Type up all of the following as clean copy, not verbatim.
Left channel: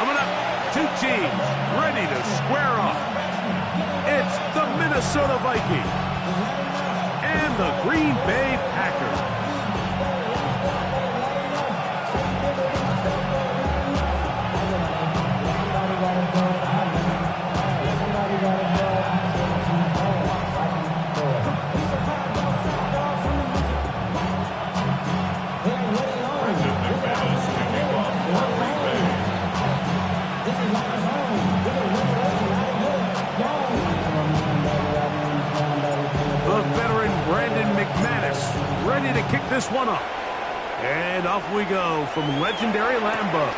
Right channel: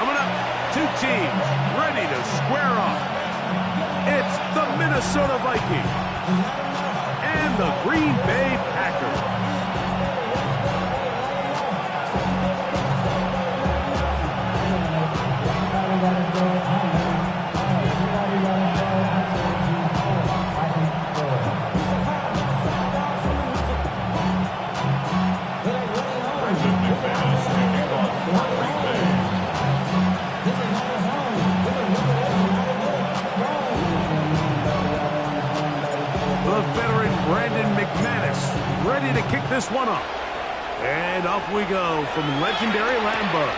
Coming up, two teams ready to square off. It's the Minnesota Vikings and the Green Bay Packers. Ready to kick this one off. And off we go from legendary Lambeau.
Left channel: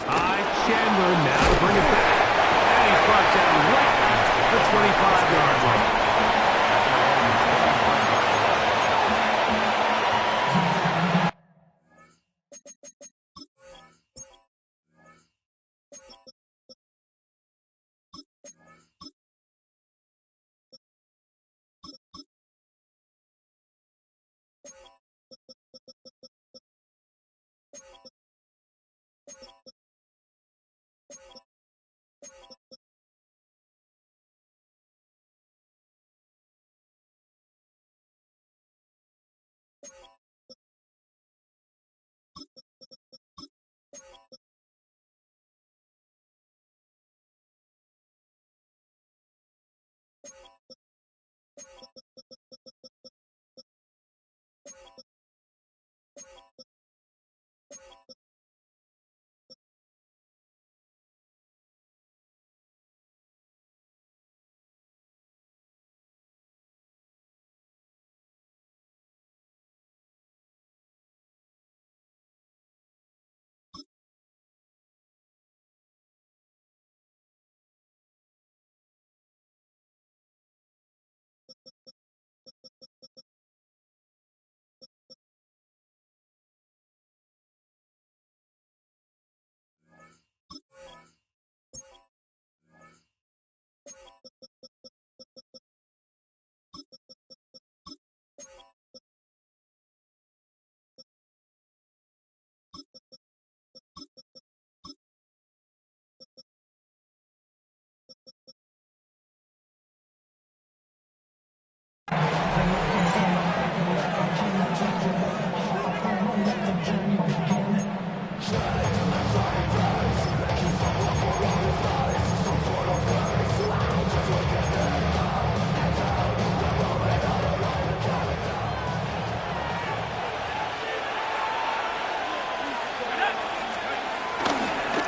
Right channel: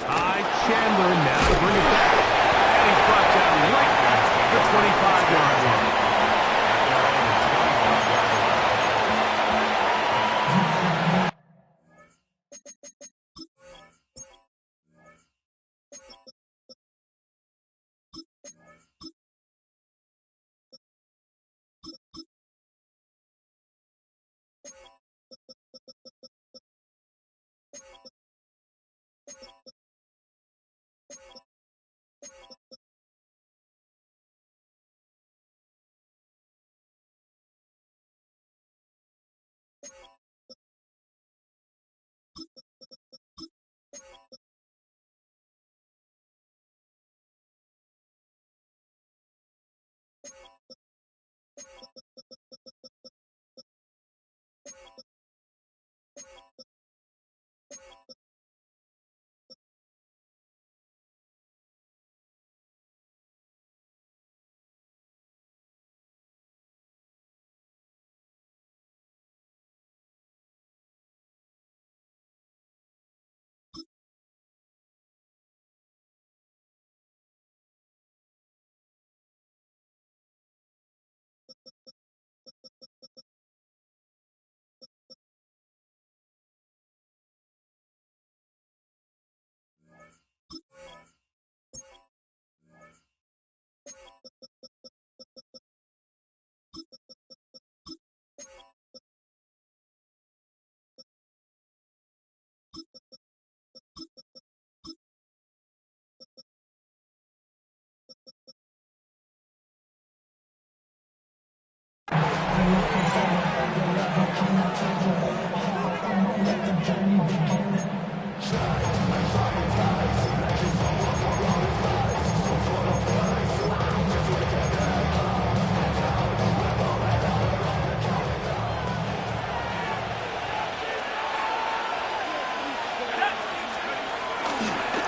Ty Chandler now to bring it back. And he's brought down right at the 25-yard line.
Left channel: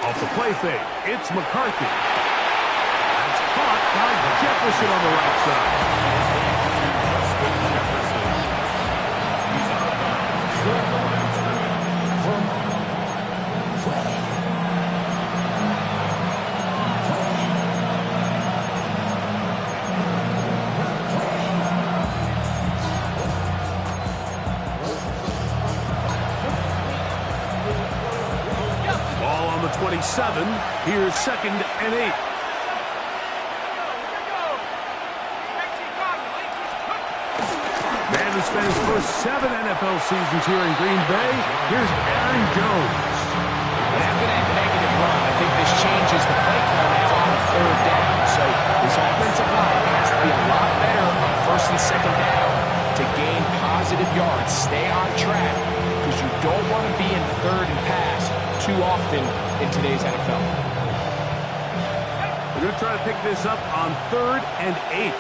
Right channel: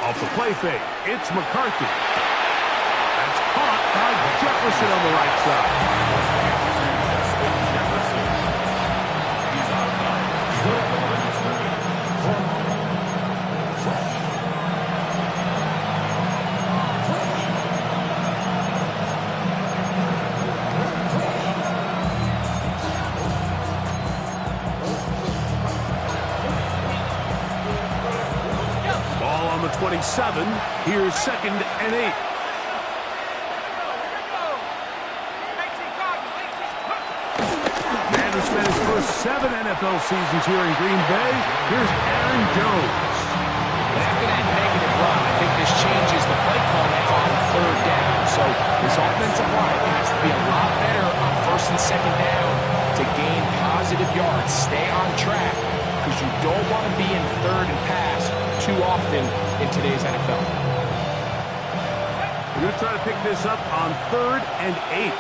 Off the play fake, it's McCarthy. That's caught by Jefferson on the right side. Jefferson. He's out of bounds. The line of scrimmage. Ball on the 27. Here's 2nd and 8. Man who spent his first 7 NFL seasons here in Green Bay. Here's Aaron Jones. And after that negative run, I think this changes the play call now on 3rd down. So this offensive line has to be a lot better on 1st and 2nd down to gain positive yards. Stay on track because you don't want to be in 3rd and pass too often in today's NFL. We're going to try to pick this up on 3rd and 8.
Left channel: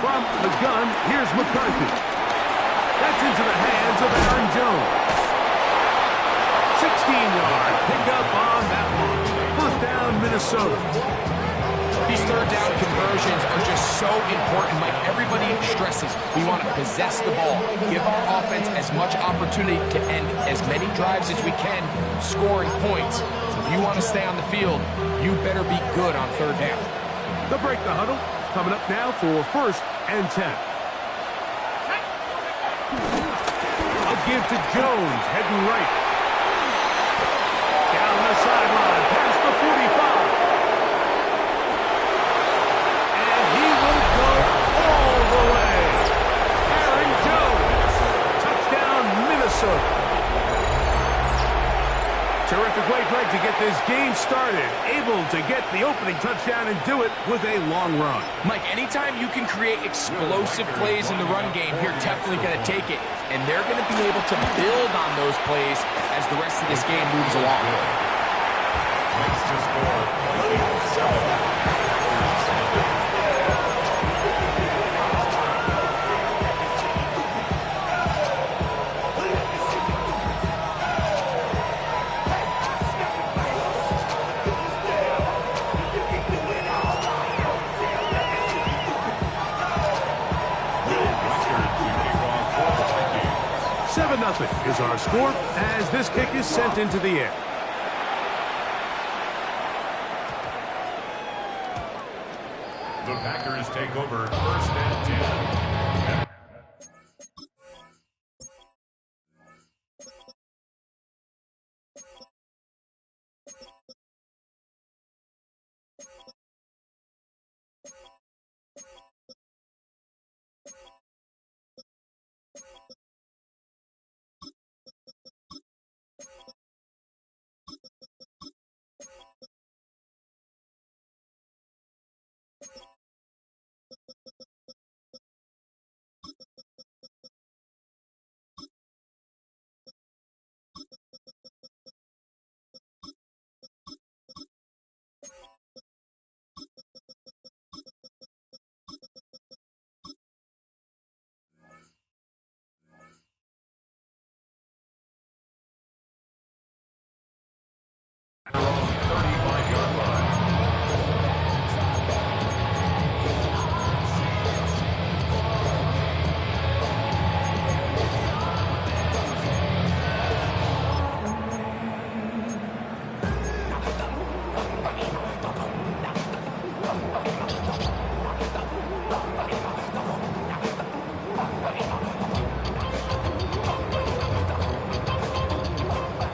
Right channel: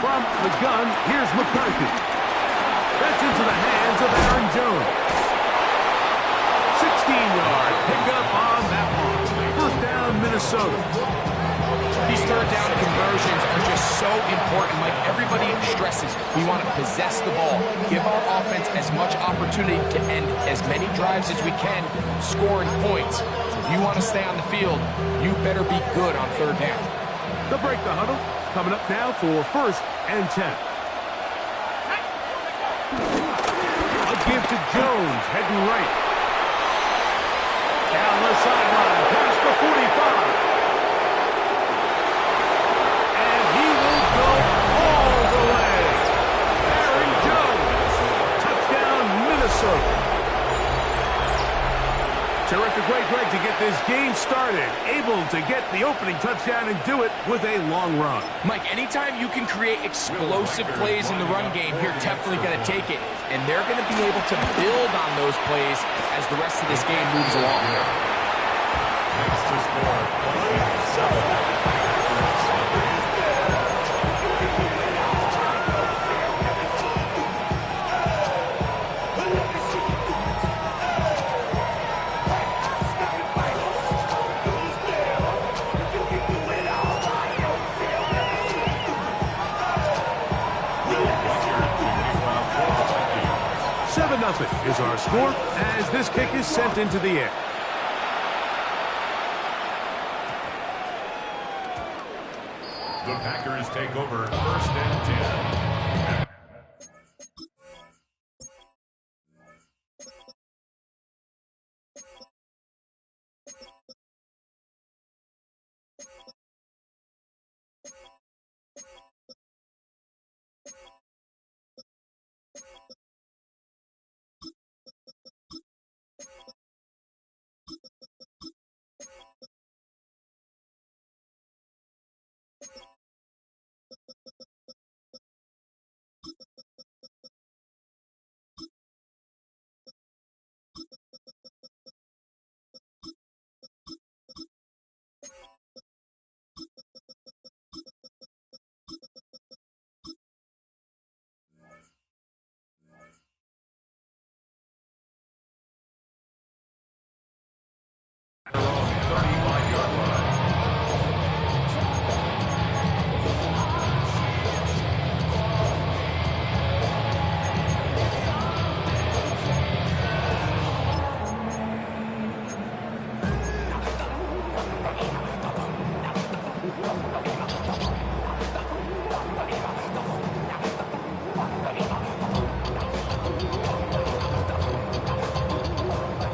From the gun, here's McCarthy. That's into the hands of Aaron Jones. 16-yard pickup on that one. 1st down, Minnesota. These 3rd down conversions are just so important, Mike. Everybody stresses we want to possess the ball, give our offense as much opportunity to end as many drives as we can, scoring points. So if you want to stay on the field, you better be good on 3rd down. They'll break the huddle. Coming up now for 1st and 10. A give to Jones, heading right. sideline, past the 45. And he will go all the way. Aaron Jones. Touchdown, Minnesota. Terrific way, Greg, to get this game started. Able to get the opening touchdown and do it with a long run. Mike, anytime you can create explosive plays in the run game, you're definitely going to take it. And they're going to be able to build on those plays as the rest of this game moves along. Next to score, 27. Nothing is our score as this kick is sent into the air. The Packers take over 1st and 10.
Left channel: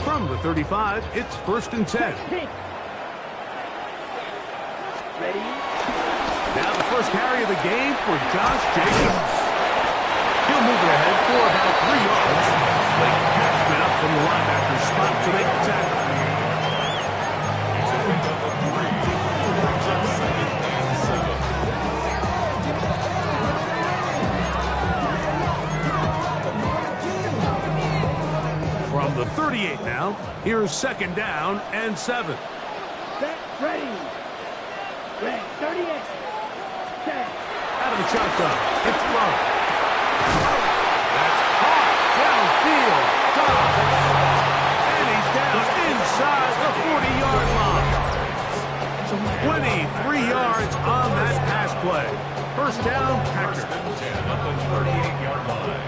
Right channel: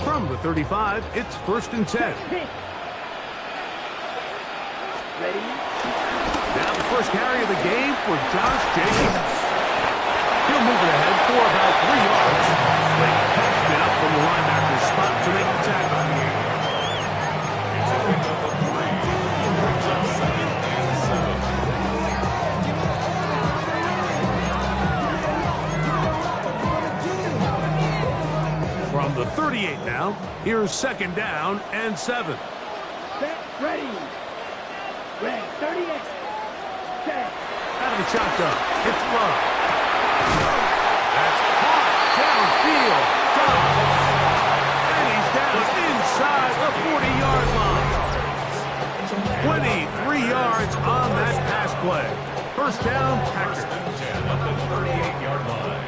From the 35, it's 1st and 10. Ready? Now the first carry of the game for Josh Jacobs. He'll move it ahead for about 3 yards. Blake Cashman up from the linebacker's spot to make the tackle. It's a pickup of 3. Brings up 2nd and 7. From the 38 now, here's 2nd down and 7. Set, ready. Red, 38. Set. Out of the shotgun, it's Love. That's hot downfield. Dodge. And he's down inside the 40-yard line. 23 yards on that pass play. 1st down, Packers. 1st and 10 at the 38-yard line.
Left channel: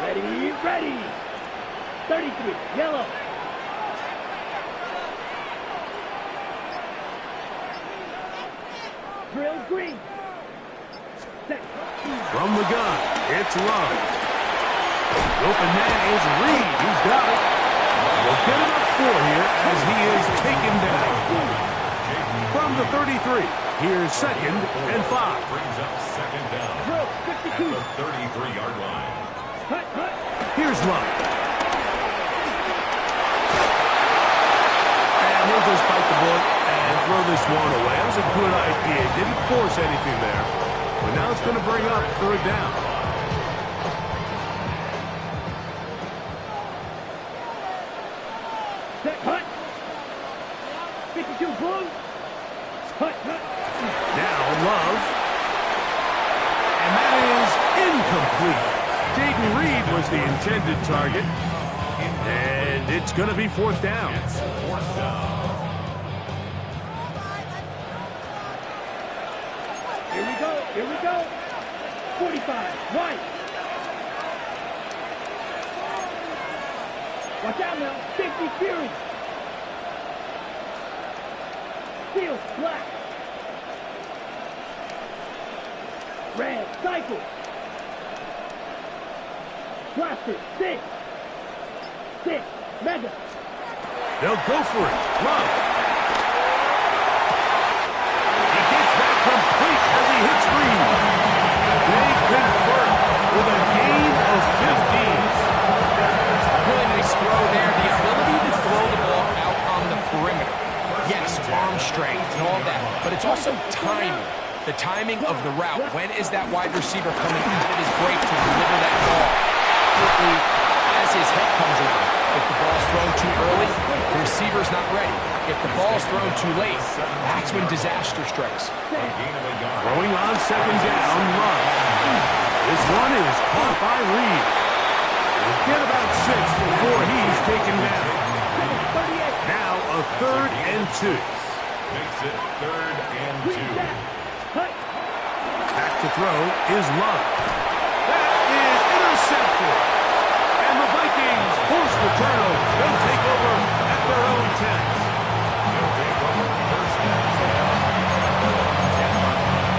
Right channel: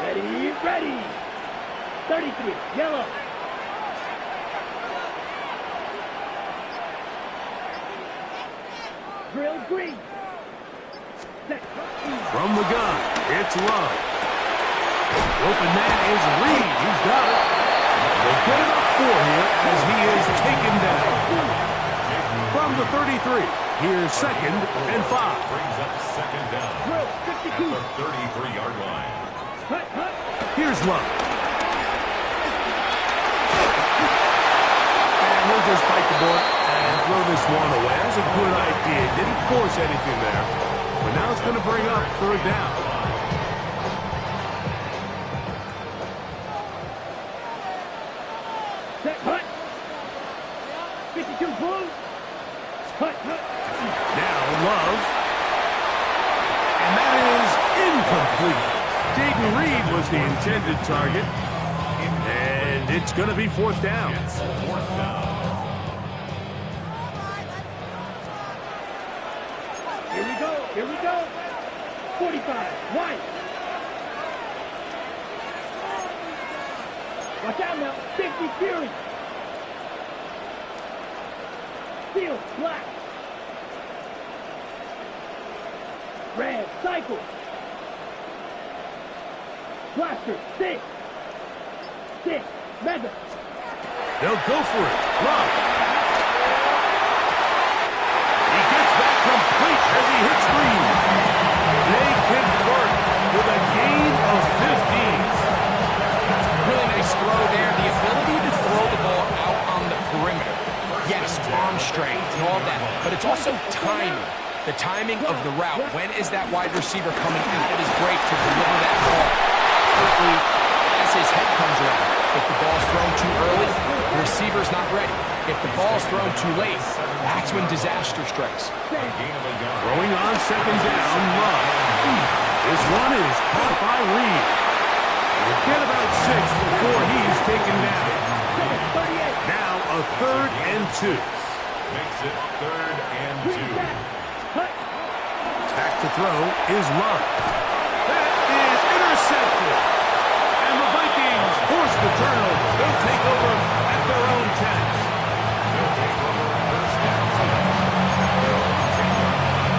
Ready, ready. 33, yellow. Drill green. Set. From the gun, it's Love. The open man is Reed. He's got it. We'll get enough 4 here as he is taken down. From the 33, here's 2nd and 5. Brings up 2nd down. Drill, 52. At the 33-yard line. Hut, hut. Here's Love. And he'll just bite the bullet and throw this one away. That was a good idea. Didn't force anything there. But now it's going to bring up 3rd down. Set, hut. 52, boom. Hut, hut. Now Love. And that is incomplete. Jaden Reed was the intended target. And it's going to be 4th down. It's 4th down. Here we go, here we go. 45, white. Watch out now, 50 Fury. Steel, black. Red, cycle. Blaster, stick. Stick, Madden. They'll go for it. Love. He gets that complete as he hits green. They convert with a gain of 15. Really nice throw there. The ability to throw the ball out on the perimeter. Yes, arm strength and all that, but it's also timing. The timing of the route. When is that wide receiver coming out of his break to deliver that ball accurately as his head comes around? If the ball's thrown too early, the receiver's not ready. If the ball's thrown too late, that's when disaster strikes. Throwing on second down, Love. This one is caught by Reed. We'll get about 6 before he's taken down. Now a 3rd and 2. Makes it 3rd and 2. Back to throw is Love. That is intercepted. And the Vikings force the turnover. They'll take over at their own 10. They'll take over 1st and 10 at their own 10-yard line.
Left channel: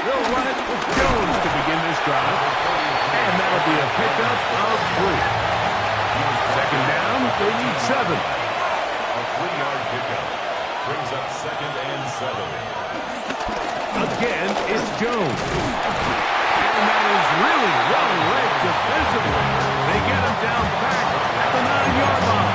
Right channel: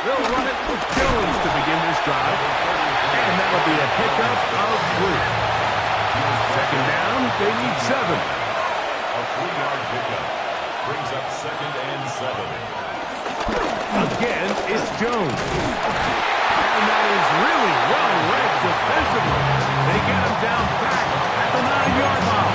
They'll run it with Jones to begin this drive. And that'll be a pickup of 3. Second down, they need 7. A 3-yard pickup brings up 2nd and 7. Again, it's Jones. And that is really well read defensively. They get him down back at the 9-yard line.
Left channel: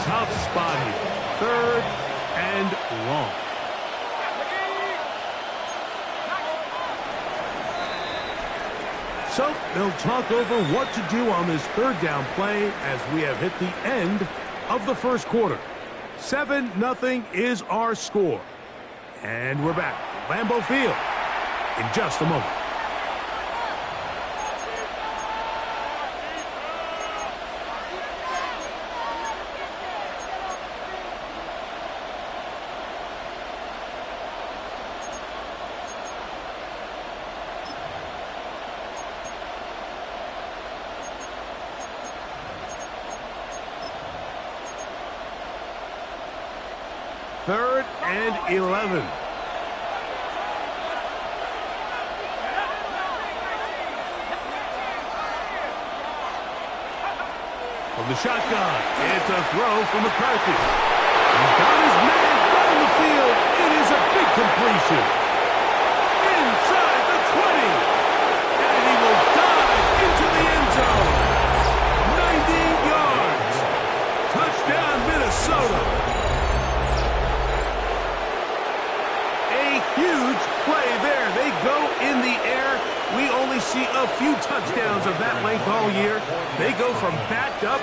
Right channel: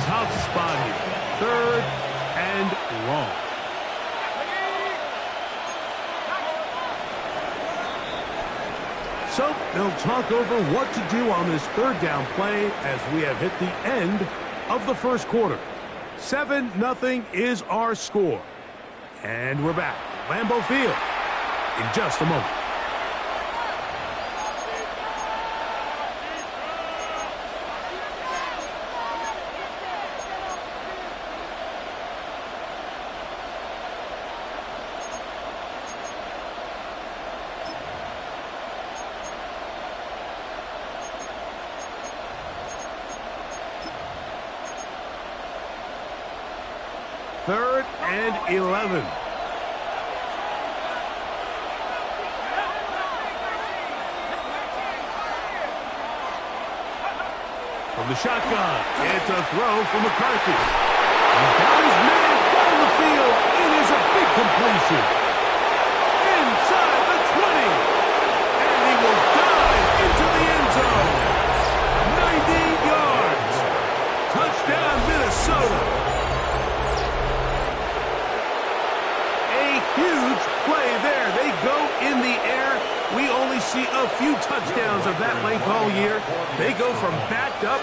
Tough spot here. 3rd and long. So they'll talk over what to do on this 3rd down play as we have hit the end of the first quarter. 7-0 is our score. And we're back at Lambeau Field in just a moment. Third and 11. From the shotgun, it's a throw from McCarthy. He's got his man down the field. It is a big completion. Inside the 20. And he will dive into the end zone. 90 yards. Touchdown, Minnesota. A huge play there. They go in the air. We only see a few touchdowns of that length all year. They go from backed up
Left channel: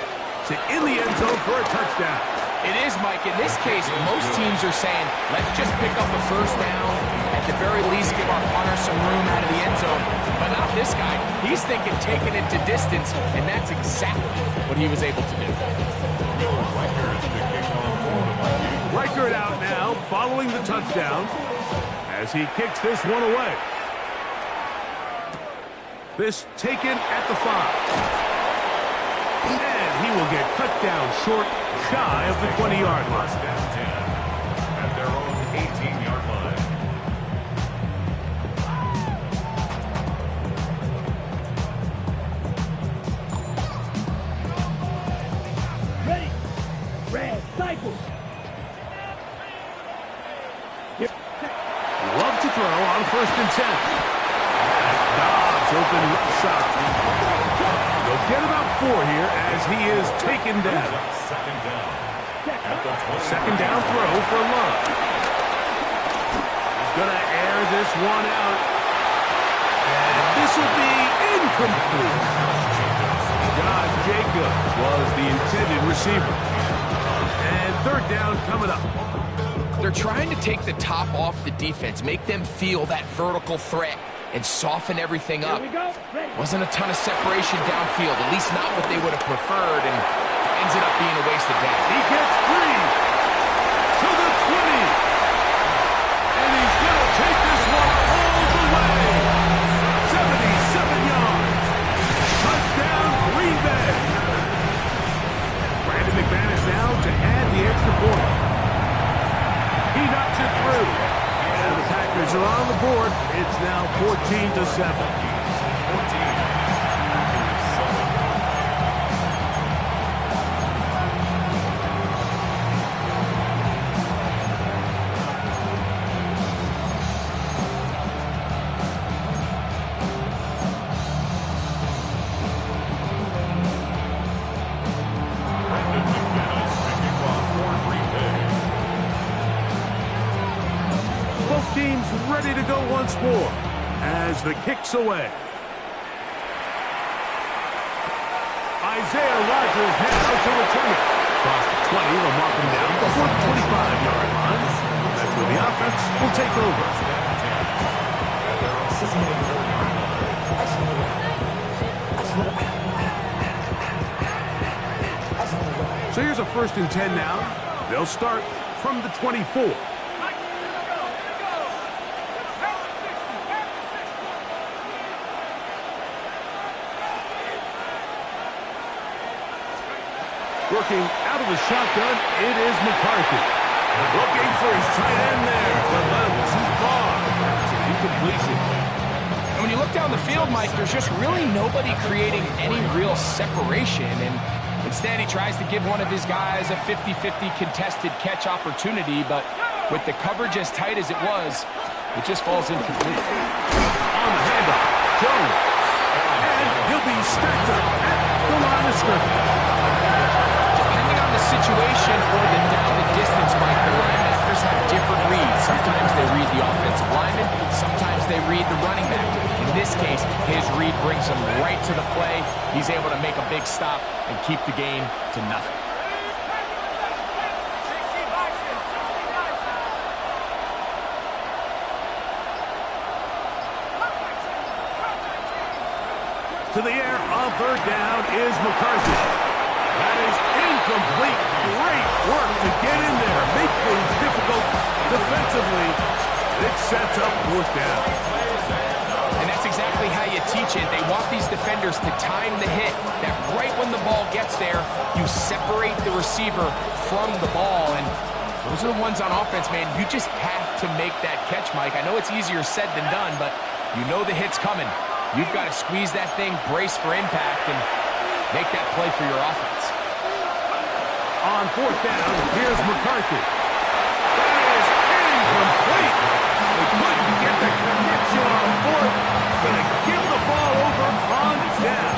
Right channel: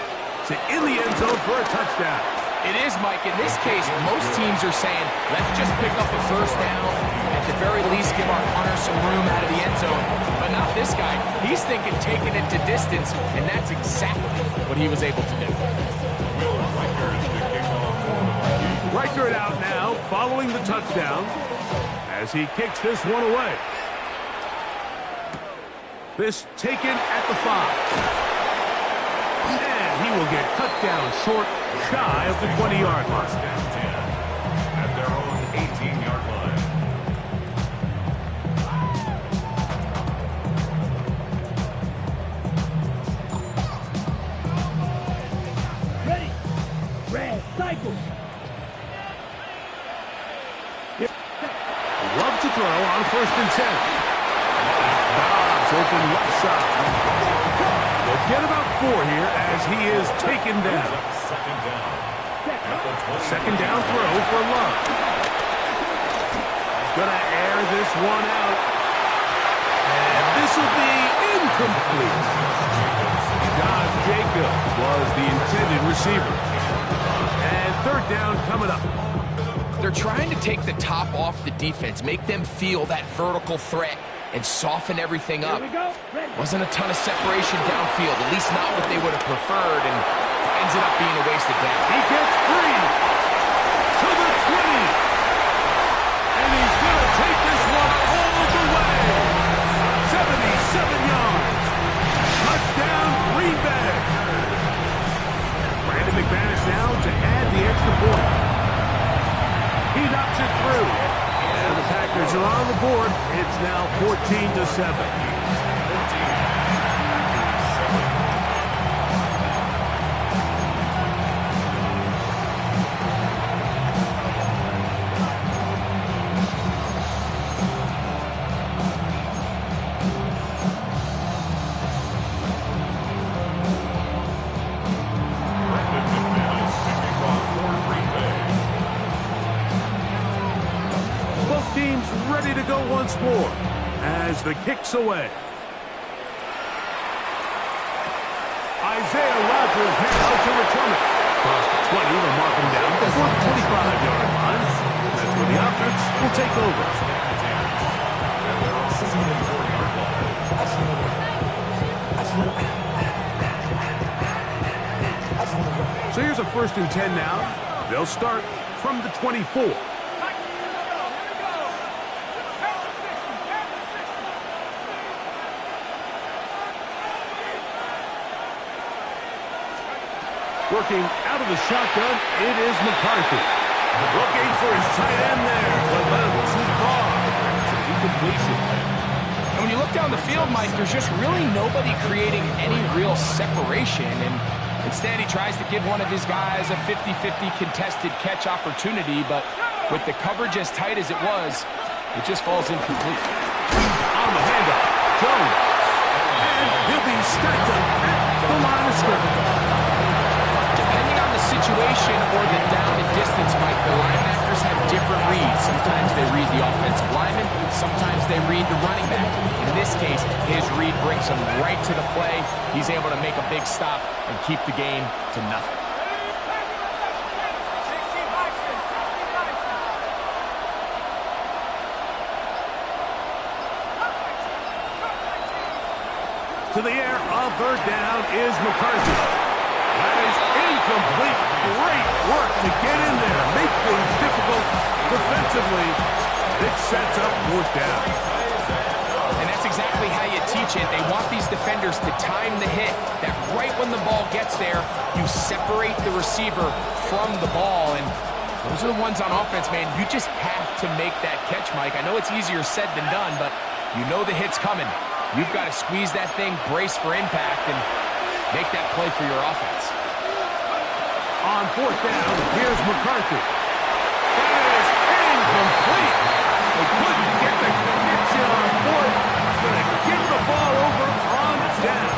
to in the end zone for a touchdown. It is, Mike. In this case, most teams are saying, let's just pick up a 1st down. At the very least, give our punter some room out of the end zone. But not this guy. He's thinking taking it to distance, and that's exactly what he was able to do. Will Reichert to kick off for the Vikings. Reichert out now, following the touchdown, as he kicks this one away. This taken at the 5. And he will get cut down short, shy of the 20-yard line. 1st and 10 at their own 18-yard line. Ready. Red, cycle. Love to throw on 1st and 10. That's Dobbs open left side. They'll get about 4 here as he is taken down. 2nd down at the 20. 2nd down throw for Love. He's going to air this one out. And this will be incomplete. Josh Jacobs was the intended receiver. And 3rd down coming up. they're trying to take the top off the defense, make them feel that vertical threat, and soften everything up. Wasn't a ton of separation downfield, at least not what they would have preferred, and ends it up being a wasted down. He gets free to the 20. And he's going to take this one all the way. 77 yards. Touchdown, Green Bay. Brandon McManus now to add the extra point. He knocks it through. And the Packers are on the board. It's now 14-7. 14. Teams ready to go once more as the kick's away. Isaiah Rodgers now to return it. Across the 20, they'll mark him down before the 25-yard line. That's where the offense will take over. So here's a 1st and 10 now. They'll start from the 24. Working out of the shotgun, it is McCarthy. Looking for his tight end there, but led him too far. It's an incompletion. And when you look down the field, Mike, there's just really nobody creating any real separation. And instead, he tries to give one of his guys a 50-50 contested catch opportunity. But with the coverage as tight as it was, it just falls incomplete. On the handoff, Jones. And he'll be stacked up at the line of scrimmage. Depending on the situation or the down and distance, Mike, the linebackers have different reads. Sometimes they read the offensive lineman. Sometimes they read the running back. In this case, his read brings him right to the play. He's able to make a big stop and keep the game to nothing. To the air on 3rd down is McCarthy. That is incomplete. Great work to get in there. Make things difficult defensively. It sets up 4th down. And that's exactly how you teach it. They want these defenders to time the hit, that right when the ball gets there, you separate the receiver from the ball. And those are the ones on offense, man. You just have to make that catch, Mike. I know it's easier said than done, but you know the hit's coming. You've got to squeeze that thing, brace for impact, and make that play for your offense. On 4th down, here's McCarthy. That is incomplete. They couldn't get the connection on 4th. Going to give the ball over on down.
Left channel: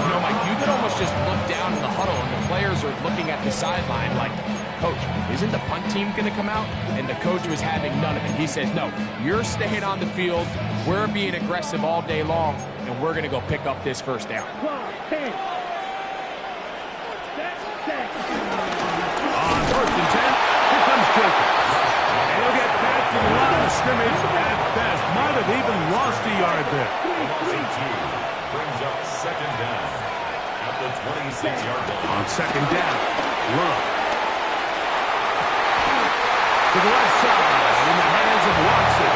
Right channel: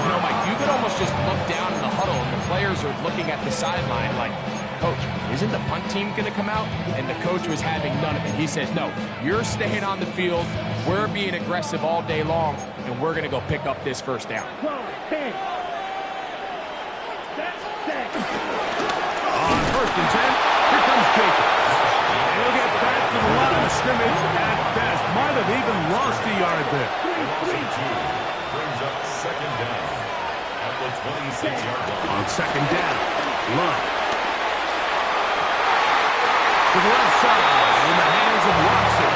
You know, Mike, you could almost just look down in the huddle, and the players are looking at the sideline like, Coach, isn't the punt team going to come out? And the coach was having none of it. He says, no, you're staying on the field. We're being aggressive all day long, and we're going to go pick up this 1st down. On 1st and 10, here comes Jacobs. And he'll get back to the line of scrimmage at best. Might have even lost a yard there. Brings up 2nd down at the 26-yard line. On 2nd down, Love. To the left side, in the hands of Watson.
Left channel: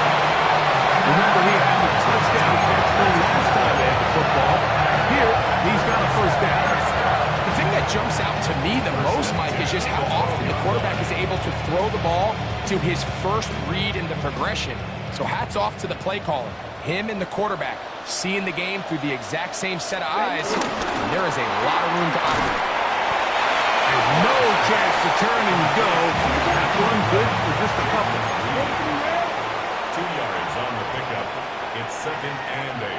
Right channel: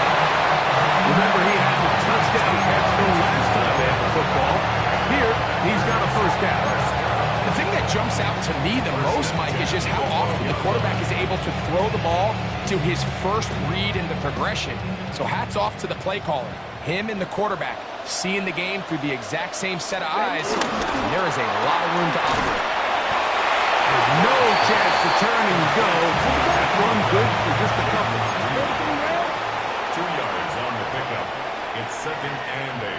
Remember, he had the touchdown catch the last time they had the football. Here, he's got a 1st down. The thing that jumps out to me the most, Mike, is just how often the quarterback is able to throw the ball to his first read in the progression. So hats off to the play caller. Him and the quarterback seeing the game through the exact same set of eyes, and there is a lot of room to operate. And no chance to turn and go. That one good for just a couple. 2 yards on the pickup. It's 2nd and 8.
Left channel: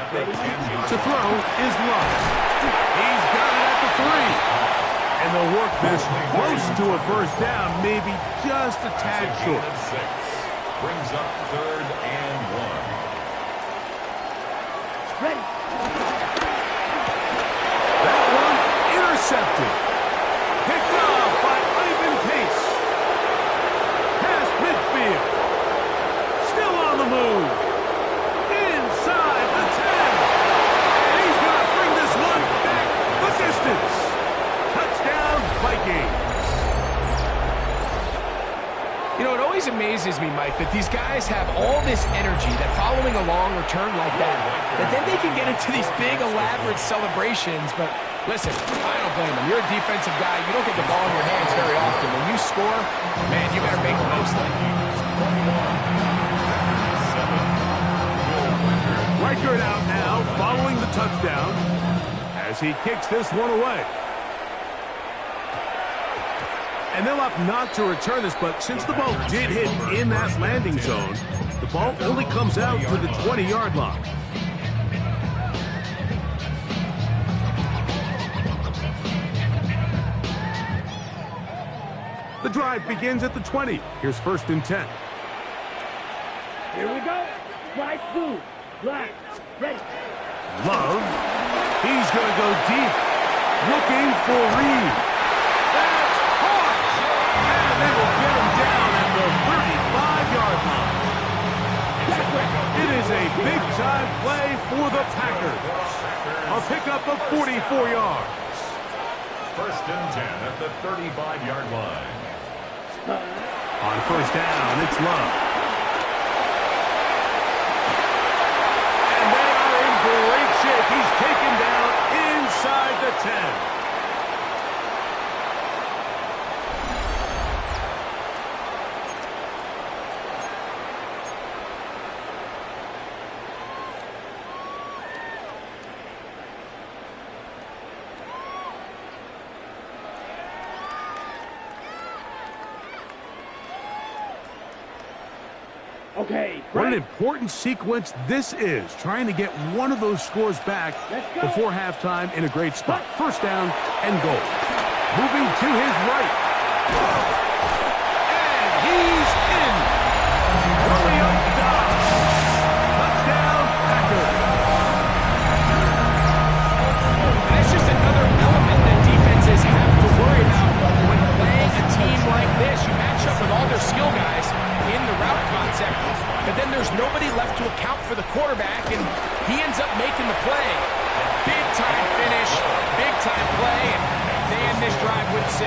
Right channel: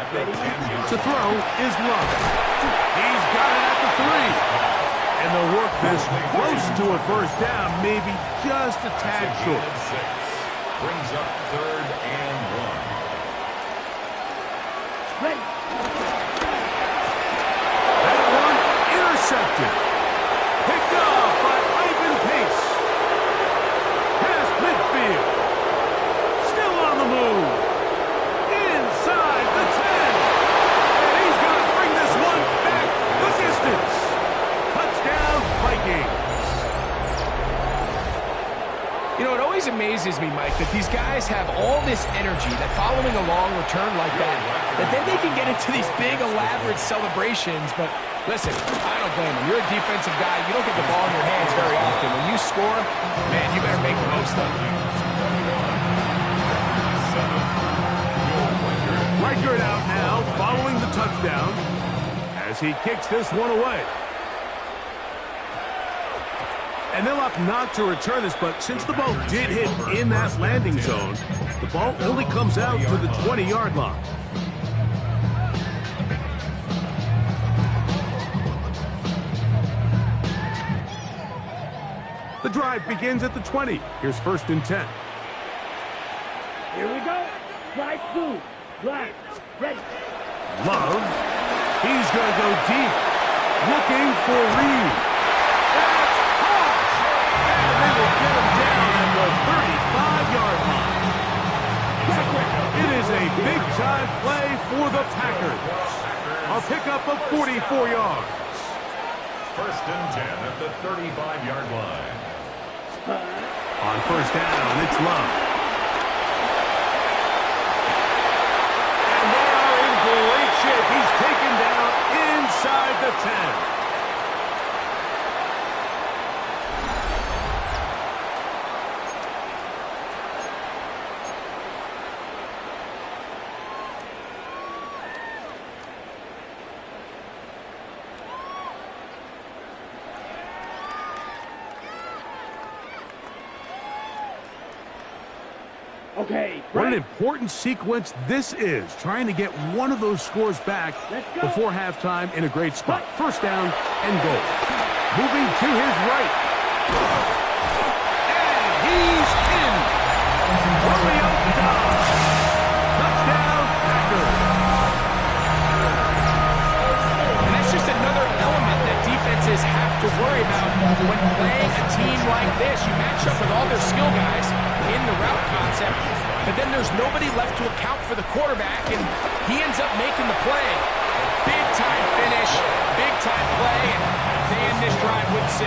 At the 10-yard To throw is Love. He's got it at the 3. And they'll work this close to a 1st down, maybe just a tad short. 6. Brings up 3rd and 1. That one intercepted. Picked off by Ivan Pace. You know, it always amazes me, Mike, that these guys have all this energy, that following a long return like that then they can get into these big, elaborate celebrations. But listen, I don't blame them. You're a defensive guy. You don't get the ball in your hands very often. When you score, man, you better make the most of it. Reichert out now, following the touchdown, as he kicks this one away. And they'll opt not to return this, but since the ball did hit in that landing zone, the ball only comes out to the 20-yard line. The drive begins at the 20. Here's 1st and 10. Here we go. Right blue. Black. Ready. Love. He's going to go deep. Looking for Reed. That's hard. And they will get him down at the 35-yard line. It is a big-time play for the Packers. A pickup of 44 yards. 1st and 10 at the 35-yard line. On 1st down, it's Love. And they are in great shape. He's taken down inside the 10. Okay. What an important sequence this is, trying to get one of those scores back before halftime in a great spot. 1st down and goal. Moving to his right. And he's in. Romeo Dobbs. Touchdown, Packers. And that's just another element that defenses have to worry about when playing a team like this. You match up with all their skill guys in the route concept, but then there's nobody left to account for the quarterback, and he ends up making the play. Big time finish, big time play, and they end this drive with 6.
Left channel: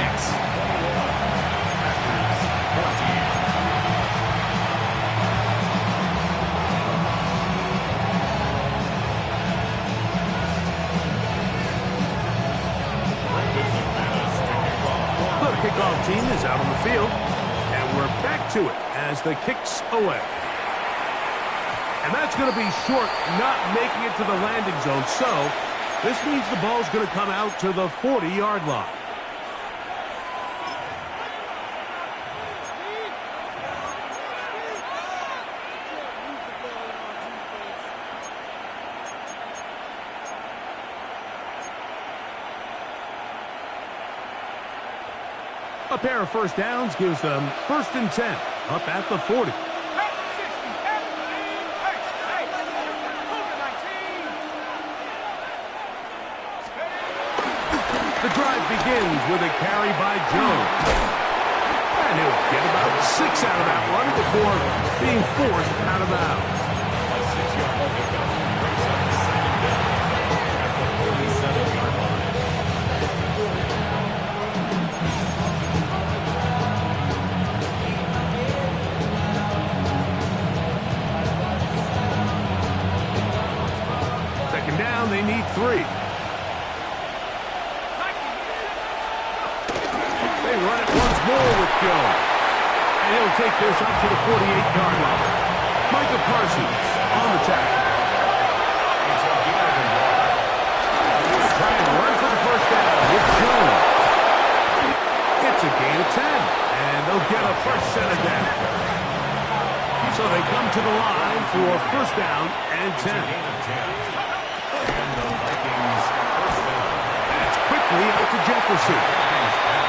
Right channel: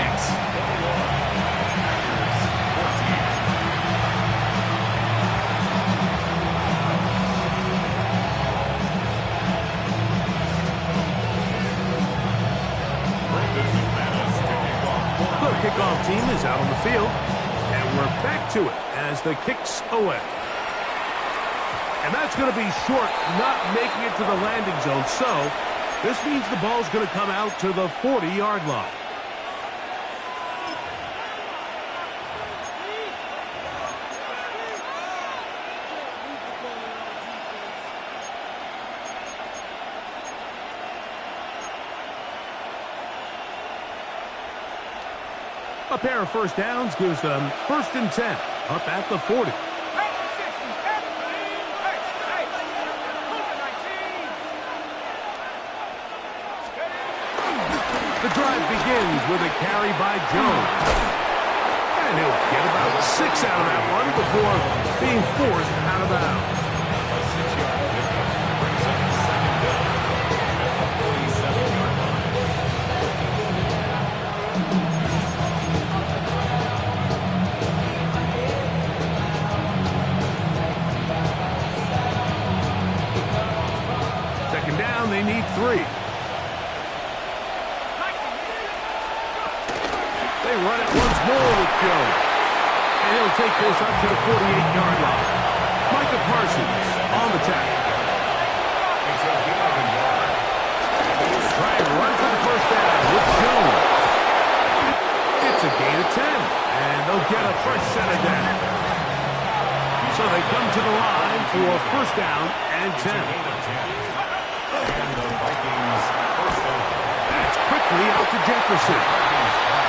The kickoff team is out on the field, and we're back to it as the kick's away. And that's going to be short, not making it to the landing zone. So this means the ball's going to come out to the 40-yard line. A pair of 1st downs gives them 1st and 10 up at the 40. The drive begins with a carry by Jones. And he'll get about 6 out of that one before being forced out of bounds. A 6-yard pickup brings up 2nd down at the 47-yard line. Second down, they need 3. They run it once more with Jones. And he'll take this up to the 48-yard line. Micah Parsons on the tackle. Try and run for the 1st down with Jones. It's a gain of 10. And they'll get a fresh set of down. So they come to the line for 1st down and 10. And the Vikings 1st down. That's quickly out to Jefferson.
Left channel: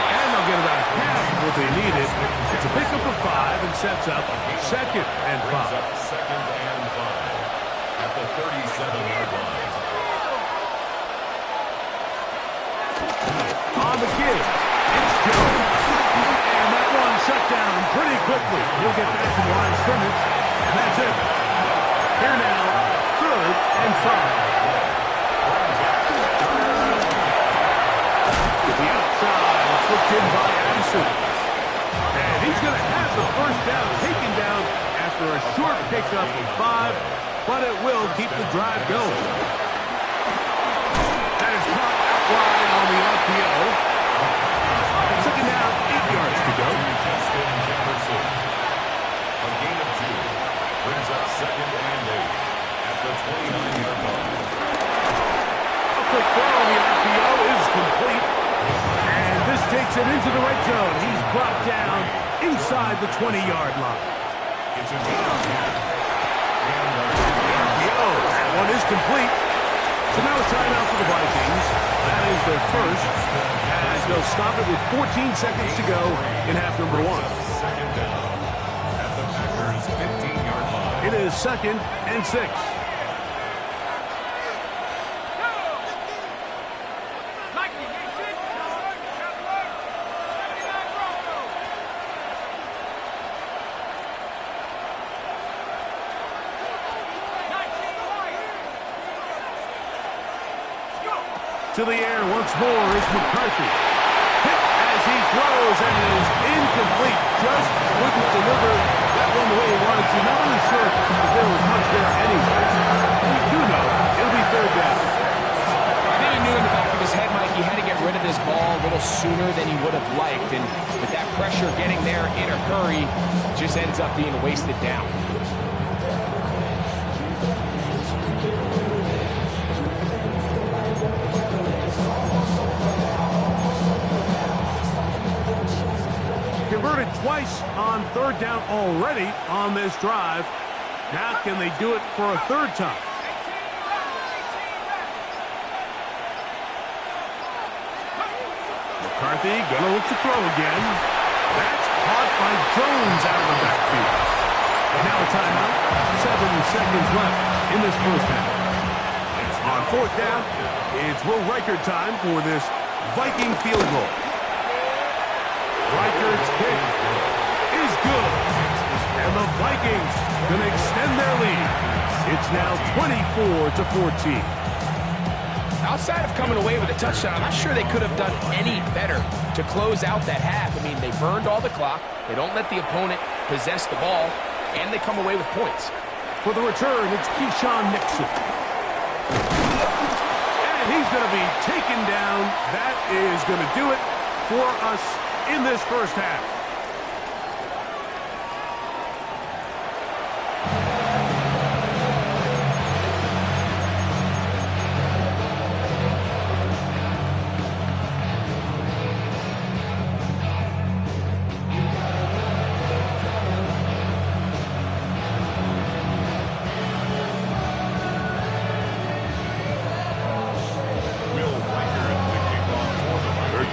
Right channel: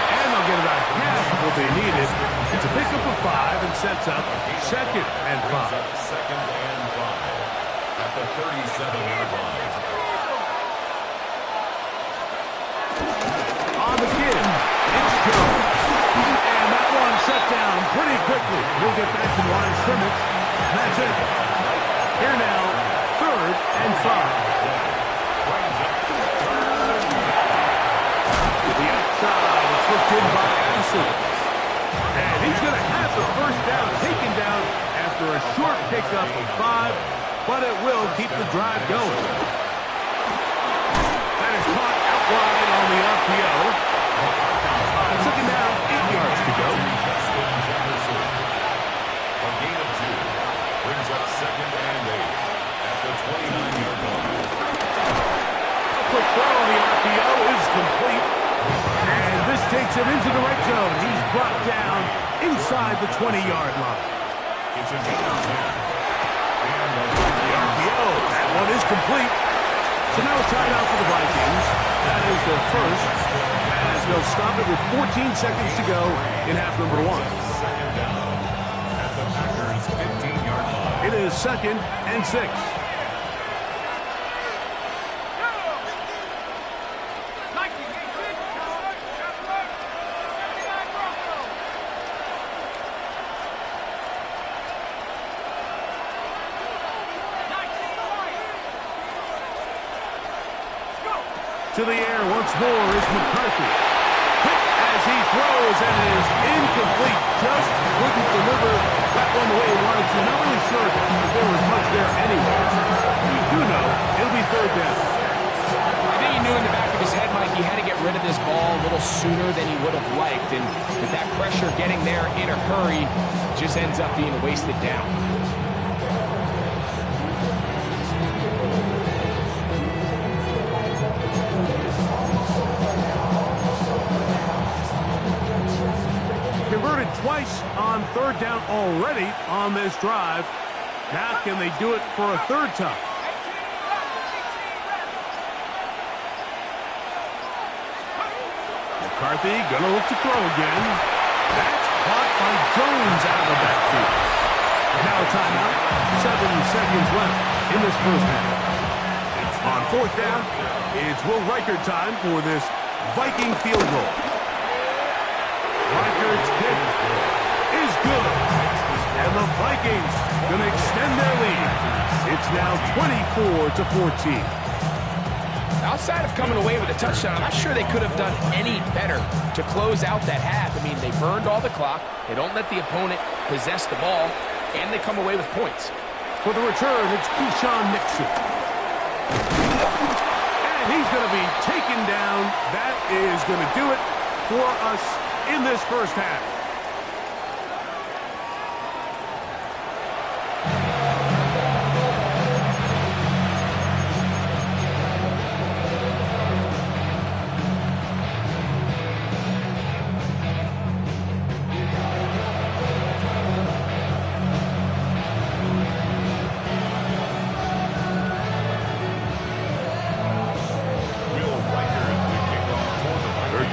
And they'll get about half of what they needed. It's a pickup of 5 and sets up 2nd and 5. Brings up 2nd and 5 at the 37-yard line. On the give, it's Jones. And that one shut down pretty quickly. He'll get back to the line of scrimmage. And that's it. Here now, 3rd and 5. To the outside, it's looked in by Addison. And he's going to have the first down taken down after a short pickup of 5, but it will keep the drive going. That is caught out wide on the RPO. Second down, 8 yards to go. Justin Jefferson. A gain of 2 brings up second and 8 at the 29-yard line. A quick throw on the RPO is complete. And this takes him into the red zone. He's brought down inside the 20-yard line. It's a gain of 10. And The RPO, that one is complete. So now a timeout for the Vikings. That is their first, as they'll stop it with 14 seconds to go in half number 1. second down at the Packers' 15-yard line. It is 2nd and 6. To the air once more is McCarthy. Hit as he throws, and it is incomplete. Just couldn't deliver that one the way he wanted to. Not really sure if there was much there anyway. We do know it'll be 3rd down. I think he knew in the back of his head, Mike, he had to get rid of this ball a little sooner than he would have liked. And with that pressure getting there in a hurry, just ends up being a wasted down. Converted twice on 3rd down already on this drive. Now can they do it for a 3rd time? McCarthy gonna look to throw again. That's caught by Jones out of the backfield. And now a timeout. 7 seconds left in this first half. On 4th down, it's Will Reichert time for this Viking field goal. Reichert's kick is good. And the Vikings going to extend their lead. It's now 24-14. Outside of coming away with a touchdown, I'm not sure they could have done any better to close out that half. I mean, they burned all the clock. They don't let the opponent possess the ball, and they come away with points. For the return, it's Keyshawn Nixon. And he's going to be taken down. That is going to do it for us in this first half.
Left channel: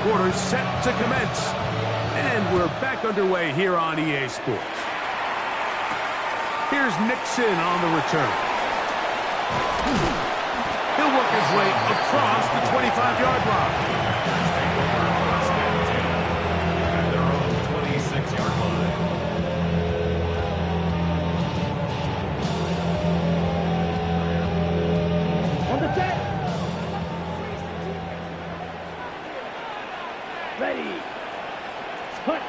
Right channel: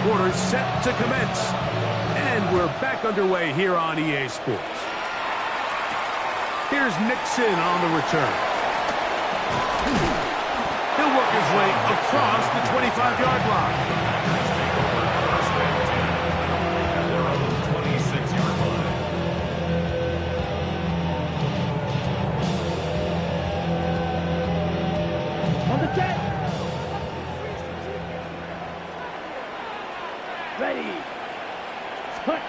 Quarter set to commence. And we're back underway here on EA Sports. Here's Nixon on the return. He'll work his way across the 25-yard line. Packers take over 1st and 10 at their own 26-yard line. On the set. Ready. Cut.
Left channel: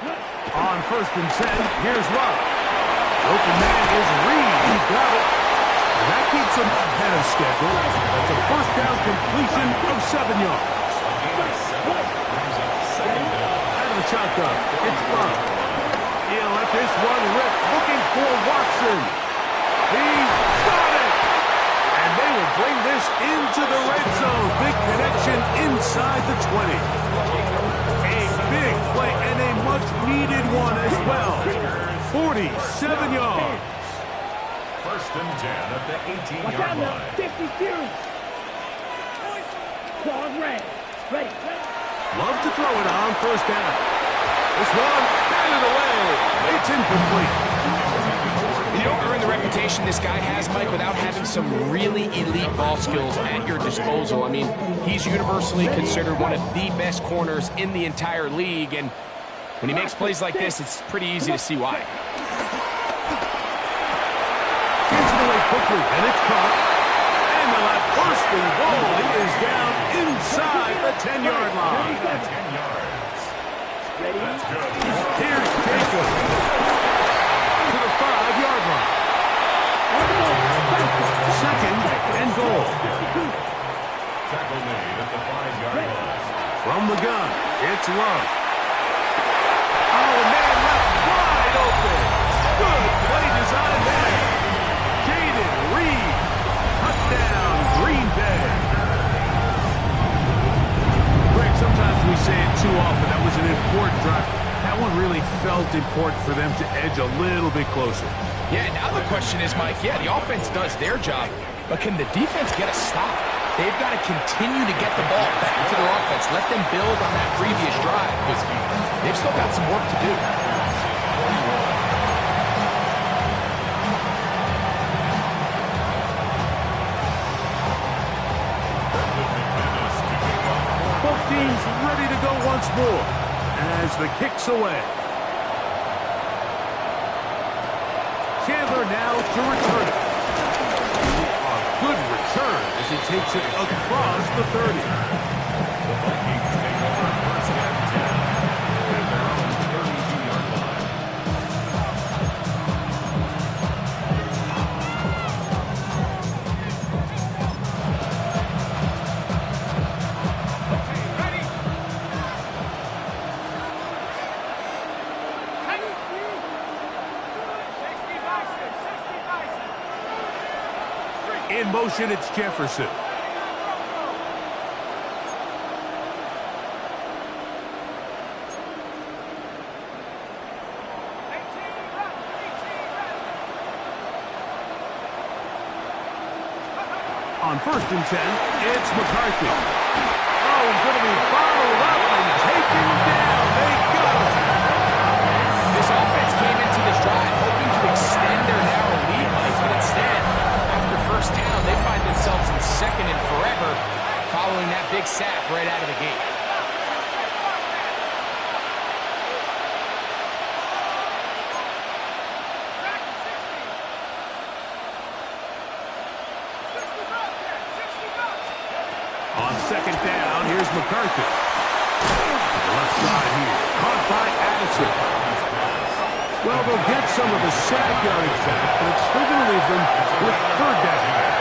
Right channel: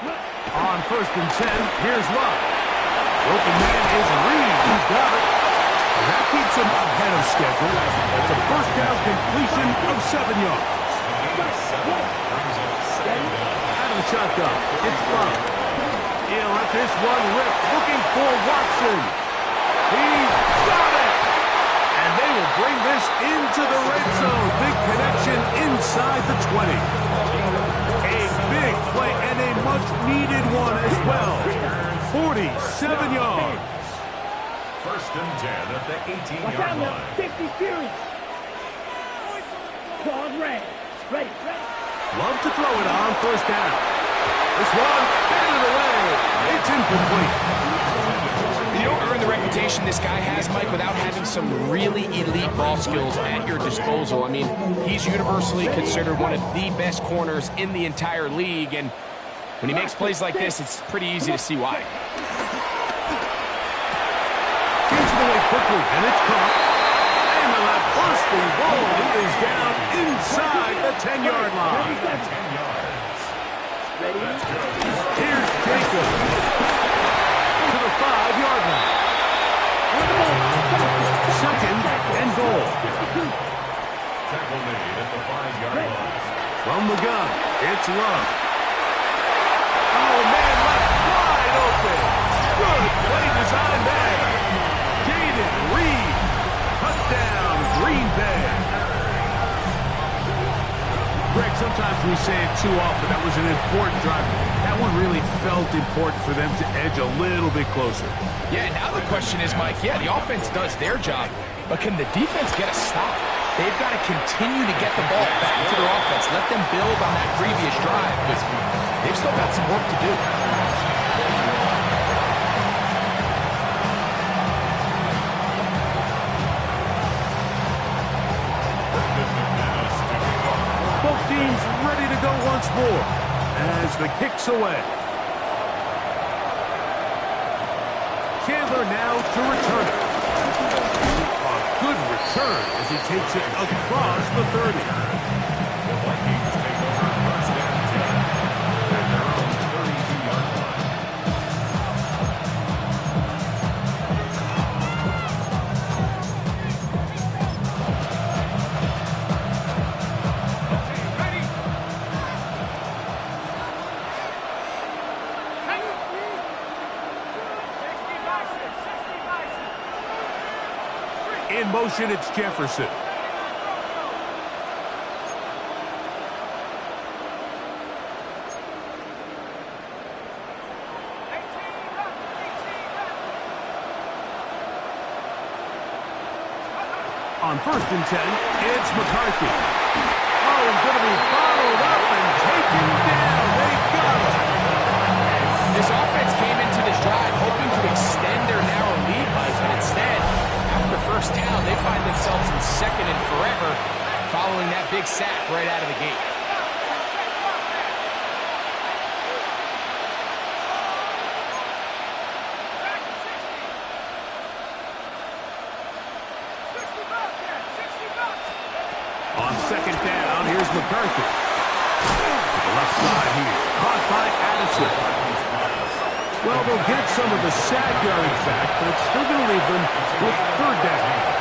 On 1st and 10, here's Love. The open man is Reed. He's got it. And that keeps him ahead of schedule. That's a first down completion of 7 yards. A gain of 7 brings up 2nd down. Out of the shotgun, it's Love. He'll let this one rip, looking for Watson. He's got it! And they will bring this into the red zone. Big connection inside the 20. A big play and a much-needed one as well. 47 yards. 1st and 10 at the Watch 18-yard out now. line. 50 series. Claws red. Ready. Love to throw it on 1st down. This one, batted away. It's incomplete. You don't earn the reputation this guy has, Mike, without having some really elite ball skills at your disposal. I mean, he's universally considered one of the best corners in the entire league, and when he makes plays like this, it's pretty easy to see why. Gets it away quickly, and it's caught. And the left bursting ball. He is down inside the 10-yard line. 10 yards. Ready? Here's Jacob to the 5-yard line. On the ball. Second and goal. Tackle made at the 5-yard line. From the gun, it's Love. Oh, man, left wide open. Good play design there. Jaden Reed. Touchdown, Green Bay. Greg, sometimes we say it too often. That was an important drive. That one really felt important for them to edge a little bit closer. Yeah, now the question is, Mike, yeah, the offense does their job, but can the defense get a stop? They've got to continue to get the ball back to their offense. Let them build on that previous drive because they've still got some work to do. Both teams ready to go once more as the kick's away. Chandler now to return it. A good return as he takes it across the 30. The Vikings take over first and 10 at their own 32-yard line. In motion, it's Jefferson. On first and 10, it's McCarthy. Oh, he's going to be followed up and taken down. They got him. This offense came into this drive hoping to extend their narrow lead, Mike, but instead, after first down, they find themselves in second and forever following that big sack right out of the gate. On second down, here's McCarthy. To the left side here. Caught by Addison. Well, they'll get some of the sack yardage back, but it's still going to leave them with third down.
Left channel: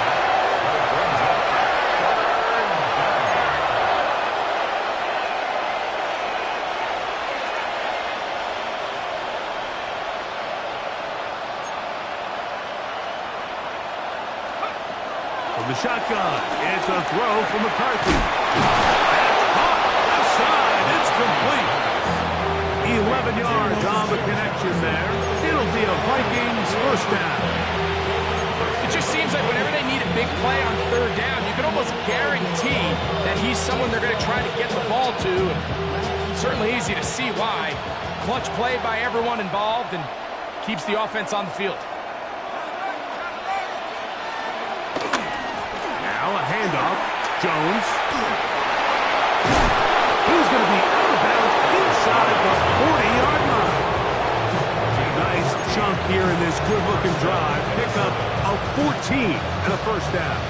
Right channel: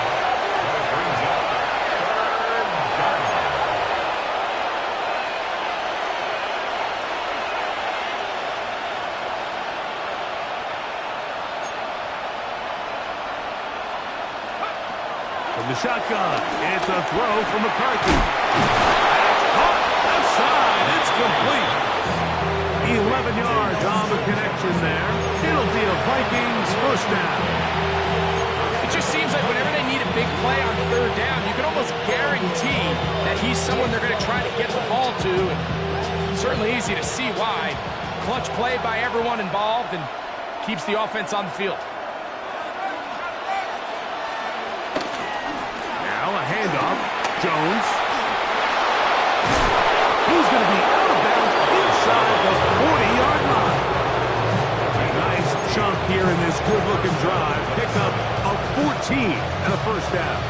From the shotgun, it's a throw from McCarthy. That's caught. Left side, it's complete. 11 yards on the connection there. It'll be a Vikings first down. It just seems like whenever they need a big play on third down, you can almost guarantee that he's someone they're going to try to get the ball to. And certainly easy to see why. Clutch play by everyone involved and keeps the offense on the field. Now a handoff. Jones. He's going to be out of bounds inside the 40-yard line. Nice chunk here in this good-looking drive. Pick up a 14 and a first down.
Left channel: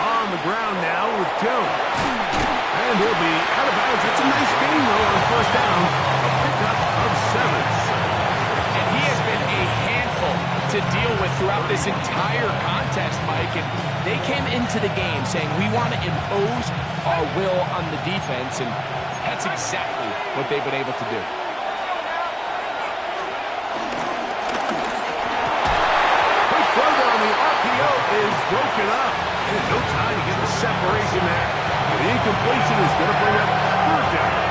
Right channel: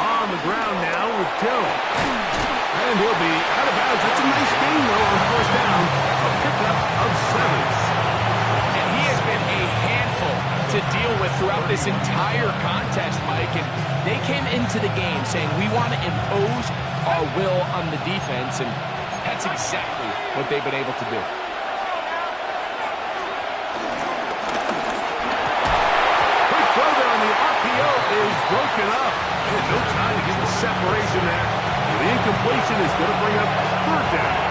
On the ground now with Jones. And he'll be out of bounds. It's a nice gain, though, on first down. A pickup of 7. And he has been a handful to deal with throughout this entire contest, Mike. And they came into the game saying, we want to impose our will on the defense, and that's exactly what they've been able to do. Quick throw there on the RPO is broken up. And no time to get the separation there. The incompletion is going to bring up third down.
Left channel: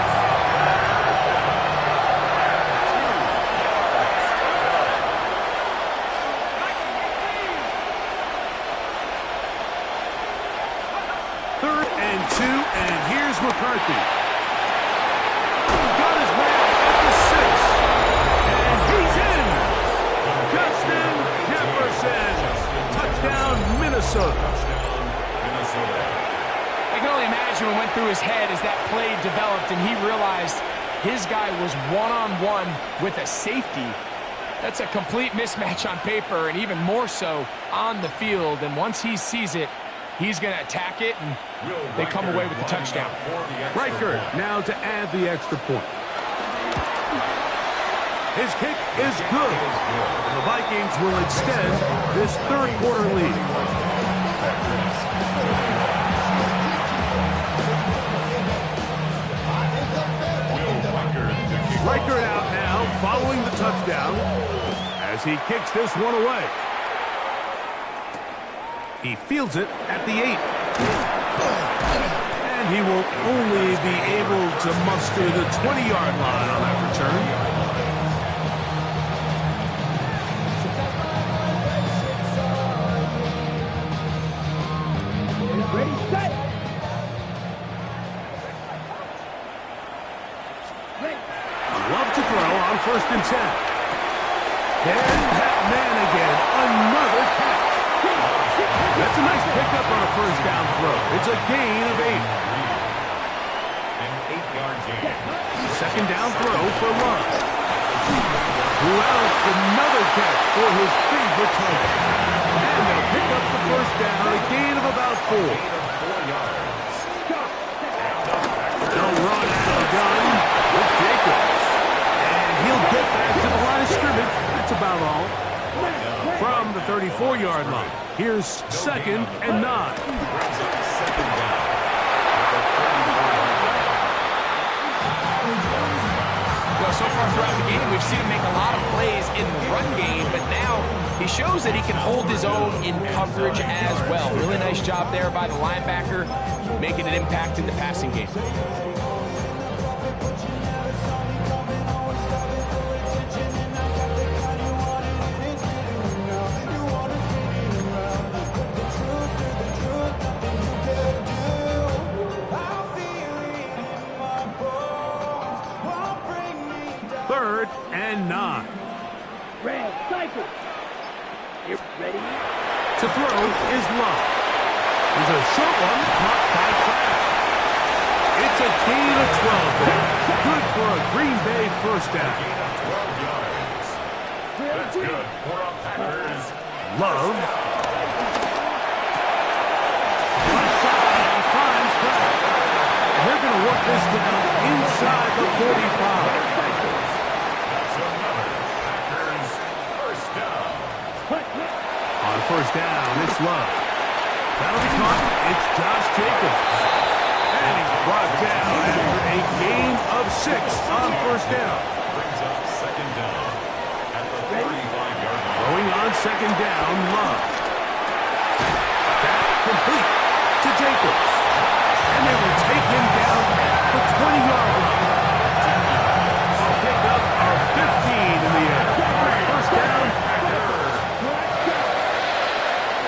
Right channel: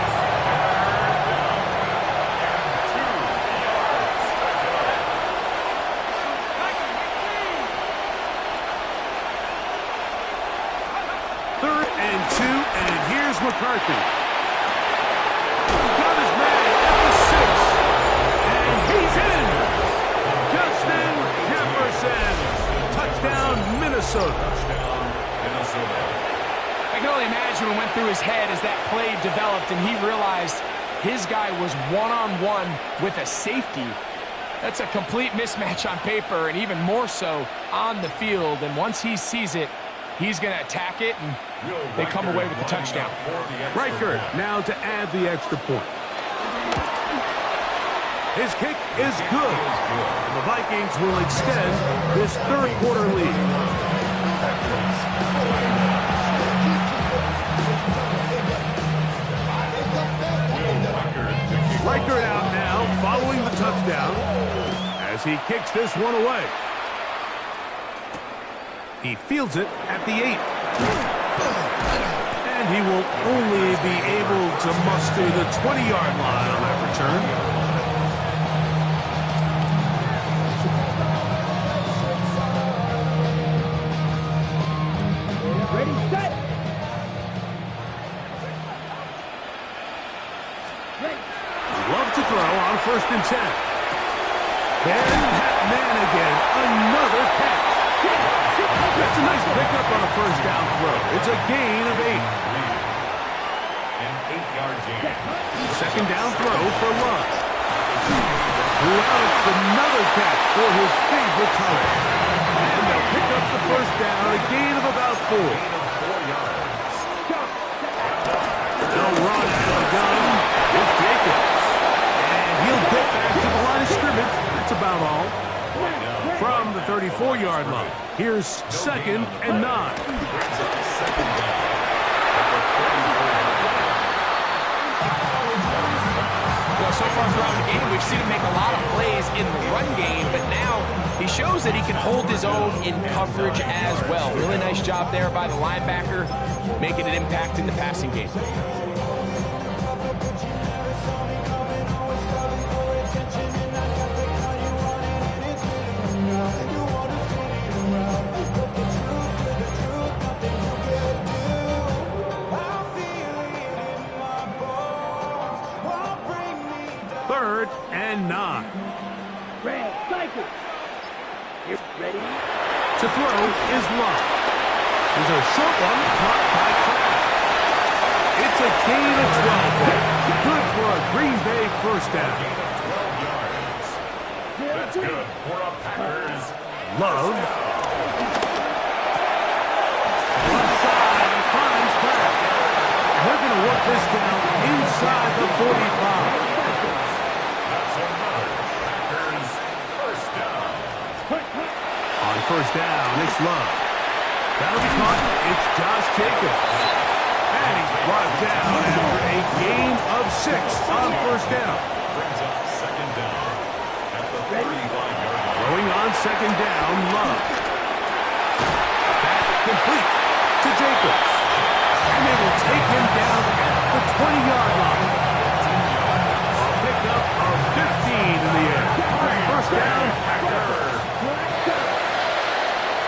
Third and 2, and here's McCarthy. Got his man at the 6. And he's in. Justin Jefferson. Touchdown, Minnesota. I can only imagine what went through his head as that play developed and he realized his guy was one-on-one with a safety. That's a complete mismatch on paper, and even more so on the field. And once he sees it, he's going to attack it, and they come away with the touchdown. Riker now to add the extra point. His kick is good. And the Vikings will extend this third quarter lead. Riker out now following the touchdown as he kicks this one away. He fields it at the 8. And he will only be able to muster the 20-yard line on that return. Ready, set. Ready. Love to throw on 1st and 10. There's that man again. Another catch. That's a nice pickup on a 1st down throw. It's a gain of 8. An 8-yard gain. 2nd down throw for Love. Who else? Another catch for his favorite target. And they'll pick up the 1st down, a gain of about 4. Gain of 4 yards. They'll run out of the gun with Jacobs. And he'll get back to the line of scrimmage. That's about all. From the 34-yard line. Here's 2nd and 9. Brings up 2nd down at the 34-yard line. Well, so far throughout the game, we've seen him make a lot of plays in the run game, but now he shows that he can hold his own in coverage as well. Really nice job there by the linebacker, making an impact in the passing game. Third and 9. Red, cycle. You ready? To throw is Love. There's a short one caught by Kraft. It's a gain of 12 there. Good for a Green Bay 1st down. Gain of 12 yards. That's good for a Packers. Love. Left side, he finds Kraft. And they're going to work this down inside the 45. That's another Packers 1st down. On 1st down, it's Love. That'll be caught. It's Josh Jacobs. And he's brought down after a gain of 6 on 1st down. Brings up 2nd down at the 35-yard line. Throwing on 2nd down, Love. That complete to Jacobs. And they will take him down at the 20-yard line. A pickup of 15 in the air. 1st down, Packers.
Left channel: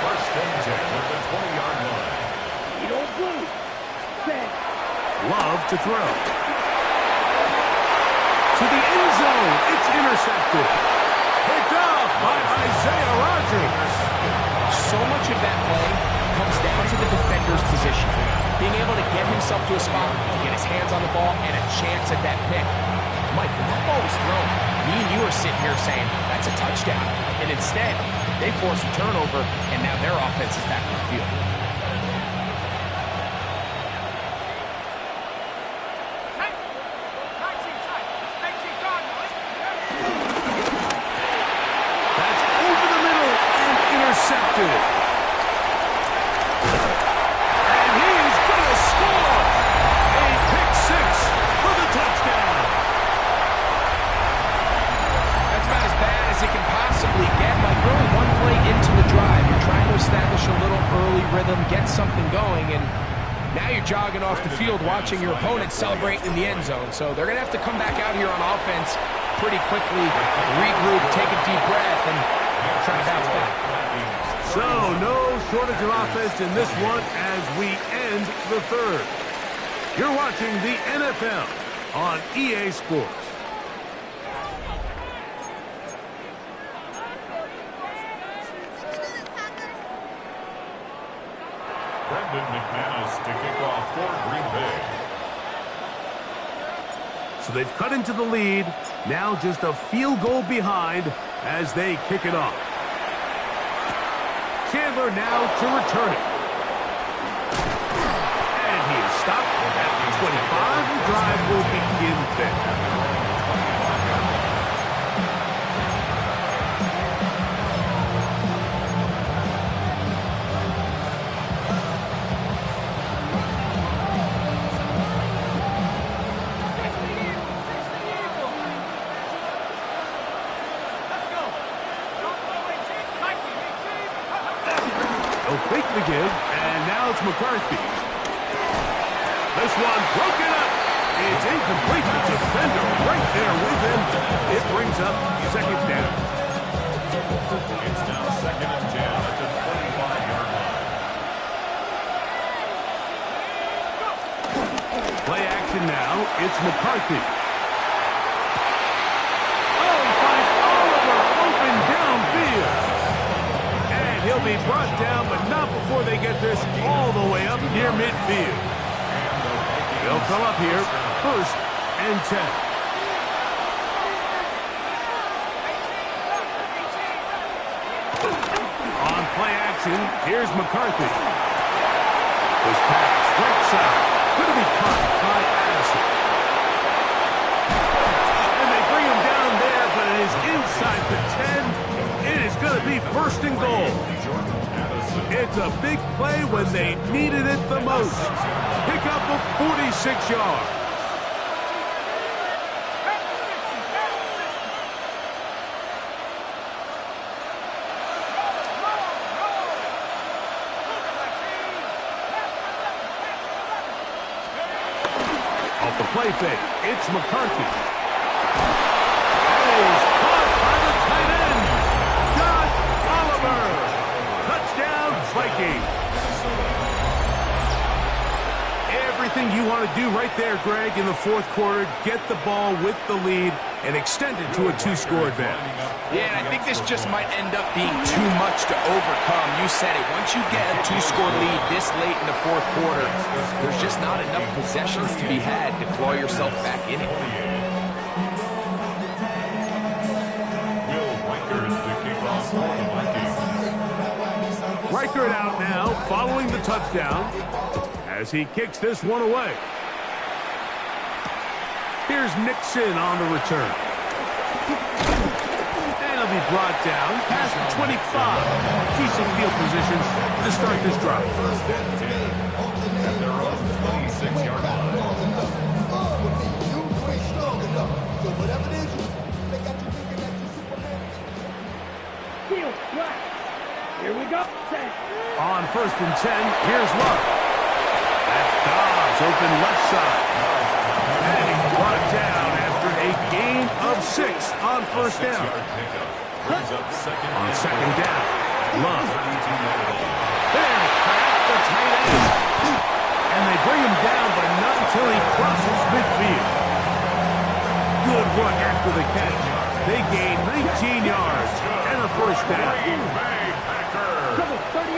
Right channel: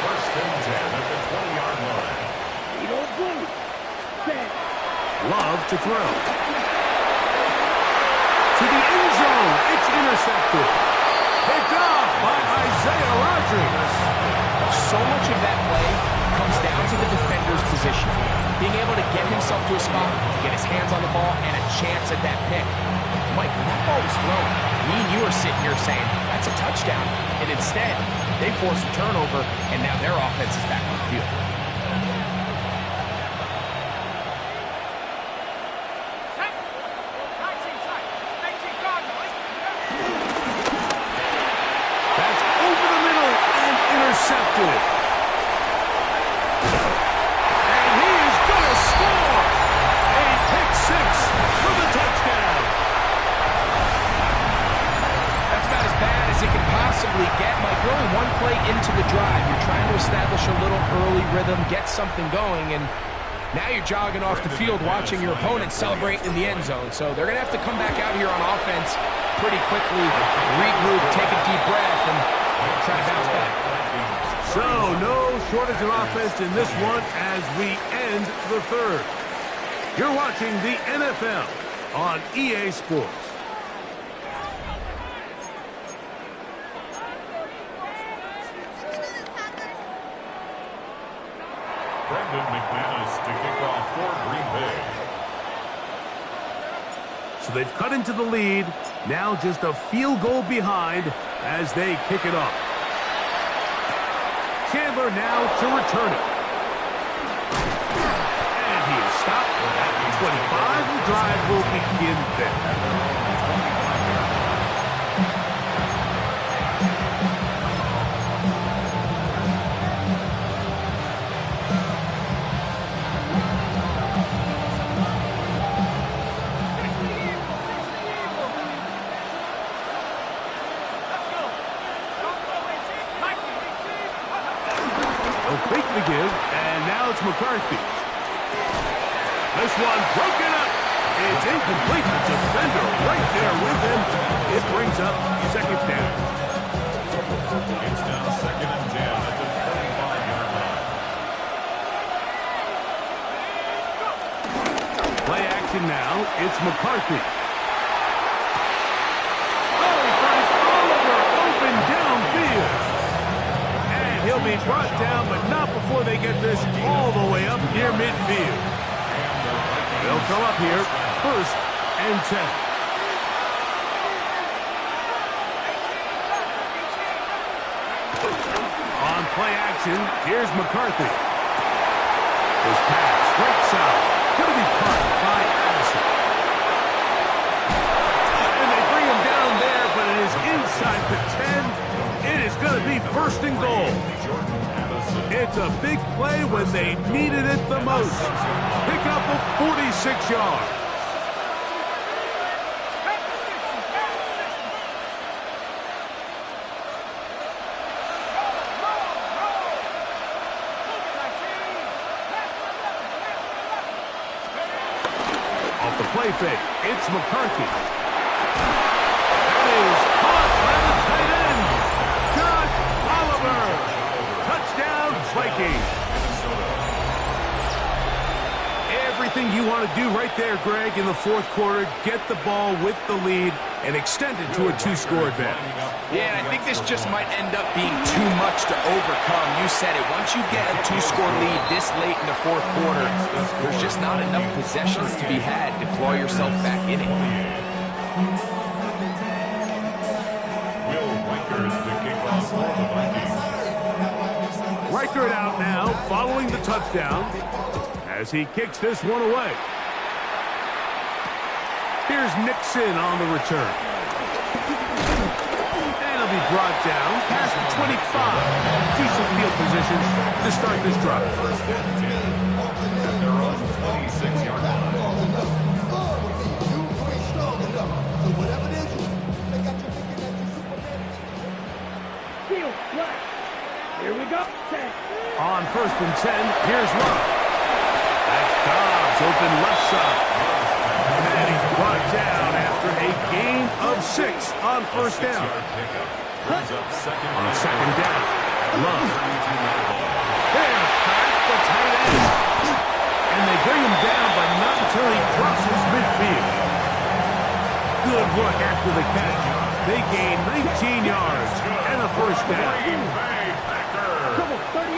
1st and 10 at the 20-yard line. You don't blue. Set. Love to throw. To the end zone. It's intercepted. Picked off by Isaiah Rodgers. So much of that play comes down to the defender's position. Being able to get himself to a spot, to get his hands on the ball, and a chance at that pick. Mike, when that ball was thrown, me and you are sitting here saying, that's a touchdown. And instead, they force a turnover, and now their offense is back on the field. That's over the middle and intercepted. And he is going to score. A pick 6 for the touchdown. That's about as bad as it can possibly get. Mike, you're only one play into the drive. You're trying to establish a little early rhythm, get something going, and now you're jogging off the field watching your opponent celebrate in the end zone. So they're going to have to come back out here on offense pretty quickly, regroup, take a deep breath, and try to bounce back. So no shortage of offense in this one as we end the third. You're watching the NFL on EA Sports. Brendan McManus to kick off for Green Bay. So they've cut into the lead. Now just a field goal behind as they kick it off. Chandler now to return it. And he is stopped at 25. The drive will begin there. At their own 25-yard line. Fake the give, and now it's McCarthy. This one broken up. It's incomplete. The defender right there with him. It brings up second down. It's now 2nd and 10 at the 25-yard line. Play action now. It's McCarthy. Oh, he finds Oliver open downfield. He'll be brought down, but not before they get this all the way up near midfield. They'll come up here, 1st and 10. On play action, here's McCarthy. His pass, right side, going to be caught by Addison. And they bring him down there, but it is inside the 10. It is going to be 1st and goal. It's a big play when they needed it the most. Pick up of 46 yards. Off the play fake, it's McCarthy. That is caught by the tight end. Oliver. Touchdown, Vikings. Everything you want to do right there, Greg, in the 4th quarter. Get the ball with the lead and extend it to a 2-score advantage. Yeah, and I think this just might end up being too much to overcome. You said it. Once you get a 2-score lead this late in the 4th quarter, there's just not enough possessions to be had to claw yourself back in it. Reichert out now, following the touchdown, as he kicks this one away. Here's Nixon on the return. And he'll be brought down past the 25. Decent field position to start this drive. 1st and 10 at their own 26-yard line. Field, black. Here we go. Set. On 1st and 10, here's Love. That's Dobbs, open left side. And he's brought down after a gain of 6 on 1st down. On 2nd down, Love. There's Pratt, the tight end. And they bring him down, but not until he crosses midfield. Good work after the catch. They gain 19 yards and a 1st down. Trouble, 38.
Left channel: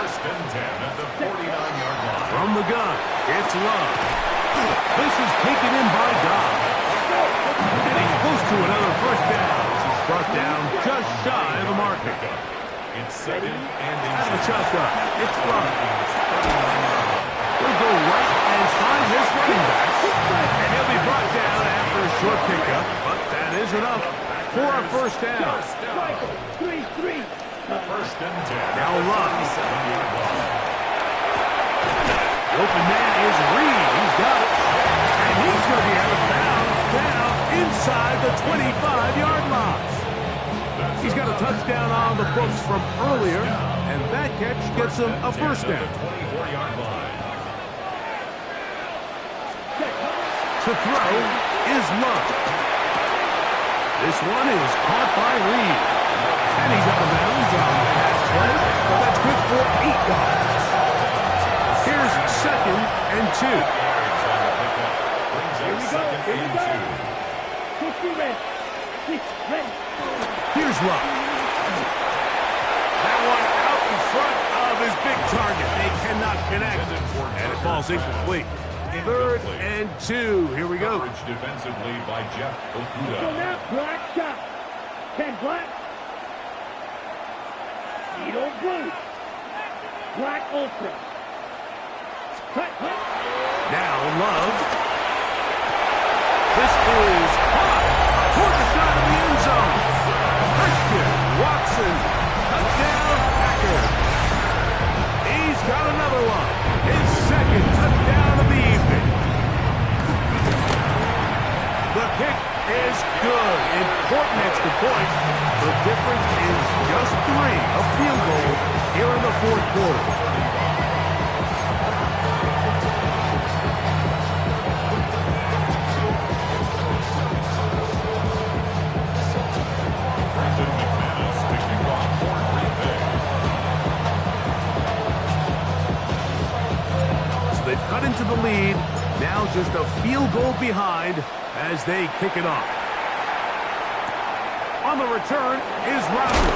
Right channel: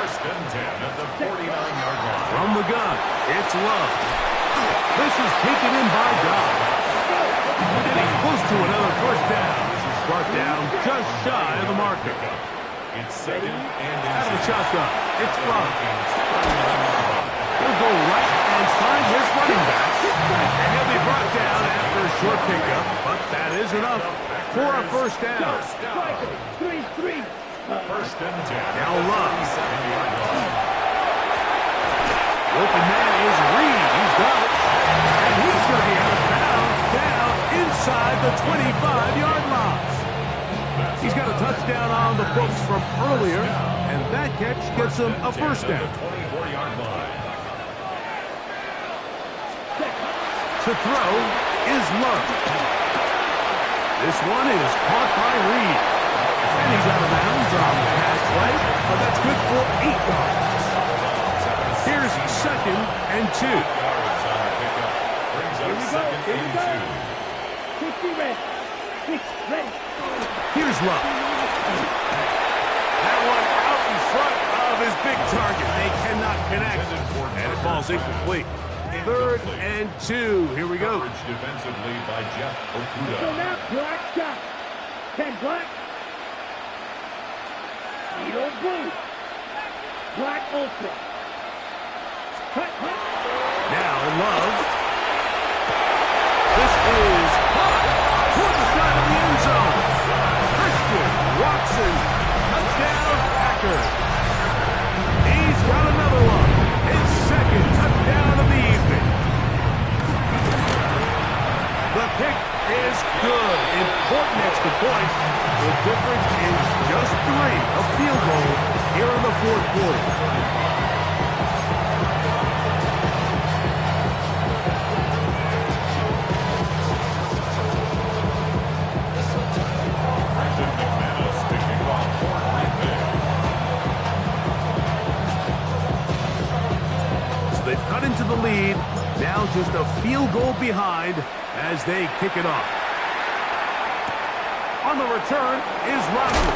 1st and 10 at the 49-yard line. From the gun, it's Love. This is taken in by Dobbs. And he's close to another 1st down. Brought down just shy of the marker. It's 2nd and out of the shotgun. It's Love. He'll go right and find his running back. And he'll be brought down after a short pickup. But that is enough for a 1st down. 3-3. 1st and 10. Now Love. 7-yard line. The open man is Reed. He's got it. And he's going to be out of bounds down inside the 25-yard line. He's got a touchdown on the books from earlier, and that catch gets him a 1st down. 24-yard line. To throw is Love. This one is caught by Reed. And he's out of bounds on the pass play, but that's good for 8 yards. Here's 2nd and 2. Brings up 2nd and 2. 60 red. 6 ready. Here's Love. That one out in front of his big target. They cannot connect, and it falls incomplete. 3rd and 2. Here we go. Coverage defensively by Jeff So Okuda. now, black shot. 10 black. Speedo blue. Black ultra. Cut, cut. Now in love. This is hot toward the side of the end zone. Christian Watson, touchdown Packers. He's got another one. His second touchdown of the evening. The kick is good. Important extra point. The difference is just 3. A field goal here in the fourth quarter. They've cut into the lead. Now just a field goal behind as they kick it off. On the return is Rodgers.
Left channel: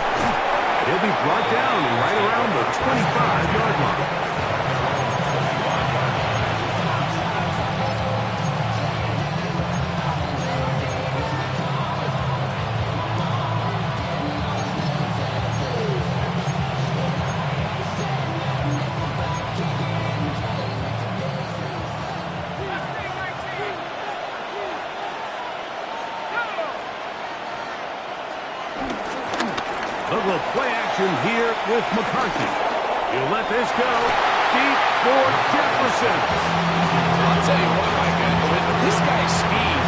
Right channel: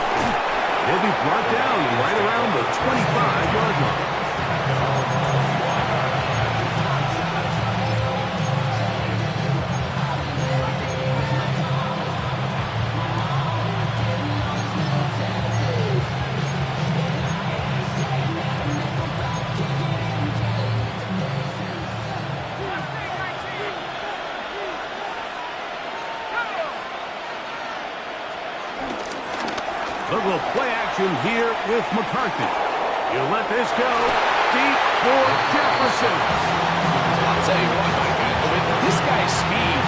He'll be brought down right around the 25-yard line. A little play action here with McCarthy. You let this go deep for Jefferson. I'll tell you what, Mike, with this guy's speed,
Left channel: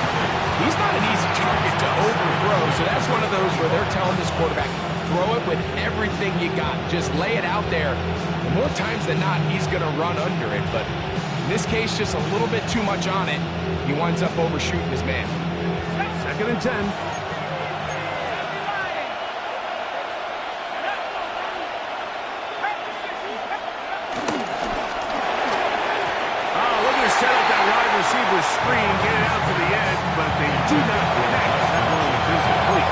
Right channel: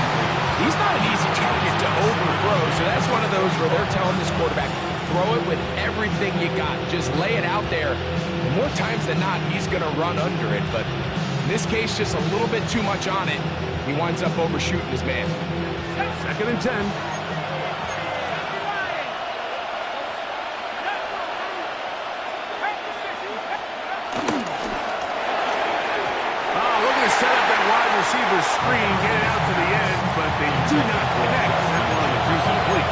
he's not an easy target to overthrow. So that's one of those where they're telling this quarterback, throw it with everything you got. Just lay it out there. And more times than not, he's going to run under it. But in this case, just a little bit too much on it. He winds up overshooting his man. 2nd and 10. Set up that wide receiver screen, get it out to the edge, but they do not connect. That one is incomplete.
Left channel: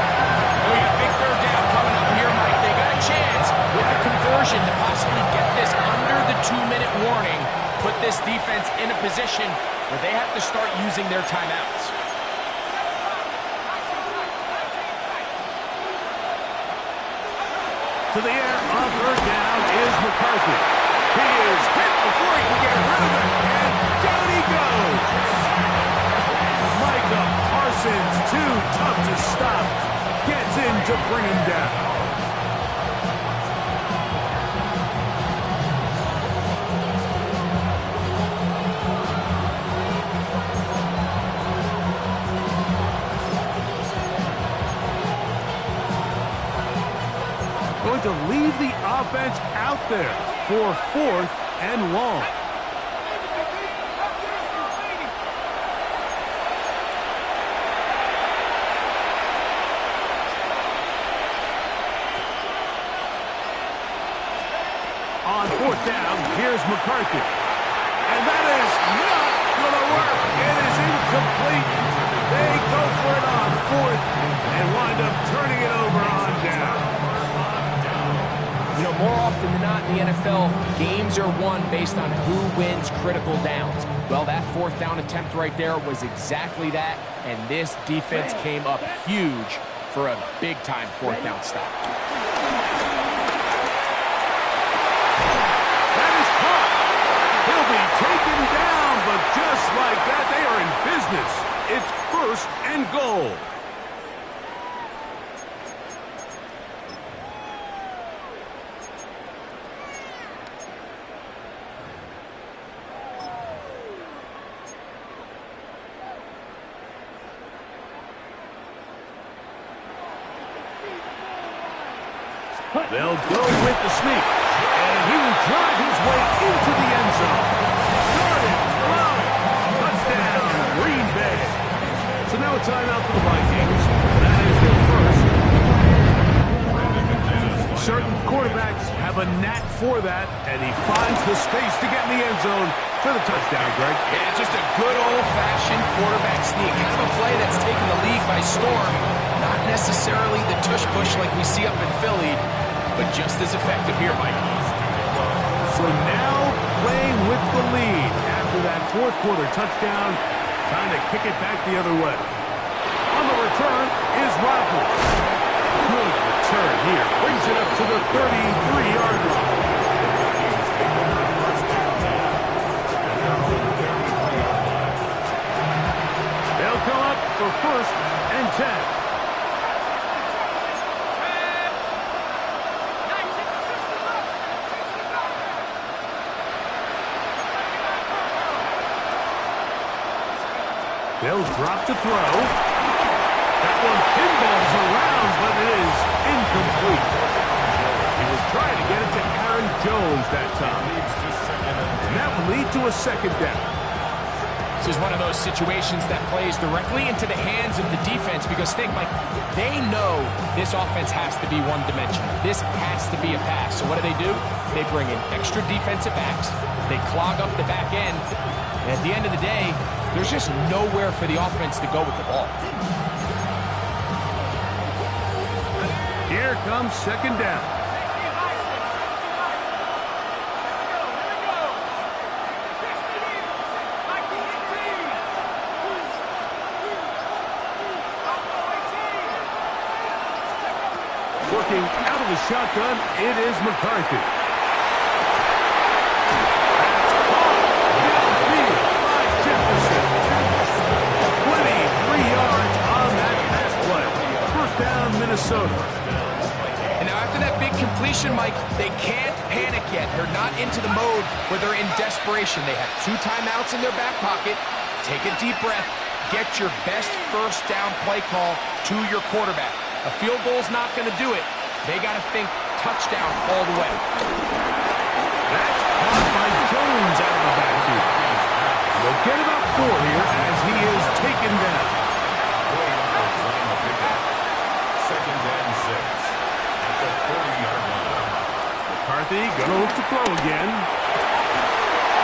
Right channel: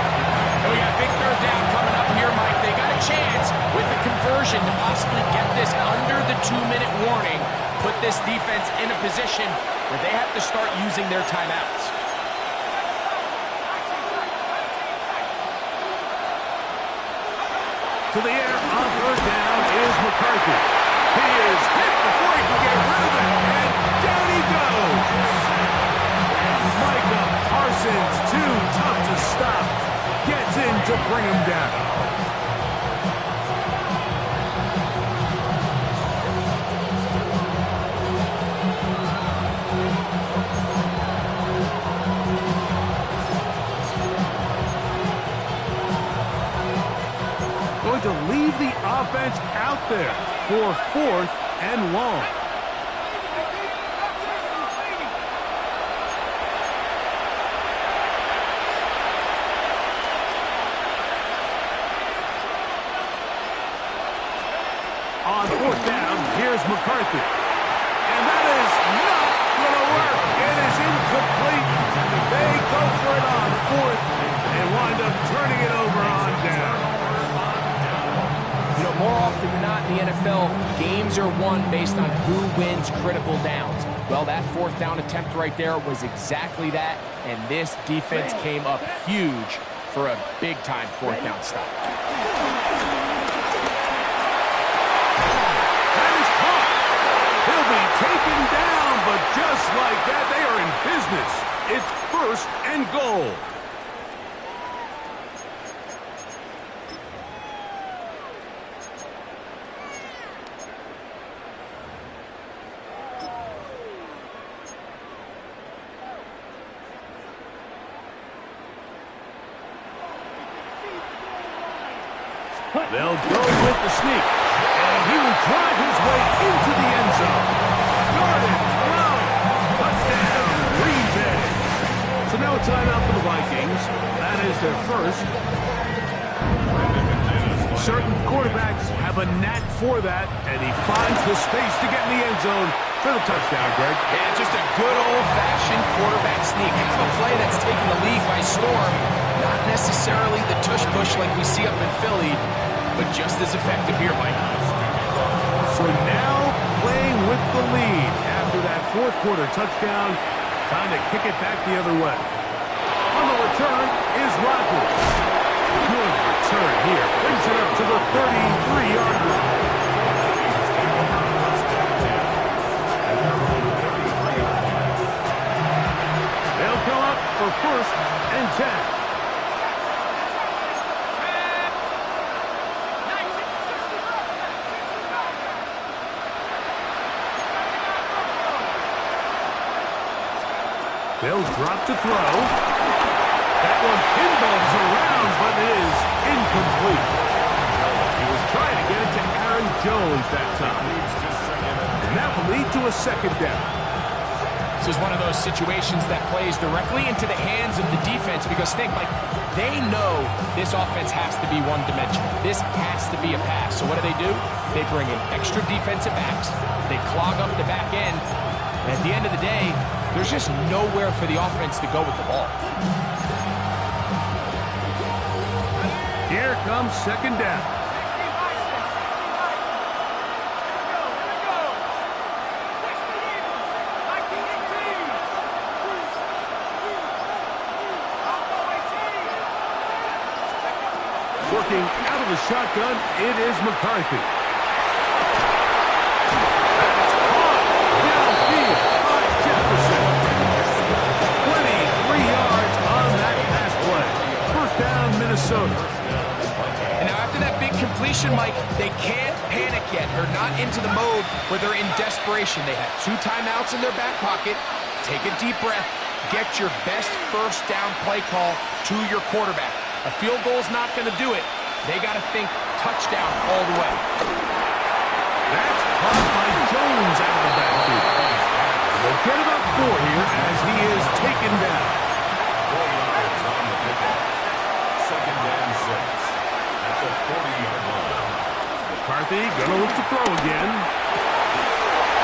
And we got big 3rd down coming up here, Mike. They got a chance with the conversion to possibly get this under the 2-minute warning, put this defense in a position where they have to start using their timeouts. To the air on 3rd down is McCarthy. He is hit before he can get rid of it, and down he goes. Micah Parsons, too tough to stop, gets in to bring him down. Going to leave the offense out there for 4th and long. On 4th down, here's McCarthy. And that is not going to work. It is incomplete. They go for it on 4th and wind up turning it over on down. You know, more often than not in the NFL, games are won based on who wins critical downs. Well, that 4th down attempt right there was exactly that, and this defense came up huge for a big-time 4th down stop. That is caught. He'll be taken down, but just like that, they are in business. It's 1st and goal. They'll go with the sneak, and he will drive his way into the end zone. Jordan Love, touchdown, Green Bay. So now a timeout for the Vikings. That is their first. Certain quarterbacks have a knack for that, and he finds the space to get in the end zone for the touchdown, Greg. Yeah, just a good old-fashioned quarterback sneak. Kind of a play that's taken the league by storm. Not necessarily the tush-push like we see up in Philly, but just as effective here, Mike. So now playing with the lead after that 4th quarter touchdown. Time to kick it back the other way. On the return is Rodgers. Good return here. Brings it up to the 33-yard line. Take over first and 10 at their own 33-yard line. They'll come up for first and 10. They'll drop to throw. That one pinballs around, but it is incomplete. He was trying to get it to Aaron Jones that time. And that will lead to a second down. This is one of those situations that plays directly into the hands of the defense because think, Mike, they know this offense has to be one-dimensional. This has to be a pass. So what do? They bring in extra defensive backs. They clog up the back end. And at the end of the day, there's just nowhere for the offense to go with the ball. Here comes second down. Working out of the shotgun, it is McCarthy. That's caught downfield by Jefferson. 23 yards on that pass play. First down, Minnesota. And now after that big completion, Mike, they can't panic yet. They're not into the mode where they're in desperation. They have 2 timeouts in their back pocket. Take a deep breath. Get your best first down play call to your quarterback. A field goal's not going to do it. They got to think touchdown all the way. That's caught by Jones out of the backfield. They'll get about 4 here as he is taken down. 4 yards on the pickup. Second and 6 at the 40-yard line. McCarthy going to look to throw again.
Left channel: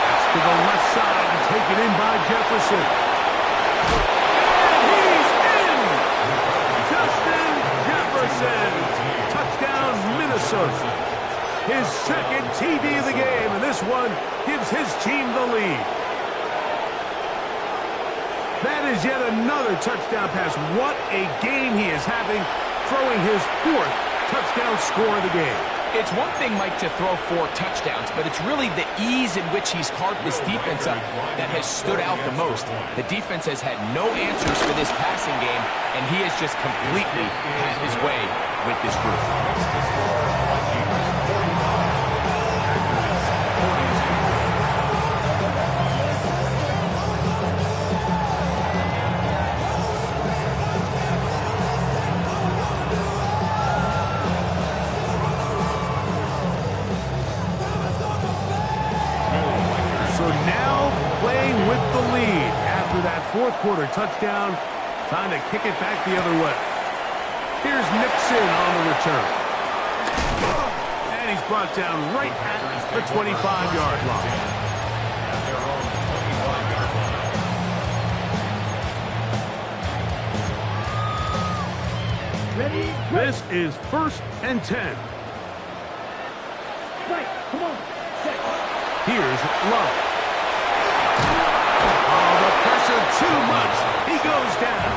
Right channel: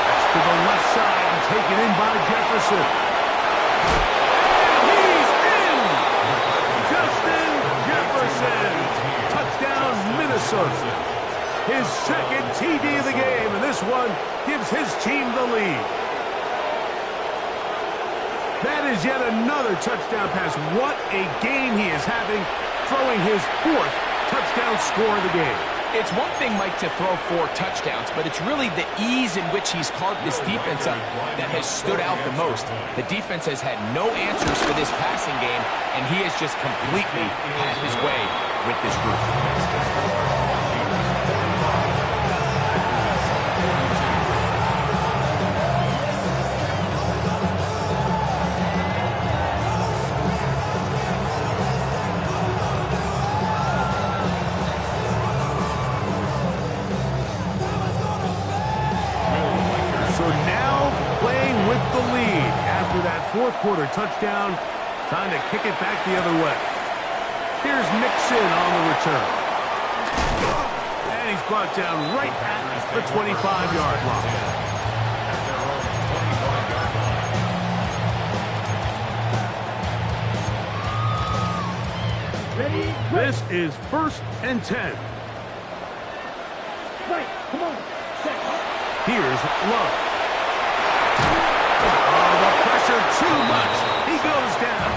That's to the left side and taken in by Jefferson. And he's in! Justin Jefferson. Touchdown, Minnesota. His second TD of the game, and this one gives his team the lead. That is yet another touchdown pass. What a game he is having, throwing his 4th touchdown score of the game. It's one thing, Mike, to throw 4 touchdowns, but it's really the ease in which he's carved this defense up that has stood out the most. The defense has had no answers for this passing game, and he has just completely had his way with this group. So now playing with the lead after that 4th quarter touchdown. Time to kick it back the other way. Here's Nixon on the return. And he's brought down right at the 25-yard line. At their own 25-yard line. Ready? This is first and 10. Right. Come on. Set. Here's Love. Oh, the pressure too much. He goes down.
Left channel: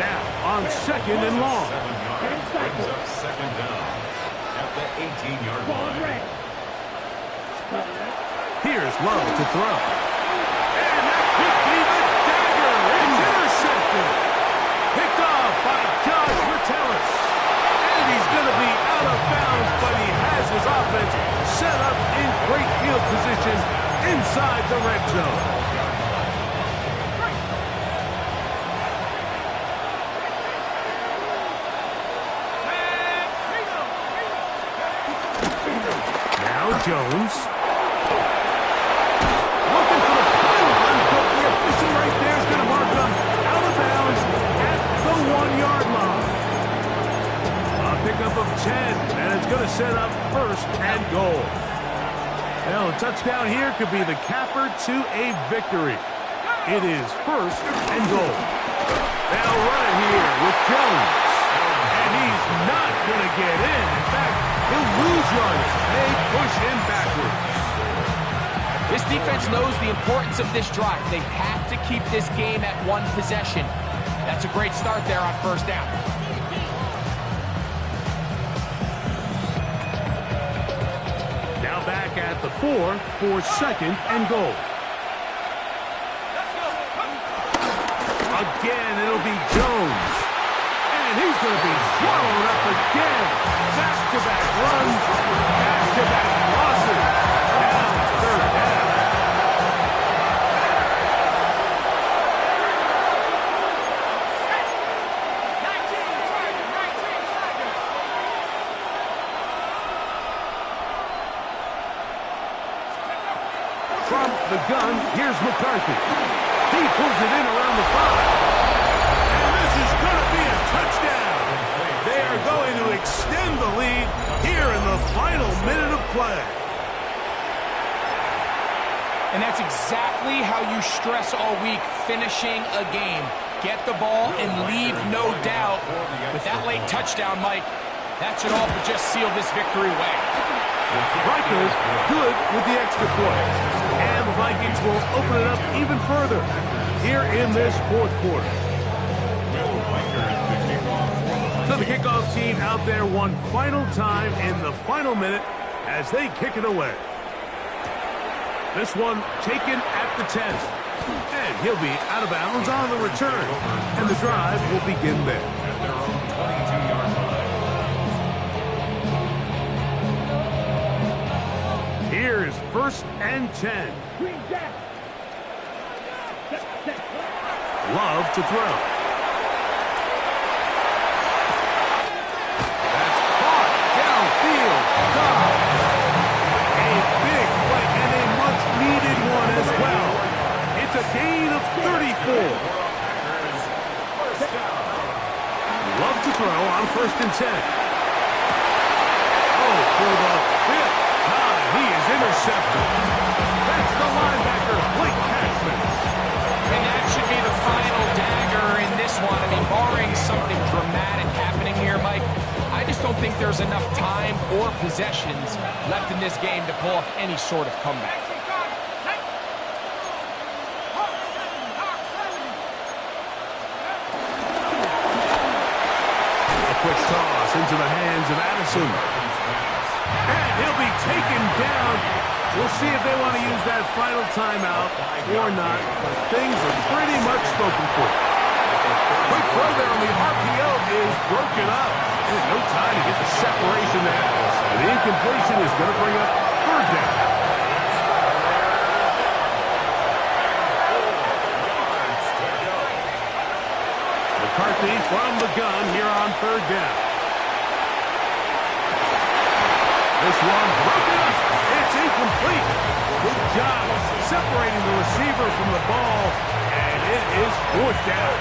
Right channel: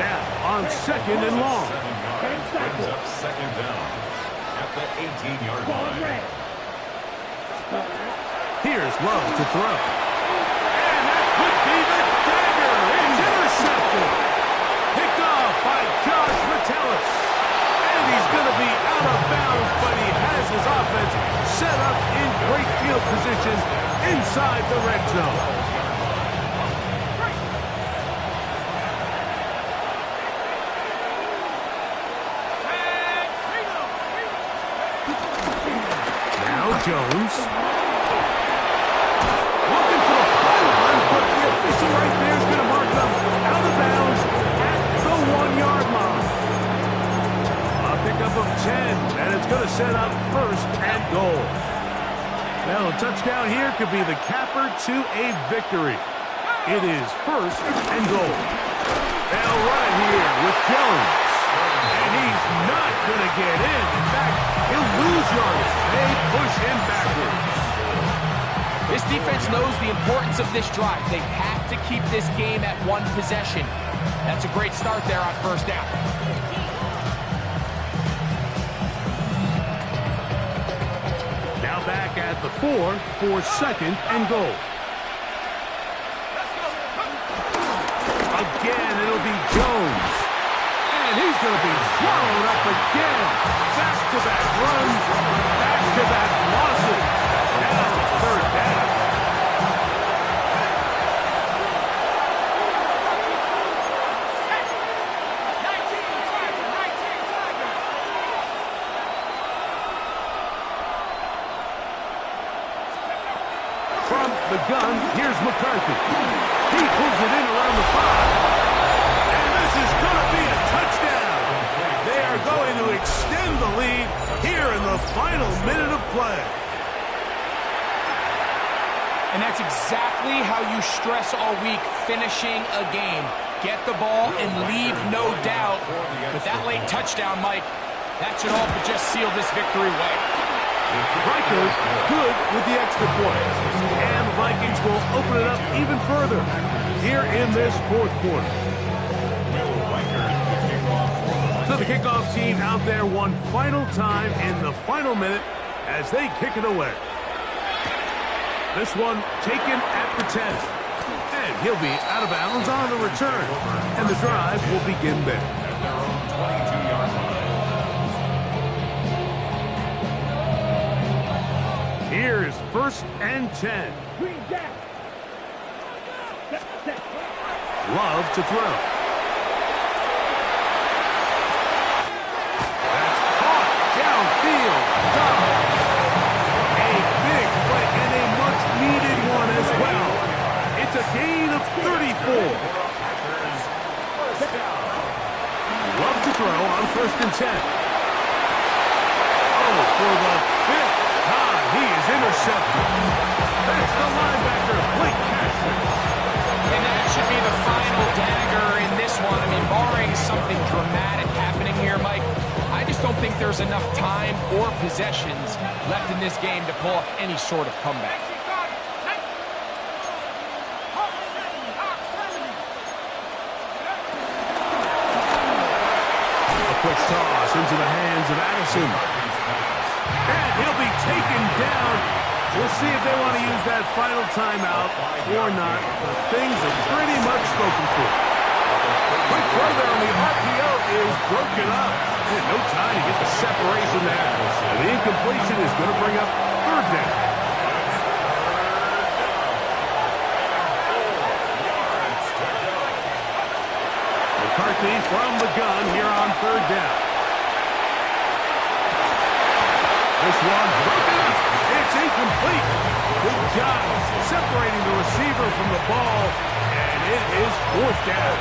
Now on second and long. 7 yards brings up second down at the 18-yard line. Here's Love to throw. And that could be the dagger. It's intercepted. Picked off by Josh Metellus. And he's going to be out of bounds, but he has his offense set up in great field position inside the red zone. Now Jones. Looking for the pylon, but the official right there is going to mark him out of bounds at the 1-yard line. A pickup of 10, and it's going to set up first and goal. Well, a touchdown here could be the capper to a victory. It is first and goal. They'll run it here with Jones. And he's not going to get in. In fact, he'll lose yardage. They push him backwards. This defense knows the importance of this drive. They have to keep this game at 1 possession. That's a great start there on first down. Now back at the 4 for second and goal. Again, it'll be Jones. And he's going to be swallowed up again. Back-to-back runs, back-to-back losses. Now it's third down. From the gun, here's McCarthy. He pulls it in around the 5. And this is going to be a touchdown. They are going to extend the lead here in the final minute of play. And that's exactly how you stress all week, finishing a game. Get the ball and leave no doubt. With that late touchdown, Mike, that should all but just seal this victory away. Rikers good with the extra point. And the Vikings will open it up even further here in this fourth quarter. So the kickoff team out there one final time in the final minute as they kick it away. This one taken at the 10. And he'll be out of bounds on the return. And the drive will begin there. At their own 22-yard line. Here's first and 10. Green Jack. Love to throw. That's caught downfield. Down. A big play and a much-needed one as well. It's a gain of 34. Love to throw on first and 10. Oh, for the 5th time, he is intercepted. That's the linebacker, Blake Cashman. And that should be the final dagger in this one. I mean, barring something dramatic happening here, Mike, I just don't think there's enough time or possessions left in this game to pull off any sort of comeback. A quick toss into the hands of Addison. And he'll be taken down. We'll see if they want to use that final timeout or not, but things are pretty much spoken for. Quick throw there on the RPO is broken up. And no time to get the separation there. And the incompletion is going to bring up third down. McCarthy from the gun here on third down. This one broken up. It's incomplete. Good job separating the receiver from the ball, and it is fourth down.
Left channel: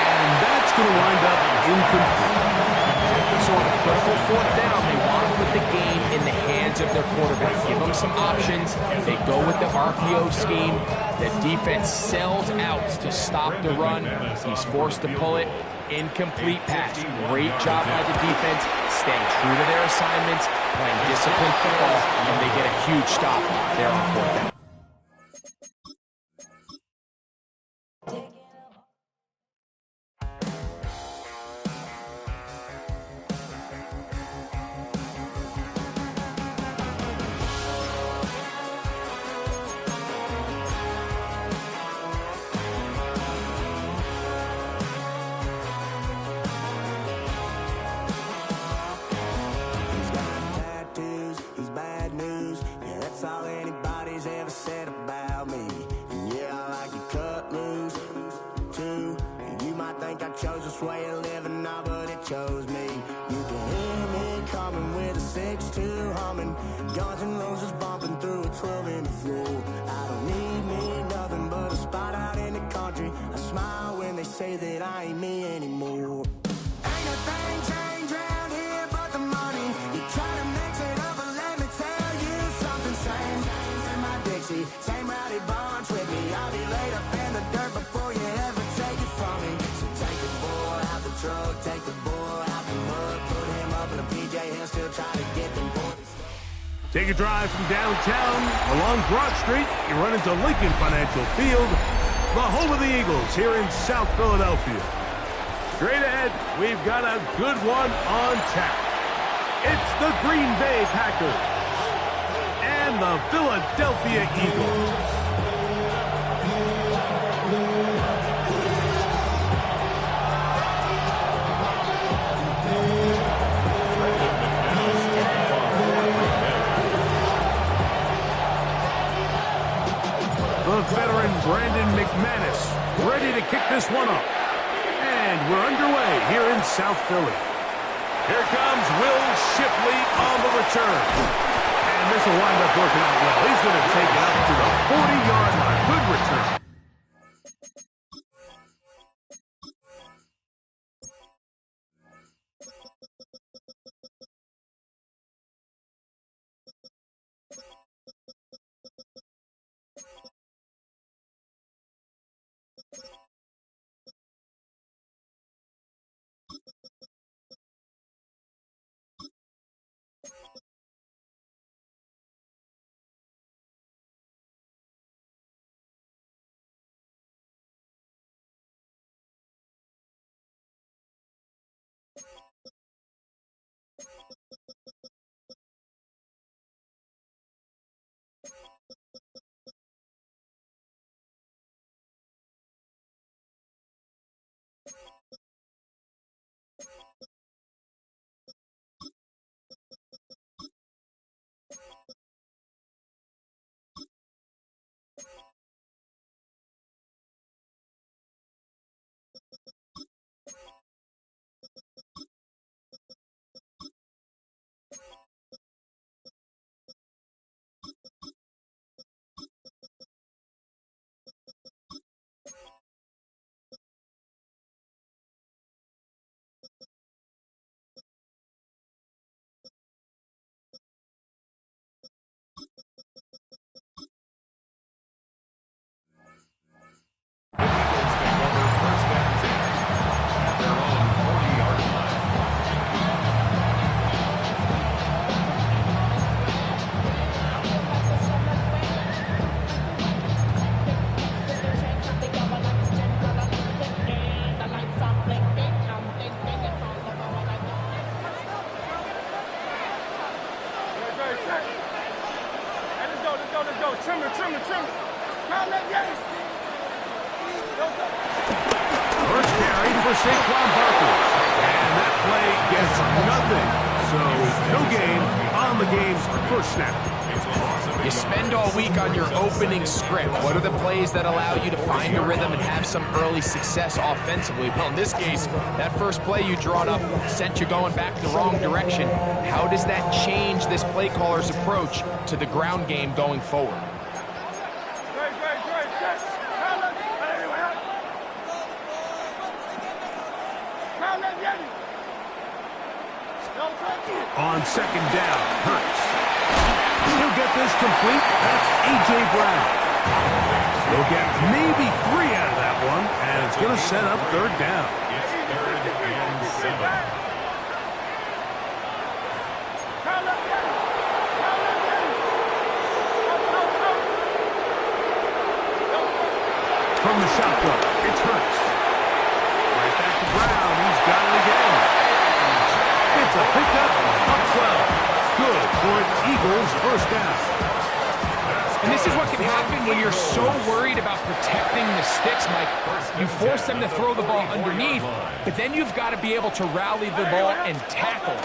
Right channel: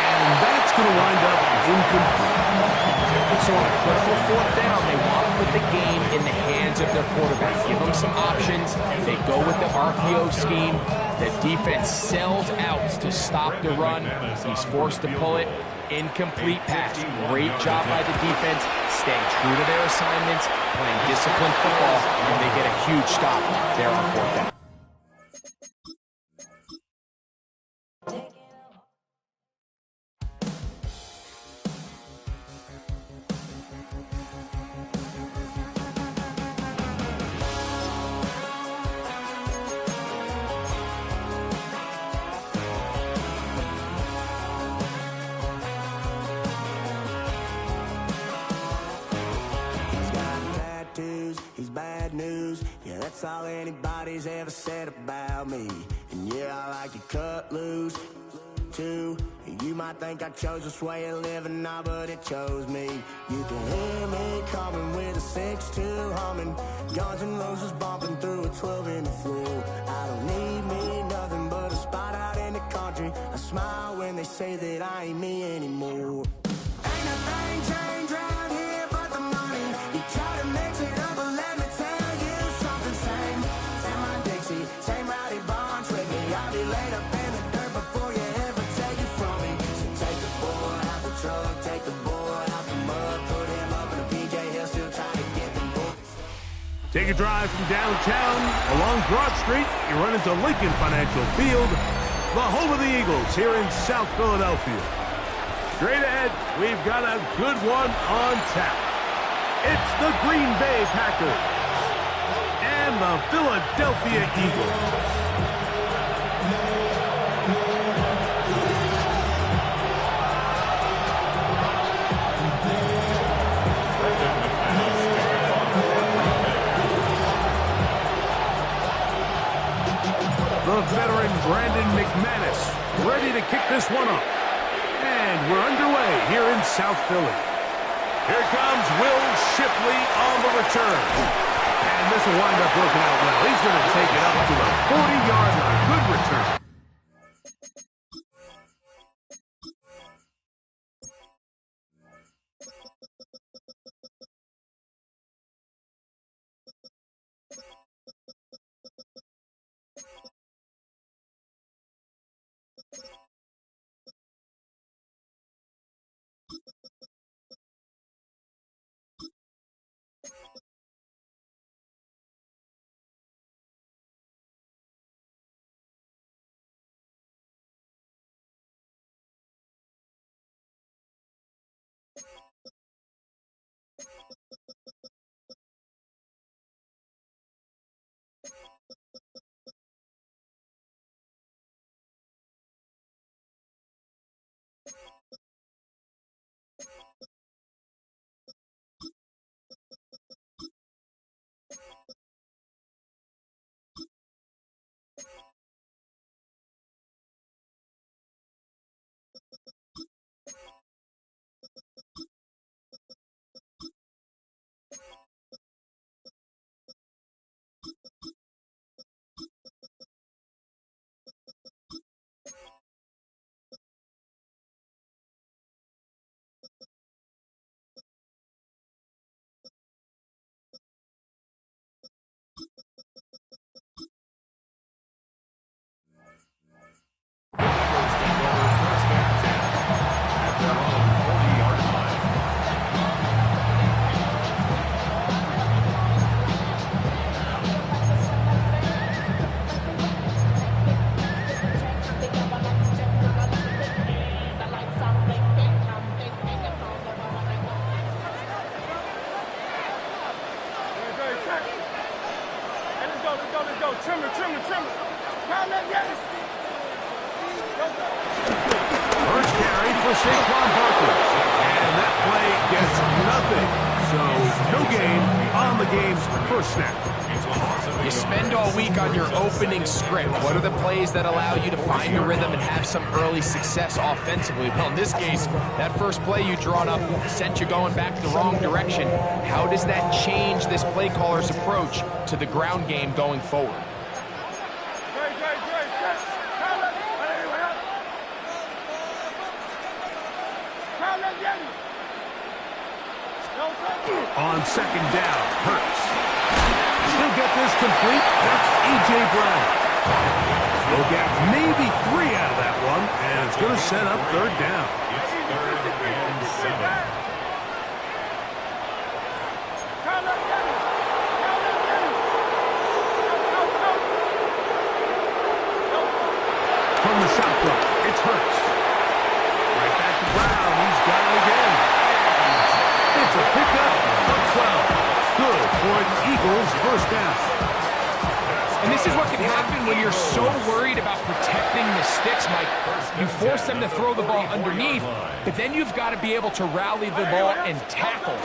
And that's going to wind up incomplete. So on a critical fourth down, they want to put the game in the hands of their quarterback. Give them some options. They go with the RPO scheme. The defense sells out to stop the run. He's forced to pull it. Incomplete pass. Great job by the defense, staying true to their assignments, playing disciplined football, and they get a huge stop there on fourth down. All anybody's ever said about me. And yeah, I like to cut loose too. You might think I chose this way of living now, but it chose me. You can hear me coming with a 6-2 humming, Guns N' Roses bumping through a 12 in the floor. I don't need me nothing but a spot out in the country. I smile when they say that I ain't me anymore. Ain't a thing changed around here but the money. You try to mix it up, but let me tell you something. Same my Dixie, same rowdy bunch with me. I'll be laid up in the dirt before you ever take it from me. So take the boy out the truck, take the boy out the mud, put him up in a PJ, he'll still try to get them boys. Take a drive from downtown along Broad Street. You run into Lincoln Financial Field, the home of the Eagles here in South Philadelphia. Straight ahead, we've got a good one on tap. It's the Green Bay Packers and the Philadelphia Eagles. The veteran Brandon McManus ready to kick this one up. And we're underway here in South Philly. Here comes Will Shipley on the return. And this will wind up working out well. He's going to take it up to the 40-yard line. Good return. First carry for Saquon Barkley. And that play gets nothing. So no gain on the game's first snap. You spend all week on your opening script. What are the plays that allow you to find your rhythm and have some early success offensively? Well, in this case, that first play you drawn up sent you going back the wrong direction. How does that change this play caller's approach to the ground game going forward? On second down, Hurts. He'll get this complete. That's A.J. Brown. He'll get maybe 3 out of that one, and it's going to set up third down. It's 3rd and 7. From the shotgun, it's Hurts. Right back to Brown. He's got it again. It's a pickup of 12. Good for an Eagles first down. And this is what can happen when you're so worried about protecting the sticks, Mike. You force them to throw the ball underneath, but then you've got to be able to rally the ball and tackle.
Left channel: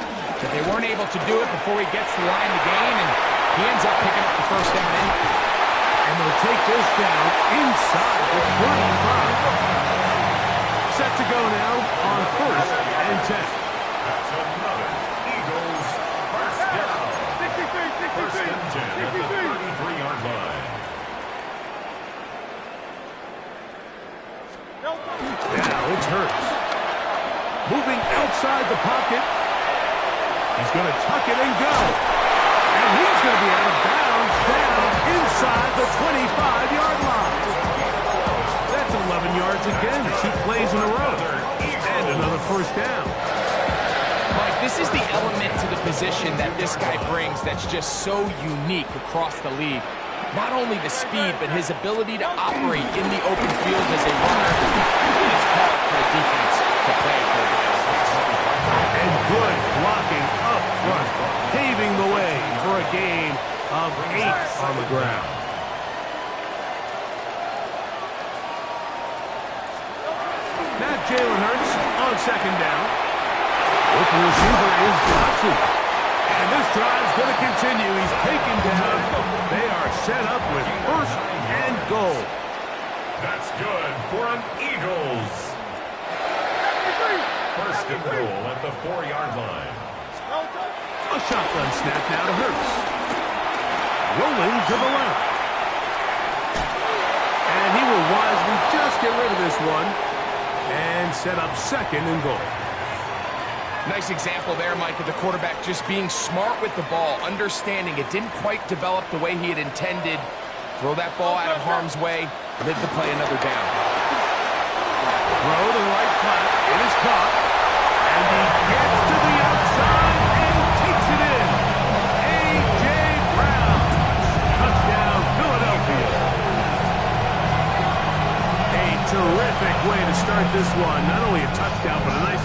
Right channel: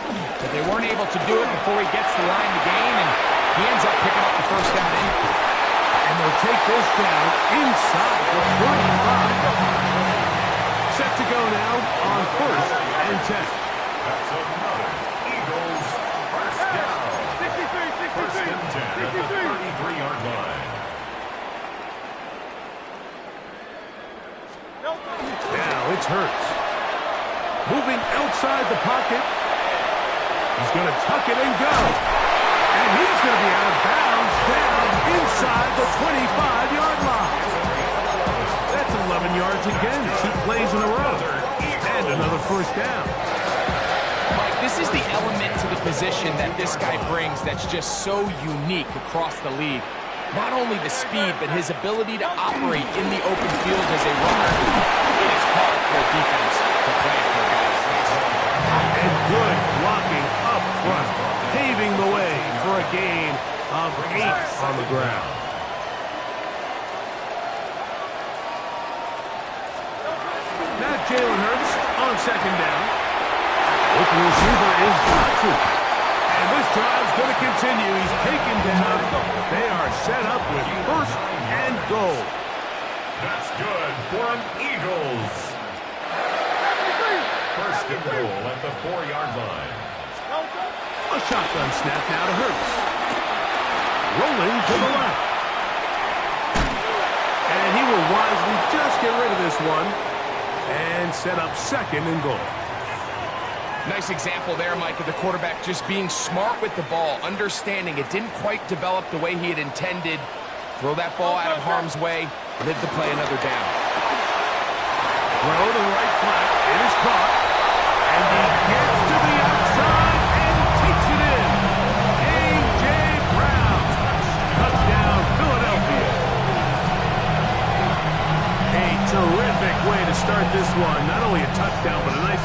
But they weren't able to do it before he gets the line to gain, and he ends up picking up the first down anyway. And they'll take this down inside the 35. Set to go now on 1st and 10. That's another Eagles first down. 1st and 10 at the 33-yard line. Now it's Hurts. Moving outside the pocket. He's going to tuck it and go. And he's going to be out of bounds down inside the 25-yard line. That's 11 yards again. 2 plays in a row. And another first down. Mike, this is the element to the position that this guy brings that's just so unique across the league. Not only the speed, but his ability to operate in the open field as a runner. It is hard for a defense to play for a guy like this. And good blocking up front, paving the way for a gain of 8 on the ground. Now Jalen Hurts on second down. Open receiver is Johnson. And this drive's going to continue. He's taken down. They are set up with 1st and goal. That's good for an Eagles. 1st and goal at the 4-yard line. A shotgun snap now to Hurts. Rolling to the left. And he will wisely just get rid of this one and set up 2nd and goal. Nice example there, Mike, of the quarterback just being smart with the ball, understanding it didn't quite develop the way he had intended. Throw that ball out of harm's way, live to play another down. Throw to the right flat. It is caught. And he gets to the outside and takes it in. A.J. Brown. Touchdown, Philadelphia. A terrific way to start this one. Not only a touchdown, but a nice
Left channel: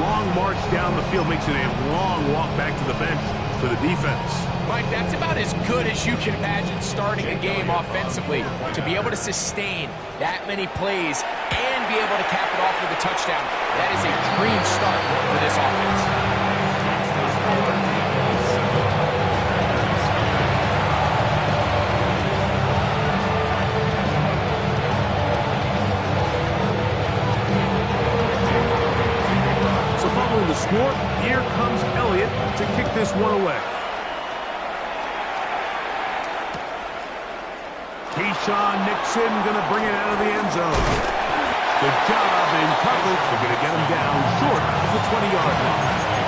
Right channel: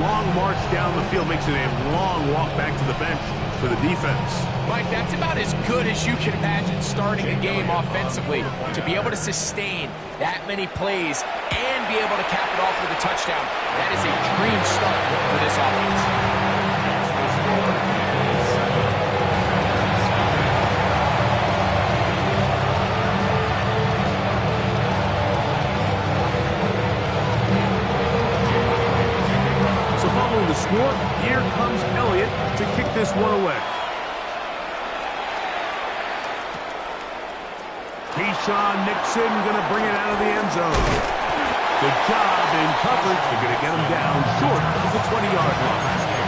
long march down the field. Makes it a long walk back to the bench for the defense. Mike, that's about as good as you can imagine starting a game offensively. To be able to sustain that many plays and be able to cap it off with a touchdown, that is a dream start for this offense. Following the score, here comes Elliott to kick this one away. Keyshawn Nixon going to bring it out of the end zone. Good job in coverage. They're going to get him down short of the 20-yard line.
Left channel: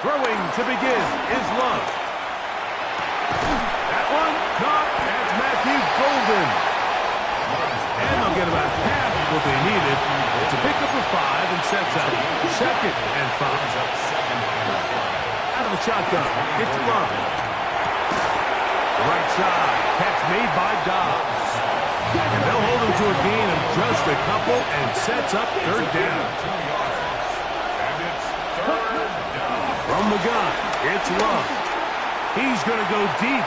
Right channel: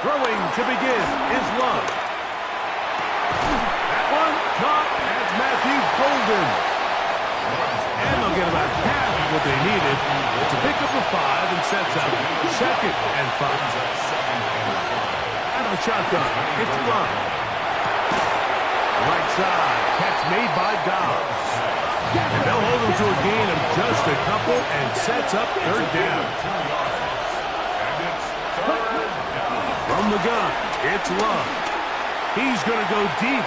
Throwing to begin is Love. That one caught. That's Matthew Golden. And they'll get about half of what they needed to pick up a 5 and sets up 2nd and 5. Out of the shotgun, it's Love. Right side, catch made by Dobbs. And they'll hold him to a gain of just a couple and sets up 3rd down. From the gun, it's Love. He's going to go deep,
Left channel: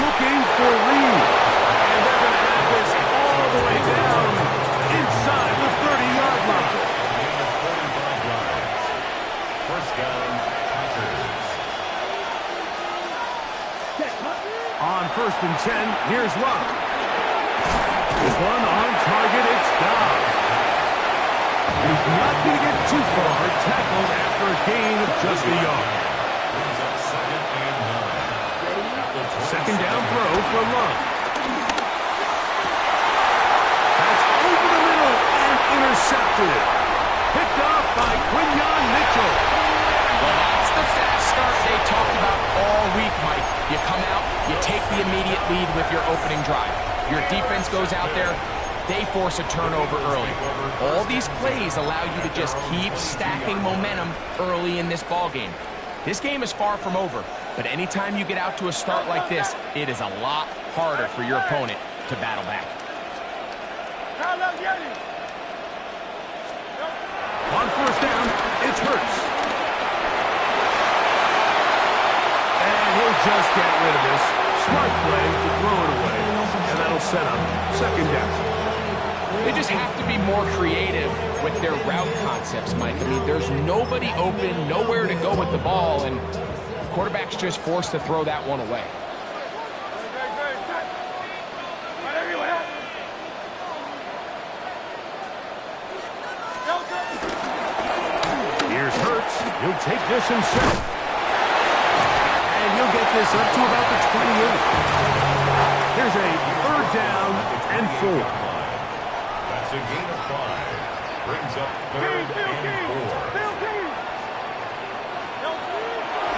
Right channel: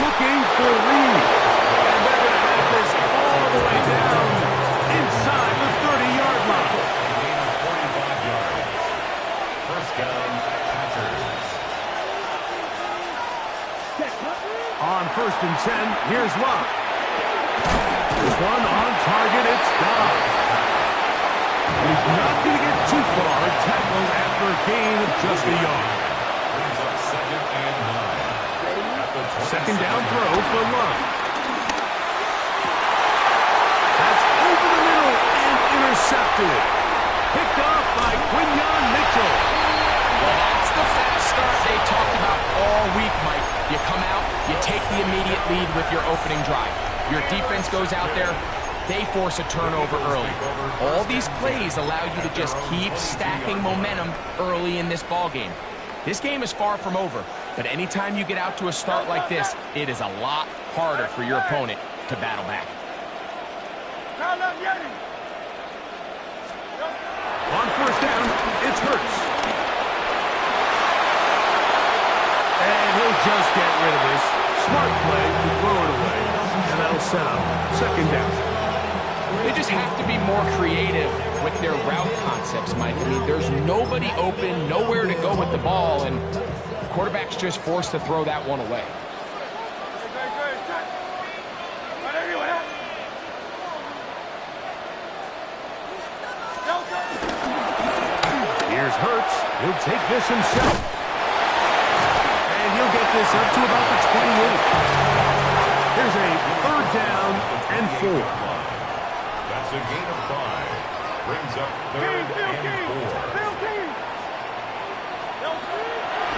looking for Reed. And they're going to have this all the way down inside the 30-yard line. Gain of 45 yards. 1st down, Packers. On 1st and 10, here's Love. This one on target, it's Dobbs. He's not going to get too far, tackled after a gain of just a yard. Brings up 2nd and 9. 2nd down throw for Love. That's over the middle and intercepted. Picked off by Quinyon Mitchell. Well, that's the fast start they talked about all week, Mike. You come out, you take the immediate lead with your opening drive. Your defense goes out there, they force a turnover early. All these plays allow you to just keep stacking momentum early in this ball game. This game is far from over, but anytime you get out to a start like this, it is a lot harder for your opponent to battle back. On 1st down, it's Hurts. And he'll just get rid of this. Smart play to throw it away, and that'll set up 2nd down. They just have to be more creative with their route concepts, Mike. I mean, there's nobody open, nowhere to go with the ball, and the quarterback's just forced to throw that one away. Here's Hurts. He'll take this himself. And he'll get this up to about the 28. Here's a 3rd down and 4. That's a gain of 5. Brings up 3rd and 4.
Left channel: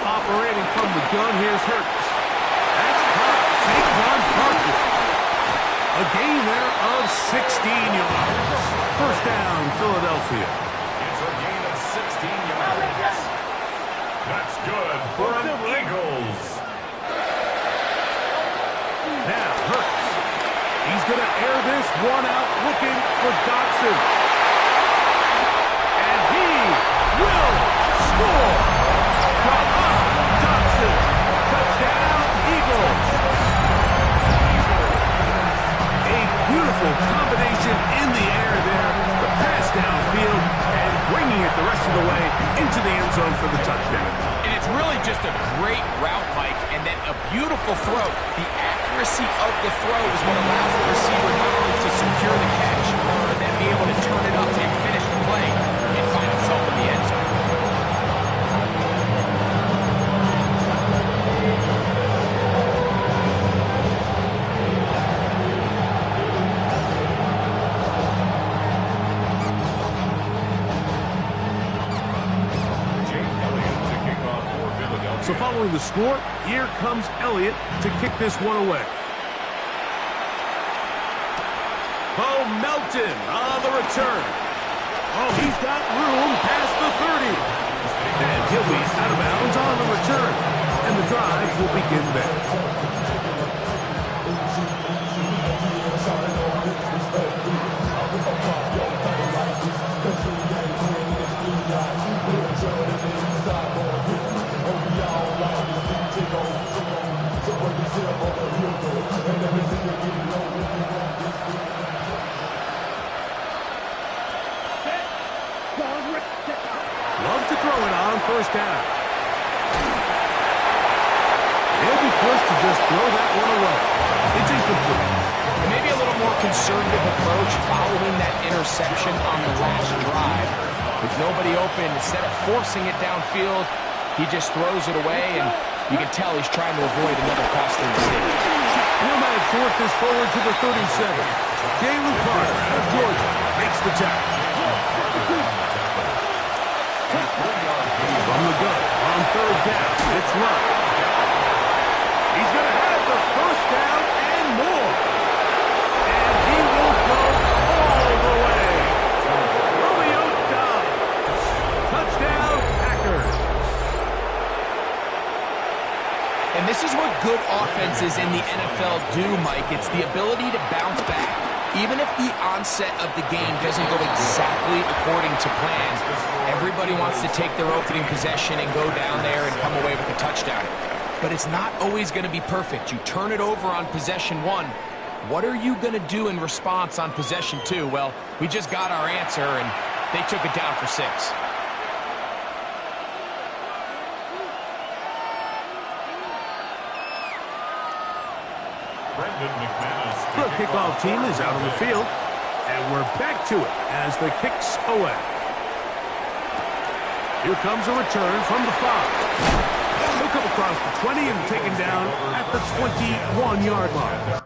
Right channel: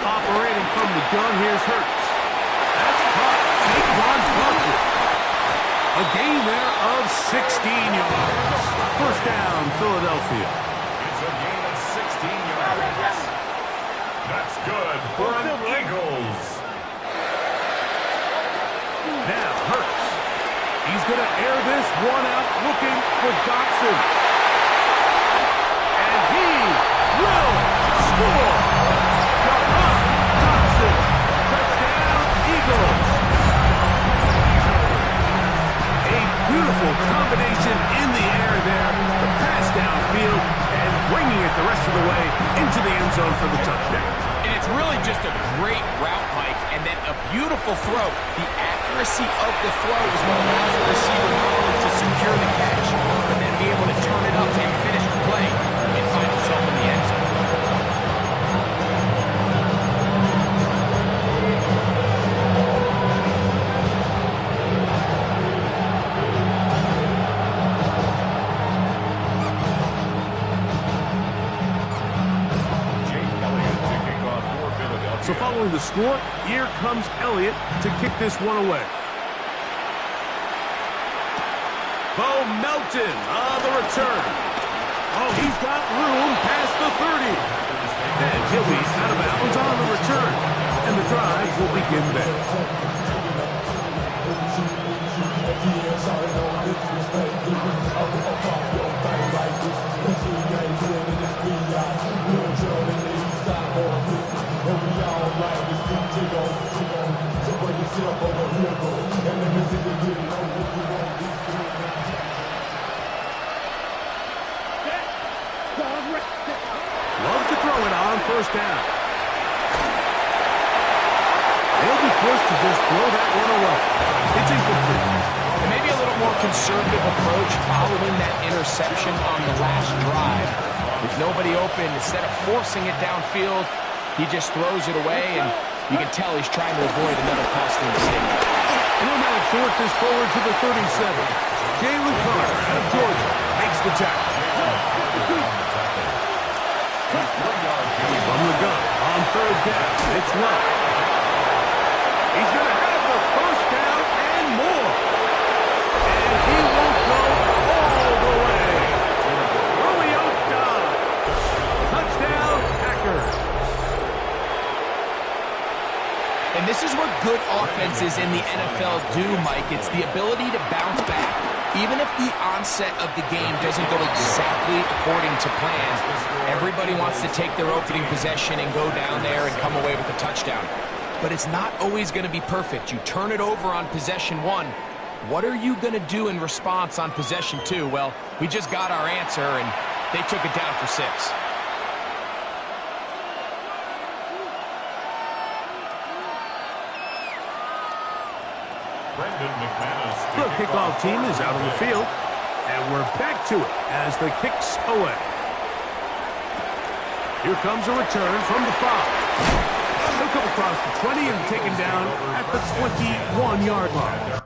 Operating from the gun, here's Hurts. That's caught. Saquon Barkley. A gain there of 16 yards. First down, Philadelphia. It's a gain of 16 yards. That's good for an Eagles. Now Hurts. He's going to air this one out looking for Dotson. And he will score. Dotson. Touchdown, Eagles. A beautiful combination in the air there. The pass downfield and bringing it the rest of the way into the end zone for the touchdown. And it's really just a great route, Mike, and then a beautiful throw. The accuracy of the throw is what allows the receiver not only to secure the catch, but then be able to turn it up and finish the play and find himself in the end zone. So following the score, here comes Elliott to kick this one away. Bo Melton on the return. Oh, he's got room past the 30. And he'll be out of bounds on the return. And the drive will begin there. Love to throw it on first down. They'll be forced to just throw that one away. It's incomplete. And maybe a little more conservative approach following that interception on the last drive. With nobody open, instead of forcing it downfield, he just throws it away, and you can tell he's trying to avoid another costly mistake. And he'll manage to work this forward to the 37. Jalen Carter out of Georgia makes the tackle. From the gun on third down, it's Love. He's going to have the first down and more. And he will go all the way. Romeo Doubs. Touchdown, Packers. And this is what good offenses in the NFL do, Mike. It's the ability to bounce back. Even if the onset of the game doesn't go exactly according to plan, everybody wants to take their opening possession and go down there and come away with a touchdown. But it's not always going to be perfect. You turn it over on possession 1. What are you going to do in response on possession 2? Well, we just got our answer, and they took it down for 6. The kickoff team is out on the field, and we're back to it as the kick's away. Here comes a return from the 5. He'll come across the 20 and taken down at the 21-yard line.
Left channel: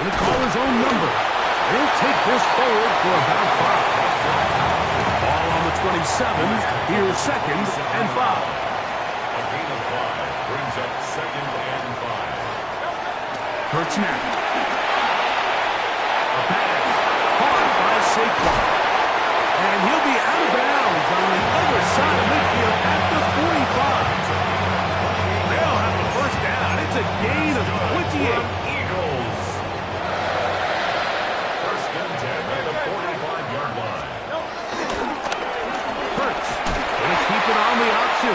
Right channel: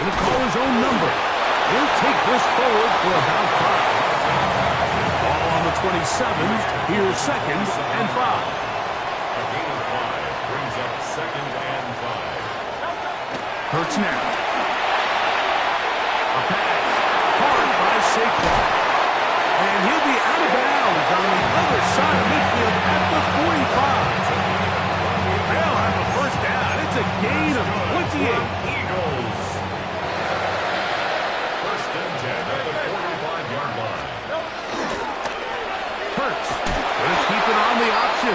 Going to call his own number. He'll take this forward for about 5. Ball on the 27. Here's 2nd and 5. A gain of 5 brings up 2nd and 5. Hurts now. A pass. Caught by Saquon. And he'll be out of bounds on the other side of midfield at the 45. They'll have a first down. It's a gain of 28. Eagles. First and 10 at the 45-yard line. Hurts. Gonna keep it on the option.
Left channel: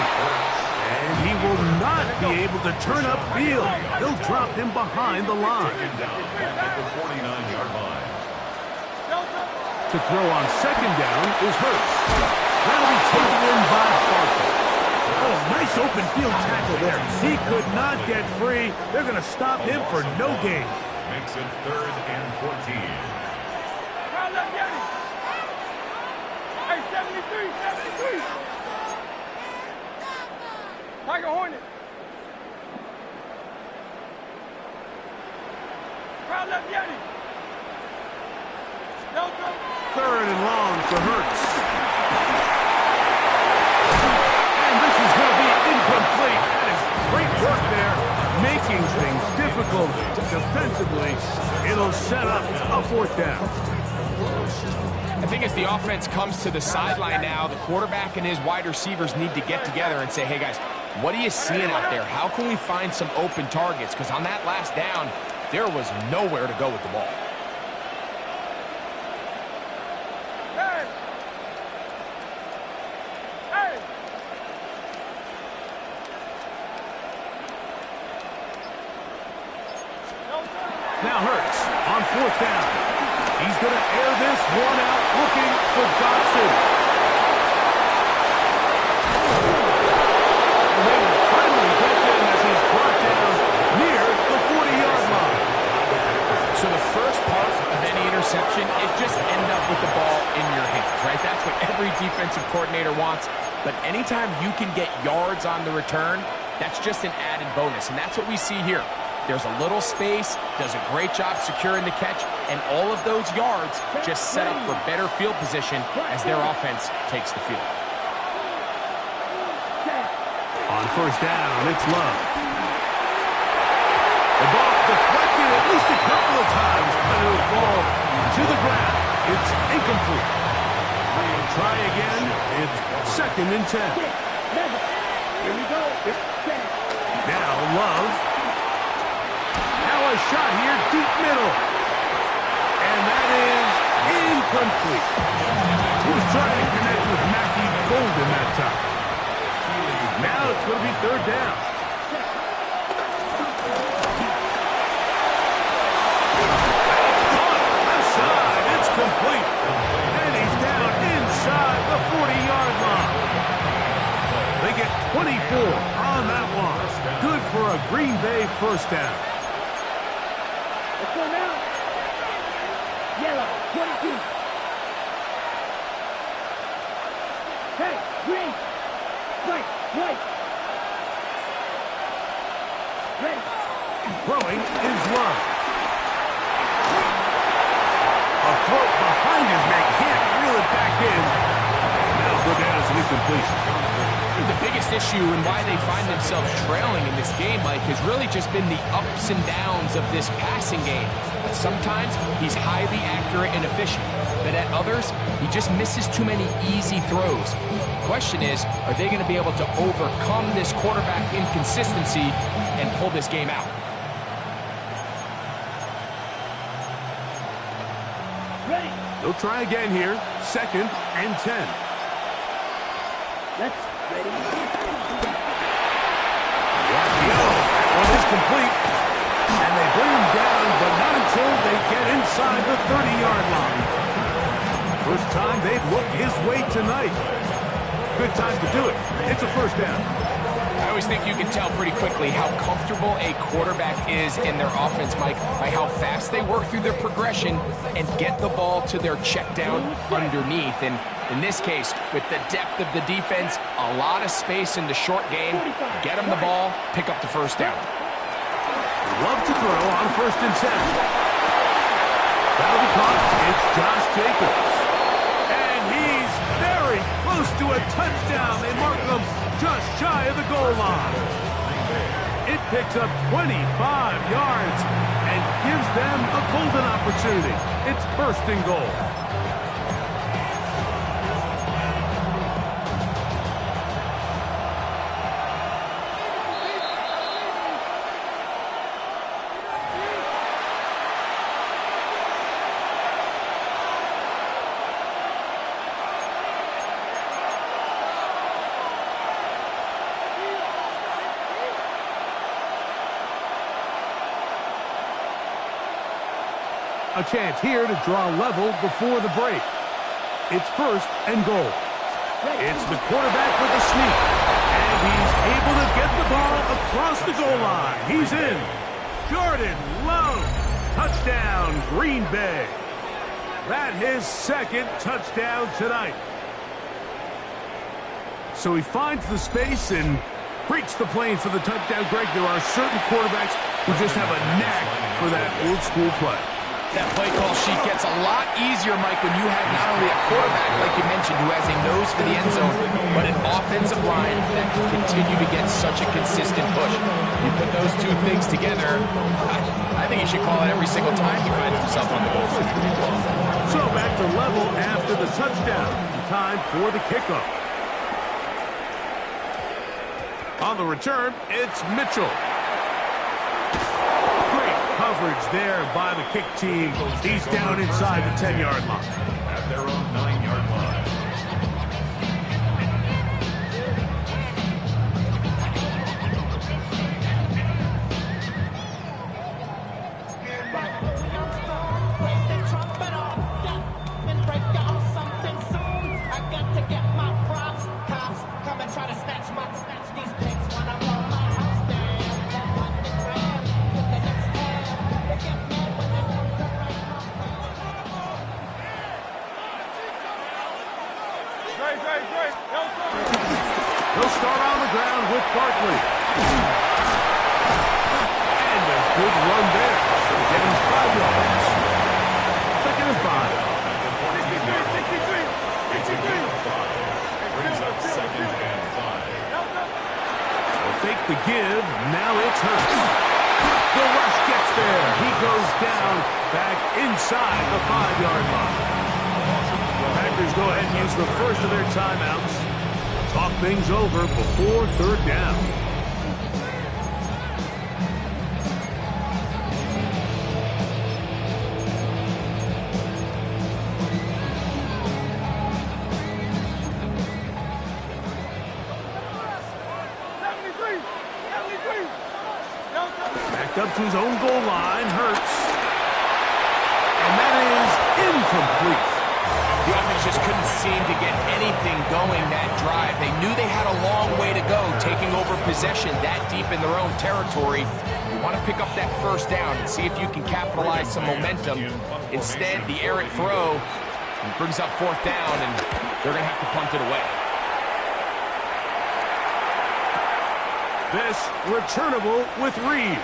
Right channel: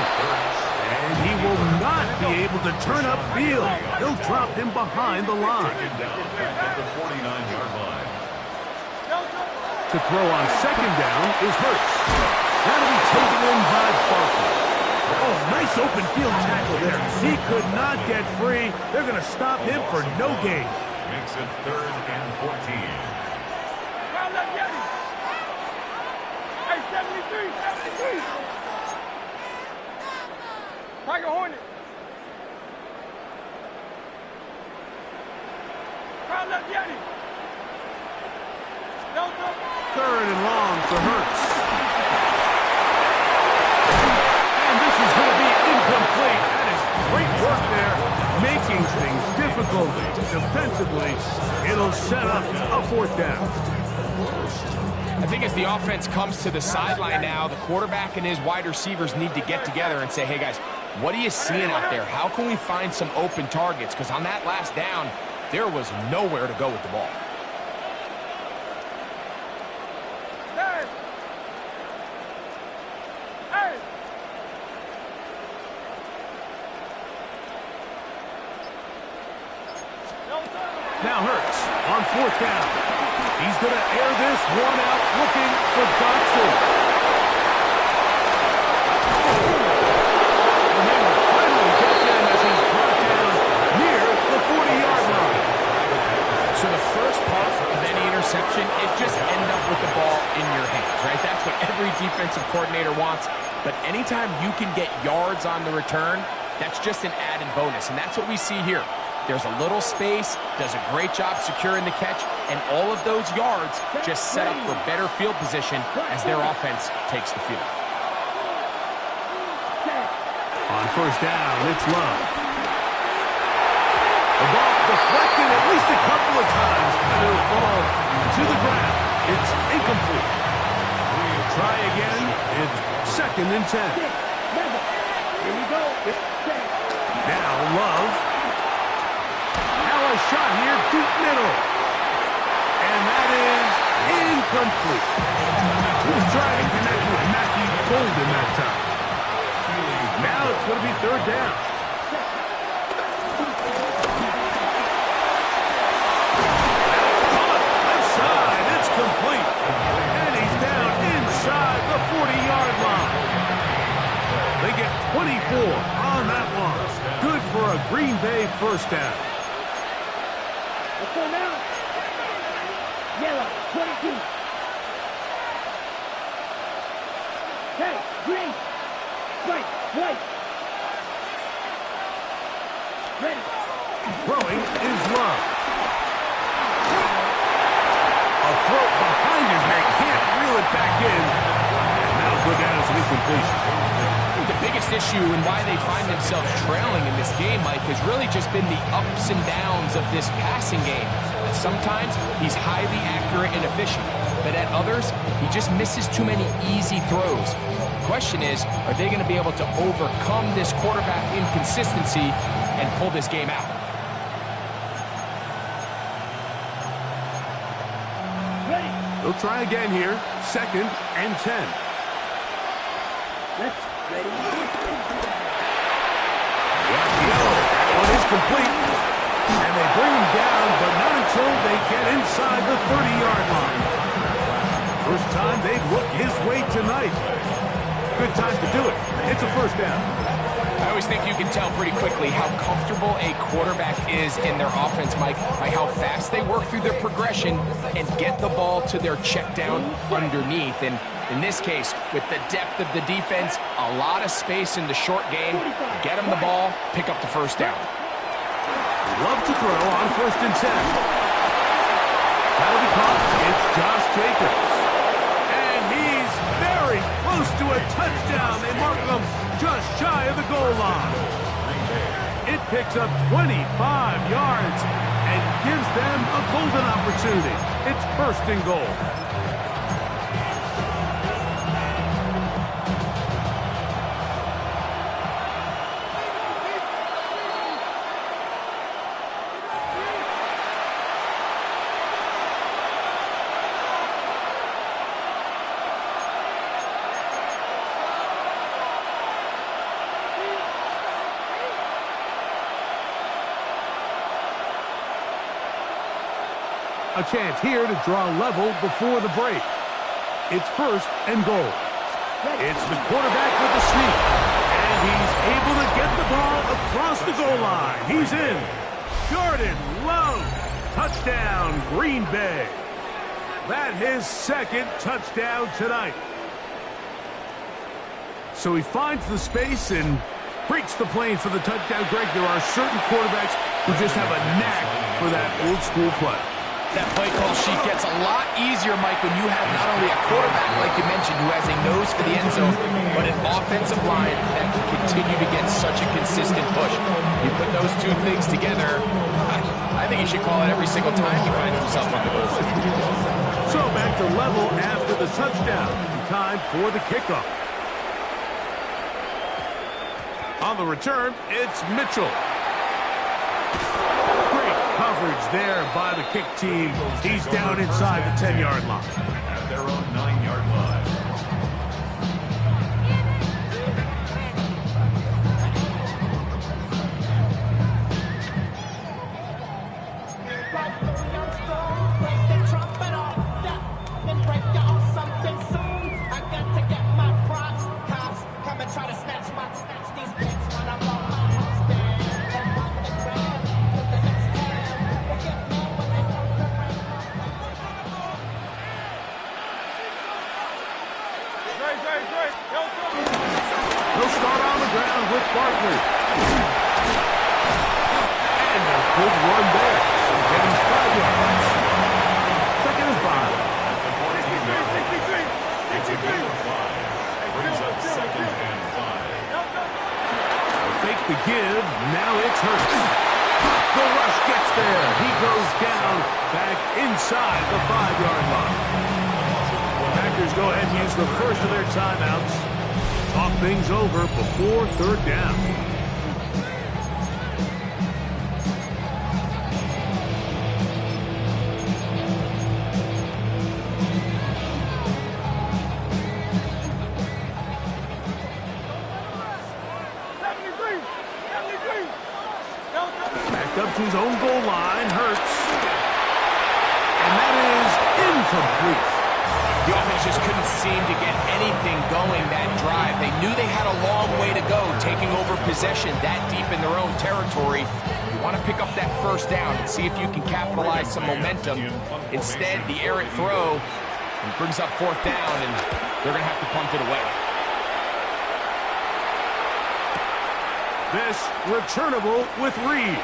And he will not be able to turn upfield. He'll drop him behind the line. Taken down back at the 49-yard line. To throw on 2nd down is Hurts. That'll be taken in by Barkley. Oh, nice open field tackle there. He could not get free. They're going to stop him for no gain. Makes it 3rd and 14. Hey, 73, 73. Tiger Hornet. Crowd left Yeti. Delta. 3rd and long for Hurts. And this is going to be incomplete. That is great work there, making things difficult defensively. It'll set up a 4th down. I think as the offense comes to the sideline now, the quarterback and his wide receivers need to get together and say, hey, guys, what are you seeing out there? How can we find some open targets? Because on that last down, there was nowhere to go with the ball. Hey! Hey! Now Hurts on 4th down. He's going to air this one out looking for Dotson. And they will finally get him as he's brought down near the 40-yard line. So the first part of any interception is just end up with the ball in your hands, right? That's what every defensive coordinator wants. But anytime you can get yards on the return, that's just an added bonus. And that's what we see here. There's a little space, does a great job securing the catch, and all of those yards just set up for better field position as their offense takes the field. On 1st down, it's Love. The ball deflected at least a couple of times, but it'll fall to the ground. It's incomplete. Try again. It's 2nd and 10. Here we go. Now Love. Now a shot here, deep middle. And that is incomplete. He was trying to connect with Matthew Golden that time. Now it's going to be 3rd down. Left side, it's complete. And he's down inside the 40-yard line. They get 24 on that one. Good for a Green Bay 1st down. Let's go now. Yellow, 22. Hey, green. White, white. Ready. Throwing is Love. A throw behind his man. Can't reel it back in. And that'll go down as an incompletion. The biggest issue and why they find themselves trailing in this game, Mike, has really just been the ups and downs of this passing game. Sometimes he's highly accurate and efficient, but at others, he just misses too many easy throws. The question is, are they going to be able to overcome this quarterback inconsistency and pull this game out? Ready. They'll try again here. 2nd and 10. Let's ready. The RPO. That one is complete. And they bring him down, but not until they get inside the 30-yard line. First time they've looked his way tonight. Good time to do it. It's a 1st down. I always think you can tell pretty quickly how comfortable a quarterback is in their offense, Mike, by how fast they work through their progression and get the ball to their check down underneath. And in this case, with the depth of the defense, a lot of space in the short game, get them the ball, pick up the 1st down. Love to throw on 1st and 10. That'll be caught. It's Josh Jacobs. And he's there close to a touchdown. They mark them just shy of the goal line. It picks up 25 yards and gives them a golden opportunity. It's first and goal. A chance here to draw level before the break. It's first and goal. It's the quarterback with the sneak. And he's able to get the ball across the goal line. He's in. Jordan Love. Touchdown, Green Bay. That's his second touchdown tonight. So he finds the space and breaks the plane for the touchdown. Greg, there are certain quarterbacks who just have a knack for that old school play. That play call sheet gets a lot easier, Mike, when you have not only a quarterback, like you mentioned, who has a nose for the end zone, but an offensive line that can continue to get such a consistent push. You put those two things together, I think he should call it every single time he finds himself on the goal line. So back to level after the touchdown. Time for the kickoff. On the return, it's Mitchell. Coverage there by the kick team. He's down inside the 10-yard line. At their own 9-yard line. He'll start on the ground with Barkley. And a good run there. Getting 5 yards. Second and 5. At the 14-yard line. It's a gain of 5. Brings up second and 5. They'll fake the give. Now it's Hurts. The rush gets there. He goes down back inside the 5-yard line. Packers go ahead and use the first of their timeouts. Talk things over before third down. Backed up to his own goal line, Hurts. And that is incomplete. The offense just couldn't seem to get anything going that drive. They knew they had a long way to go, taking over possession that deep in their own territory. You want to pick up that first down and see if you can capitalize some momentum. Instead, the errant throw brings up fourth down, and they're going to have to punt it away. This returnable with Reed.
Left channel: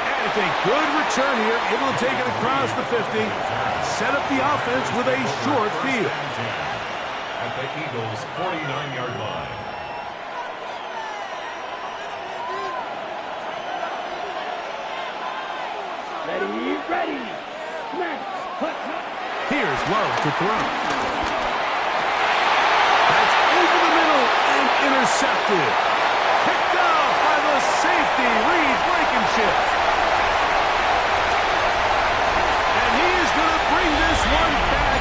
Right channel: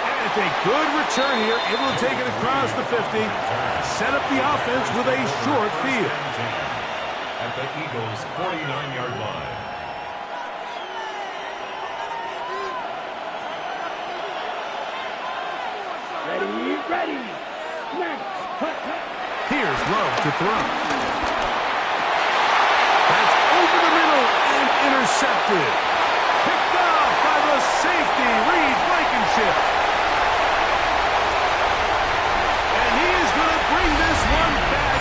And it's a good return here, able to take it across the 50. Set up the offense with a short field. At the Eagles' 49-yard line. Ready. Snap. Cut. Here's Love to throw. That's over the middle and intercepted. Picked off by the safety, Reed Blankenship. And he is going to bring this one back.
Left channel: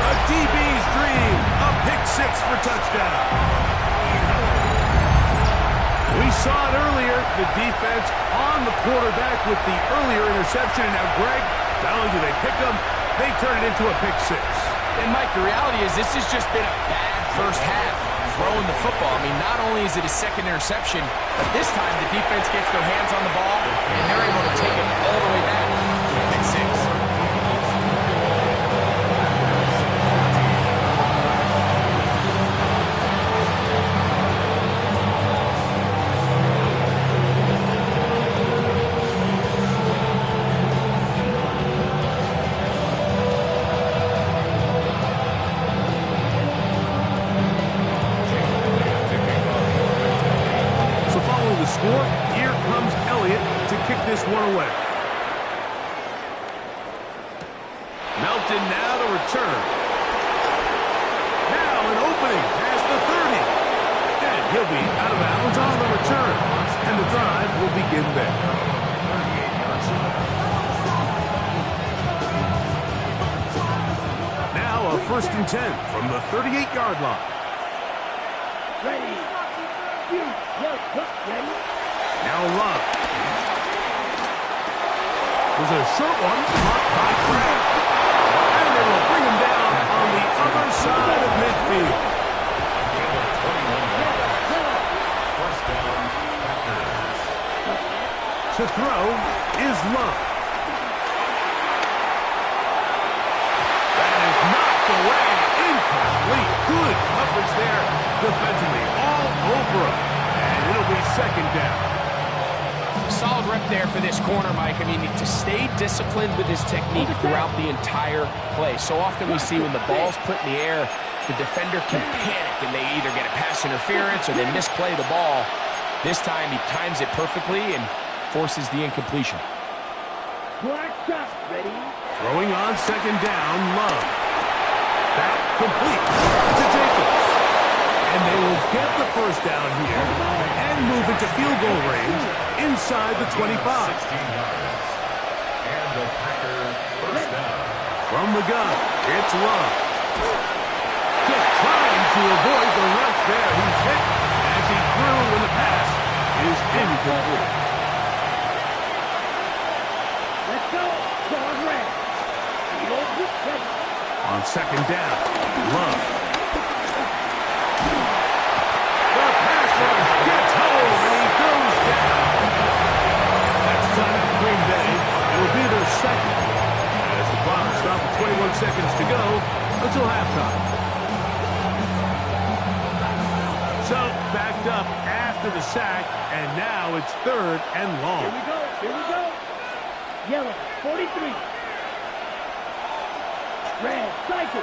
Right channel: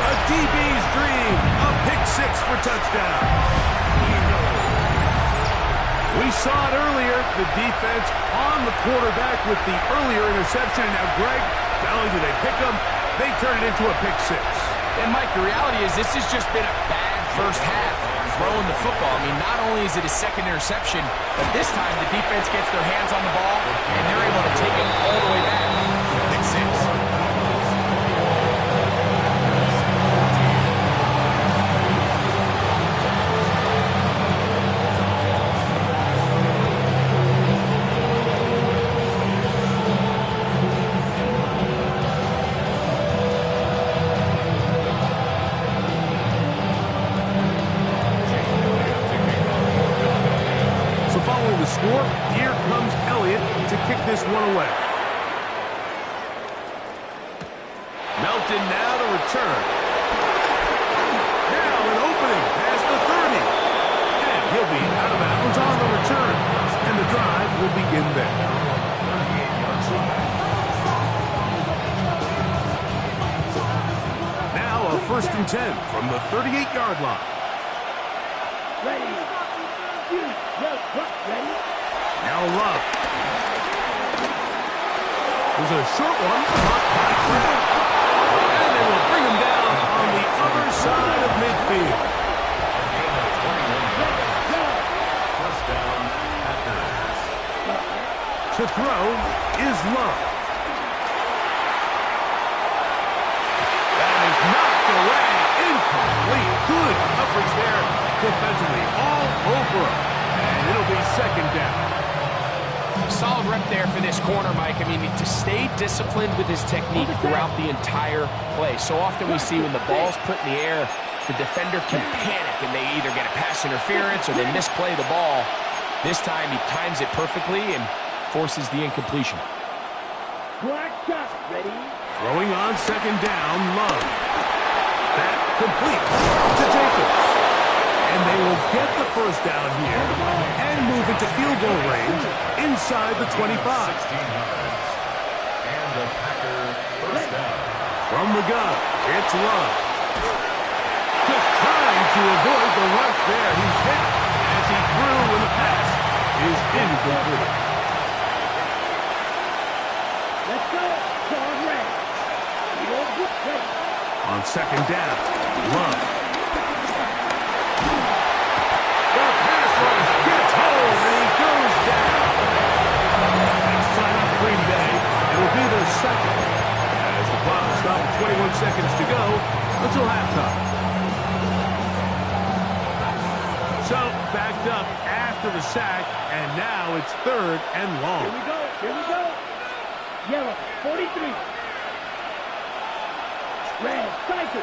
A DB's dream. A pick six for touchdown. We saw it earlier, the defense on the quarterback with the earlier interception. And now, Greg, not only do they pick him, they turn it into a pick six. And, Mike, the reality is this has just been a bad first half throwing the football. I mean, not only is it a second interception, but this time the defense gets their hands on the ball, and they're able to take it all the way back to a pick six. score. Here comes Elliott to kick this one away. Melton now to return. Now an opening past the 30. And he'll be out of bounds on the return. And the drive will begin there. 38-yard line. Now a 1st and 10 from the 38-yard line. Ready. Shoot. Ready. Now Love. There's a short one caught by Kraft. And they will bring him down on the other side of midfield. A gain of 21 yards. First down, Packers. To throw is Love. That is knocked away. Incomplete. Good coverage there defensively. All over him. And it'll be 2nd down. Solid rep there for this corner, Mike. I mean, to stay disciplined with his technique throughout the entire play. So often we see when the ball's put in the air, the defender can panic and they either get a pass interference or they misplay the ball. This time he times it perfectly and forces the incompletion. Black shot. Ready. Throwing on 2nd down, Love. That complete to Jacobs. And they will get the 1st down here and move into field goal range inside the 25. 16 yards. And the Packer first down. From the gun, it's Love. Just trying to avoid the rush there. He's hit as he threw when the pass is incomplete. Let's go. Dog red. Ready. On 2nd down, Love. The pass rush gets home, and he goes down. That's timeout for Green Bay. It will be their 2nd, as the clock will stop with 21 seconds to go until halftime. So, backed up after the sack, and now it's 3rd and long. Here we go. Here we go. Yellow, 43. Red, cycle.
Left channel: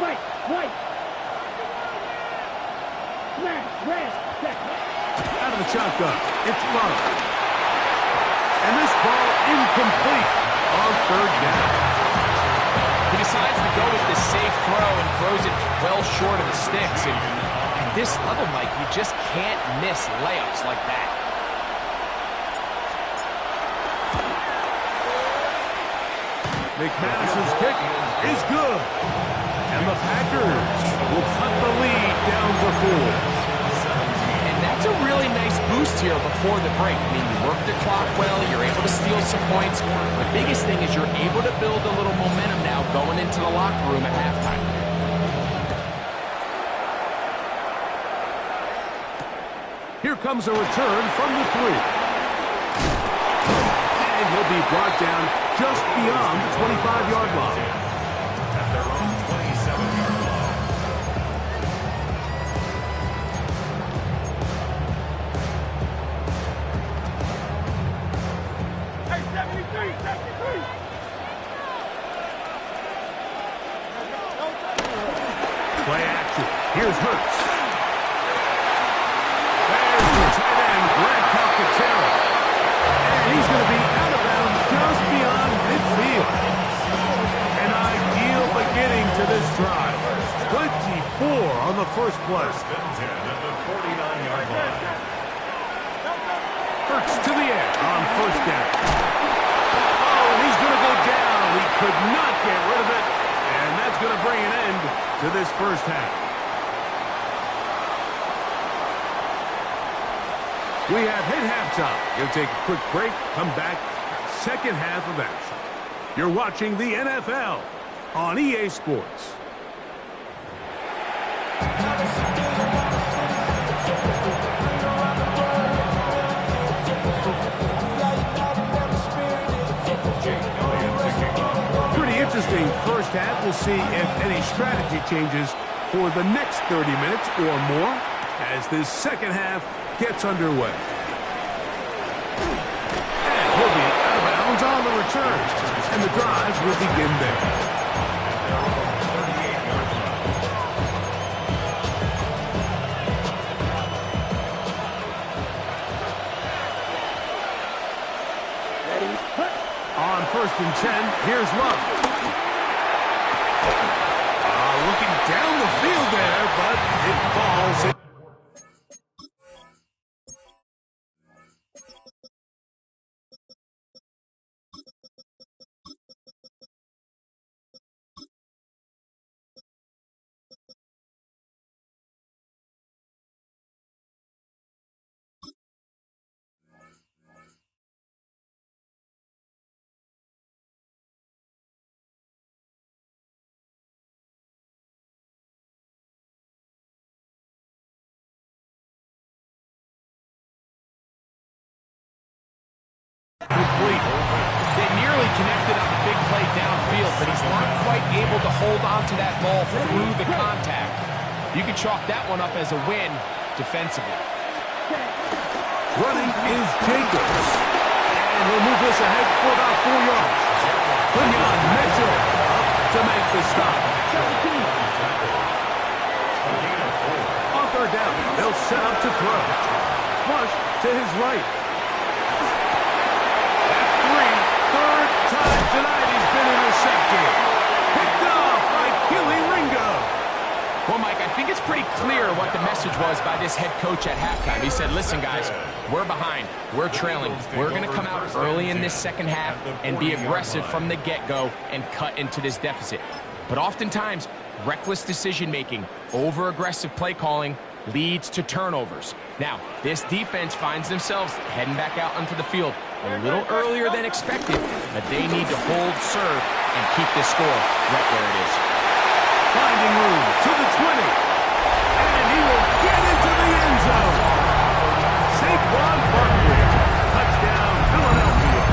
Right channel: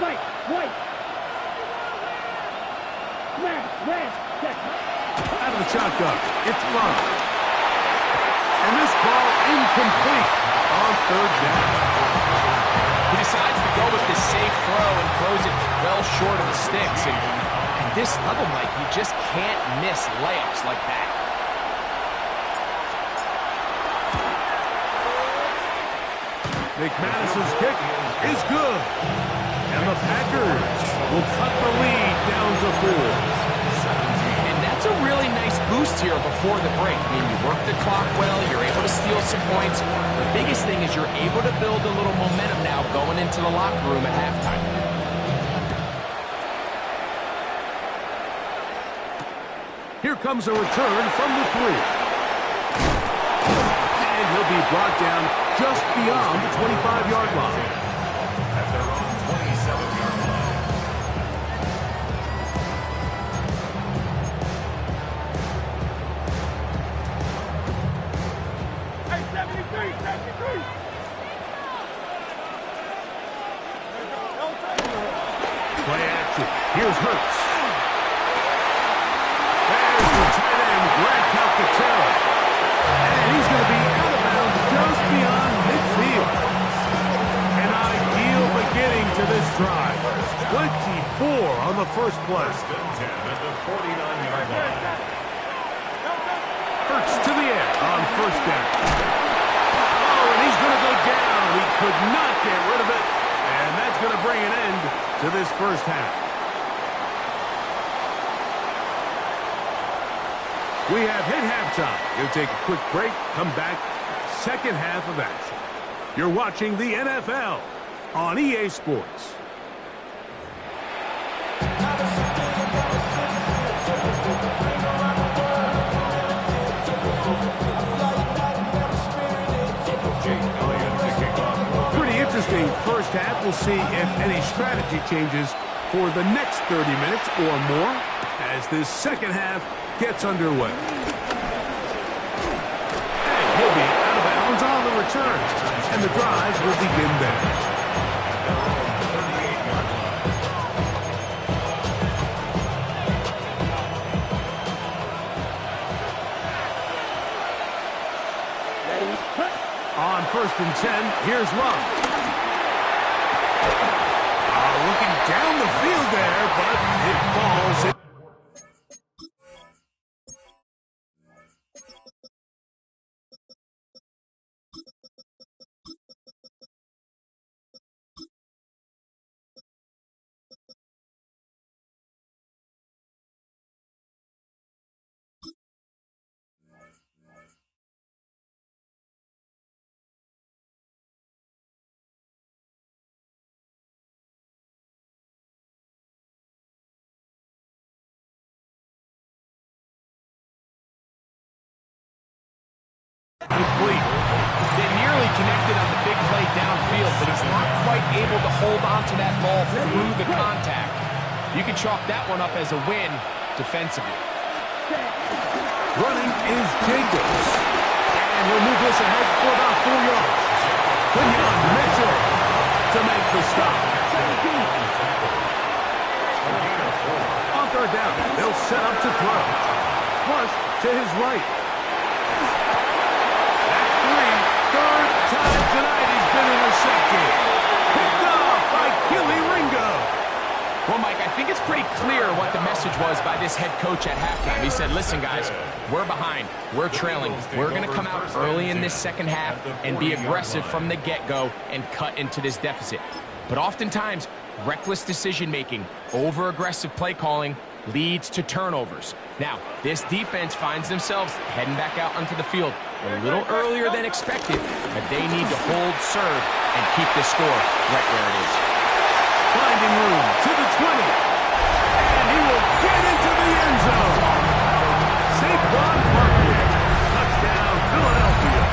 White, white. Smash, red, second. Out of the shotgun, it's Love. And this ball incomplete on 3rd down. He decides to go with this safe throw and throws it well short of the sticks. And at this level, Mike, you just can't miss layups like that. McManus's kick is good. And the Packers will cut the lead down to 4. And that's a really nice boost here before the break. I mean, you work the clock well, you're able to steal some points. The biggest thing is you're able to build a little momentum now going into the locker room at halftime. Here comes a return from the 3. And he'll be brought down just beyond the 25-yard line. At their own 27-yard line. Hey, 73, 73. Play action. Here's Hurts. There's the tight end, Grant Calcaterra. And he's going to be out of bounds just beyond midfield. An ideal beginning to this drive. 24 on the first play. 1st and 10 at the 49-yard line. Hurts to the air on 1st down. Oh, and he's going to go down. He could not get rid of it. And that's going to bring an end to this first half. We have hit halftime. We'll take a quick break, come back, 2nd half of action. You're watching the NFL on EA Sports. Pretty interesting first half. We'll see if any strategy changes for the next 30 minutes or more as this 2nd half gets underway. And he'll be out of bounds on the return. And the drive will begin there. At their own 38-yard line. first and 10. Here's Love. Looking down the field there, but it falls. Complete. They nearly connected on the big play downfield, but he's not quite able to hold on to that ball through the contact. You can chalk that one up as a win defensively. Running is Jacobs. And he'll move this ahead for about 4 yards. Quinyon Mitchell up to make the stop. On third down, they'll set up to throw. Flush to his right. Third time tonight he's been intercepted. Picked off by Killy Ringo. Well, Mike, I think it's pretty clear what the message was by this head coach at halftime. He said, listen, guys, we're behind. We're trailing. We're going to come out early in this second half and be aggressive from the get-go and cut into this deficit. But oftentimes, reckless decision-making, over-aggressive play calling leads to turnovers. Now, this defense finds themselves heading back out onto the field a little earlier than expected, but they need to hold serve and keep this score right where it is. Finding room to the 20. And he will get into the end zone. Saquon Barkley. Touchdown, Philadelphia.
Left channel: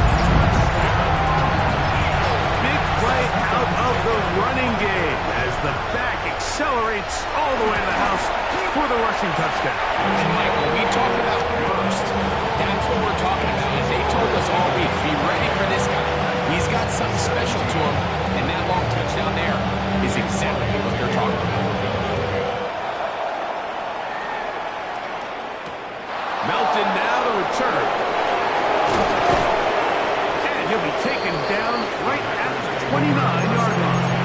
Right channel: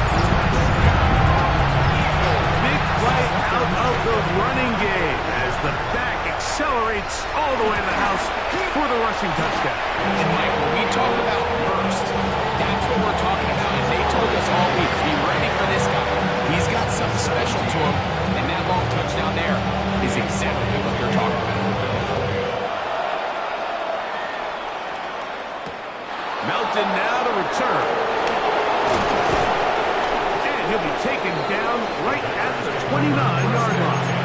Big play out of the running game as the back accelerates all the way to the house for the rushing touchdown. And Mike, when we talk about burst, that's what we're talking about. And they told us all week, be ready for this guy. He's got something special to him, and that long touchdown there is exactly what they're talking about. Melton now to return. And he'll be taken down right at the 29-yard line.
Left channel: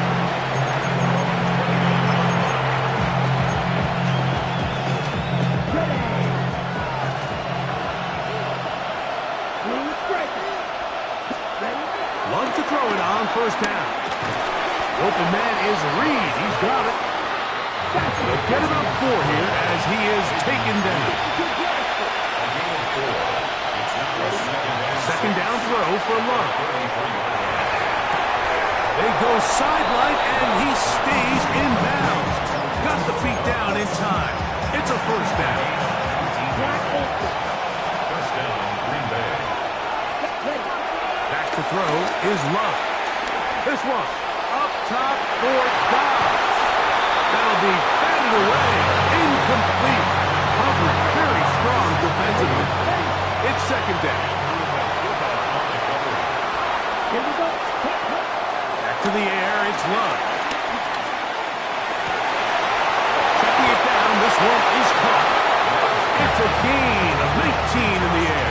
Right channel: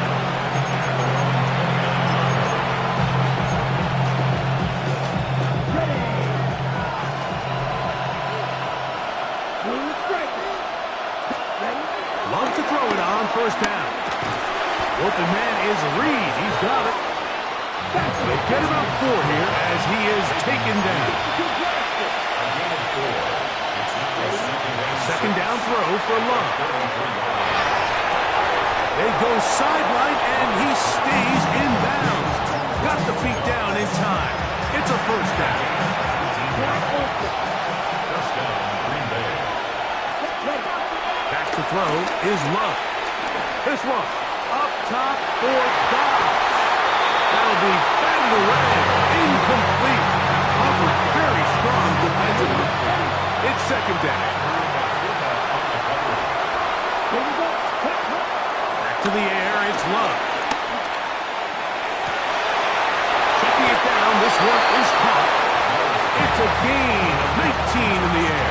Love to throw it on first down. The open man is Reed. He's got it. They'll get about 4 here as he is taken down. Second down throw for Love. They go sideline and he stays in bounds. Got the feet down in time. It's a first down. First down, Green Bay. Back to throw is Love. This one up top for Dobbs. That'll be batted away. Incomplete. Covered very strong defensively. It's second down. Back to the air, it's Love. Checking it down, this one is caught. It's a gain of 19 in the air.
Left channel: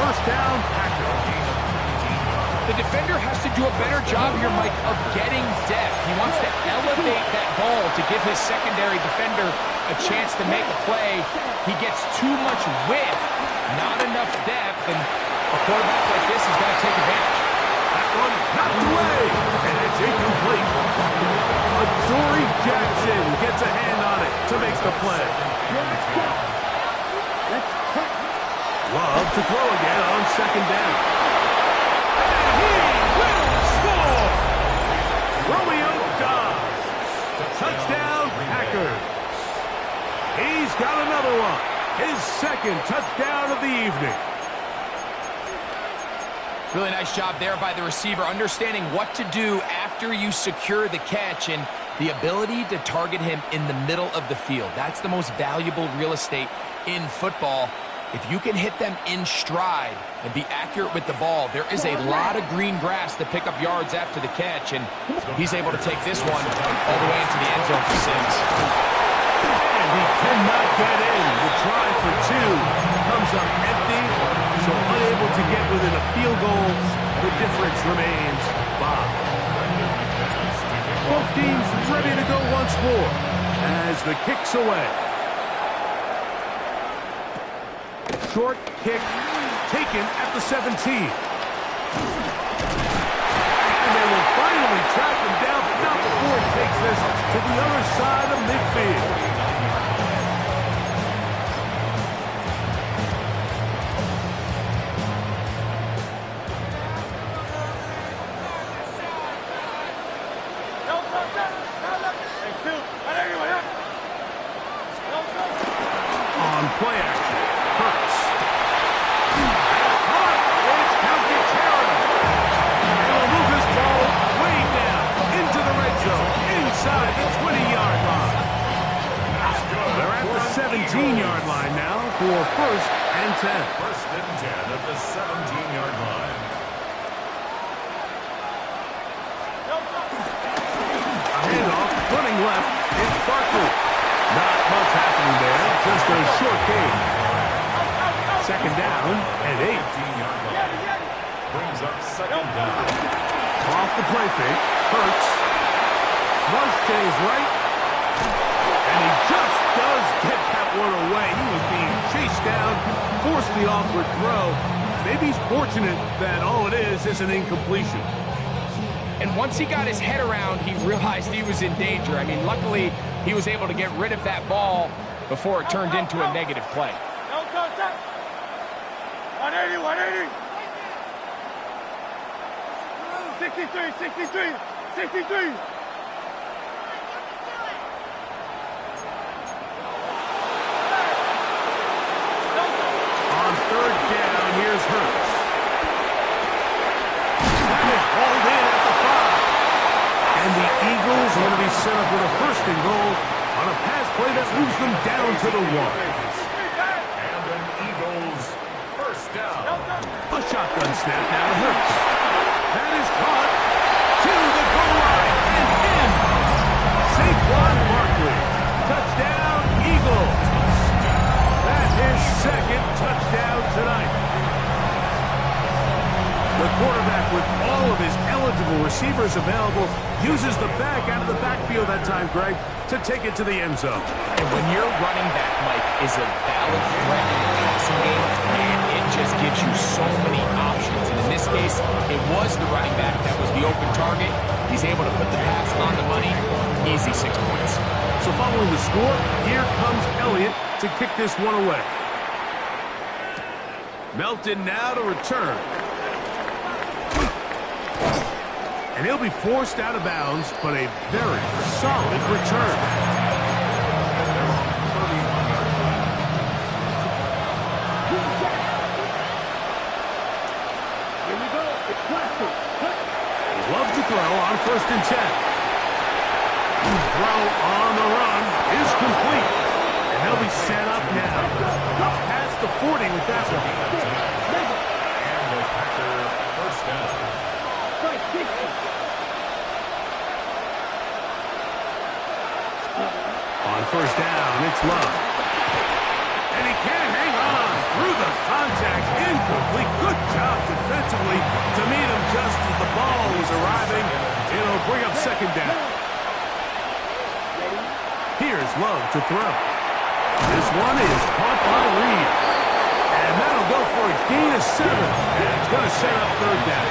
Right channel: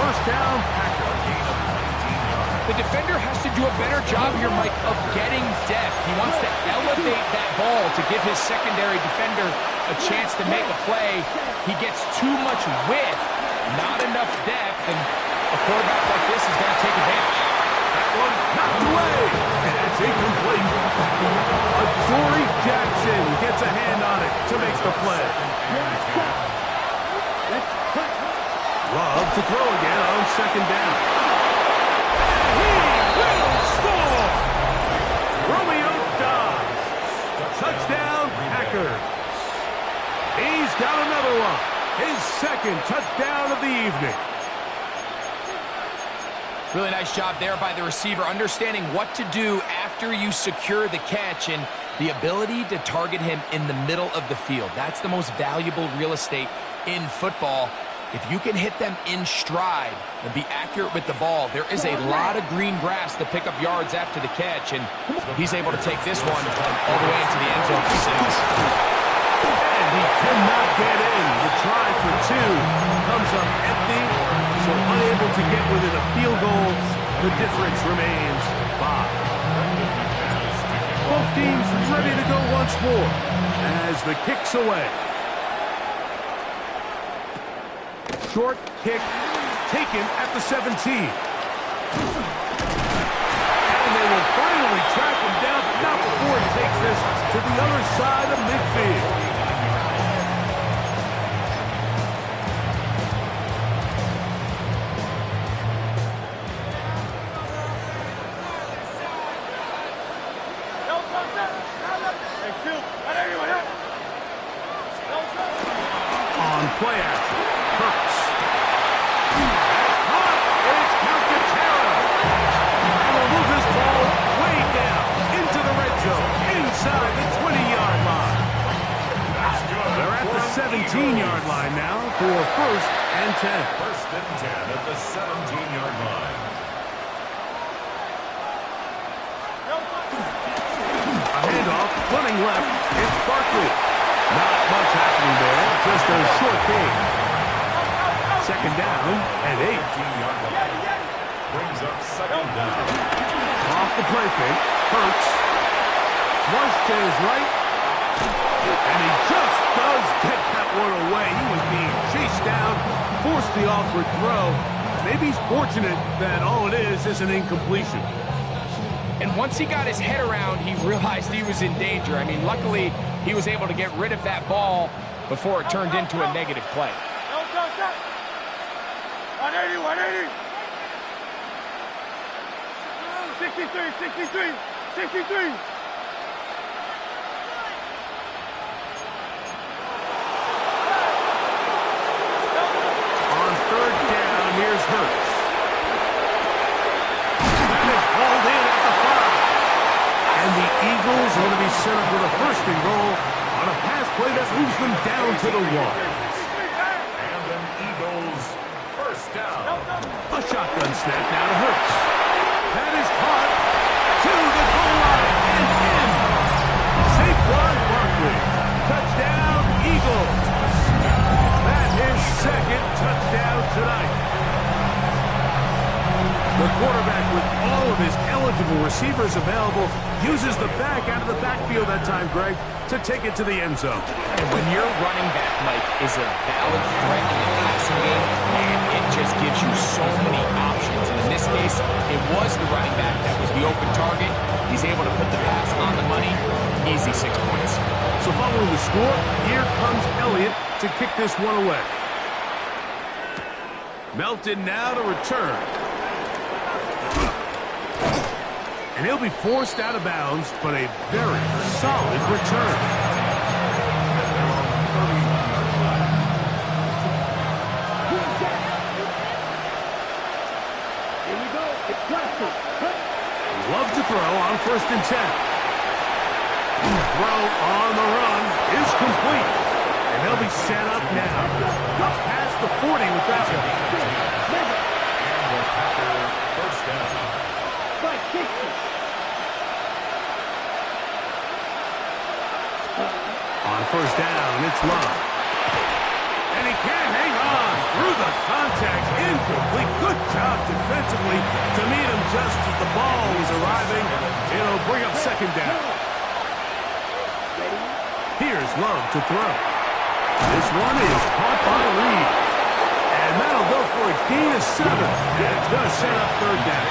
First down, Packers. The defender has to do a better job here, Mike, of getting depth. He wants to elevate that ball to give his secondary defender a chance to make a play. He gets too much width, not enough depth, and a quarterback like this is going to take advantage. That one knocked away, and it's incomplete. Adoree Jackson gets a hand on it to make the play. Love to throw again on second down. And he will score! Romeo Dobbs. Touchdown, Packers. He's got another one. His second touchdown of the evening. Really nice job there by the receiver, understanding what to do after you secure the catch and the ability to target him in the middle of the field. That's the most valuable real estate in football. If you can hit them in stride and be accurate with the ball, there is a lot of green grass to pick up yards after the catch, and he's able to take this one all the way into the end zone for 6. And And he cannot get in. The try for two comes up empty, so unable to get within a field goal. The difference remains 5. Both teams ready to go once more as the kick's away. Short kick taken at the 17. And they will finally track him down, but not before he takes this to the other side of midfield. On play action, Hurts. That's caught. It's Calcaterra. And will move this ball way down into the red zone, inside the 20-yard line. They're at the 17-yard line now for 1st and 10. 1st and 10 at the 17-yard line. A handoff, running left. It's Barkley. Not much happening there, just a short gain. 2nd down and 8. 18-yard line. Brings up 2nd down. Off the play fake, Hurts. Flush to his right. And he just does get that one away. He was being chased down, forced the awkward throw. Maybe he's fortunate that all it is an incompletion. And once he got his head around, he realized he was in danger. I mean, luckily, he was able to get rid of that ball before it turned into a negative play. 180, 180. 63. On 3rd down, here's Hurts. That is hauled in at the 5. And the Eagles are going to be set up with a 1st and goal on a pass play that moves them down to the 1. And an Eagles 1st down. A shotgun snap now to Hurts. That is caught to the goal line and in. Saquon Barkley. Touchdown, Eagles. That's his 2nd touchdown tonight. The quarterback, with all of his eligible receivers available, uses the back out of the backfield that time, Greg, to take it to the end zone. And when your running back, Mike, is a valid threat in the passing game, man, it just gives you so many options. And in this case, it was the running back that was the open target. He's able to put the pass on the money. Easy 6 points. So following the score, here comes Elliott to kick this one away. Melton now to return. And he'll be forced out of bounds, but a very solid return. Here we go. It's classic. Love to throw on 1st and 10. Throw on the run is complete. And they'll be set up now. Up past the 40 with that one. And the Packer 1st down. On 1st down, it's Love. And he can't hang on through the contact. Incomplete. Good job defensively to meet him just as the ball was arriving. It'll bring up 2nd down. Here's Love to throw. This one is caught by Reed. And that'll go for a gain of 7. And it's going to set up 3rd down.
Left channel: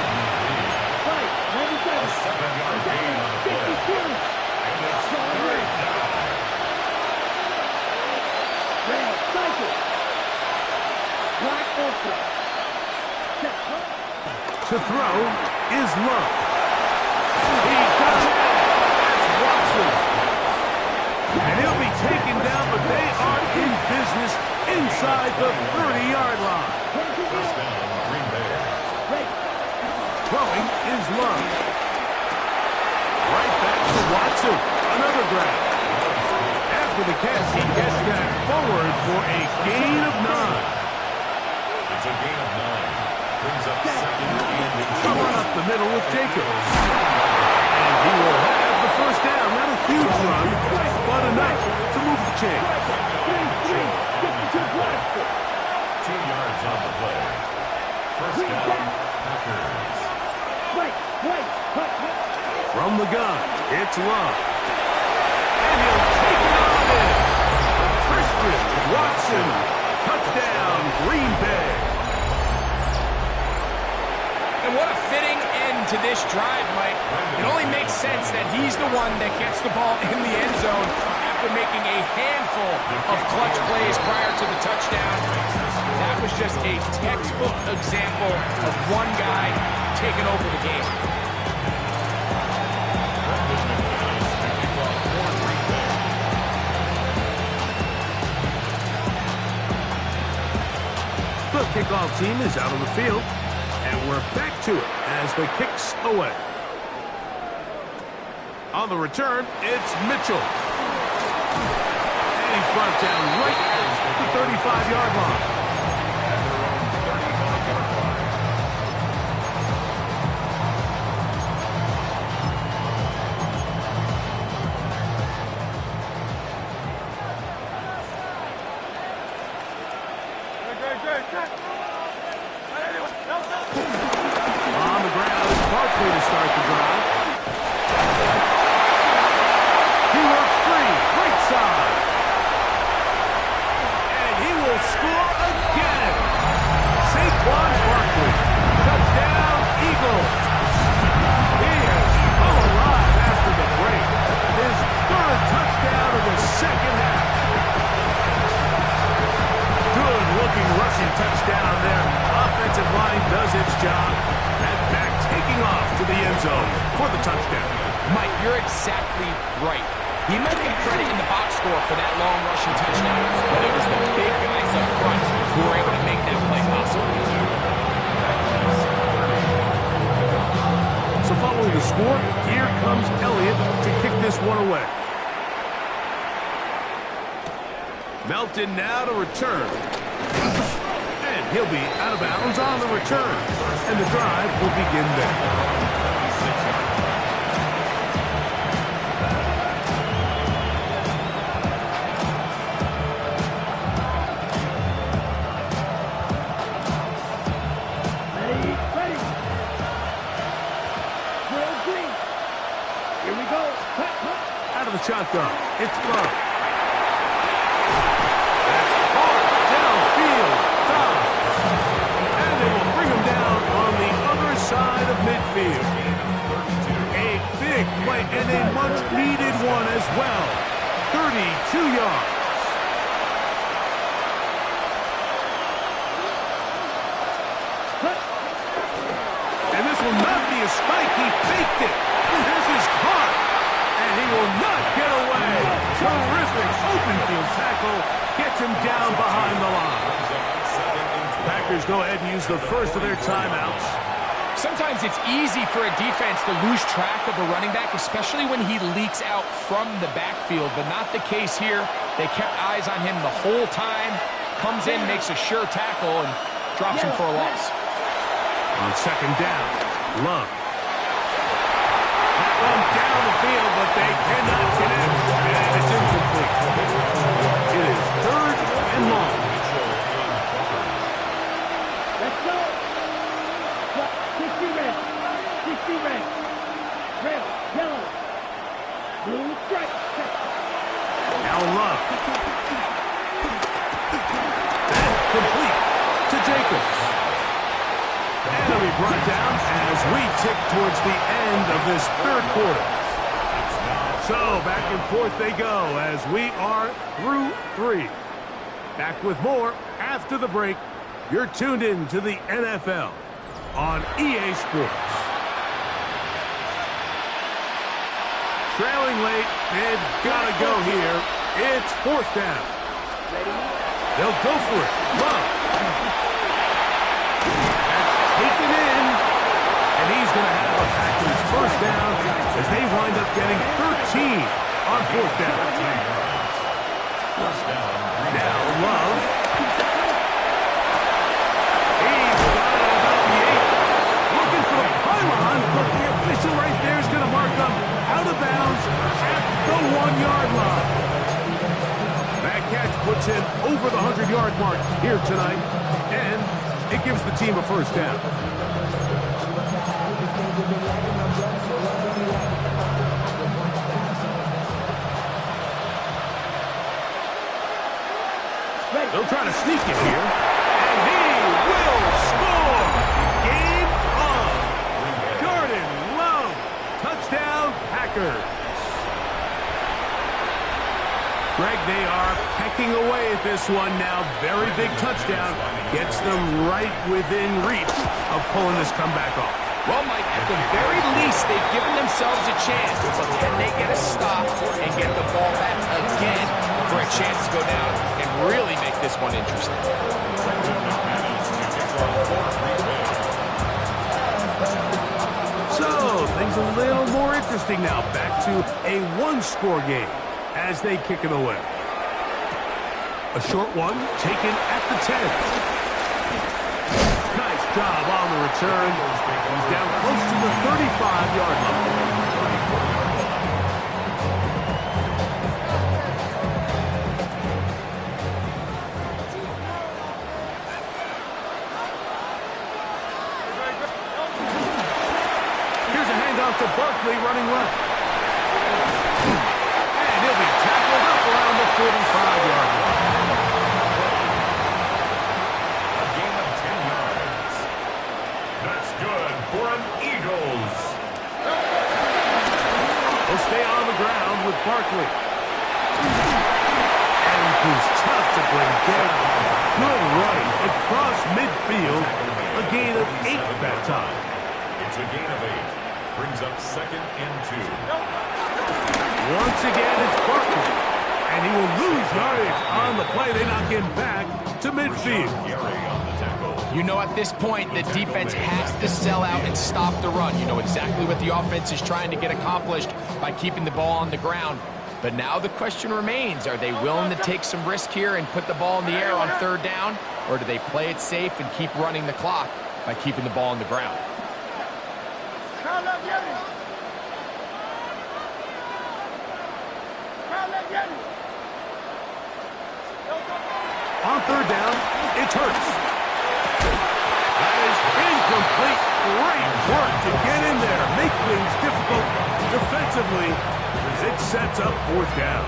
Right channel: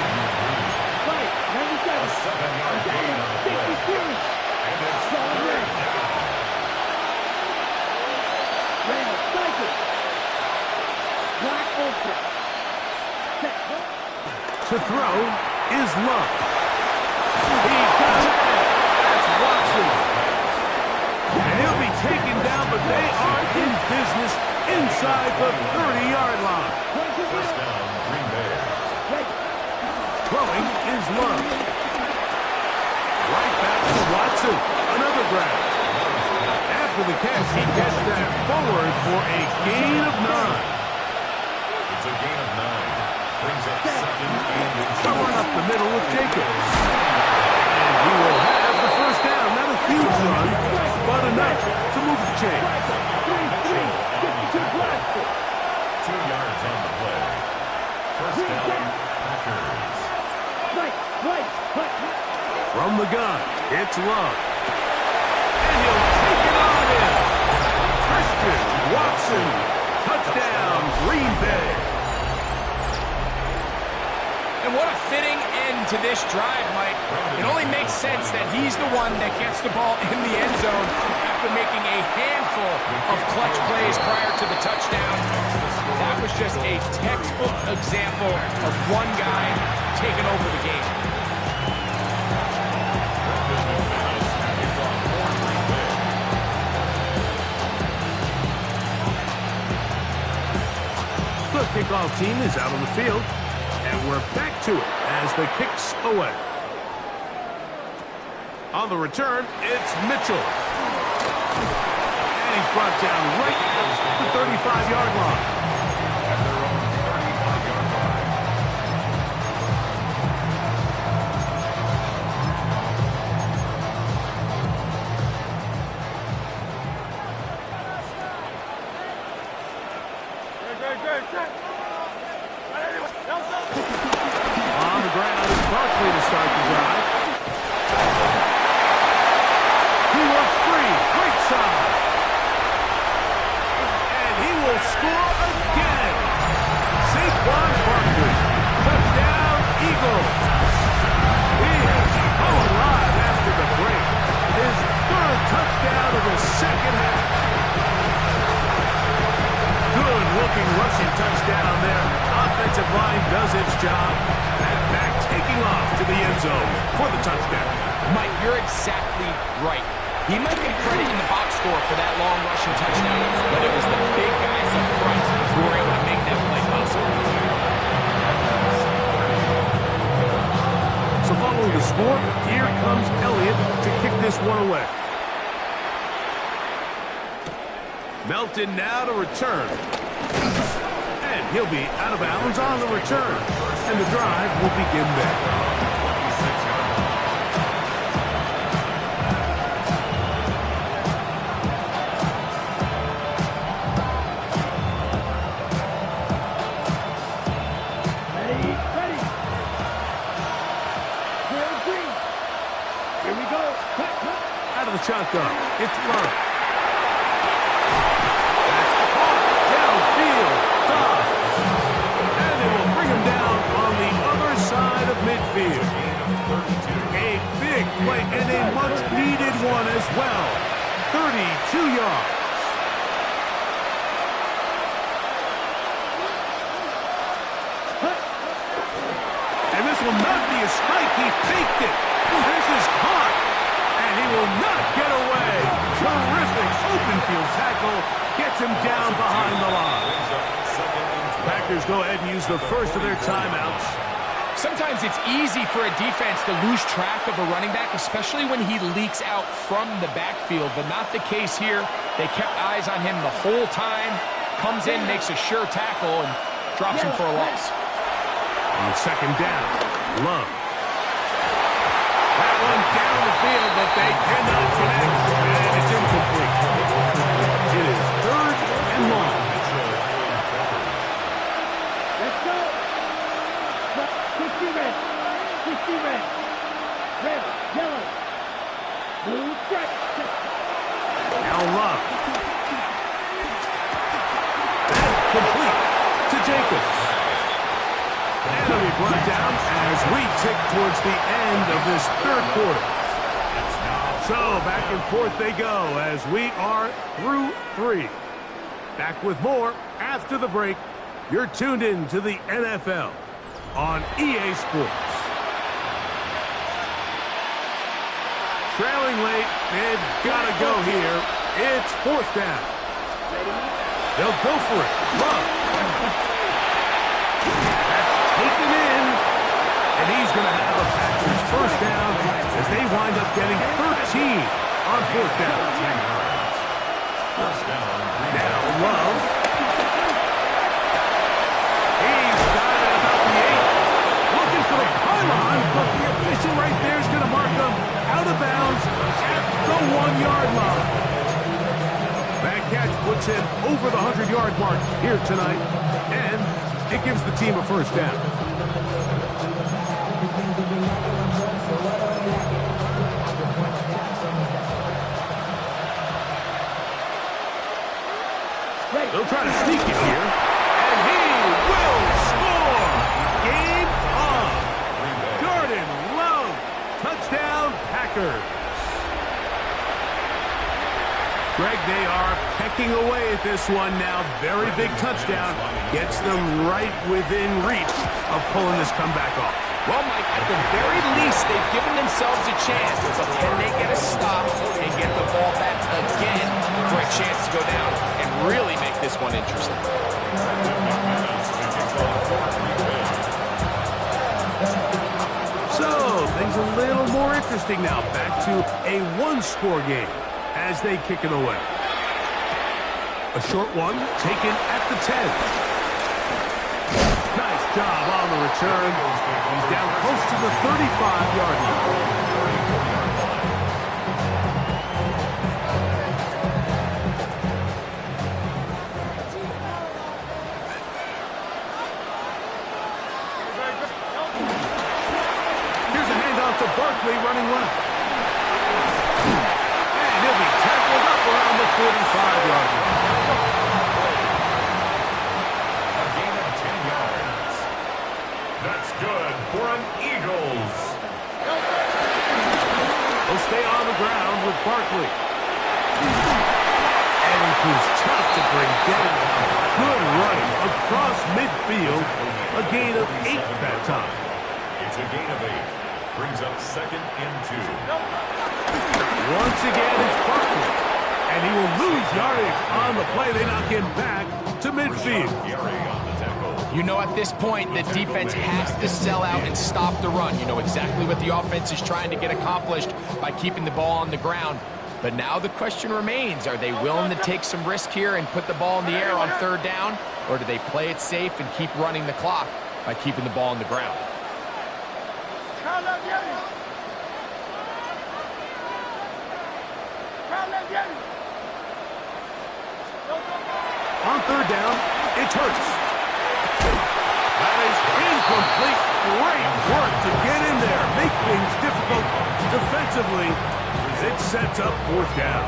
A 7-yard gain on the play. And it's 3rd down. To throw is Love. He's got it. That's Watson. And he'll be taken down, but they are in business inside the 30-yard line. 1st down, Green Bay. Throwing is Love. Right back to Watson. Another grab. After the catch, he gets that forward for a gain of 9. It's a gain of 9. Brings up 2nd and Someone up the middle with Jacobs. And he will have the 1st down. Not a huge run, but enough to move the chain. 2 yards on the play. First down, Packers. From the gun, it's Love. And he'll take it on in. Christian Watson, touchdown, Green Bay. And what a fitting end to this drive, Mike. It only makes sense that he's the one that gets the ball in the end zone after making a handful of clutch plays prior to the touchdown. That was just a textbook example of one guy taking over the game. The kickoff team is out on the field. And we're back to it as the kick's away. On the return, it's Mitchell. And he's brought down right at the 35-yard line. At their own 35-yard line. On the ground is Barkley to start the drive. He works free, right side. And he will score again. Saquon Barkley, touchdown Eagles. He has come alive after the break. His third touchdown of the second half. Good-looking rushing touchdown there. Offensive line does its job. And back taking off to the end zone for the touchdown. Mike, you're exactly right. He might get credit in the box score for that long rushing touchdown, but it was the big guys up front who were able to make that play possible. So following the score, here comes Elliott to kick this one away. Melton now to return. And he'll be out of bounds on the return. And the drive will begin there. 26-yard line. Ready. Drill green. Here we go. Cut. Out of the shotgun, it's Love. That's hard downfield. Tough. And they will bring him down on the other side of midfield. A big play and a much-needed one as well. 32 yards. And this will not be a spike. He faked it. This is caught. And he will not get away. Terrific open field tackle. Gets him down behind the line. Packers go ahead and use the first of their timeouts. Sometimes it's easy for a defense to lose track of a running back, especially when he leaks out from the backfield, but not the case here. They kept eyes on him the whole time. Comes in, makes a sure tackle, and drops him for a loss. On second down, Love. That one down the field, but they cannot connect, and it's incomplete. It is third and long. Let's go. 60 red. 60 red. Red, yellow. Blue stripe. Now Love. And complete to Jacobs. And he'll be brought down as we tick towards the end of this third quarter. So back and forth they go as we are through three. Back with more after the break. You're tuned in to the NFL on EA Sports. Trailing late, they've got to go here. It's fourth down. They'll go for it. Love. Taken in, and he's going to have a Packers first down as they wind up getting 13 on fourth down. Now Love. He's got it about the 8. Looking for the pylon, but the official right there is going to mark them out of bounds at the 1-yard line. That catch puts him over the 100-yard mark here tonight, and it gives the team a first down. They'll try to sneak it here, and he will score! Game on! Jordan Love, touchdown Packers! Greg, they are pecking away at this one now. Very big touchdown. Gets them right within reach of pulling this comeback off. Well, Mike, at the very least, they've given themselves a chance. But can they get a stop and get the ball back again for a chance to go down and really make this one interesting? So, things a little more interesting now. Back to a one-score game as they kick it away. A short one taken at the 10. Nice job on the return. He's down close to the 35-yard line. Here's a handoff to Barkley running left. And he'll be tackled up around the 45-yard line. That's good for an Eagles. He'll stay on the ground with Barkley. And he proves tough to bring down. Good running across midfield. A gain of 8 that time. It's a gain of 8. Brings up 2nd and 2. Once again, it's Barkley. And he will lose yardage on the play. They knock him back to midfield. You know, at this point, the defense has to sell out and stop the run. You know exactly what the offense is trying to get accomplished by keeping the ball on the ground. But now the question remains, are they willing to take some risk here and put the ball in the air on 3rd down? Or do they play it safe and keep running the clock by keeping the ball on the ground? On 3rd down, it's Hurts. That is incomplete. Great work to get in there. Make things difficult defensively as it sets up 4th down.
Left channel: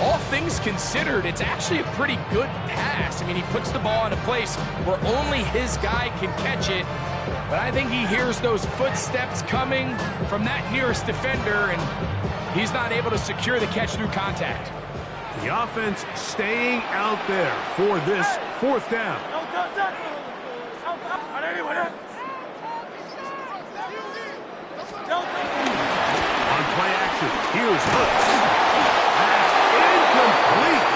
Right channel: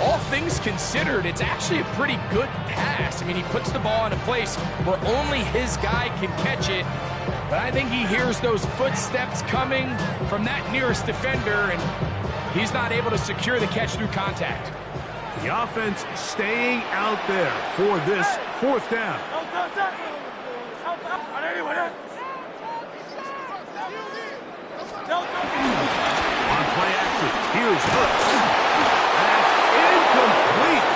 All things considered, it's actually a pretty good pass. I mean, he puts the ball in a place where only his guy can catch it. But I think he hears those footsteps coming from that nearest defender, and he's not able to secure the catch through contact. The offense staying out there for this 4th down. On play action, here's Hooks. That's incomplete.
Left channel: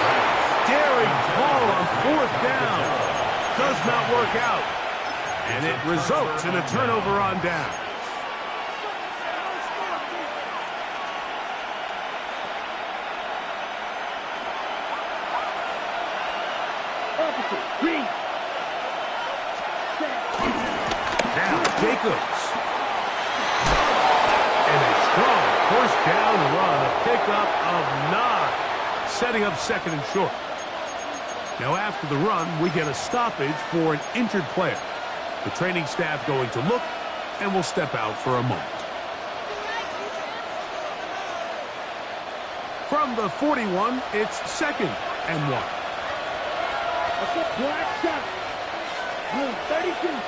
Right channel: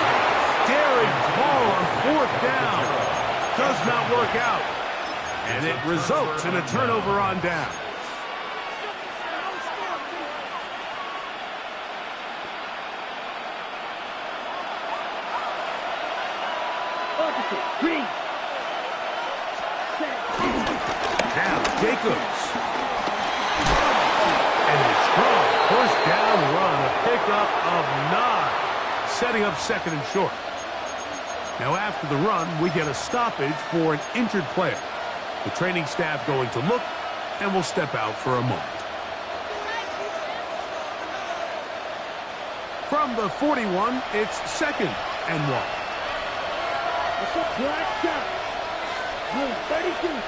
Daring ball on 4th down. Does not work out. And it results in a turnover on down. Green. Now Jacobs. And a strong 1st down run, a pickup of 9, setting up 2nd and short. Now after the run, we get a stoppage for an injured player. The training staff going to look, and will step out for a moment. From the 41, it's 2nd and 1. Black shot. Blue 32.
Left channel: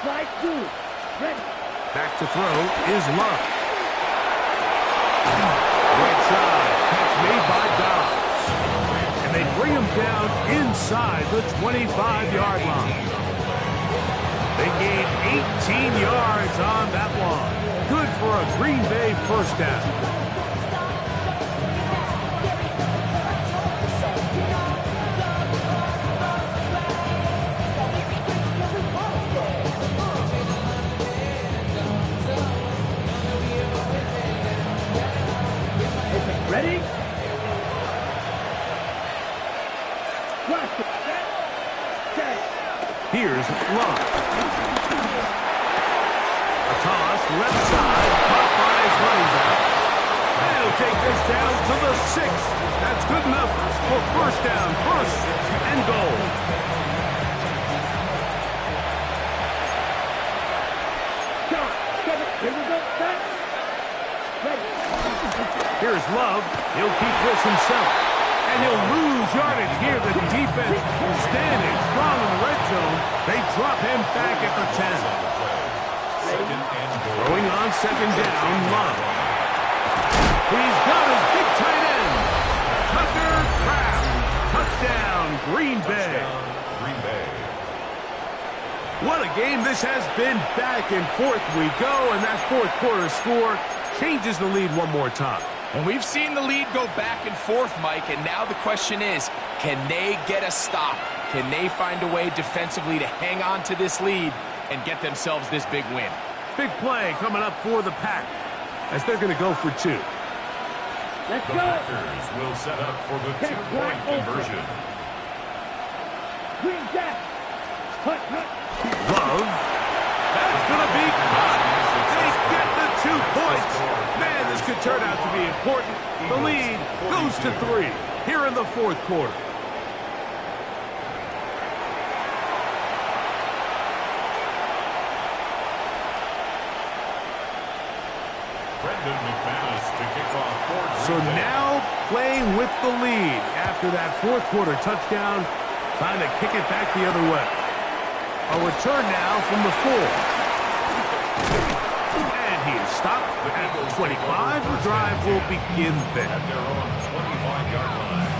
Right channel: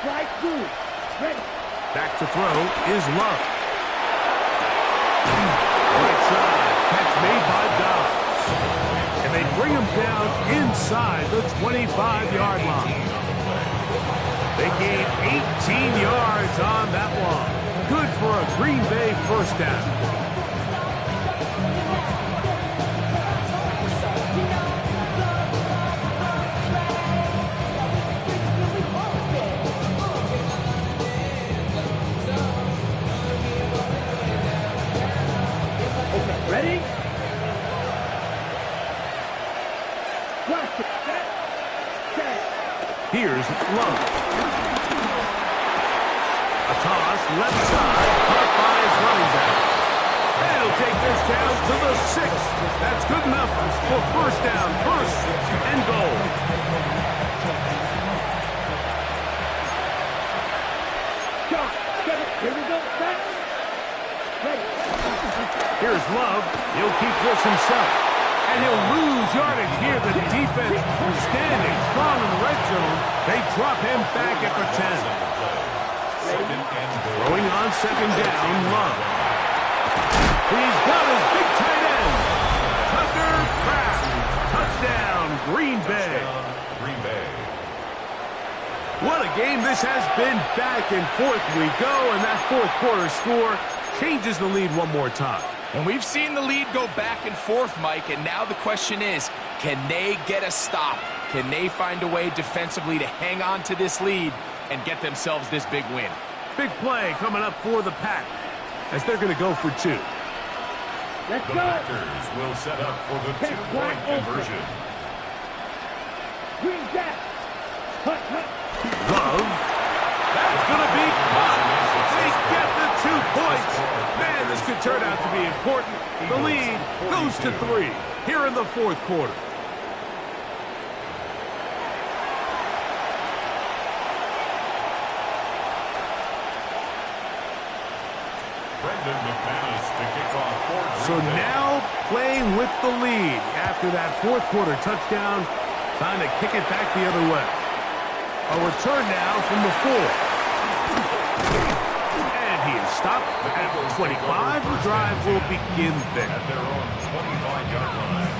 Strike 2. Ready. Back to throw is Love. Right side. Catch made by Dobbs. And they bring him down inside the 25-yard line. They gain 18 yards on that one. Good for a Green Bay 1st down. Ready? Here's Love. A toss, left side, caught by his running back. And he'll take this down to the 6. That's good enough for first down, first and goal. Here we go. Back. Ready. Here's Love. He'll keep this himself. And he'll lose yardage here. The defense standing strong in the red zone. They drop him back at the 10. Throwing on second down, Love. He's got his big tight end. Tucker Kraft. Touchdown, Green Bay. Green Bay. What a game this has been. Back and forth we go, and that fourth quarter score changes the lead one more time. And we've seen the lead go back and forth, Mike, and now the question is, can they get a stop? Can they find a way defensively to hang on to this lead and get themselves this big win? Big play coming up for the Pack as they're going to go for 2. Let's The go. Packers will set up for the 2-point conversion. Green Jack. Hut, hut. Love. That's going to be caught. They get the 2 points. Man, this could turn out to be important. The lead goes to 3 here in the fourth quarter. Brendan McManus to kick off for So Green Bay. now playing with the lead after that fourth quarter touchdown. Time to kick it back the other way. A return now from the 4. And he is stopped at the 25. The drive will begin there. At their own 25-yard line.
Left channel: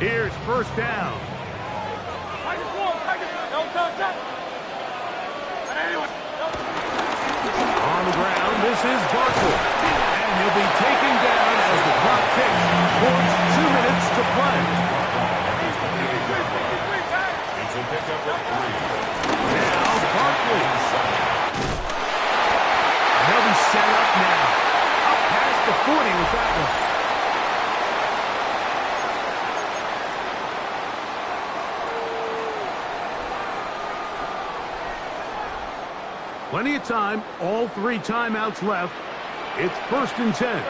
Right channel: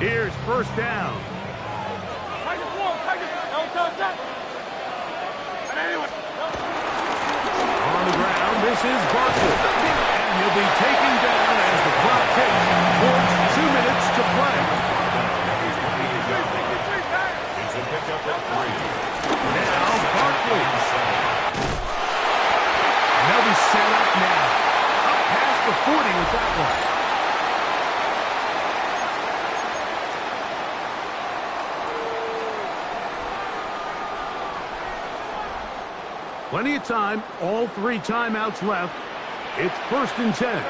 Here's first down. On the ground, this is Barkley. And he'll be taken down as the clock ticks towards 2 minutes to play. It's a pickup of 3. Now Barkley. And they'll be set up now. Up past the 40 with that one. Plenty of time, all 3 timeouts left. It's first and 10.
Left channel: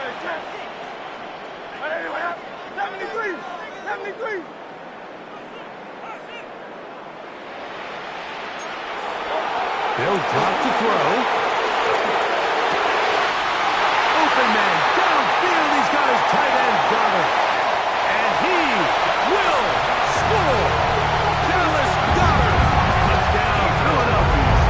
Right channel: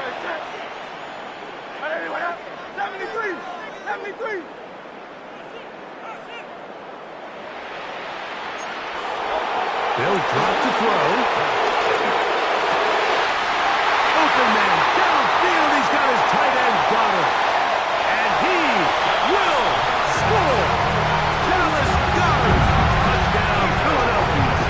73. 73. They'll drop to throw. Open man, downfield, he's got his tight end, Goddard. And he will score. Dallas Goddard. Touchdown, Philadelphia.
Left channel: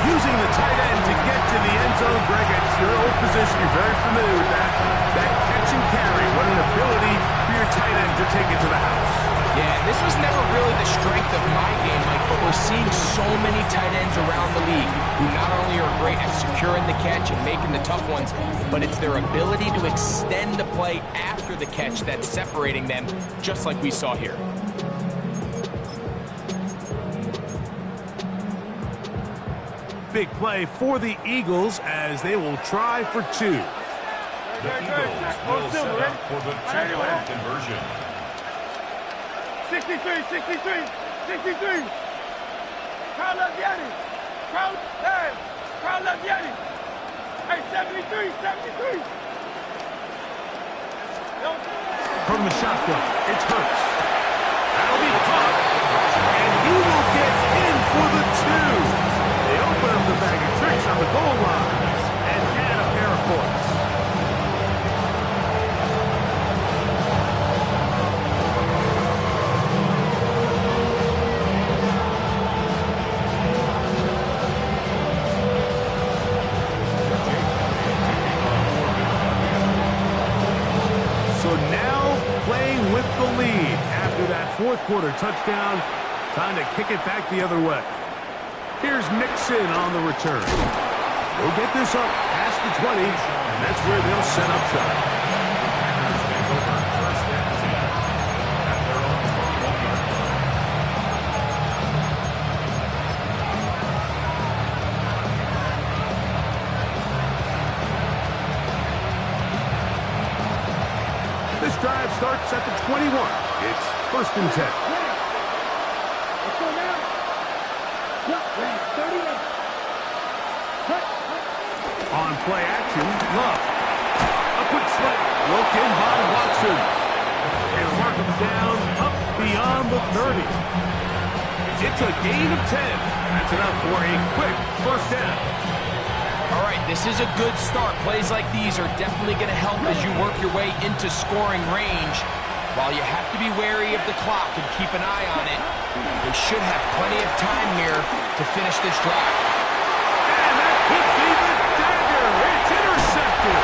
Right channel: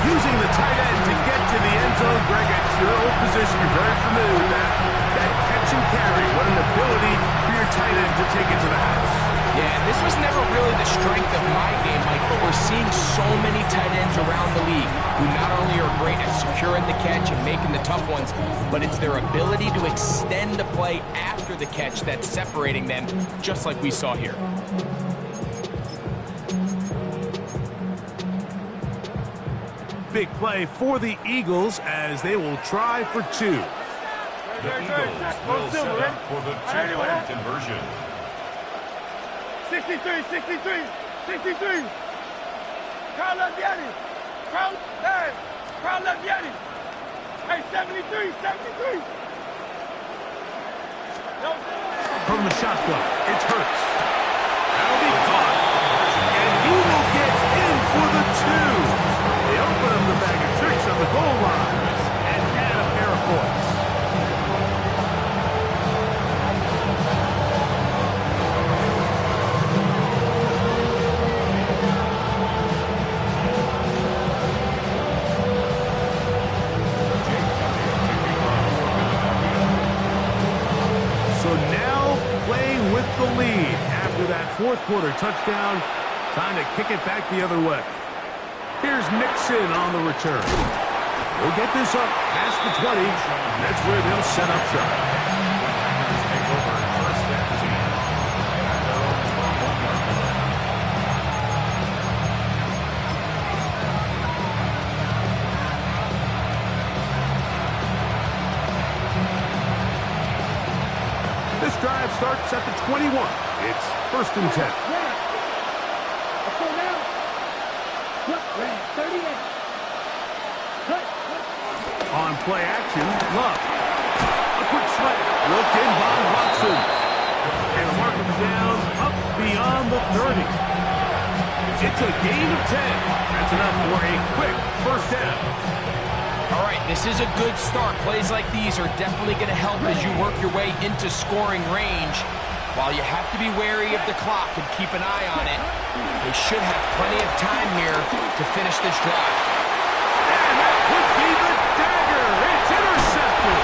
Using the tight end to get to the end zone, Greg, it's your old position. You're very familiar with that. That catch and carry. What an ability for your tight end to take it to the house. Yeah, this was never really the strength of my game, Mike, but we're seeing so many tight ends around the league who not only are great at securing the catch and making the tough ones, but it's their ability to extend the play after the catch that's separating them, just like we saw here. Big play for the Eagles as they will try for 2. The Eagles will set up for the 2-point conversion. 63. 63. Carl Leviani. Carl Leviani. Hey, 73. From the shotgun, it's Hurts. That'll be caught, and he will get in for the 2. They open up the bag of tricks on the goal line and add a pair of points. So now playing with the lead after that fourth quarter touchdown. Time to kick it back the other way. Here's Nixon on the return. He'll get this up past the 20, and that's where they'll set up shop. The Packers take over first and 10 at their own 21-yard line. This drive starts at the 21. It's 1st and 10. Let's go now. Red, 38. Cut. On play action, Love. A quick slant. Looked in by Watson. And mark him down up beyond the 30. It's a gain of 10. That's enough for a quick 1st down. All right, this is a good start. Plays like these are definitely going to help as you work your way into scoring range. While you have to be wary of the clock and keep an eye on it, they should have plenty of time here to finish this drive. And that could be the dagger. It's intercepted.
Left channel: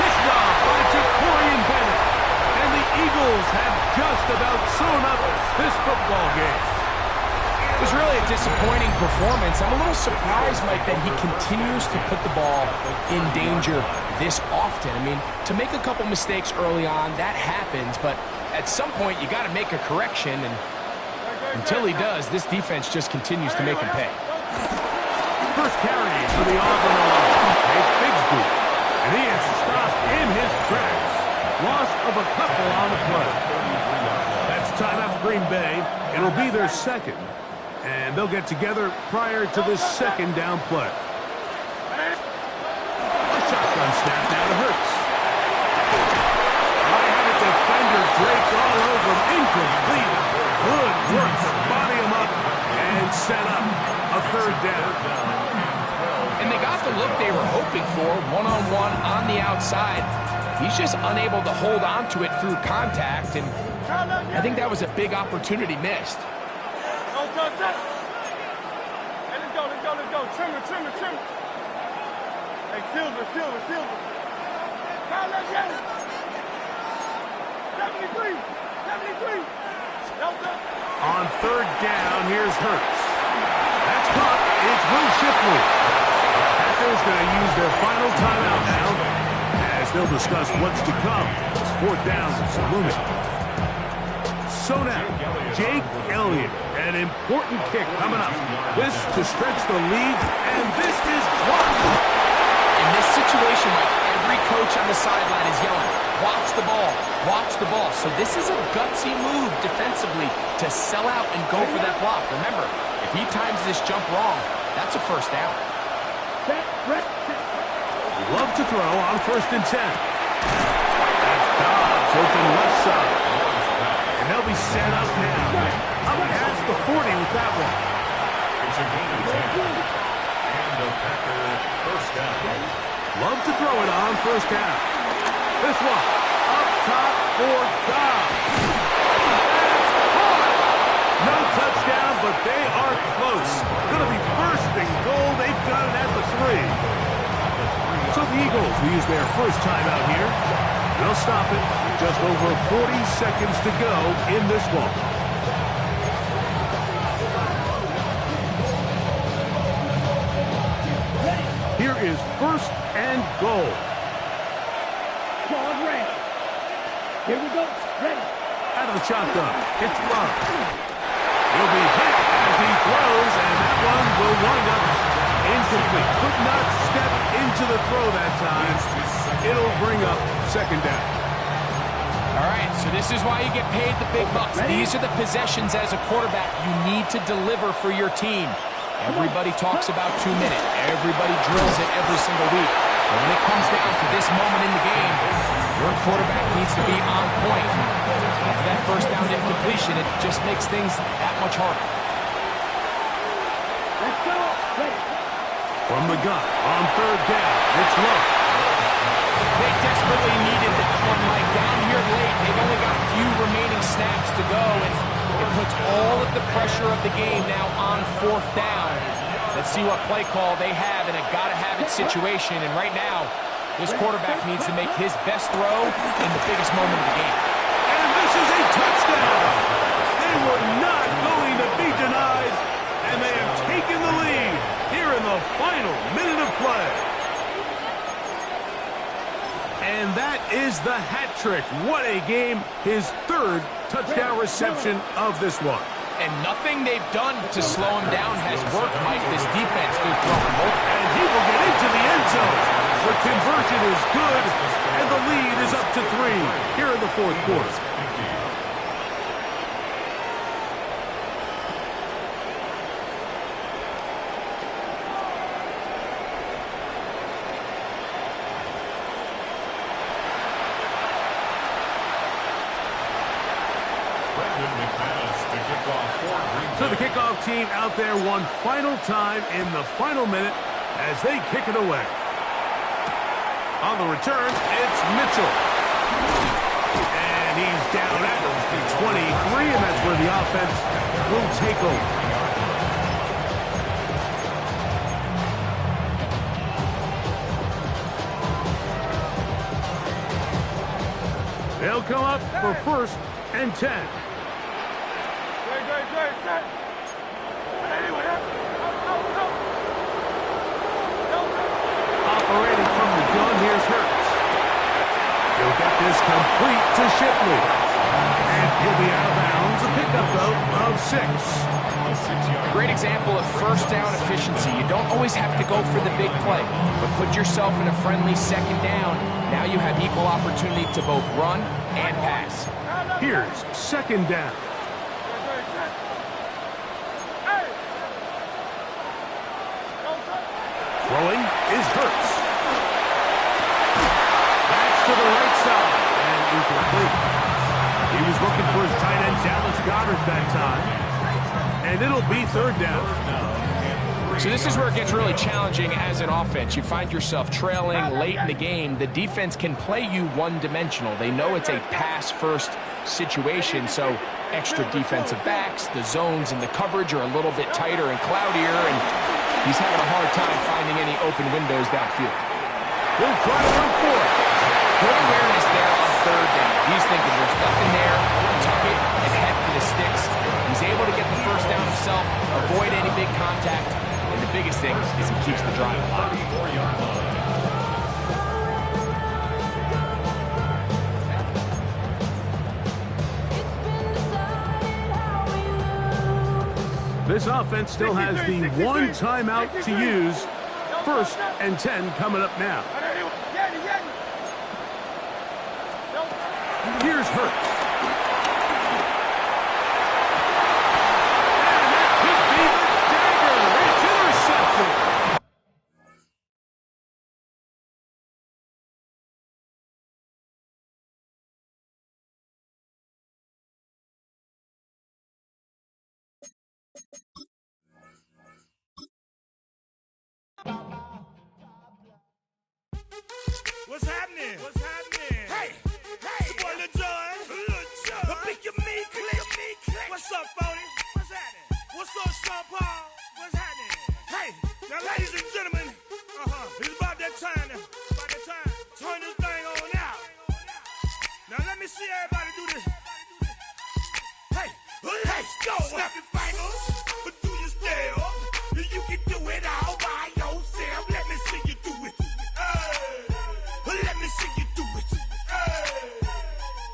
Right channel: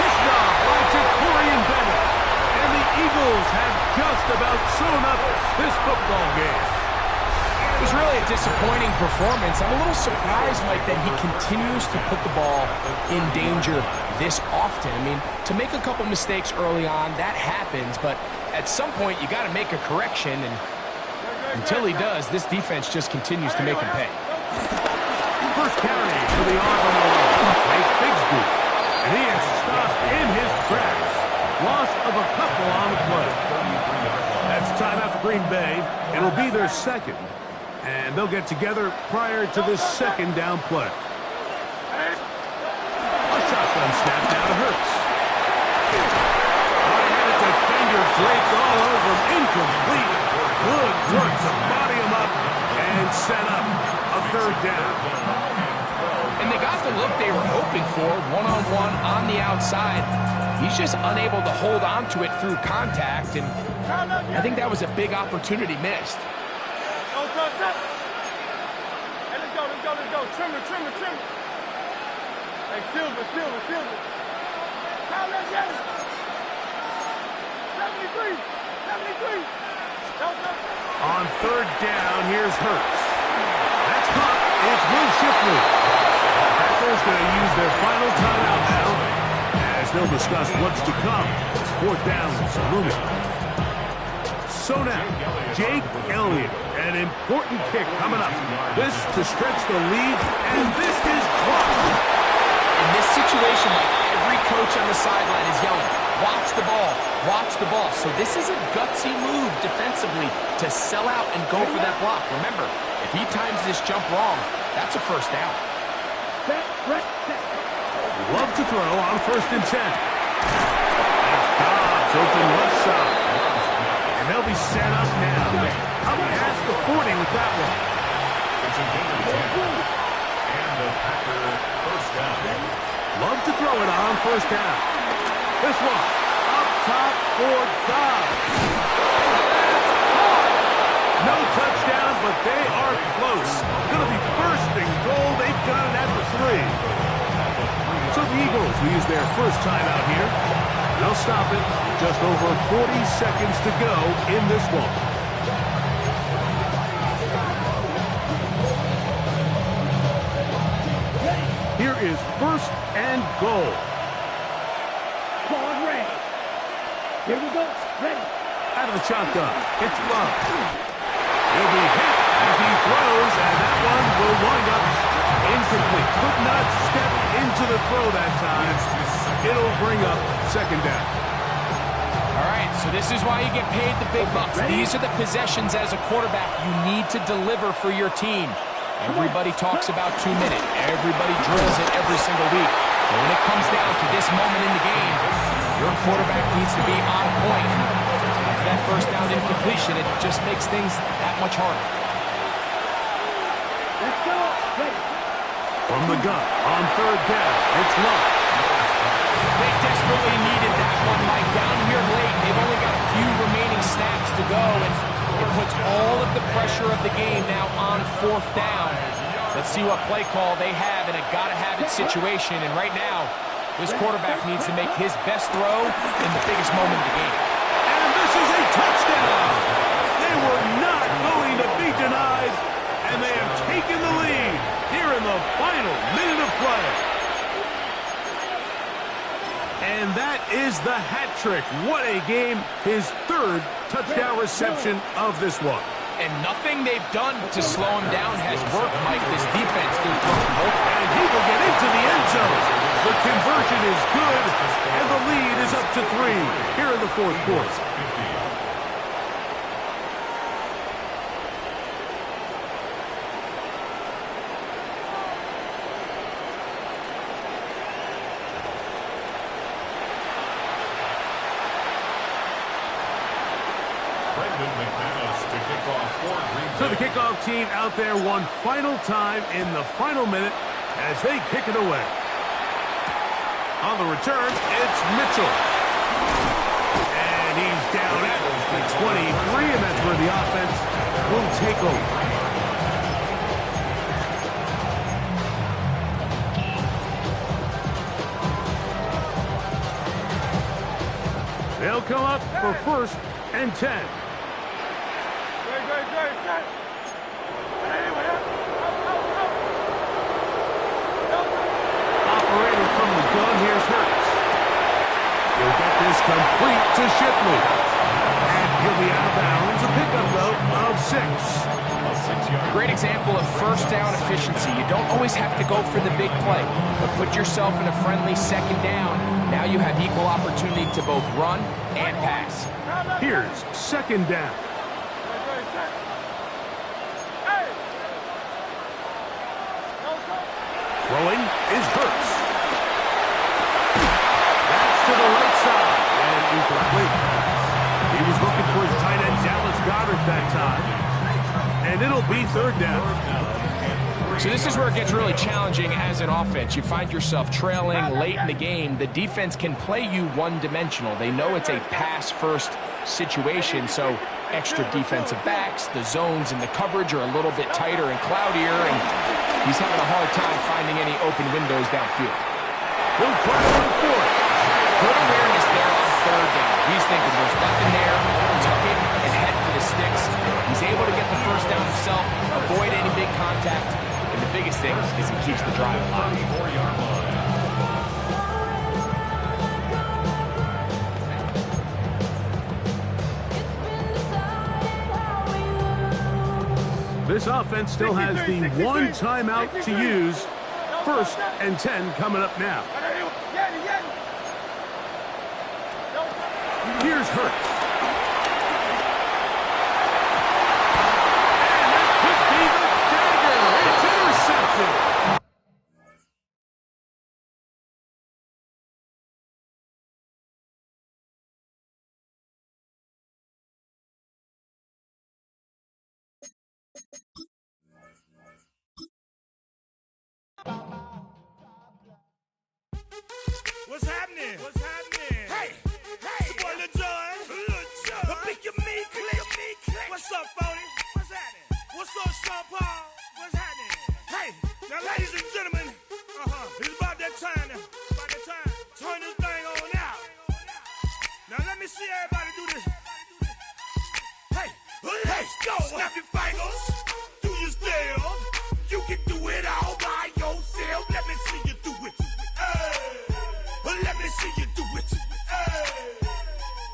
Picked off by Jacorian Bennett. And the Eagles have just about sewn up this football game. It was really a disappointing performance. I'm a little surprised, Mike, that he continues to put the ball in danger this often. I mean, to make a couple mistakes early on, that happens, but at some point you got to make a correction, and until he does, this defense just continues to make him pay. First carry for the Auburn offense, Hank Bigsby, and he is stopped in his tracks. Loss of a couple on the play. That's timeout for Green Bay. It'll be their second. And they'll get together prior to this 2nd down play. A shotgun snap now to Hurts. I had a defender draped all over him. Incomplete. Good work to body him up and set up a 3rd down. And they got the look they were hoping for, one-on-one on the outside. He's just unable to hold on to it through contact, and I think that was a big opportunity missed. Hey, let's go. Trimmer. Hey, Silver. Count that game. 73. Delta. On 3rd down, here's Hurts. That's caught. It's Will Shipley. Packers going to use their final timeout now as they'll discuss what's to come. It's 4th down, looming. So now, Jake Elliott, an important kick coming up. This to stretch the lead, and this is blocked. In this situation, Mike, every coach on the sideline is yelling, watch the ball. So this is a gutsy move defensively to sell out and go for that block. Remember, if he times this jump wrong, that's a 1st down. Love to throw on 1st and 10. That's Dobbs open left side. And they'll be set up now. Up past the 40 with that one. It's a gain of 10. And the Packer 1st down. Love to throw it on 1st down. This one, up top for Dobbs. That's caught. No touchdown, but they are close. Going to be 1st and goal. They've got it at the 3. So the Eagles will use their first timeout here. They'll stop it with just over 40 seconds to go in this one. Here is 1st and goal. Ball ready. Here we go. Ready. Out of the shotgun, it's Love. He'll be hit as he throws, and that one will wind up incomplete. Could not step into the throw that time. It'll bring up 2nd down. All right, so this is why you get paid the big bucks. These are the possessions as a quarterback you need to deliver for your team. Everybody talks about 2 minutes. Everybody drills it every single week. But when it comes down to this moment in the game, your quarterback needs to be on point. After that 1st down incompletion, it just makes things that much harder. Let's go. Ready. From the gun, on 3rd down, it's Love. They desperately needed that one, Mike. Down here late, they've only got a few remaining snaps to go, and it puts all of the pressure of the game now on 4th down. Let's see what play call they have in a gotta-have-it situation, and right now, this quarterback needs to make his best throw in the biggest moment of the game. And this is a touchdown! They were not going to be denied, and they have taken the lead here in the final minute of play. And that is the hat trick. What a game. His 3rd touchdown reception of this one. And nothing they've done to slow him down has worked, Mike. This defense, they're throwing both. And he will get into the end zone. The conversion is good, and the lead is up to 3 here in the fourth quarter. So the kickoff team out there one final time in the final minute as they kick it away. On the return, it's Mitchell. And he's down at the 23, and that's where the offense will take over. They'll come up for 1st and 10. Great. Operating from the gun, here's Hurts. He'll get this complete to Shipley. And he'll be out of bounds. A pickup, though, of 6. A 6-yard. Great example of first down efficiency. You don't always have to go for the big play, but put yourself in a friendly 2nd down. Now you have equal opportunity to both run and pass. Here's 2nd down. Throwing is Hurts. That's to the right side and incomplete. He was looking for his tight end Dallas Goedert that time. And it'll be 3rd down. So this is where it gets really challenging as an offense. You find yourself trailing late in the game. The defense can play you one-dimensional. They know it's a pass-first situation, so extra defensive backs, the zones and the coverage are a little bit tighter and cloudier, and he's having a hard time finding any open windows downfield. He'll try to run for it. Good awareness there on 3rd down. He's thinking there's nothing there, tuck it, and head for the sticks. He's able to get the 1st down himself, avoid any big contact, and the biggest thing is he keeps the drive alive. 34-yard line. This offense still has the 1 timeout to use. 1st and 10 coming up now. Here's Hurts. And that could be the dagger. It's intercepted. What's happening? What's happening? Hey, it's your boy Lil Jon. Pick your me, click. What's up, 40? What's happening? What's up, Sean Paul? What's happening? Hey, now, ladies and gentlemen, it's about that time now. Turn this thing on out. Now, let me see everybody do this. Hey, let's go. Snap your fingers, do your style. You can do it all by yourself. Let me see you do it. Let me see you do it.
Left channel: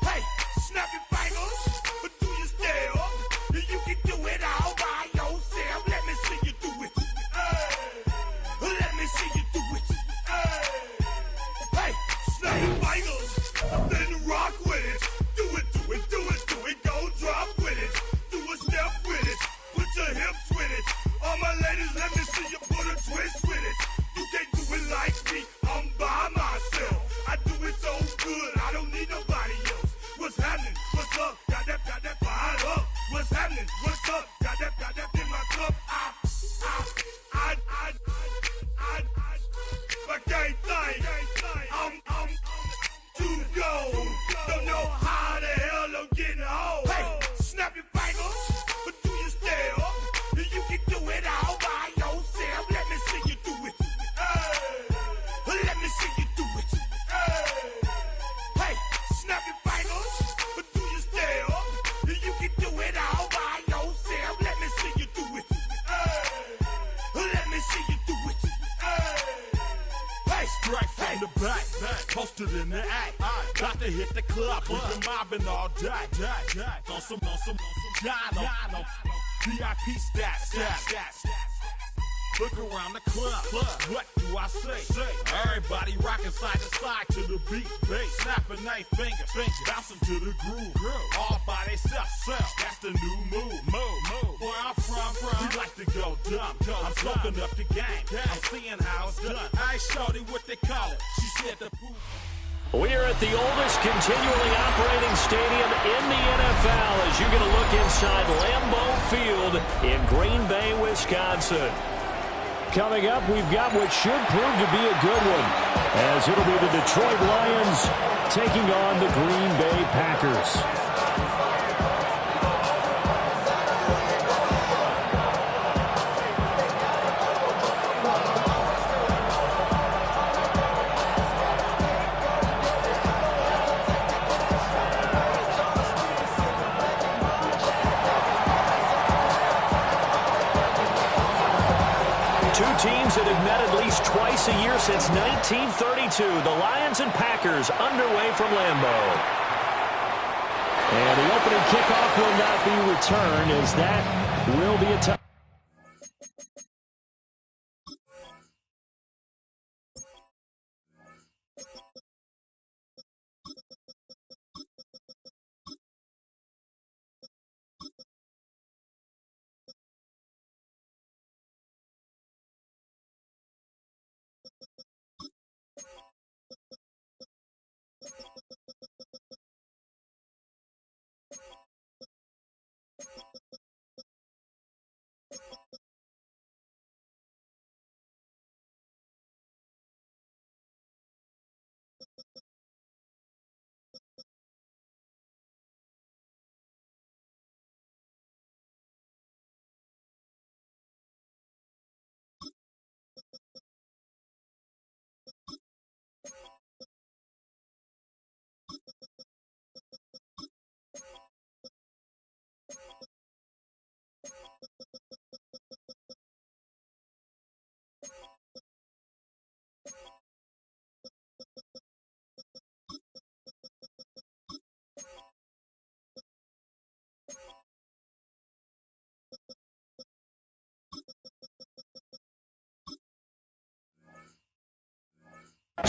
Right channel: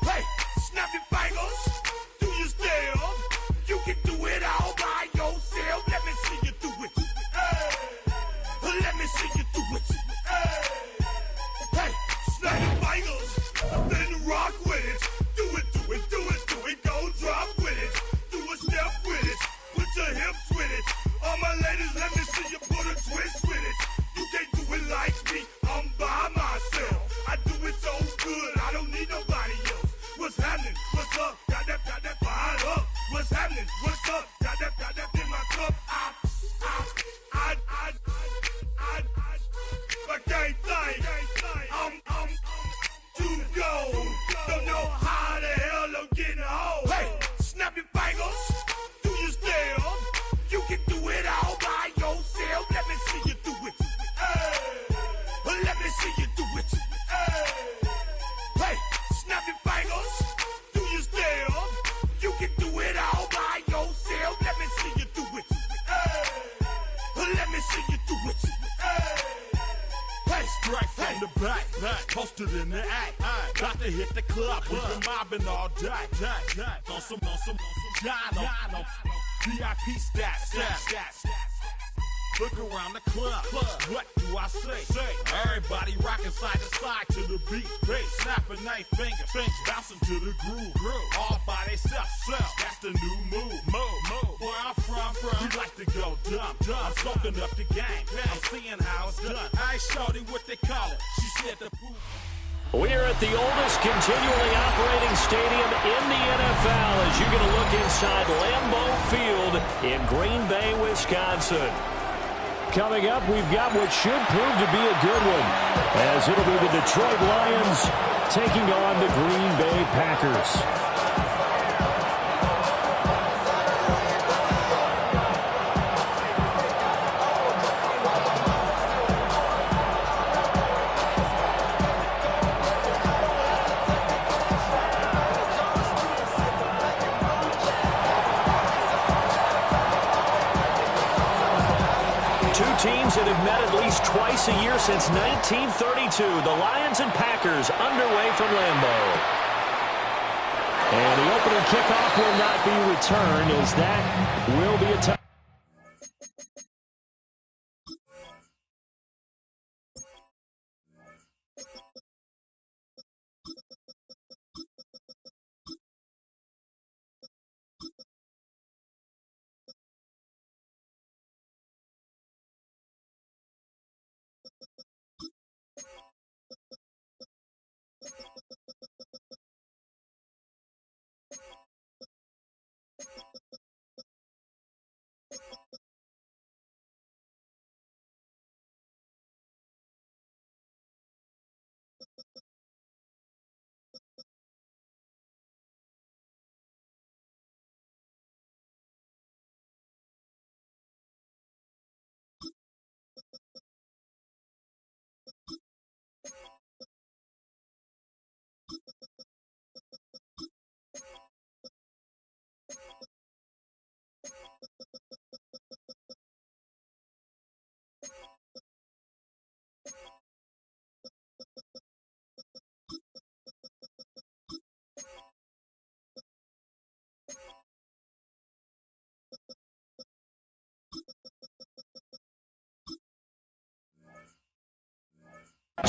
Hey, snap your fingers, do your style. You can do it all by yourself. Let me see you do it. Let me see you do it. Hey, snap your fingers, then rock with it. Do it. Go drop with it. Do a step with it. Put your hips with it. All my ladies, let me see you put a twist with it. You can't do it like me. I'm by myself. I do it so good, I don't need nobody else. What's happening? What's up? Got that fired up. What's happening? What's up? Got that in my cup. I can't think. I'm too go. Don't know how the hell I'm getting home. Hey, snap your fingers, do your style. You can do it all by yourself. Let me see you do it. Let me see you do it. Hey, snap your fingers, do your style. You can do it all by yourself. Let me see you do it. Let me see you do it. Hey, strike from the back, posted in the act. Got to hit the club, we've been mobbing all day. On some Jono, VIP stats. Look around the club. What do I say? Everybody rocking side to side to the beat. Snapping they fingers, bouncing to the groove. All by themselves. That's the new move. Where I'm from, we like to go dumb. I'm soaking up the game. I'm seeing how it's done. I ain't shorty what they call it. She said the poop. We're at the oldest continually operating stadium in the NFL as you get a look inside Lambeau Field in Green Bay, Wisconsin. Coming up, we've got what should prove to be a good one, as it'll be the Detroit Lions taking on the Green Bay Packers. Two teams that have met at least twice a year since 1932. The Lions and Packers underway from Lambeau. And the opening kickoff will not be returned, as that will be a touchdown.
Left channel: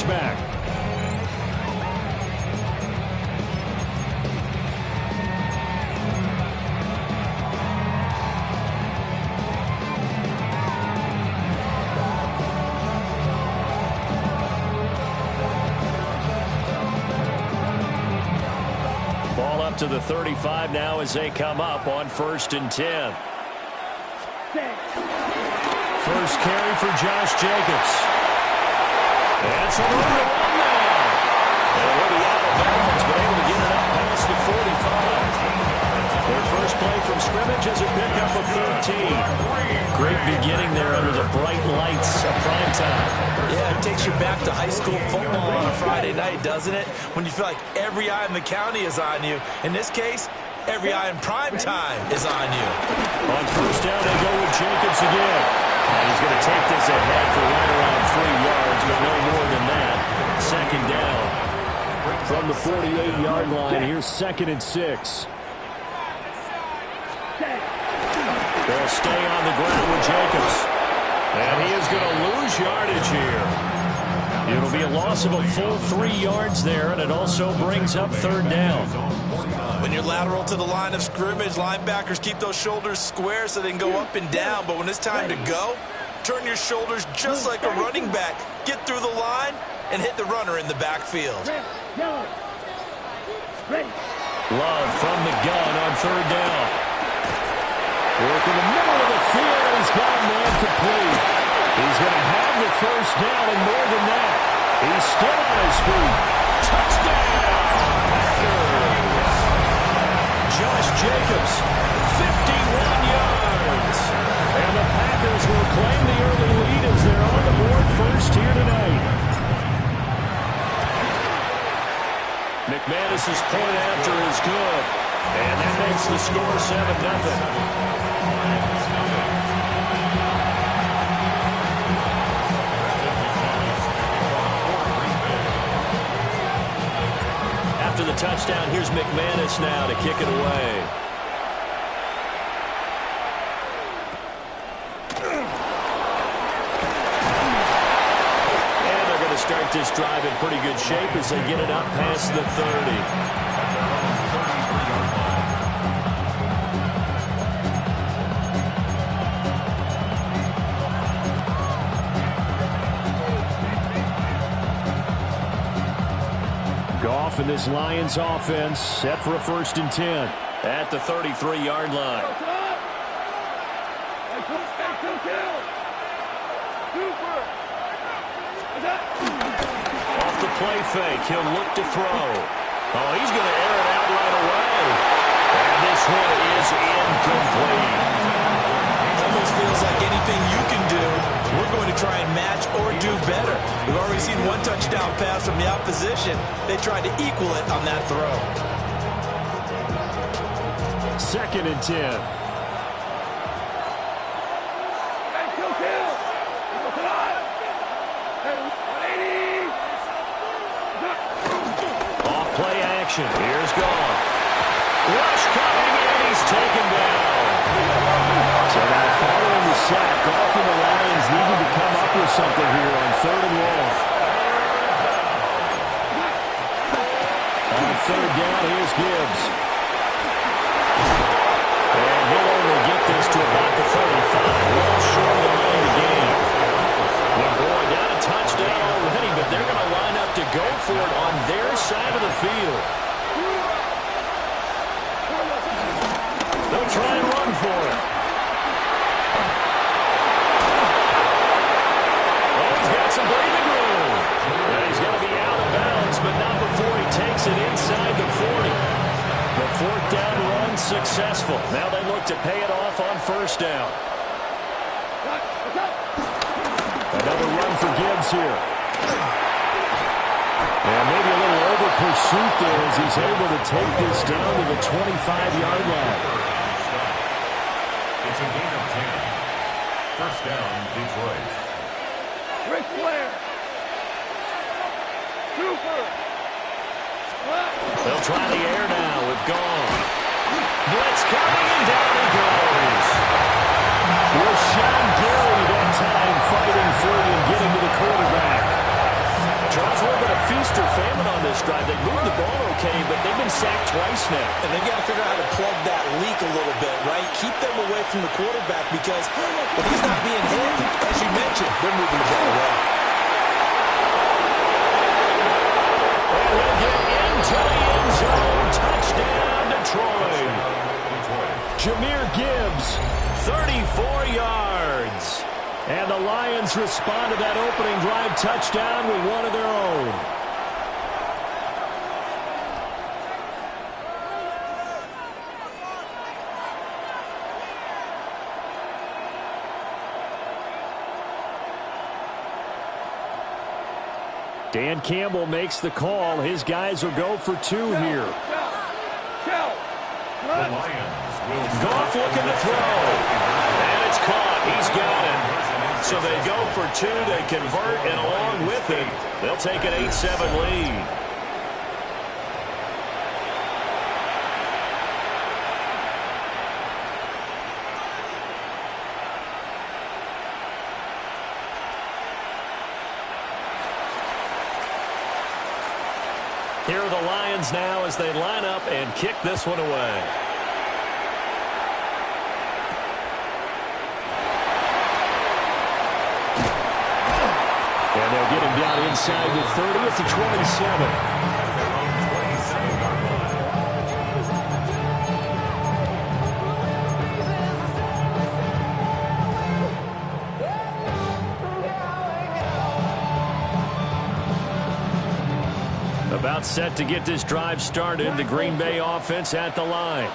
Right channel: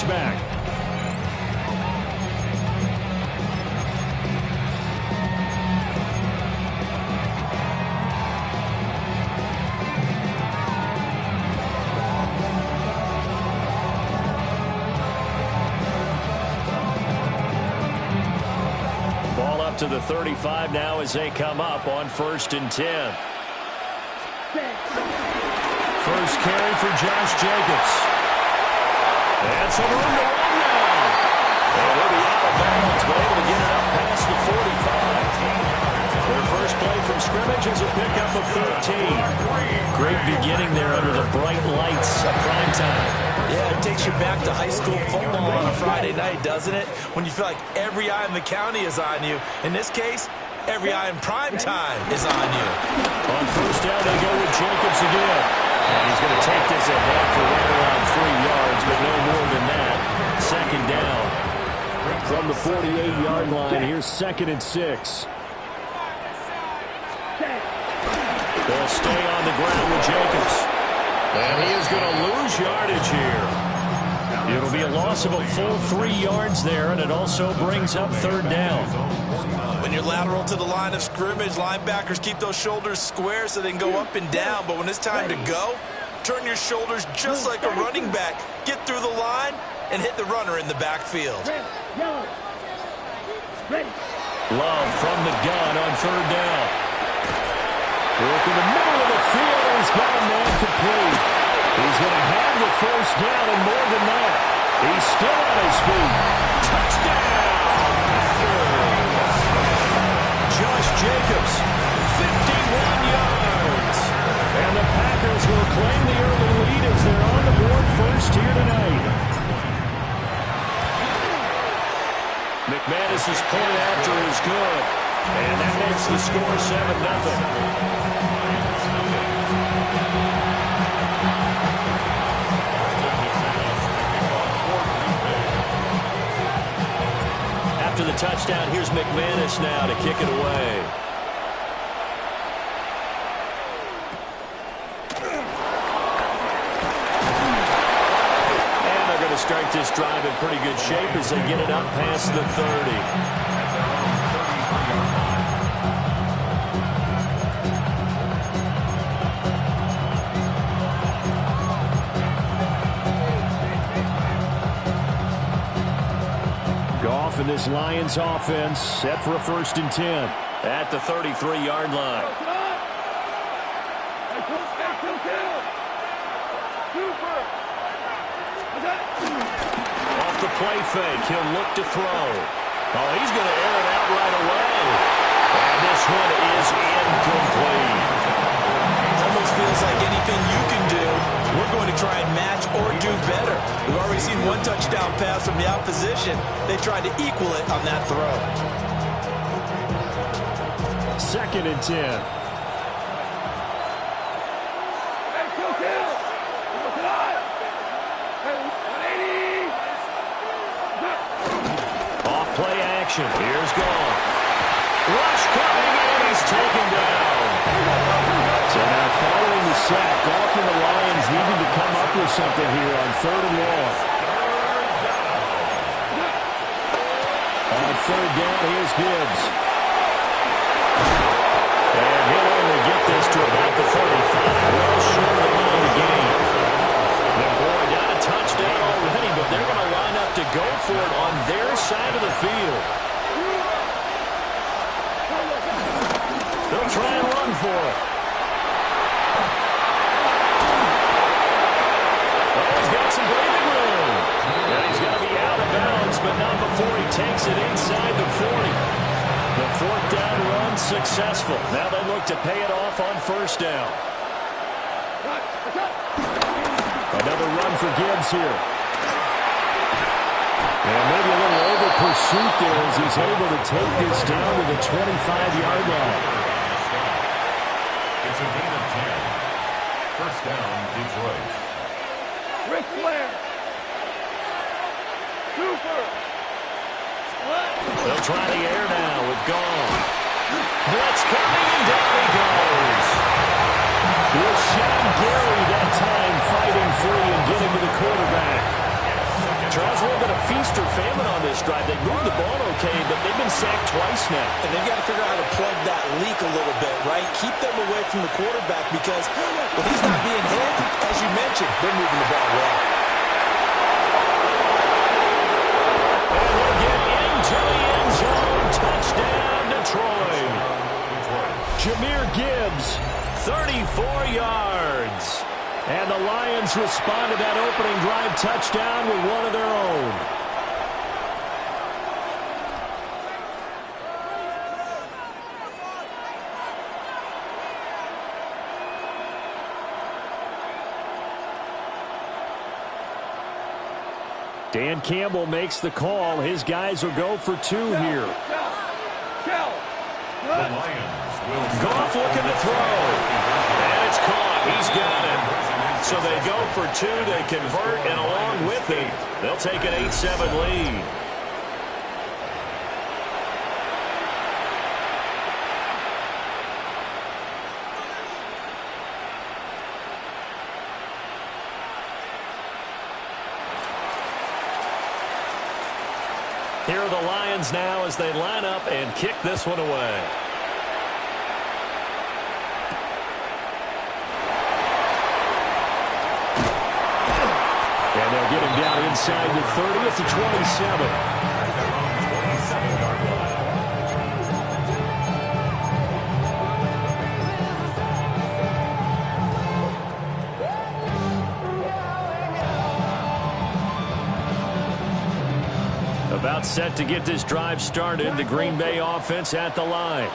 Back. Ball up to the 35 now as they come up on 1st and 10. First carry for Josh Jacobs. And some room to run now. And he'll be out of bounds, but able to get it up past the 45. Their first play from scrimmage is a pickup of 13. Great beginning there under the bright lights of prime time. Yeah, it takes you back to high school football on a Friday night, doesn't it? When you feel like every eye in the county is on you. In this case, every eye in prime time is on you. On first down, they go with Jacobs again. And he's going to take this ahead for right around 3 yards, but no more than that. Second down. From the 48-yard line, here's 2nd and 6. They'll stay on the ground with Jacobs. And he is going to lose yardage here. It'll be a loss of a full 3 yards there, and it also brings up 3rd down. When you're lateral to the line of scrimmage, linebackers keep those shoulders square so they can go up and down. But when it's time to go, turn your shoulders just like a running back. Get through the line and hit the runner in the backfield. Love from the gun on 3rd down. Work in the middle of the field, and he's got a man complete. He's going to have the first down, and more than that, he's still on his feet. Touchdown, Packers! Josh Jacobs, 51 yards. And the Packers will claim the early lead as they're on the board first here tonight. McManus's point after is good. And that makes the score 7-0. After the touchdown, here's McManus now to kick it away. start this drive in pretty good shape as they get it up past the 30. At their own 33-yard line. Goff and this Lions offense set for a 1st and 10 at the 33-yard line. Off the play fake, he'll look to throw. Oh, he's going to air it out right away. And this one is incomplete. Almost feels like anything you can do, we're going to try and match or do better. We've already seen one touchdown pass from the opposition. They tried to equal it on that throw. 2nd and 10. Off play action. Here's Goff. Rush coming, and he's taken down. So now following the sack, Goff and the Lions needing to come up with something here on 3rd and long. On 3rd down, here's Gibbs. And he'll only get this to about the 35. Well short of the line to gain. And boy, down a touchdown already, but they're going to line up to go for it on their side of the field. They'll try and run for it. Oh, he's got some breathing room. And he's going to be out of bounds, but not before he takes it inside the 40. The 4th down run successful. Now they look to pay it off on 1st down. Another run for Gibbs here. And maybe a little over pursuit there as he's able to take this down to the 25-yard line. It's a gain of 10. 1st down, Detroit. Ric Flair. Super. They'll try the air now with Goff. Blitz coming, and down he goes. Rashawn Gary that time fighting free and getting to the quarterback. Charles, a little bit of feast or famine on this drive. They moved the ball okay, but they've been sacked twice now. And they've got to figure out how to plug that leak a little bit, right? Keep them away from the quarterback because if he's not being hit, as you mentioned, they're moving the ball well. And he'll get into the end zone. Touchdown, Detroit. Jahmyr Gibbs, 34 yards. And the Lions respond to that opening drive touchdown with one of their own. Dan Campbell makes the call. His guys will go for 2 here. The Lions will Goff looking to throw. And it's caught. He's got it. So they go for 2. They convert, and along with it, they'll take an 8-7 lead. Here are the Lions now as they line up and kick this one away. And they'll get him down inside the 30 at the 27. At their own 27-yard line. About set to get this drive started. The Green Bay offense at the line.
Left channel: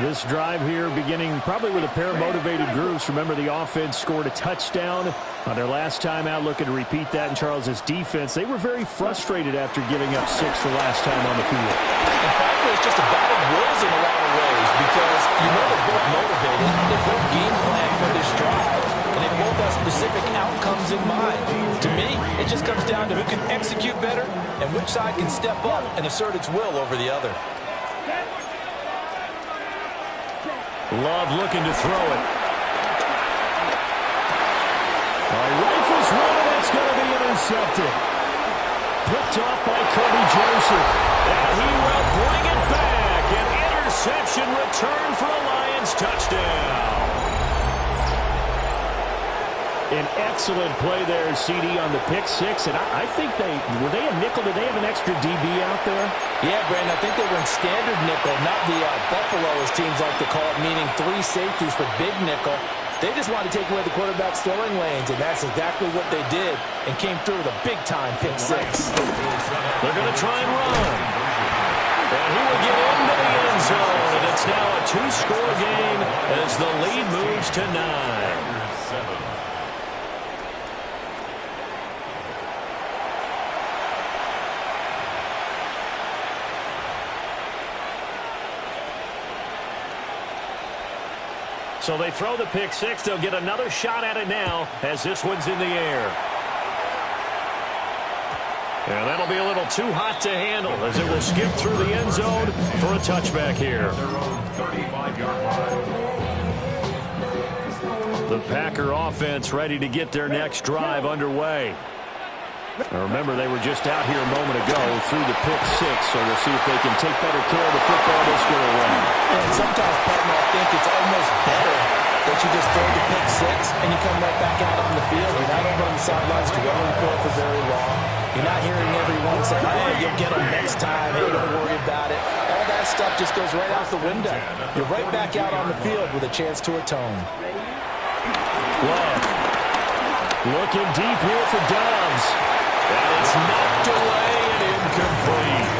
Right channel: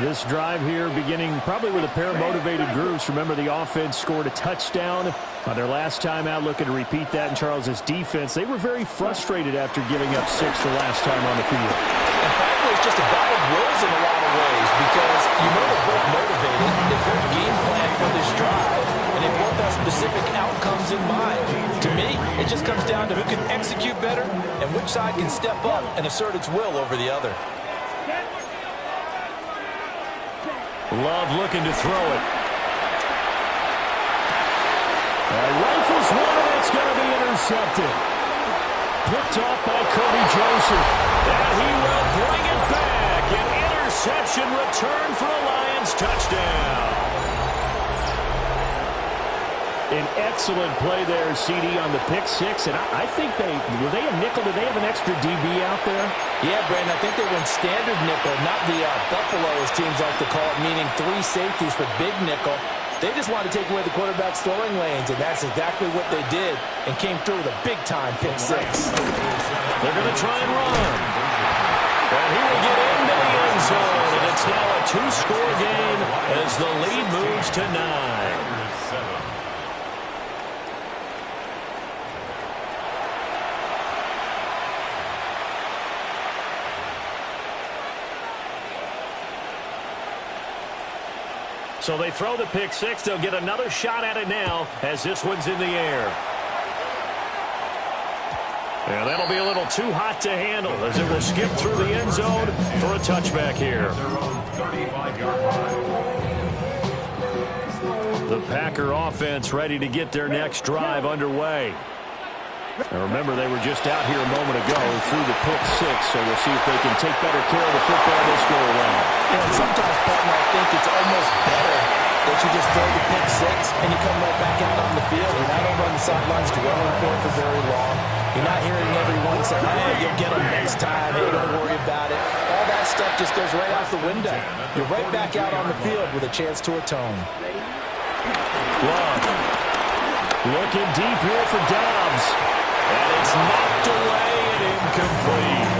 This drive here beginning probably with a pair of motivated groups. Remember, the offense scored a touchdown on their last time out. Looking to repeat that in Charles's defense. They were very frustrated after giving up 6 the last time on the field. And frankly, it's just a battle of wills in a lot of ways because you know they're both motivated. They both game plan for this drive, and they both have specific outcomes in mind. To me, it just comes down to who can execute better and which side can step up and assert its will over the other. Love looking to throw it. All right, rifles one, and It's going to be intercepted. Picked off by Kirby Joseph. And he will bring it back. An interception return for a Lions touchdown. An excellent play there, CD, on the pick six. And I think were they a nickel? Did they have an extra DB out there? Yeah, Brandon, I think they went standard nickel, not the Buffalo, as teams like to call it, meaning 3 safeties for big nickel. They just wanted to take away the quarterback's throwing lanes, and that's exactly what they did, and came through with a big-time pick six. They're going to try and run. And he will get into the end zone, and it's now a 2-score game as the lead moves to 9. So they throw the pick six. They'll get another shot at it now as this one's in the air. And that'll be a little too hot to handle as it will skip through the end zone for a touchback here. The Packer offense ready to get their next drive underway. Now remember, they were just out here a moment ago through the pick six, so we'll see if they can take better care of the football this go around. And sometimes, partner, I think it's almost better that you just throw the pick six and you come right back out on the field. You're not over on the sidelines dwelling for it for very long. You're not hearing everyone say, hey, you'll get them next time. Hey, don't worry about it. All that stuff just goes right out the window. You're right back out on the field with a chance to atone. Love looking deep here for Dobbs. And it's knocked away and incomplete.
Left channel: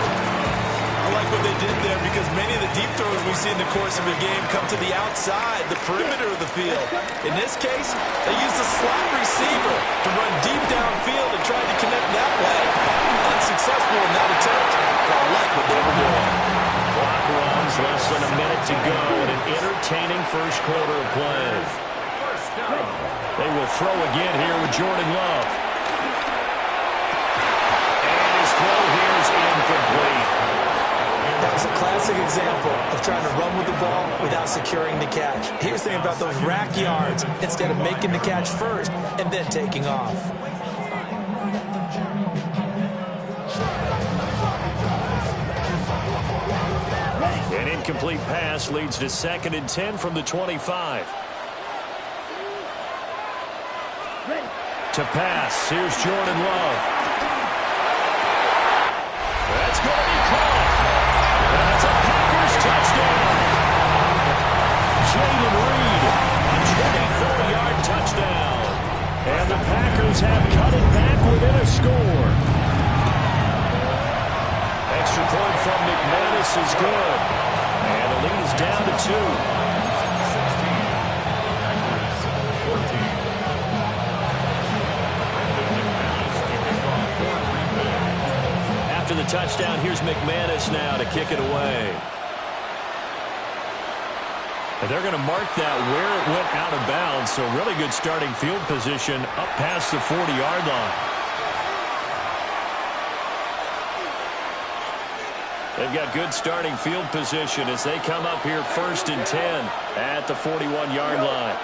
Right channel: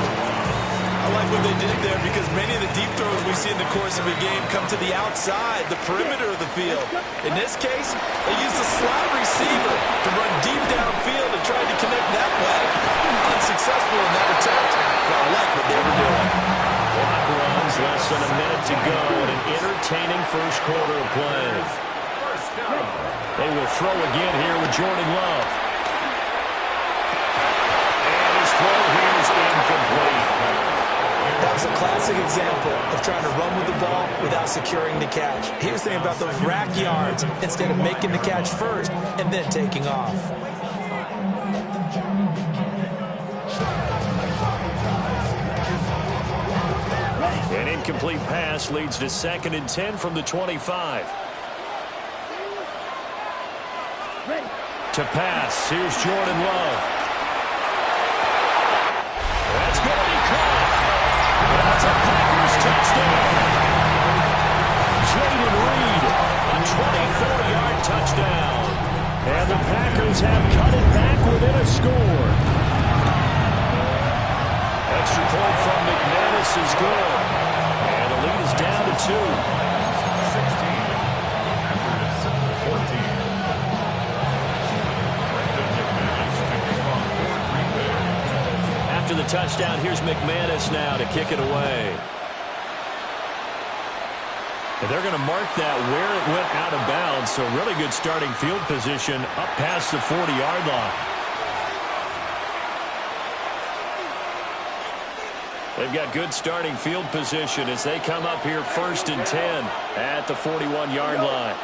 I like what they did there because many of the deep throws we see in the course of a game come to the outside, the perimeter of the field. In this case, they used a slot receiver to run deep downfield and tried to connect that way. Unsuccessful in that attempt, but I like what they were doing. Clock runs, less than a minute to go in an entertaining first quarter of play. They will throw again here with Jordan Love. Throw here is incomplete. That was a classic example of trying to run with the ball without securing the catch. He was thinking about those rack yards instead of making the catch first and then taking off. An incomplete pass leads to 2nd and 10 from the 25. To pass, here's Jordan Love. That's going to be caught. And that's a Packers touchdown. Jaden Reed, a 24-yard touchdown. And the Packers have cut it back within a score. Extra point from McManus is good. And the lead is down to 2. 16. Packers 14. After the touchdown, here's McManus now to kick it away. And they're going to mark that where it went out of bounds, so really good starting field position up past the 40-yard line. They've got good starting field position as they come up here 1st and 10 at the 41-yard line.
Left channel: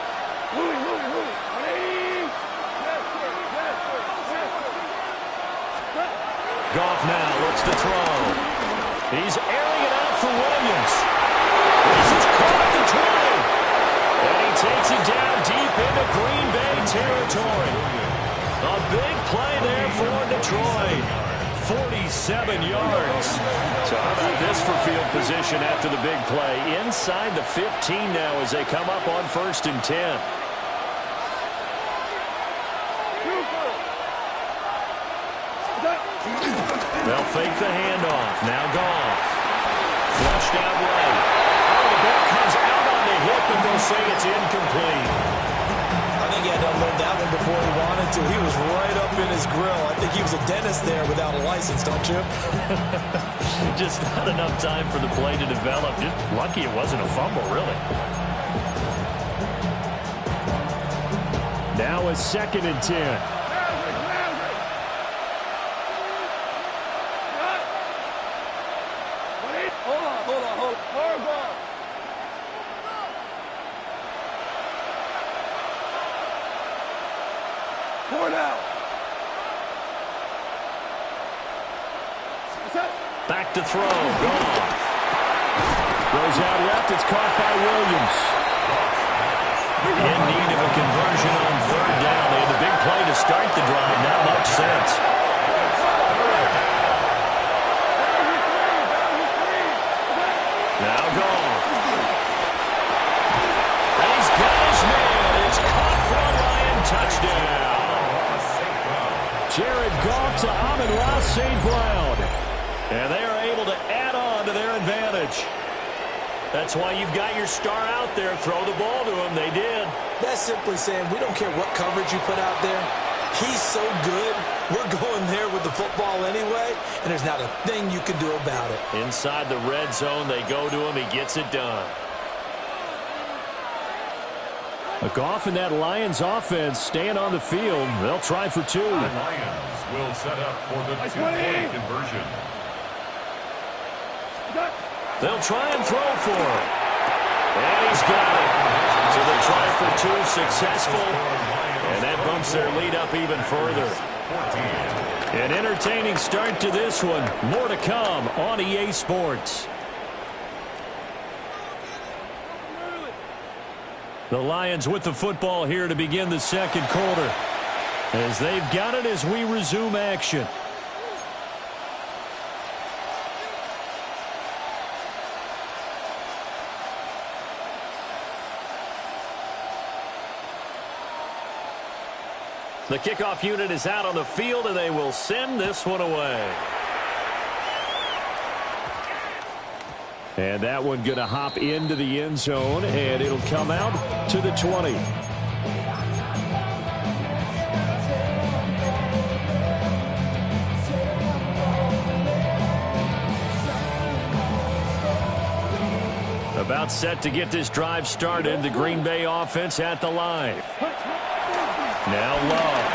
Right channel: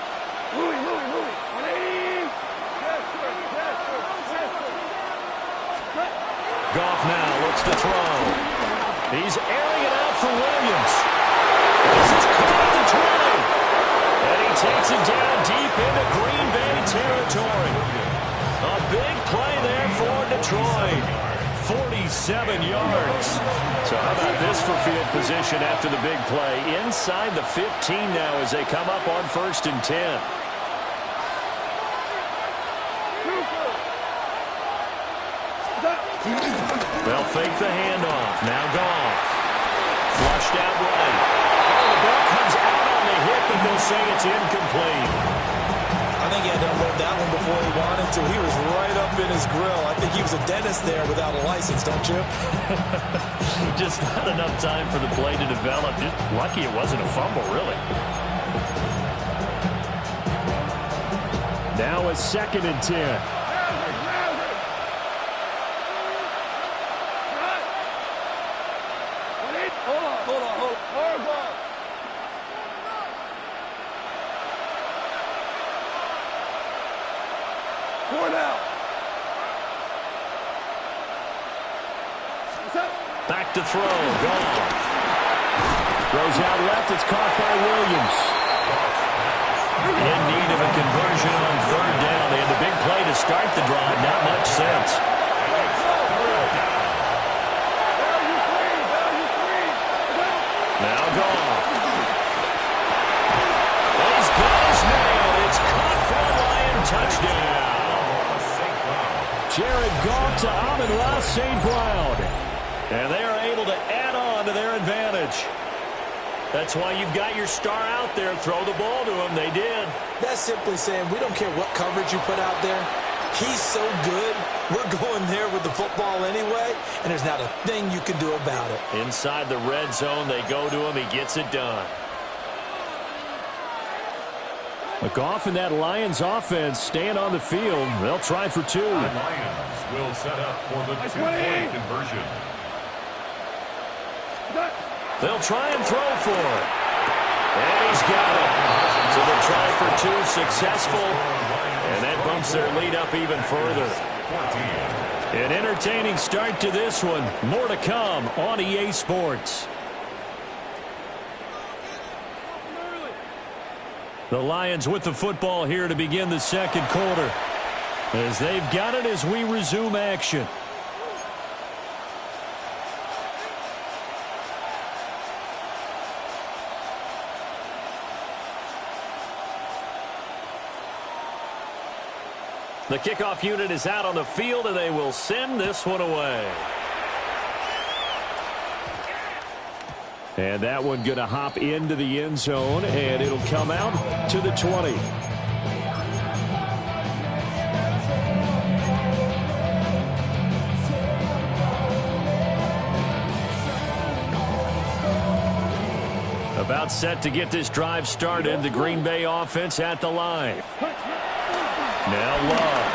Goff now looks to throw. He's airing it out for Williams. This is caught at the 20. And he takes it down deep into Green Bay territory. A big play there for Detroit. 47 yards. So how about this for field position after the big play? Inside the 15 now as they come up on 1st and 10. They'll fake the handoff. Now Goff. Flushed out right. Oh, the ball comes out on the hit, but they'll say it's incomplete. I think he had to unload that one before he wanted to. He was right up in his grill. I think he was a dentist there without a license, don't you? Just not enough time for the play to develop. Just lucky it wasn't a fumble, really. Now it's 2nd and 10. to throw. Goff. Throws out left. It's caught by Williams. In need of a conversion on third down. They had the big play to start the drive. Not much sense. Now Goff. And he's got his man. It's caught for a Lion touchdown. Jared Goff to Amon-Ra St. Brown. And they are able to add on to their advantage. That's why you've got your star out there. Throw the ball to him. They did. That's simply saying we don't care what coverage you put out there. He's so good. We're going there with the football anyway, and there's not a thing you can do about it. Inside the red zone, they go to him. He gets it done. Goff and that Lions offense staying on the field. They'll try for two. The Lions will set up for the two-point conversion. They'll try and throw for it. And he's got it. So the try for two successful. And that bumps their lead up even further. An entertaining start to this one. More to come on EA Sports. The Lions with the football here to begin the second quarter. As they've got it as we resume action. The kickoff unit is out on the field, and they will send this one away. And that one going to hop into the end zone, and it'll come out to the 20. About set to get this drive started. The Green Bay offense at the line. Now Love.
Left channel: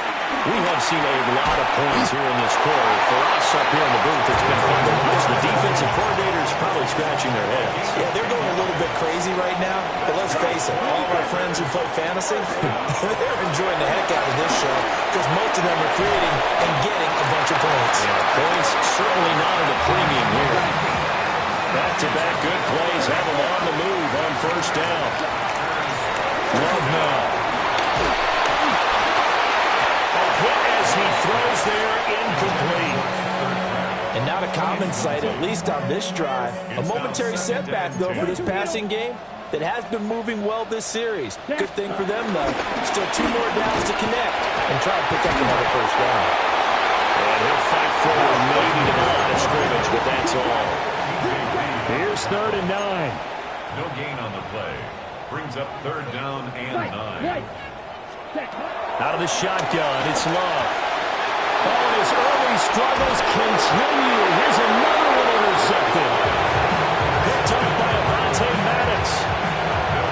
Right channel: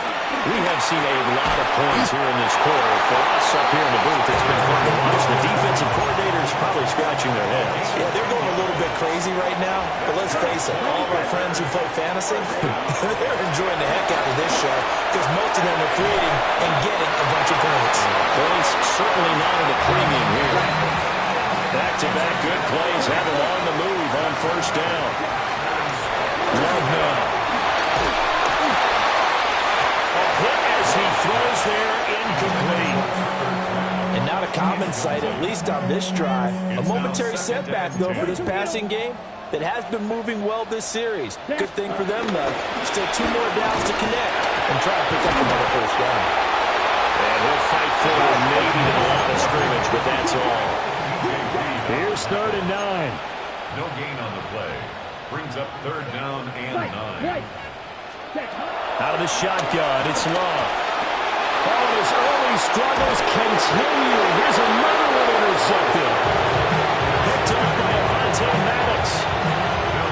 We have seen a lot of points here in this quarter. For us up here in the booth, it's been fun to watch. The defensive coordinators probably scratching their heads. Yeah, they're going a little bit crazy right now. But let's face it, all of our friends who play fantasy, they're enjoying the heck out of this show because most of them are creating and getting a bunch of points. Yeah, points certainly not at a premium here. Back-to-back good plays have them on the move on first down. Love now. As he throws there, incomplete. And not a common sight, at least on this drive. A momentary setback, though, for this passing game that has been moving well this series. Good thing for them, though. Still 2 more downs to connect and try to pick up another first down. And he'll fight forward maybe to the line of scrimmage, but that's all. Here's 3rd and 9. No gain on the play. Brings up 3rd down and 9. Out of the shotgun, it's Love. Oh, and his early struggles continue. Here's another one intercepted. Picked up by Avonte Maddox.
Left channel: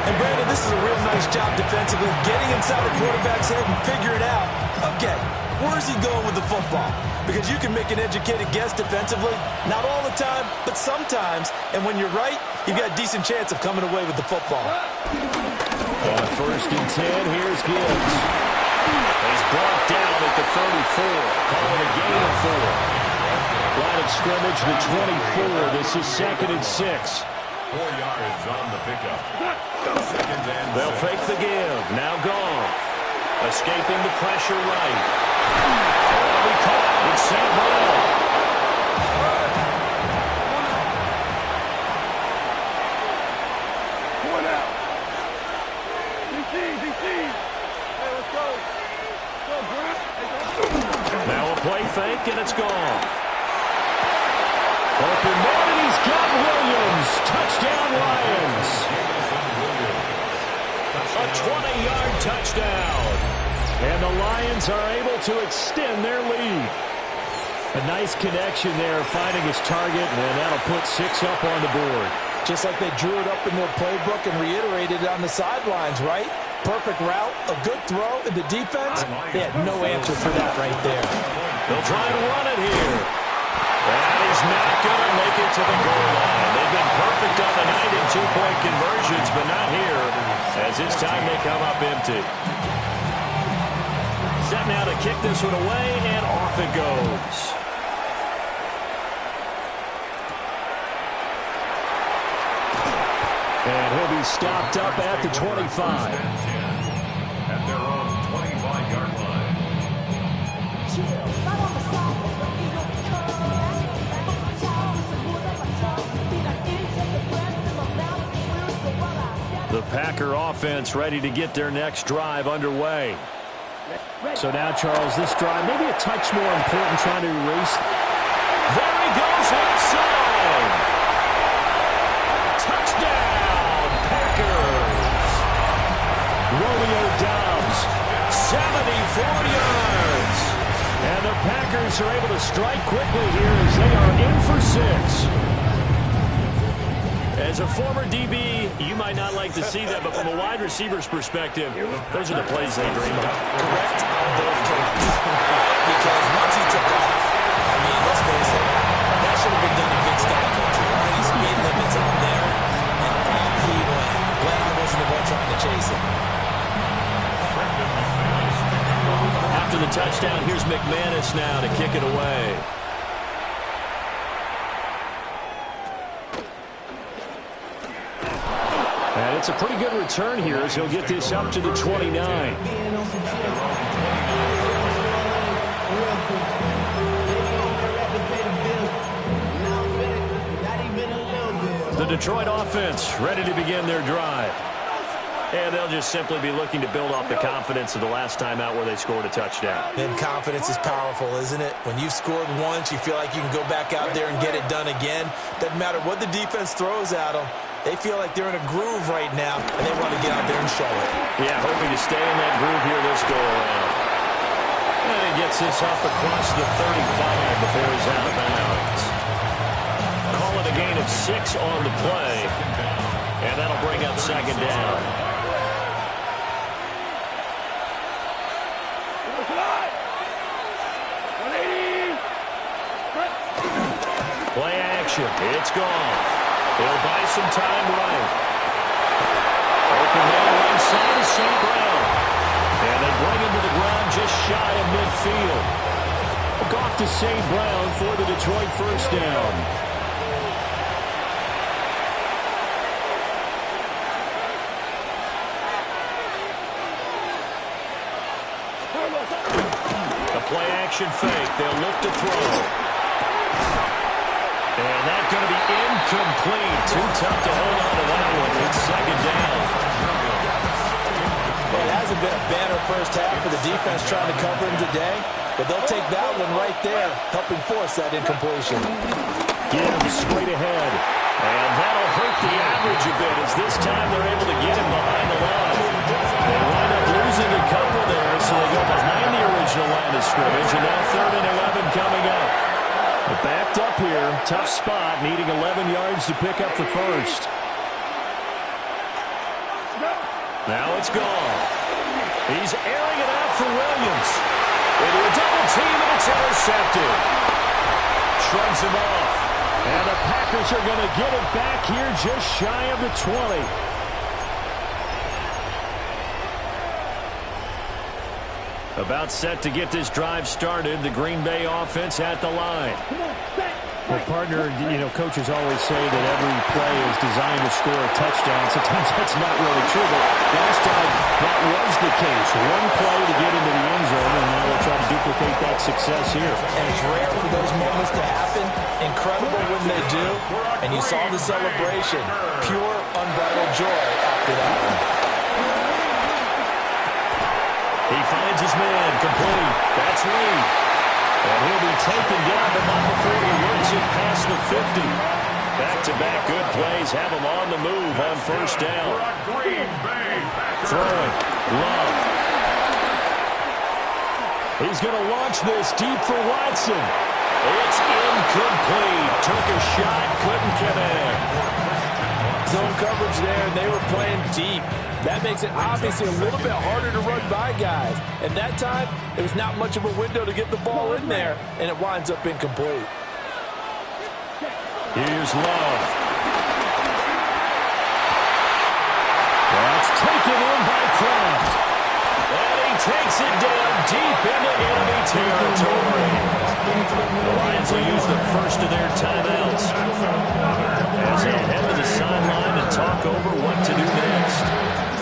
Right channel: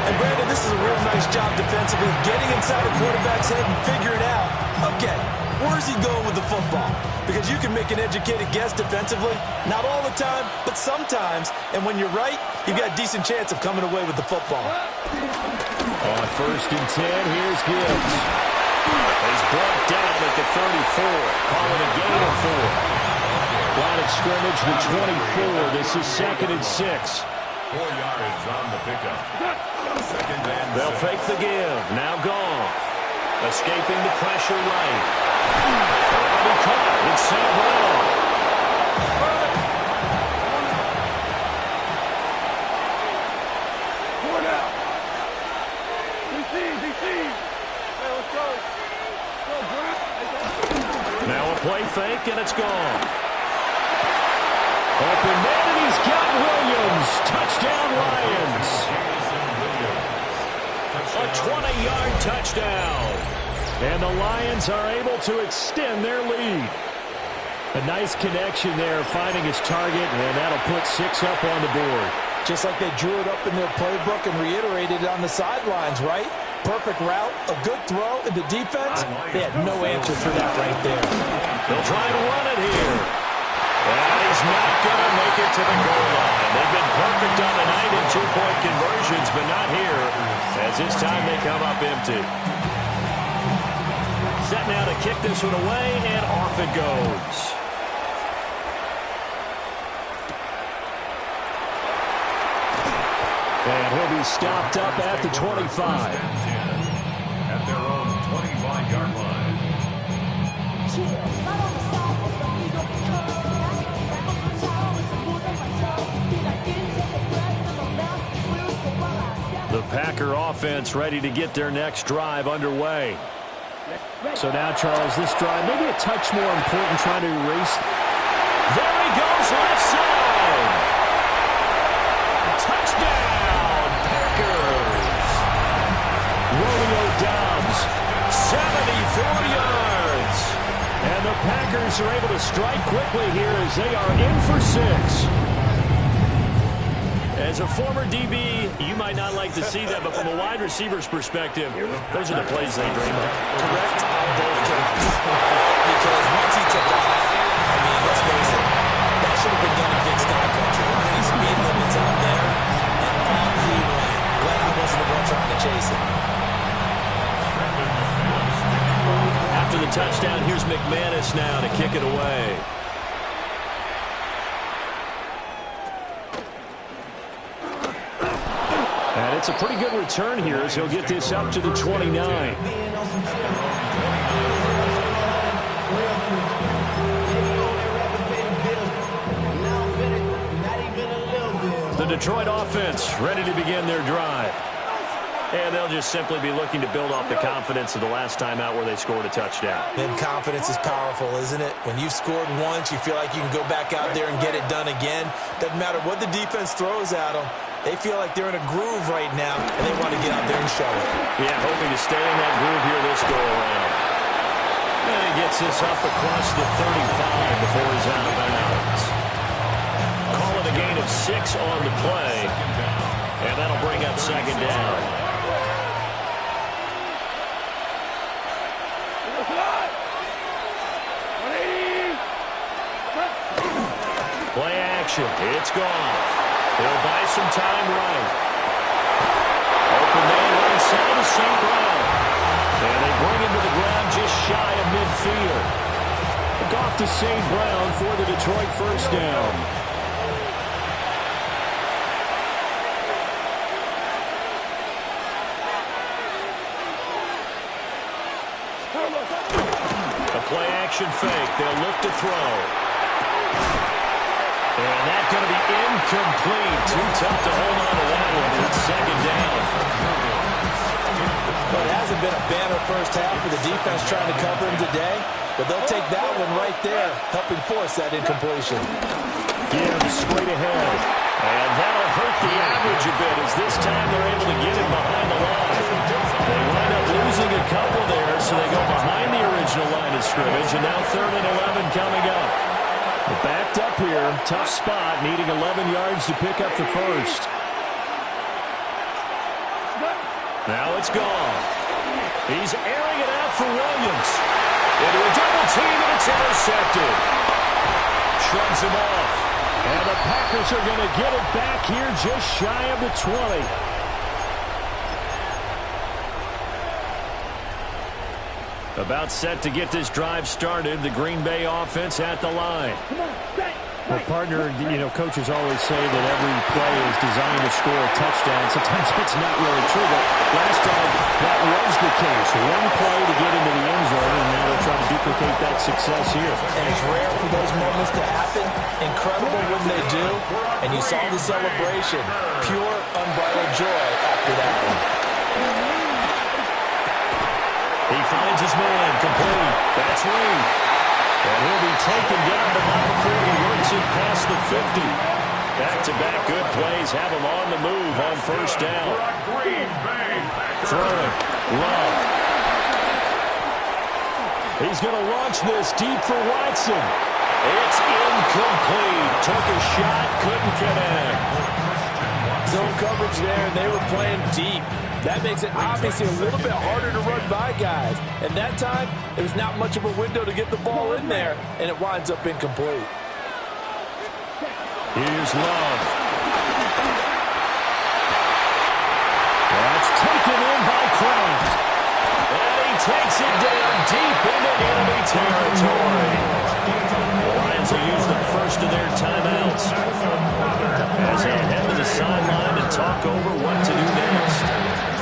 And Brandon, this is a real nice job defensively, getting inside a quarterback's head and figuring out, okay, where's he going with the football? Because you can make an educated guess defensively, not all the time, but sometimes. And when you're right, you've got a decent chance of coming away with the football. On 1st and 10, here's Gibbs. He's brought down at the 34. Call it a gain of 4. Line of scrimmage, the 24. This is 2nd and 6. 4 yards on the pickup. 2nd and They'll 6. fake the give. Now Goff. Escaping the pressure right. That'll be caught. It's St. Brown. Now a play fake, and it's gone. Open man, and he's got Williams. Touchdown, Lions. A 20-yard touchdown. And the Lions are able to extend their lead. A nice connection there, finding his target, and that'll put 6 up on the board. Just like they drew it up in their playbook and reiterated it on the sidelines, right? Perfect route, a good throw, and the defense, they had no answer for that right there. They'll try to run it here. And he's not going to make it to the goal line. They've been perfect on the night in 2-point conversions, but not here, as this time they come up empty. Set now to kick this one away, and off it goes. And he'll be stopped up at the 25. At their own 25-yard line. The Packer offense ready to get their next drive underway. So now, Charles, this drive maybe a touch more important, trying to erase. There he goes, left side. Touchdown, Packers. Romeo Doubs, 74 yards. And the Packers are able to strike quickly here as they are in for 6. As a former DB, you might not like to see that, but from a wide receiver's perspective, those are the plays they dream of. Correct on both counts. Because once he took off, I mean, let's face it, that should have been done in Big Sky Country. Aren't any speed limits out there? And off he went. Glad I wasn't the one trying to chase him. After the touchdown, here's McManus now to kick it away. And it's a pretty good return here as he'll get this up to the 29. The Detroit offense ready to begin their drive. And they'll just simply be looking to build off the confidence of the last time out where they scored a touchdown. And confidence is powerful, isn't it? When you've scored once, you feel like you can go back out there and get it done again. Doesn't matter what the defense throws at them. They feel like they're in a groove right now, and they want to get out there and show it. Yeah, hoping to stay in that groove here this go-around. And he gets this up across the 35 before he's out of bounds. Call it a gain of 6 on the play, and that'll bring up second down. Play action. It's gone. He'll buy some time right. Open man right side of St. Brown. And they bring him to the ground just shy of midfield. Look off to St. Brown for the Detroit first down. A play action fake. They'll look to throw. And that's going to be incomplete. Too tough to hold on to that one. It's second down. Well, it hasn't been a banner first half for the defense trying to cover him today, but they'll take that one right there, helping force that incompletion. Gibbs straight ahead. And that'll hurt the average a bit as this time they're able to get him behind the line. They wind up losing a couple there, so they go behind the original line of scrimmage, and now 3rd and 11 coming up. Backed up here, tough spot, needing 11 yards to pick up the first. Now it's gone. He's airing it out for Williams. Into a double team, and it's intercepted. Shrugs him off. And the Packers are going to get it back here just shy of the 20. About set to get this drive started. The Green Bay offense at the line. Well, partner, you know, coaches always say that every play is designed to score a touchdown. Sometimes that's not really true, but last drive that was the case. One play to get into the end zone, and now they'll try to duplicate that success here. And it's rare for those moments to happen. Incredible when they do. And you saw the celebration. Pure, unbridled joy after that one. He finds his man, complete. That's Reed. And he'll be taken down, but not before he works it past the 50. Back-to-back good plays have him on the move on first down. Throwing. Love. He's going to launch this deep for Watson. It's incomplete. Took a shot, couldn't connect. Zone coverage there, and they were playing deep. That makes it obviously a little bit harder to run by guys. And that time, there was not much of a window to get the ball in there, and it winds up incomplete. Here's Love. That's taken in by Kraft. And he takes it down deep into enemy territory. The Lions will use the first of their timeouts as as they'll head to the sideline and talk over what to do next.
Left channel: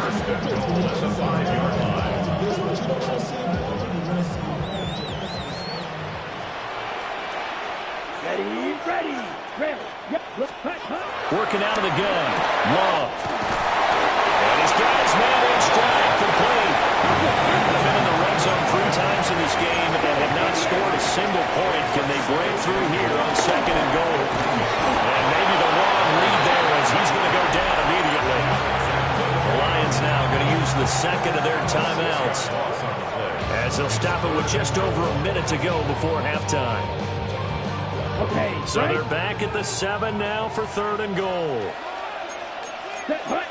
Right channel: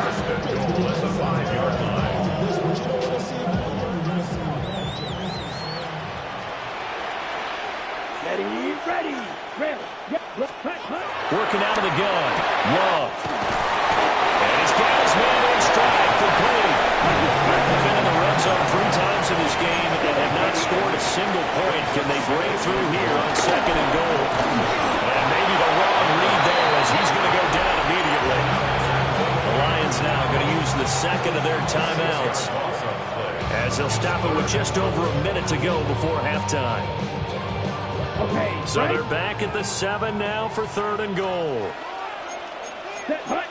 First and goal at the 5-yard line. Ready. Yep. Working out of the gun. Love. And he's got his man in stride. Complete. They've been in the red zone 3 times in this game and have not scored a single point. Can they break through here on 2nd and goal? And maybe the wrong read there as he's going to go down immediately. The Lions now going to use the 2nd of their timeouts as they'll stop it with just over a minute to go before halftime. Okay. So they're back at the 7 now for 3rd and goal. Set, hut.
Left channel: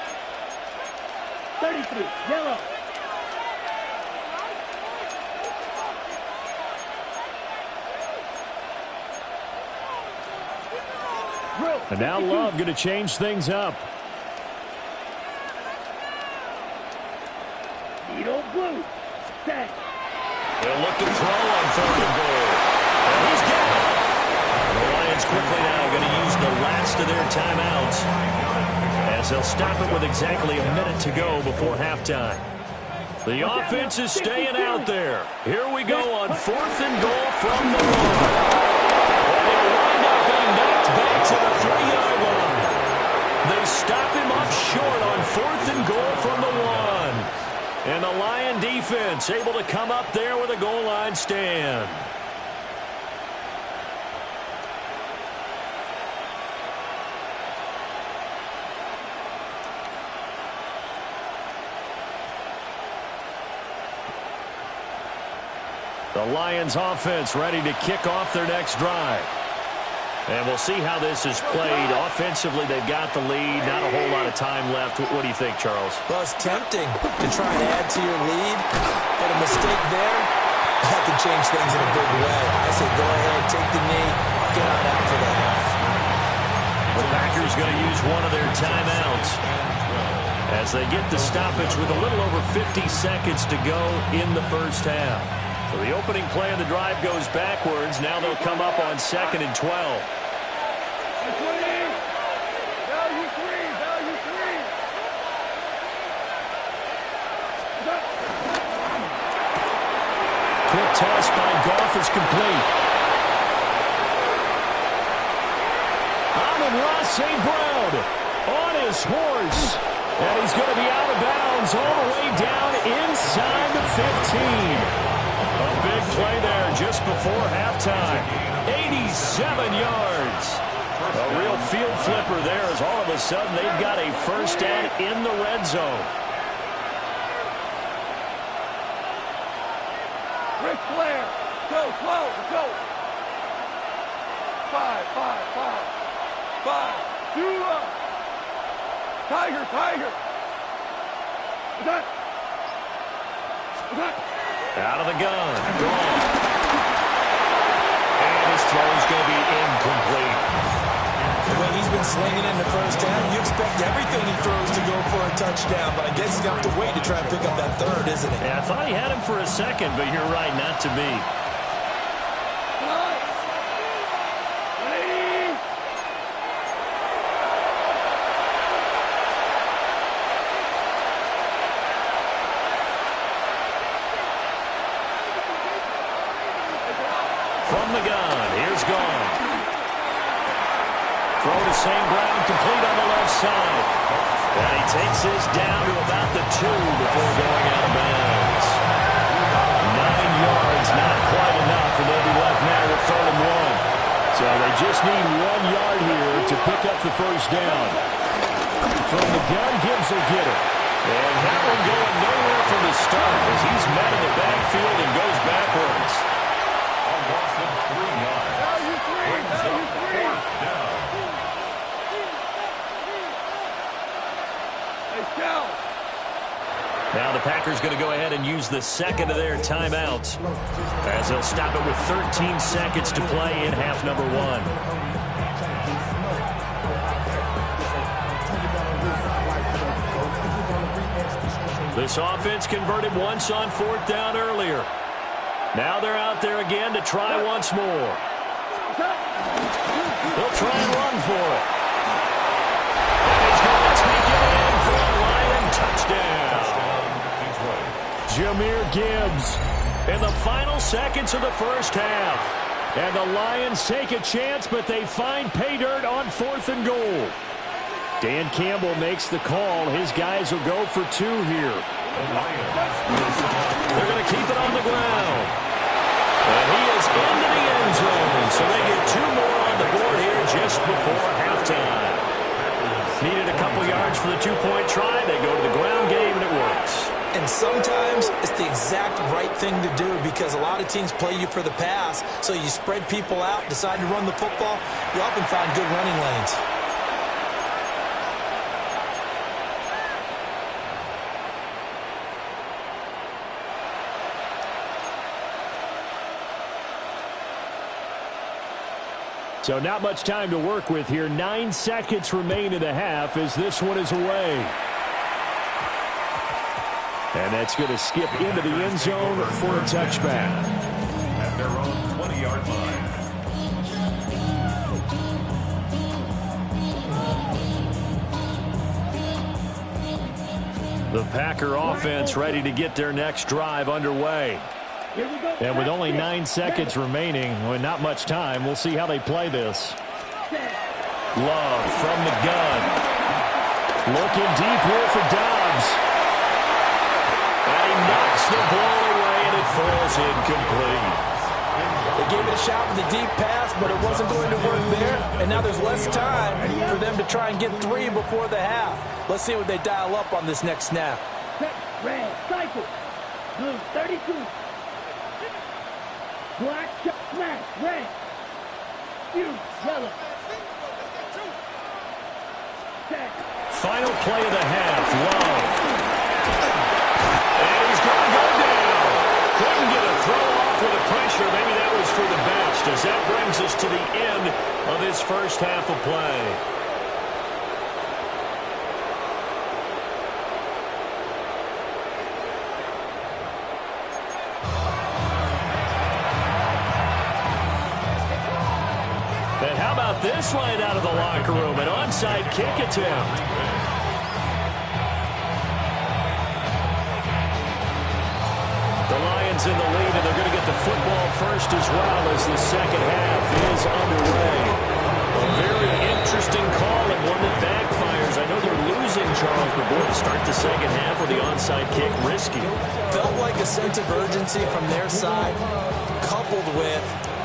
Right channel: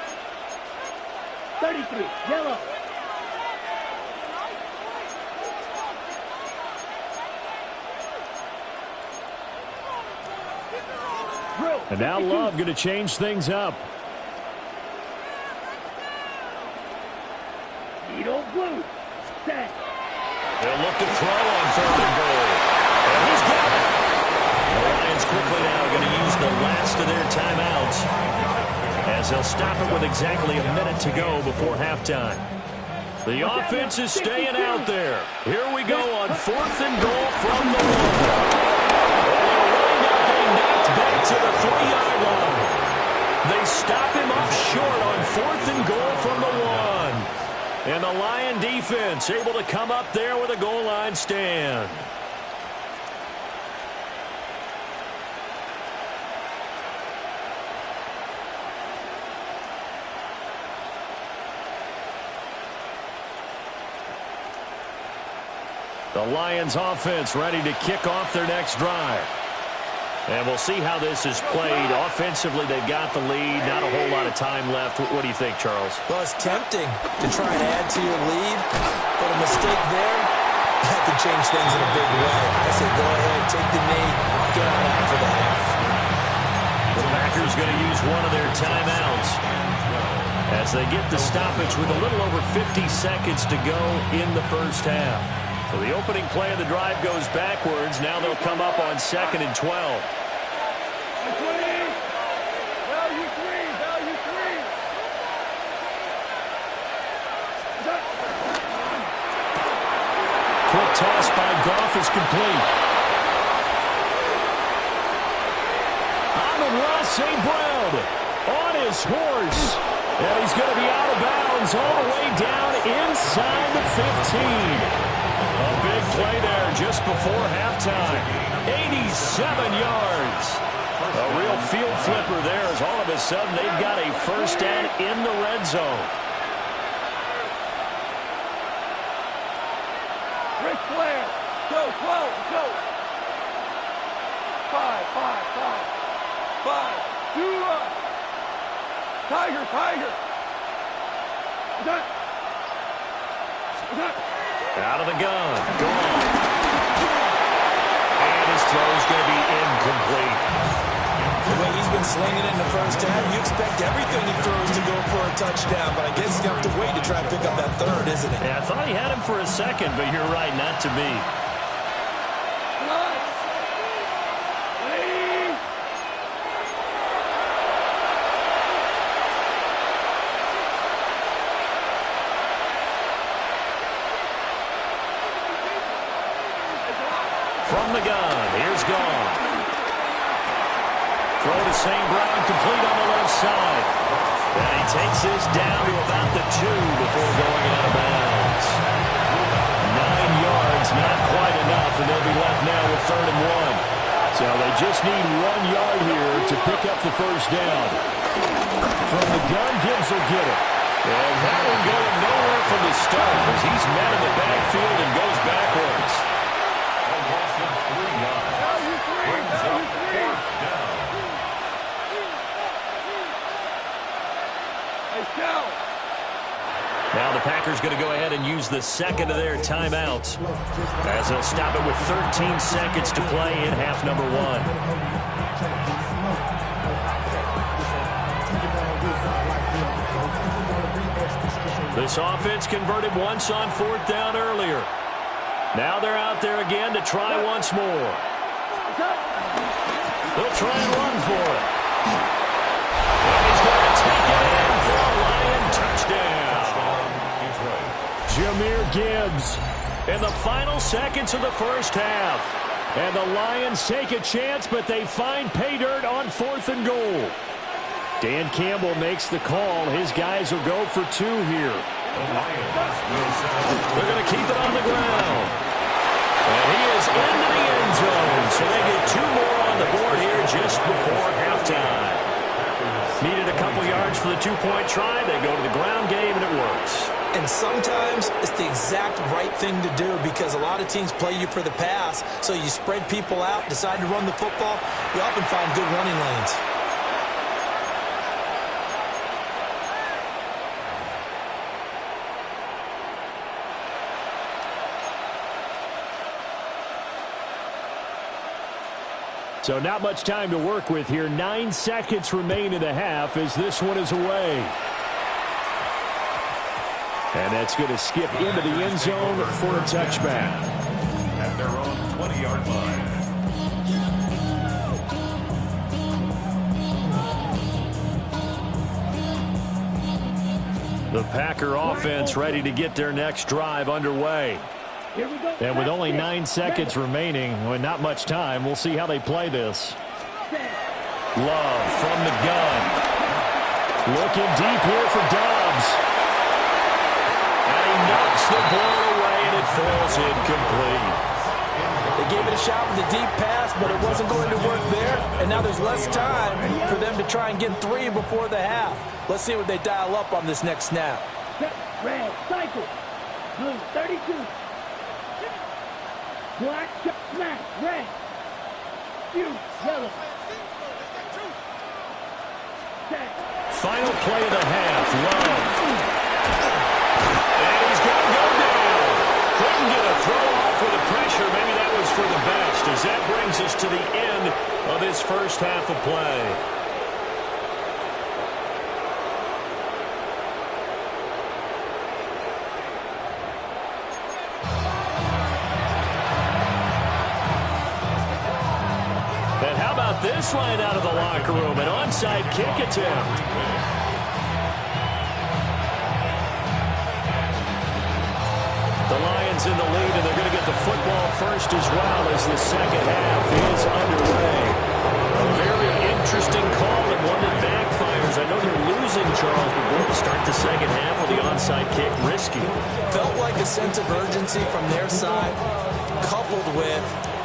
33, yellow. And now Love going to change things up. Needle blue. Set. They'll look to throw on 3rd and goal. And he's got it. The Lions quickly now going to use the last of their timeouts as they'll stop it with exactly a minute to go before halftime. The offense is staying out there. Here we go on 4th and goal from the 1. And they'll wind up being knocked back to the 3-yard line. They stop him up short on 4th and goal from the 1. And the Lion defense able to come up there with a goal line stand. The Lions offense ready to kick off their next drive. And we'll see how this is played. Offensively, they've got the lead. Not a whole lot of time left. What do you think, Charles? Well, it's tempting to try and add to your lead, but a mistake there, that could change things in a big way. I say go ahead, take the knee, get on out for the half. The Packers going to use one of their timeouts as they get the stoppage with a little over 50 seconds to go in the first half. So the opening play of the drive goes backwards. Now they'll come up on 2nd and 12. Value three. Quick toss by Goff is complete. Amon-Ra St. Brown on his horse. And he's going to be out of bounds all the way down inside the 15. A big play there just before halftime. 87 yards. A real field flipper there as all of a sudden they've got a first down in the red zone. Ric Flair. Go, 12, go. 5. 2 up. Tiger. Done. Out of the gun. Gone. And his throw's going to be incomplete. The way he's been slinging it in the first half, you expect everything he throws to go for a touchdown, but I guess he's going to have to wait to try and pick up that 3rd, isn't he? Yeah, I thought he had him for a second, but you're right, not to be. From the gun, here's Goff. Throw to St. Brown, complete on the left side. And he takes this down to about the 2 before going out of bounds. 9 yards, not quite enough, and they'll be left now with 3rd and 1. So they just need 1 yard here to pick up the first down. From the gun, Gibbs will get it. And that one going nowhere from the start as he's met in the backfield and goes backwards. A loss of 3 yards. Brings up 4th down. Now the Packers going to go ahead and use the 2nd of their timeouts as they'll stop it with 13 seconds to play in half number 1. This offense converted once on 4th down earlier. Now they're out there again to try once more. They'll try and run for it. Jahmyr Gibbs in the final seconds of the first half. And the Lions take a chance, but they find pay dirt on 4th and goal. Dan Campbell makes the call. His guys will go for 2 here. They're going to keep it on the ground. And he is into the end zone, so they get 2 more on the board here just before halftime. Needed a couple yards for the 2-point try. They go to the ground game, and it works. And sometimes it's the exact right thing to do because a lot of teams play you for the pass, so you spread people out, decide to run the football. You often find good running lanes. So not much time to work with here. 9 seconds remain in the half as this one is away. And that's going to skip into the end zone for a touchback. At their own 20-yard line. The Packer offense ready to get their next drive underway. And with only 9 seconds remaining, well, not much time, we'll see how they play this. Love from the gun. Looking deep here for Dobbs. And he knocks the ball away, and it falls incomplete. They gave it a shot with a deep pass, but it wasn't going to work there. And now there's less time for them to try and get 3 before the half. Let's see what they dial up on this next snap. Red, cycle. Blue, 32. Black, smash, red. Yellow. Final play of the half, Love. And he's going to go down. Couldn't get a throw off with the pressure. Maybe that was for the best, as that brings us to the end of this first half of play. And how about this line out of the locker room? An onside kick attempt. The Lions in the lead, and they're going to get the football first as well as the second half is underway. A very interesting call and one that backfires. I know they're losing, Charles, but boy, to start the second half with the onside kick, risky. Felt like a sense of urgency from their side, coupled with,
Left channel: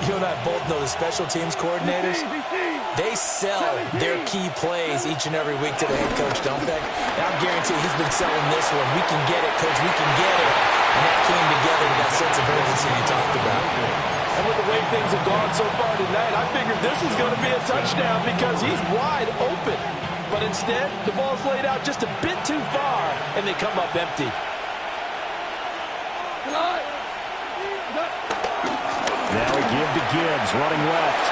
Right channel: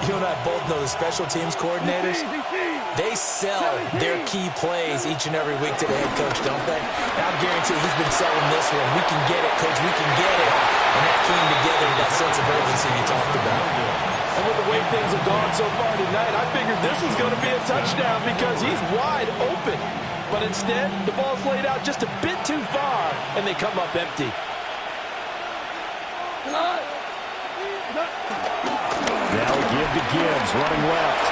you and I both know the special teams coordinators, they sell their key plays each and every week to the head coach, don't they? And I'll guarantee he's been selling this one. We can get it, coach, we can get it. And that came together with that sense of urgency you talked about. And with the way things have gone so far tonight, I figured this was going to be a touchdown because he's wide open. But instead, the ball's laid out just a bit too far, and they come up empty. Now we give to Gibbs, running left.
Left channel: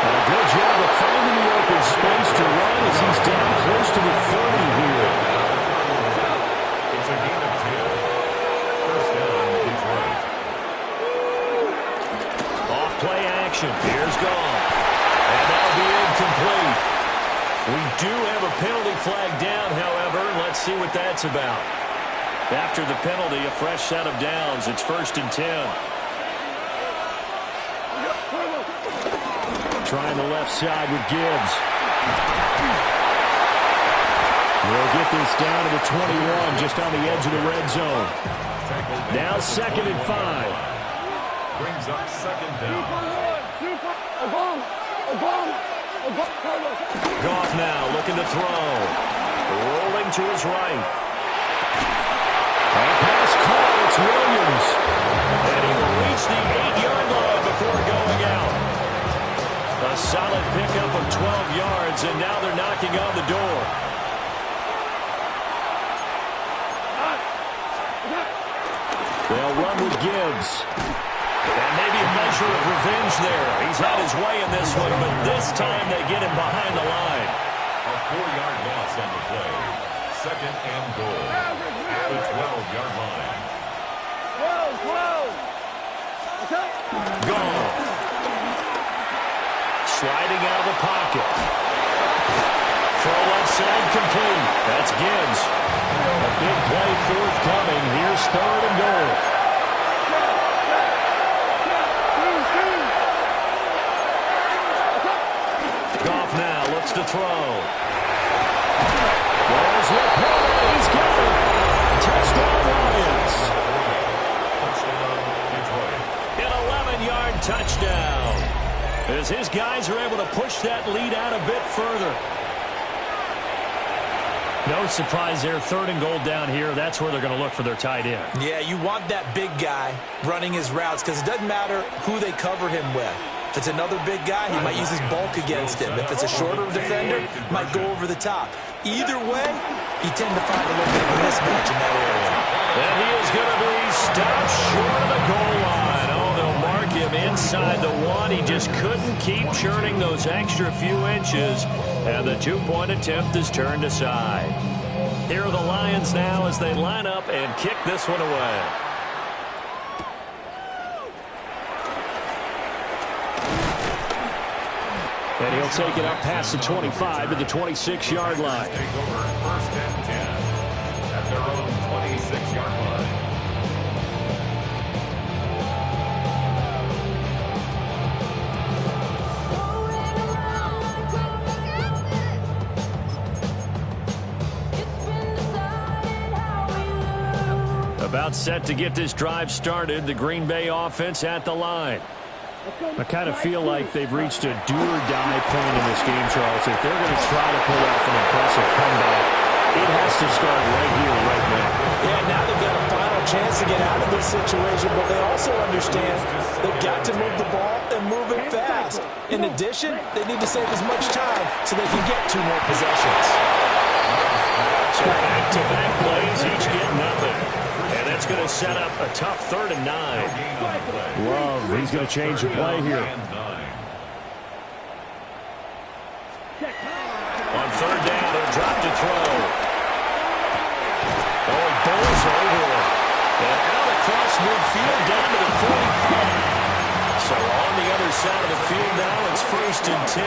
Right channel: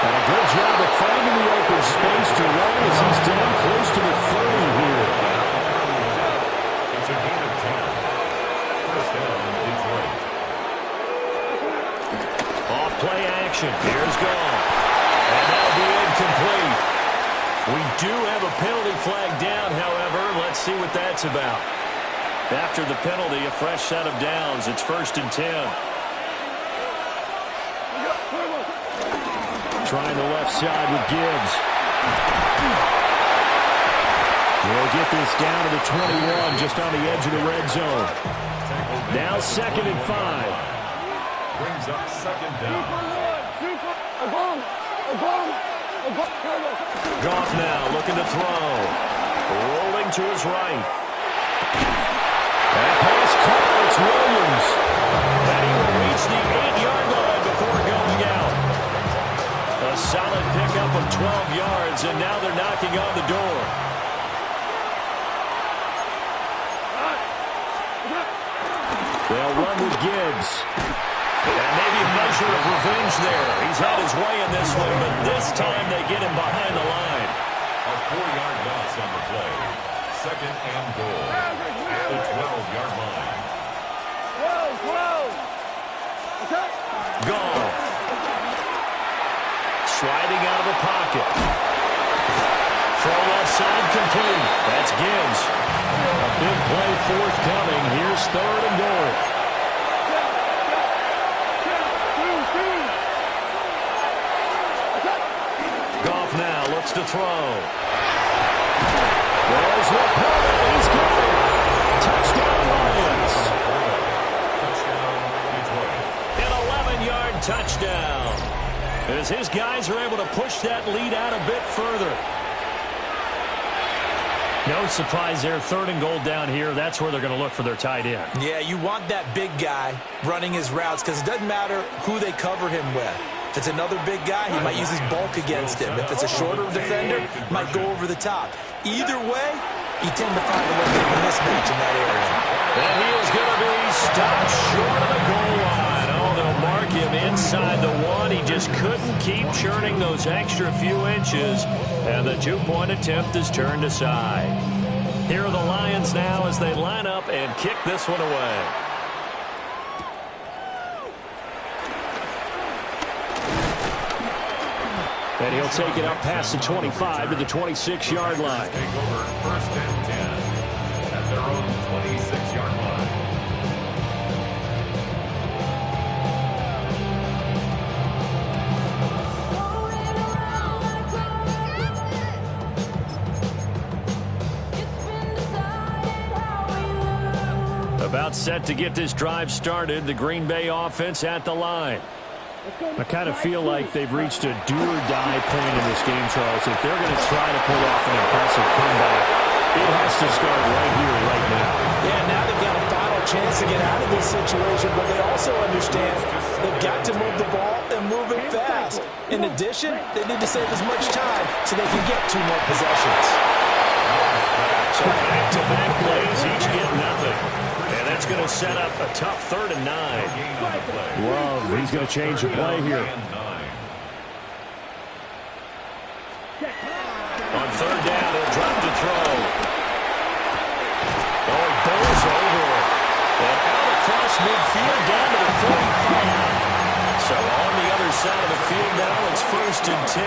And a good job of finding the open space to run as he's down close to the 30 here. It's a gain of 10. First down, Detroit. Off play action. Here's Goff. And that'll be incomplete. We do have a penalty flag down, however. Let's see what that's about. After the penalty, a fresh set of downs. It's 1st and 10. Trying the left side with Gibbs. We'll get this down to the 21, just on the edge of the red zone. Now 2nd and 5. Brings up 2nd down. Goff now looking to throw. Rolling to his right. That pass caught. It's Williams. And he will reach the 8-yard line before going out. A solid pickup of 12 yards, and now they're knocking on the door. They'll run with Gibbs. And maybe a measure of revenge there. He's had his way in this one, but this time they get him behind the line. A 4-yard loss on the play. 2nd and goal at the 12-yard line. Goff. Sliding out of the pocket. Throw left side complete. That's Gibbs. A big play forthcoming. Here's 3rd and goal. Goff now looks to throw. There's Laporta. He's got it. Touchdown, Lions. Touchdown, Detroit. An 11-yard touchdown. As his guys are able to push that lead out a bit further. No surprise there. 3rd and goal down here. That's where they're going to look for their tight end. Yeah, you want that big guy running his routes because it doesn't matter who they cover him with. If it's another big guy, he might use his bulk against him. If it's a shorter defender, might go over the top. Either way, you tend to find a little bit of a mismatch in that area. And he is going to be stopped short of the goal line. Oh, they'll mark him inside the 1. He just couldn't keep churning those extra few inches. And the 2-point attempt is turned aside. Here are the Lions now as they line up and kick this one away. And he'll take it up past the 25 to the 26-yard line. Take over 1st and 10 at their own 26-yard line. About set to get this drive started. The Green Bay offense at the line. I kind of feel like they've reached a do-or-die point in this game, Charles. If they're going to try to pull off an impressive comeback, it has to start right here, right now. Yeah, now they've got a final chance to get out of this situation, but they also understand they've got to move the ball and move it fast. In addition, they need to save as much time so they can get 2 more possessions. So back-to-back plays, each get nothing. And that's going to set up a tough 3rd and 9. Love, he's going to change the play here. On 3rd down, he'll drop to throw. Oh, he bowls over it. And out across midfield down to the 45. So on the other side of the field now, it's 1st and 10.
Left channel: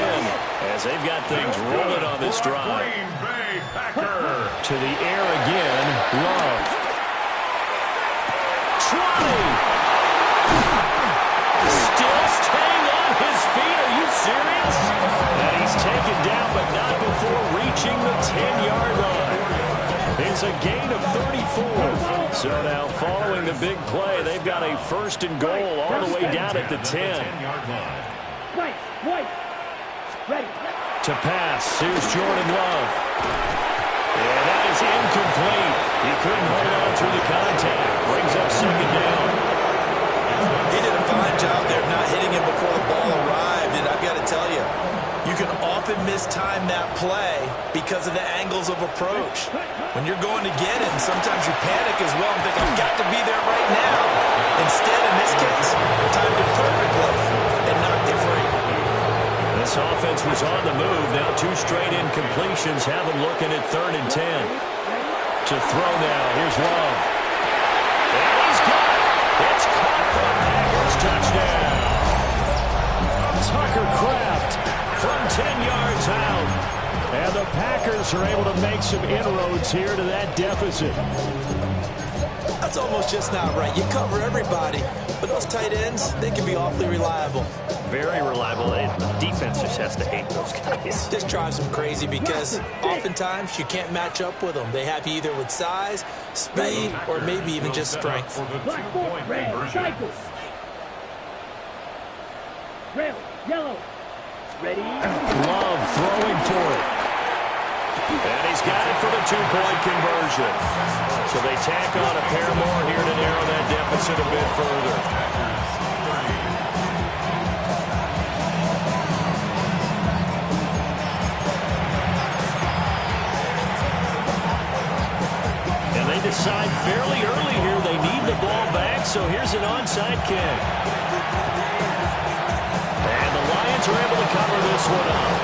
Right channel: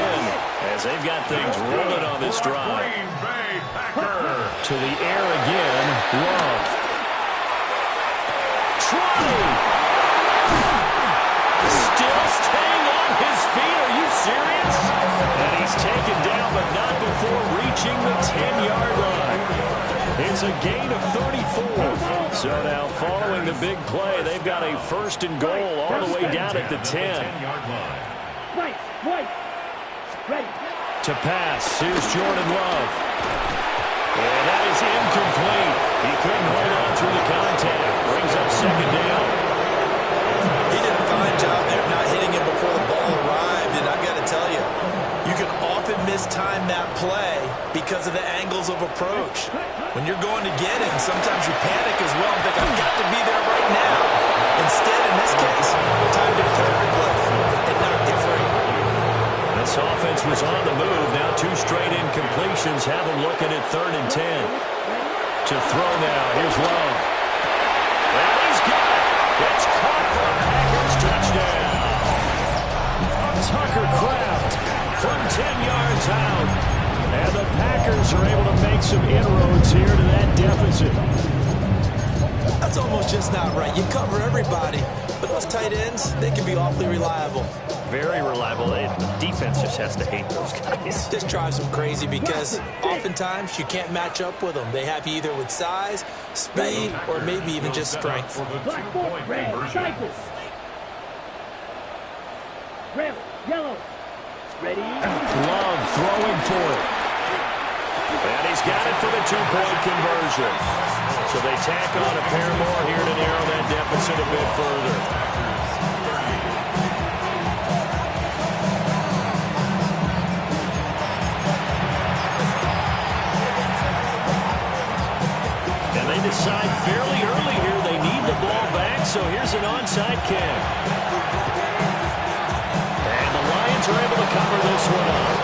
As they've got things rolling on this drive. Green Bay Packer. To the air again, Love. Trotty! Still staying on his feet. Are you serious? And he's taken down, but not before reaching the 10-yard line. It's a gain of 34. So now, following the big play, they've got a 1st and goal all the way down at the 10. White. Ready. To pass, here's Jordan Love. And that is incomplete. He couldn't hold on through the contact. Brings up 2nd down. He did a fine job there of not hitting him before the ball arrived, and I've got to tell you, you can often mistime that play because of the angles of approach. When you're going to get it, and sometimes you panic as well and think, I've got to be there right now. Instead, in this case, timed it perfectly and knocked it free. This offense was on the move. Now 2 straight incompletions have them looking at 3rd and 10. To throw now. Here's Love. And he's got it. It's caught for a Packers touchdown. Tucker Kraft from 10 yards out. And the Packers are able to make some inroads here to that deficit. That's almost just not right. You cover everybody, but those tight ends, they can be awfully reliable. Very reliable. The defense just has to hate those guys. Just drives them crazy because oftentimes you can't match up with them. They have you either with size, speed, or maybe even just strength. Black ball, red, cycle. Red, yellow. Ready. Love throwing for it. And he's got it for the 2-point conversion. So they tack on a pair more here to narrow that deficit a bit further. And they decide fairly early here they need the ball back, so here's an onside kick. And the Lions are able to cover this one up.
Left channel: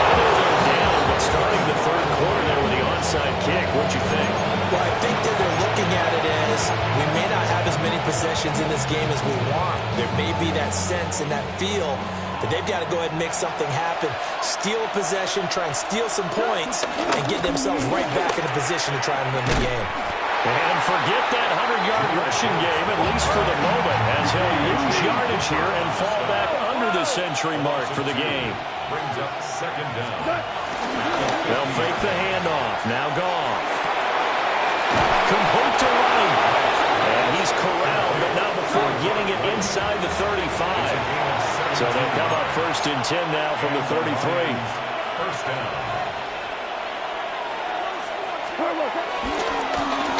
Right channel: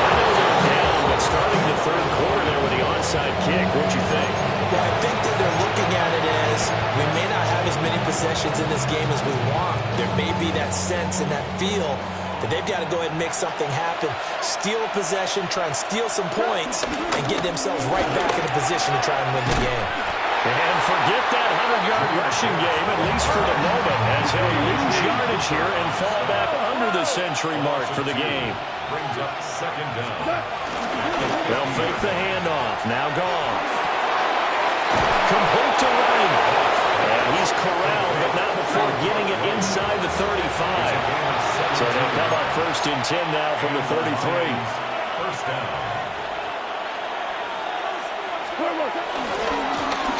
I know they're down, but starting the 3rd quarter there with the onside kick, what'd you think? Well, I think that they're looking at it as we may not have as many possessions in this game as we want. There may be that sense and that feel that they've got to go ahead and make something happen, steal a possession, try and steal some points, and get themselves right back in a position to try and win the game. And forget that 100-yard rushing game, at least for the moment, as he'll lose yardage here and fall back under the century mark for the game. Brings up second down. They'll fake the handoff. Now Goff. Complete to right. And he's corralled, but not before getting it inside the 35. So they'll come up 1st and 10 now from the 33. First down.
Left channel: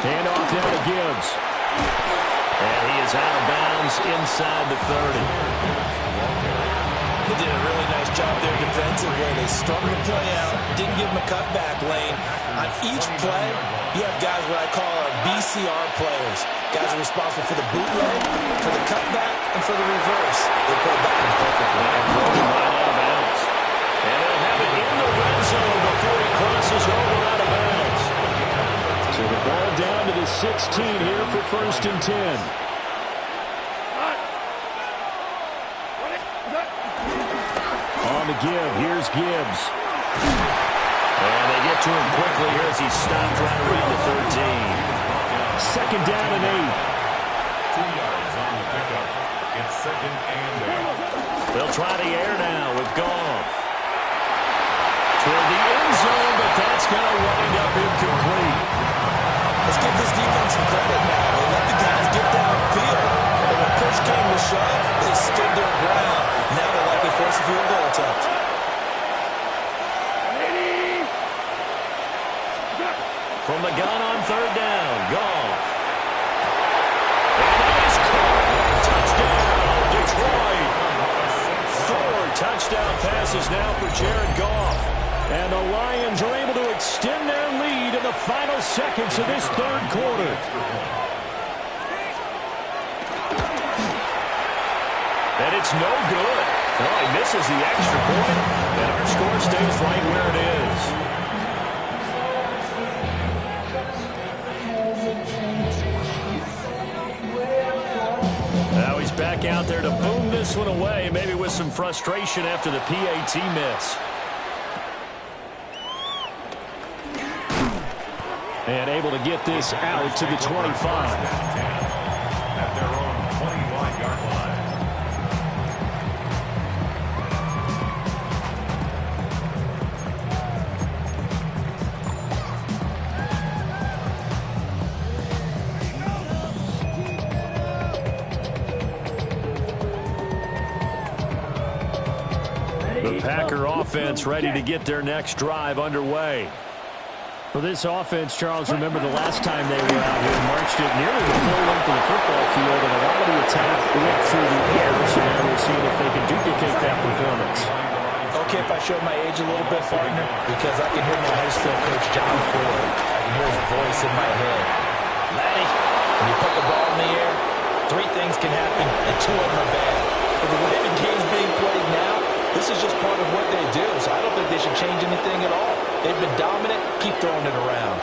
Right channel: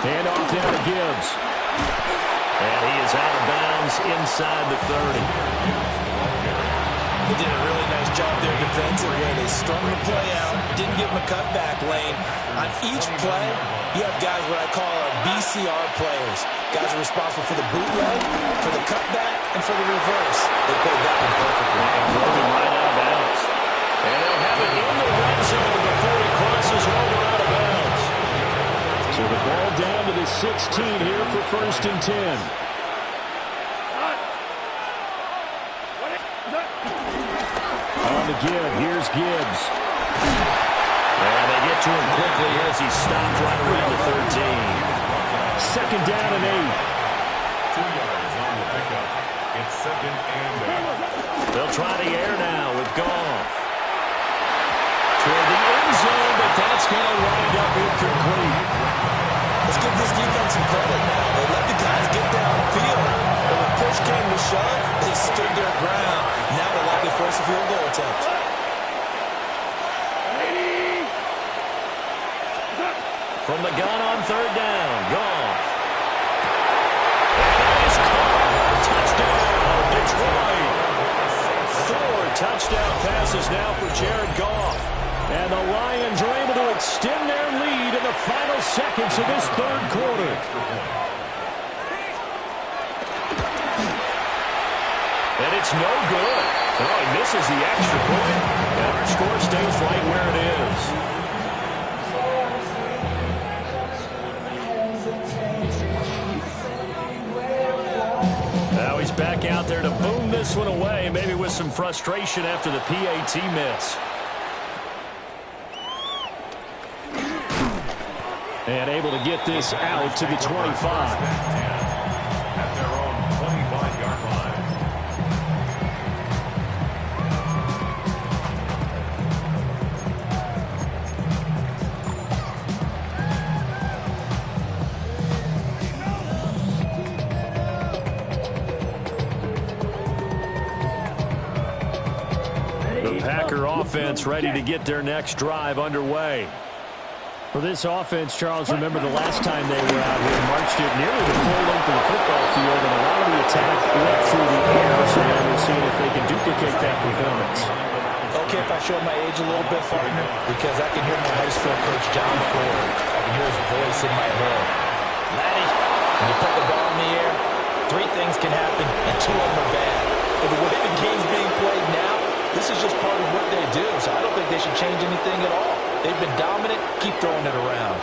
Handoff down to Gibbs. And he is out of bounds inside the 30. They did a really nice job there defensively. They strung the play out, didn't give him a cutback lane. On each play, you have guys what I call our BCR players. Guys are responsible for the bootleg, for the cutback, and for the reverse. They played that one perfectly. And throw him right out of bounds. And they'll have it in the red zone before he crosses over out of bounds. So the ball down to the 16 here for 1st and 10. On the give, here's Gibbs. And they get to him quickly here as he's stopped right around the 13. Second down and 8. 2 yards on the pickup. It's second and 8. They'll try the air now with Goff. Toward the end zone, but that's going to wind up incomplete. Let's give this defense some credit now. They let the guys get downfield. But when push came to shove, they stood their ground. Now they're likely force a field goal attempt. From the gun on 3rd down, Goff. And that is caught. Touchdown, Detroit. 4 touchdown passes now for Jared Goff. And the Lions are able to extend their lead in the final seconds of this 3rd quarter. And it's no good. Oh, he misses the extra point, and our score stays right where it is. Now he's back out there to boom this one away, maybe with some frustration after the PAT miss. And able to get this out to the 25. At their own 25-yard line. The Packer offense ready to get their next drive underway. For this offense, Charles, remember the last time they were out here, marched it nearly the full length of the football field, and a lot of the attack went through the air, so now we're seeing if they can duplicate that performance. Okay, if I show my age a little bit, partner, because I can hear my high school coach, John Ford. I can hear his voice in my head. Laddie, when you put the ball in the air, 3 things can happen, and 2 of them are bad. For the way the game's being played now, this is just part of what they do, so I don't think they should change anything at all. They've been dominant. Keep throwing it around.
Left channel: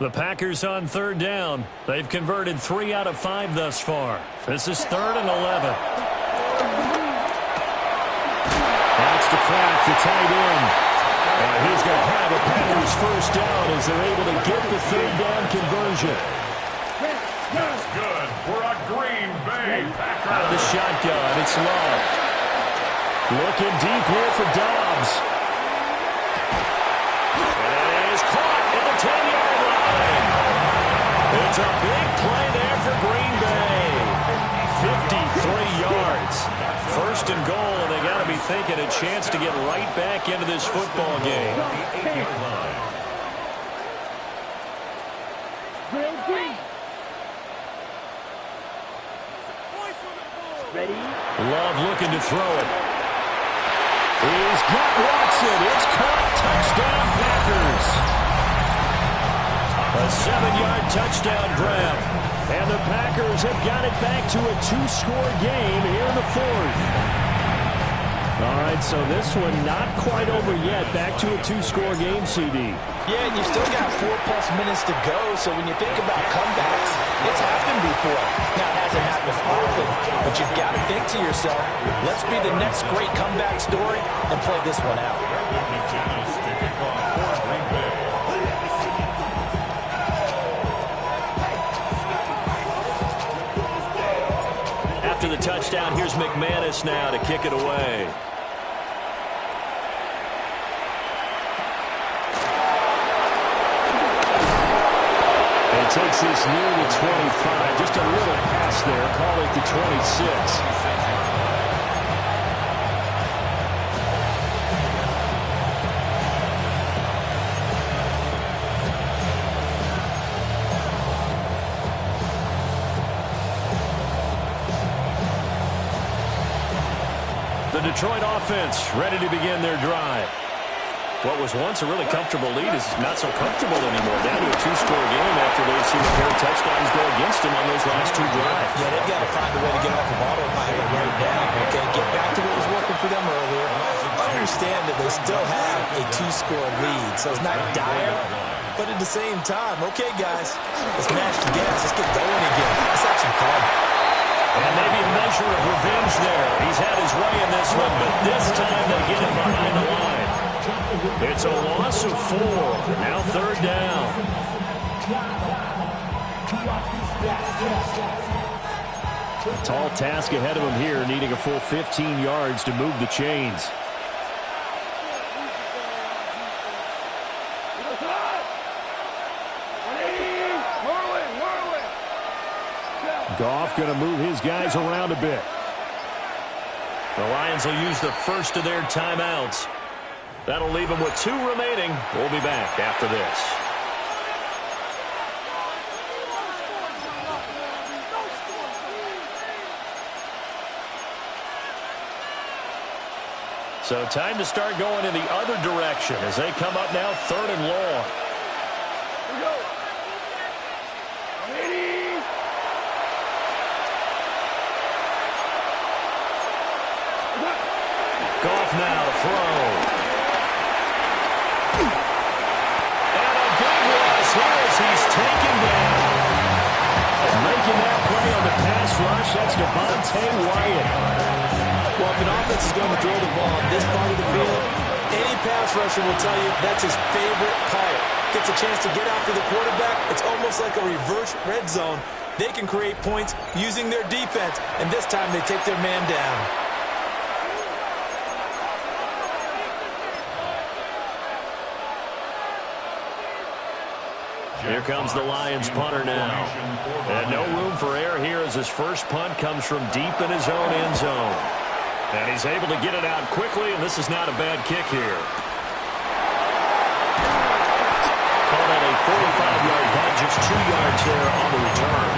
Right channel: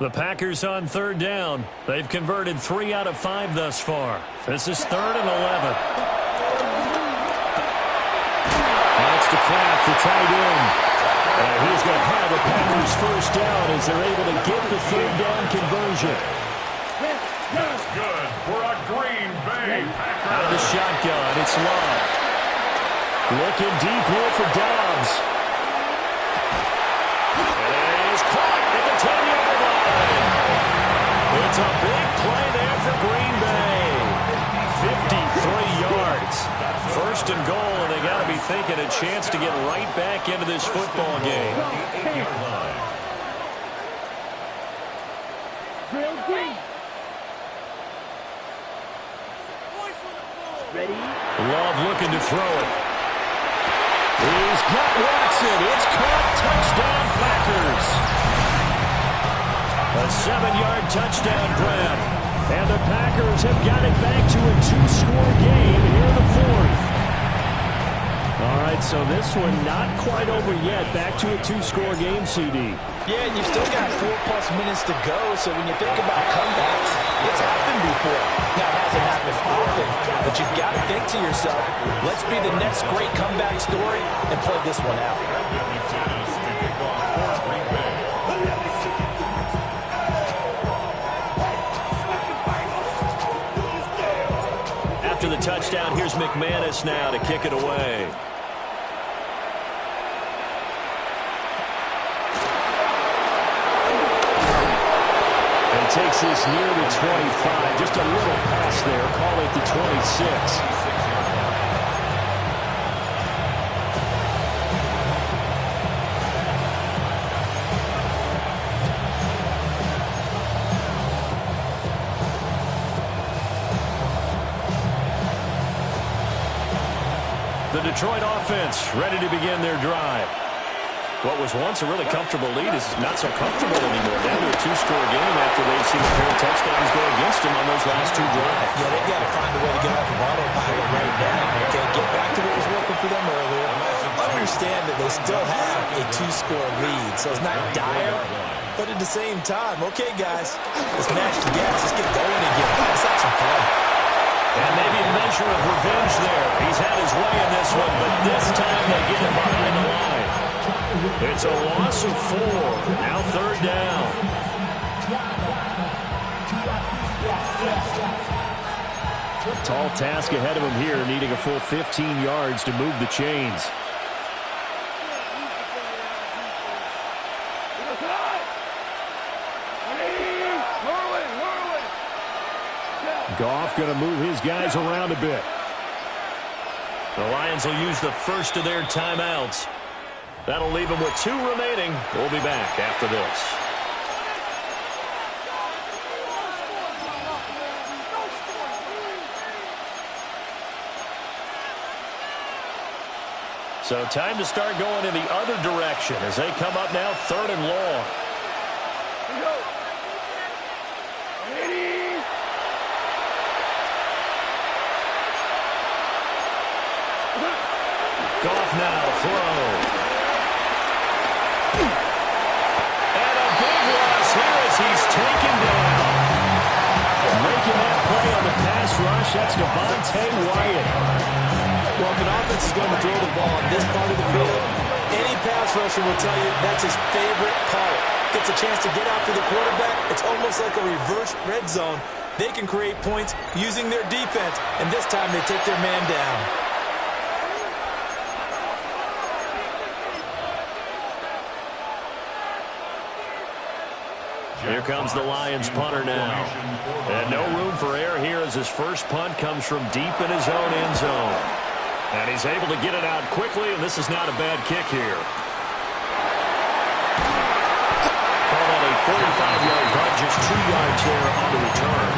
The Packers on 3rd down. They've converted 3 out of 5 thus far. This is 3rd and 11. That's to Kraft, the tight end. And he's going to have a Packers first down as they're able to get the 3rd down conversion. That's good for a Green Bay Packer. Out of the shotgun, it's Love. Looking deep here for Dobbs. And it is caught at the 10-yard line. It's a big play there for Green Bay. 53 yards. 1st and goal, and they got to be thinking a chance to get right back into this football game. Ready? Love looking to throw it. He's got Watson. It's caught. Touchdown, Packers. A 7-yard touchdown grab. And the Packers have got it back to a 2-score game here in the 4th. All right, so this one not quite over yet. Back to a 2-score game, CD. Yeah, and you've still got 4+ minutes to go, so when you think about comebacks, it's happened before. Now, it hasn't happened often, but you've got to think to yourself, let's be the next great comeback story and play this one out. After the touchdown, here's McManus now to kick it away. And he takes this near the 25. Just a little pass there. Call it the 26. The Detroit offense ready to begin their drive. What was once a really comfortable lead is not so comfortable anymore. Down to a 2-score game after they've seen a pair of touchdowns go against them on those last 2 drives. Yeah, they've got to find a way to get off of autopilot right now. Okay, get back to what was working for them earlier. Understand that they still have a 2-score lead, so it's not dire, but at the same time, okay, guys, let's mash the gas. Let's get going again. Let's have some fun. And maybe a measure of revenge there. He's had his way in this one, but this time they get him behind the line. It's a loss of 4. Now 3rd down. Tall task ahead of him here, needing a full 15 yards to move the chains. Goff going to move his guys around a bit. The Lions will use the first of their timeouts. That'll leave them with 2 remaining. We'll be back after this. So time to start going in the other direction as they come up now 3rd and long. Here we go. 180. Goff now to throw. And a big loss here as he's taken down. Making that play on the pass rush, that's Devontae Wyatt. Well, if an offense is going to throw the ball on this part of the field, any pass rusher will tell you that's his favorite part. Gets a chance to get after the quarterback. It's almost like a reverse red zone. They can create points using their defense, and this time they take their man down. Here comes the Lions punter now. And no room for error here as his first punt comes from deep in his own end zone. And he's able to get it out quickly, and this is not a bad kick here. Call that a 45-yard punt, just 2 yards there on the return.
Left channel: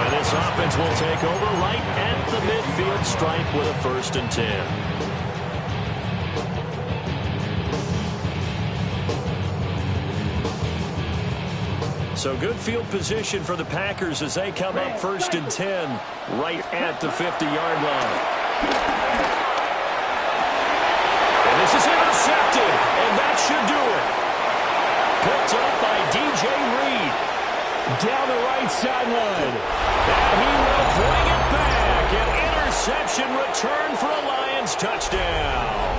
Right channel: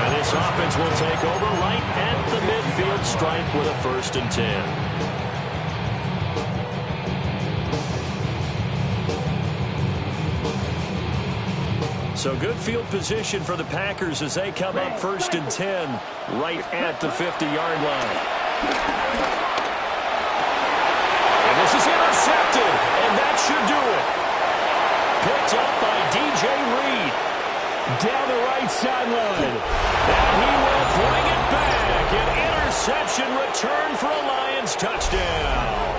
And this offense will take over right at the midfield stripe with a 1st and 10. So good field position for the Packers as they come up 1st and 10 right at the 50-yard line. And this is intercepted, and that should do it. Picked up by DJ Reed down the right sideline. And he will bring it back. An interception return for a Lions touchdown.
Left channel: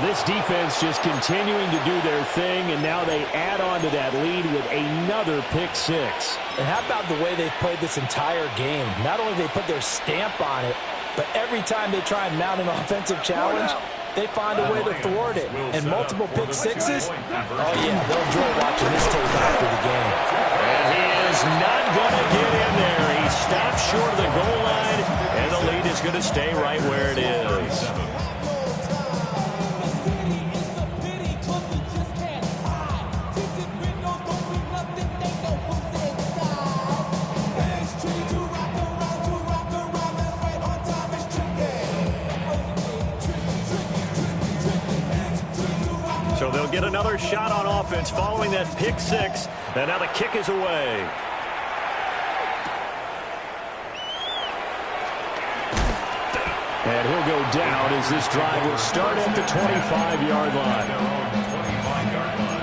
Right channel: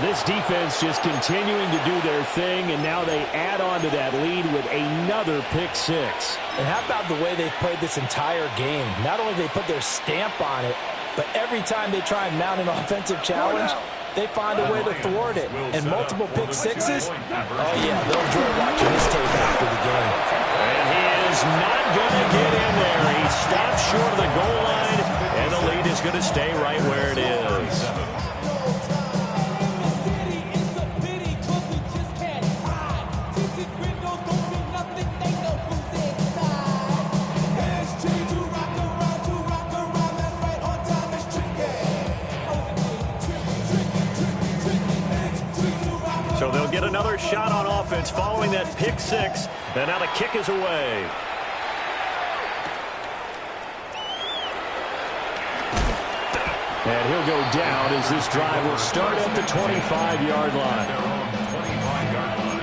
This defense just continuing to do their thing, and now they add on to that lead with another pick 6. And how about the way they've played this entire game? Not only do they put their stamp on it, but every time they try and mount an offensive challenge, they find a way to thwart it. And multiple pick 6s, oh yeah, they'll enjoy watching this tape after the game. And he is not going to get in there. He stops short of the goal line, and the lead is going to stay right where it is. So they'll get another shot on offense following that pick 6. And now the kick is away. And he'll go down as this drive will start at the 25-yard line. Their own 25-yard line.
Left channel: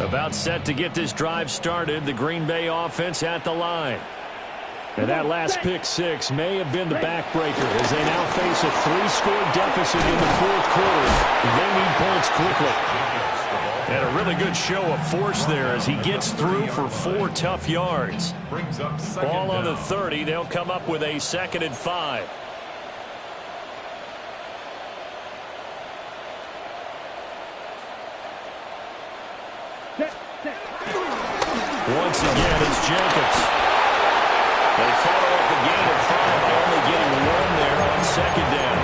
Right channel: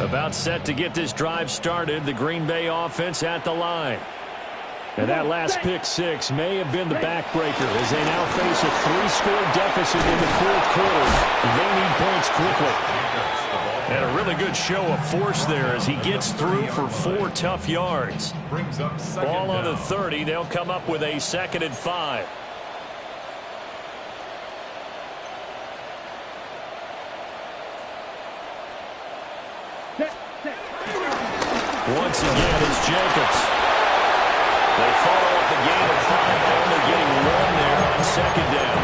About set to get this drive started, the Green Bay offense at the line. And that last pick six may have been the backbreaker as they now face a 3-score deficit in the fourth quarter. They need points quickly. And a really good show of force there as he gets through for 4 tough yards. Ball on the 30. They'll come up with a 2nd and 5. Once again, it's Jacobs. They follow up the gain of 5 by only getting 1 there on 2nd down.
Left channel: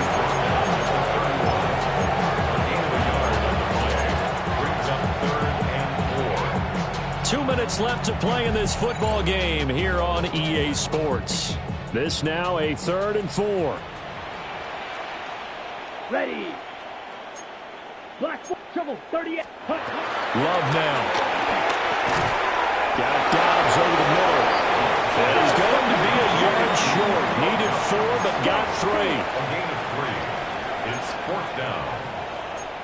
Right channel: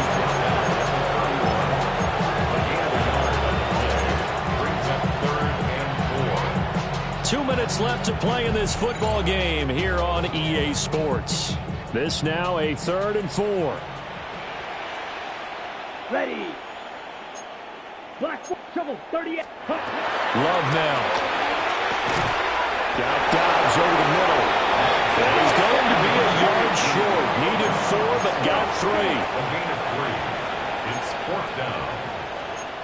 A gain of a yard on the play. Brings up 3rd and 4. 2 minutes left to play in this football game here on EA Sports. This now a 3rd and 4. Ready. Black shovel 38. Love now. Got Dobbs over the middle. And he's going to be a yard short. Needed 4, but got 3. A gain of 3. It's 4th down.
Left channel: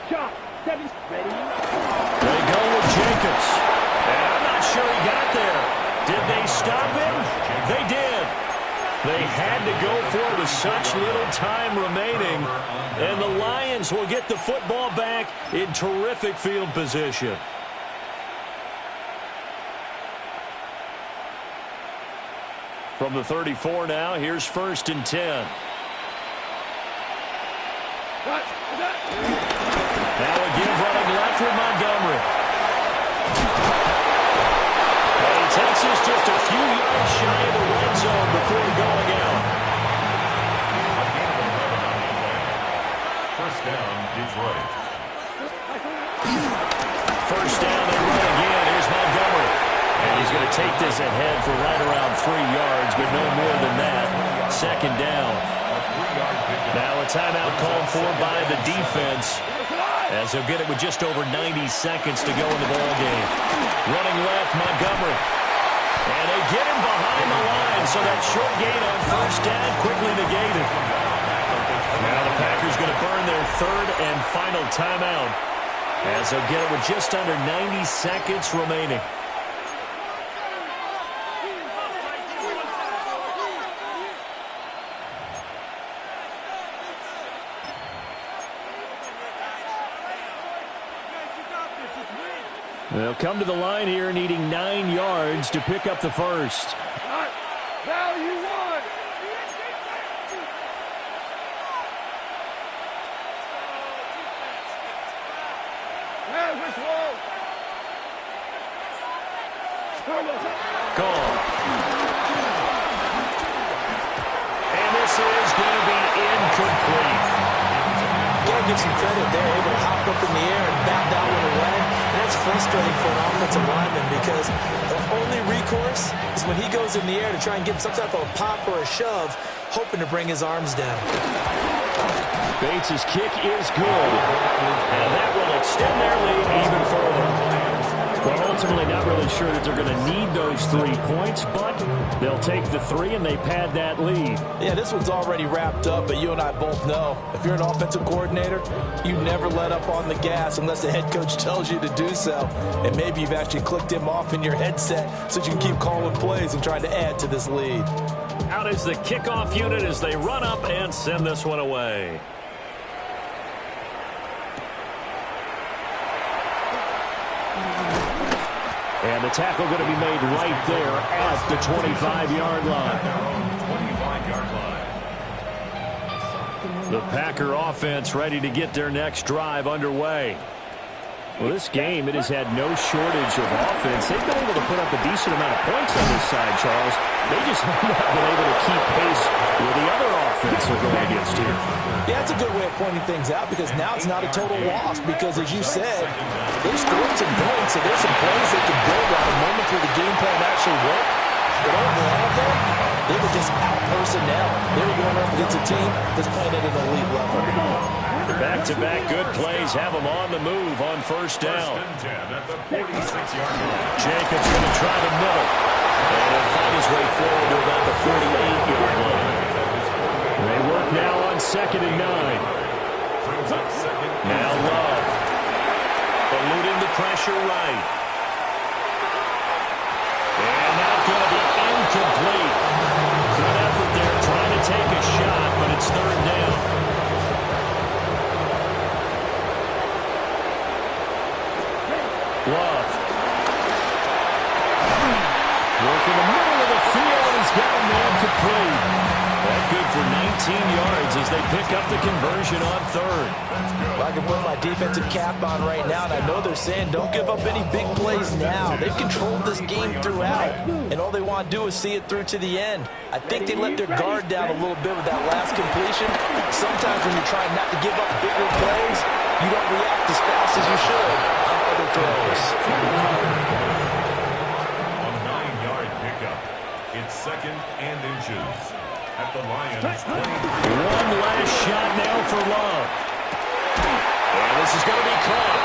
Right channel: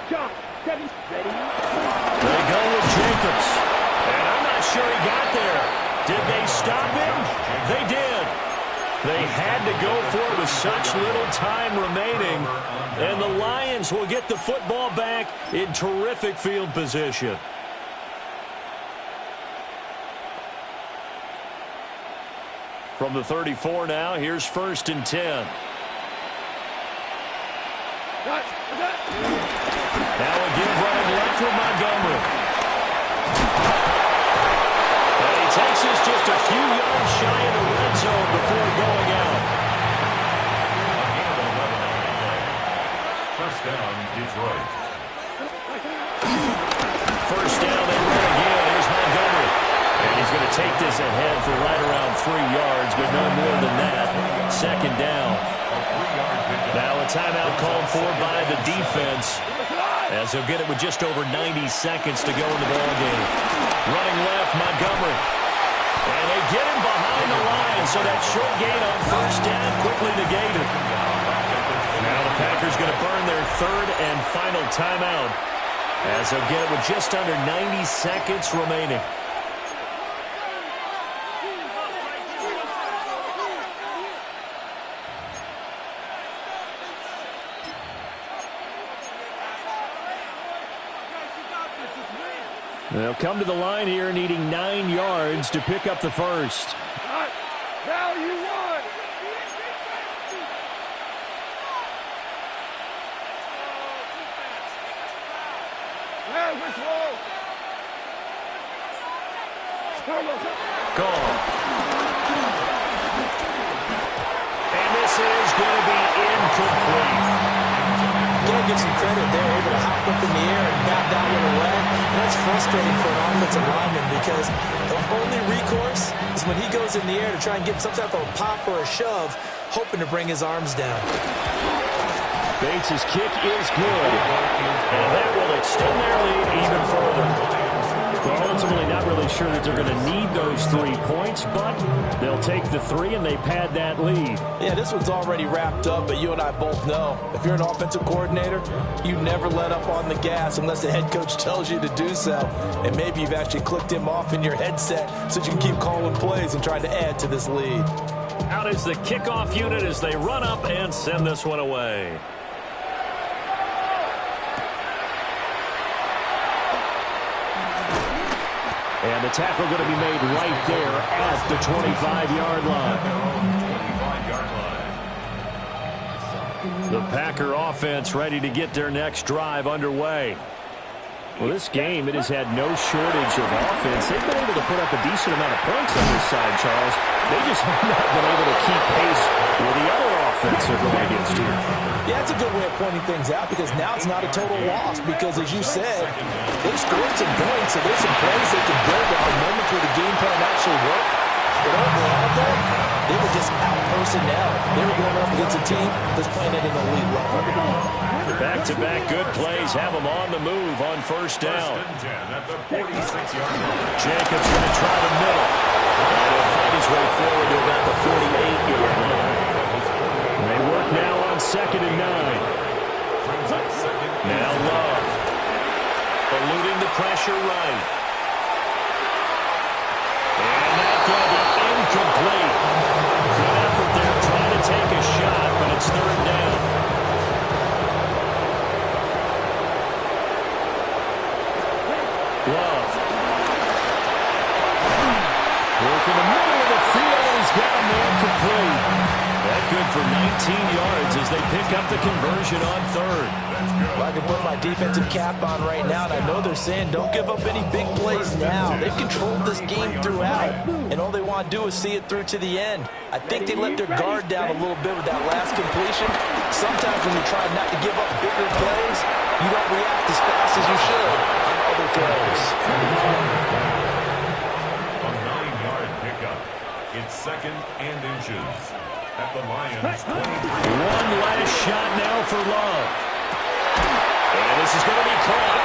Shot. 7. Ready. They go with Jacobs. And I'm not sure he got there. Did they stop him? They did. They had to go for it with such little time remaining. And the Lions will get the football back in terrific field position. From the 34 now, here's 1st and 10. Now again running left with Montgomery. And he takes us just a few yards shy of the red zone before going out. A gain of 11 on the play. 1st down, Detroit. 1st down, they run again. Here's Montgomery. And he's going to take this ahead for right around 3 yards, but no more than that. 2nd down. Now a timeout called for by the defense, as he'll get it with just over 90 seconds to go in the ball game. Running left, Montgomery. And they get him behind the line, so that short gain on 1st down quickly negated. Now the Packers going to burn their 3rd and final timeout, as they'll get it with just under 90 seconds remaining. They'll come to the line here needing 9 yards to pick up the 1st. Now you won. Gone. And this is going to be incomplete. Gotta give some credit. They're able to hop up in the air and bat that one away. And that's frustrating for an offensive lineman because the only recourse is when he goes in the air to try and get some type of a pop or a shove, hoping to bring his arms down. Bates' kick is good, and that will extend their lead even further. Well, ultimately not really sure that they're going to need those 3 points, but they'll take the 3 and they pad that lead. Yeah, this one's already wrapped up, but you and I both know if you're an offensive coordinator, you never let up on the gas unless the head coach tells you to do so. And maybe you've actually clicked him off in your headset so you can keep calling plays and trying to add to this lead. Out is the kickoff unit as they run up and send this one away. And the tackle going to be made right there at the 25-yard line. Their own 25-yard line. The Packer offense ready to get their next drive underway. Well, this game, it has had no shortage of offense. They've been able to put up a decent amount of points on this side, Charles. They just have not been able to keep pace with the other offense they're going against here. Yeah, it's a good way of pointing things out because now it's not a total loss because, as you said, they've scored some points, so there's some plays they can build on, moments where the game plan actually worked. But overall, though, they were just out personnel. They were going up against a team that's playing at an elite level. Back-to-back good plays have them on the move on first down. At the 46-yard line. Jacobs going to try the middle. And he'll fight his way forward to about the 48-yard line. They work now on 2nd and 9. Now Love. Eluding the pressure right. And that's going to be incomplete. Good effort there trying to take a shot, but it's 3rd down. Love. Work in the middle of the field, and he's got a man complete. That good for 19 yards as they pick up the conversion on 3rd. Well, I can put my defensive cap on right now, and I know they're saying don't give up any big plays now. They've controlled this game throughout, and all they want to do is see it through to the end. I think they let their guard down a little bit with that last completion. Sometimes when you're trying not to give up bigger plays, you don't react as fast as you should on other throws. A 9-yard pickup. It's 2nd and inches. At the Lions' 23. One last shot now for Love. And this is going to be caught.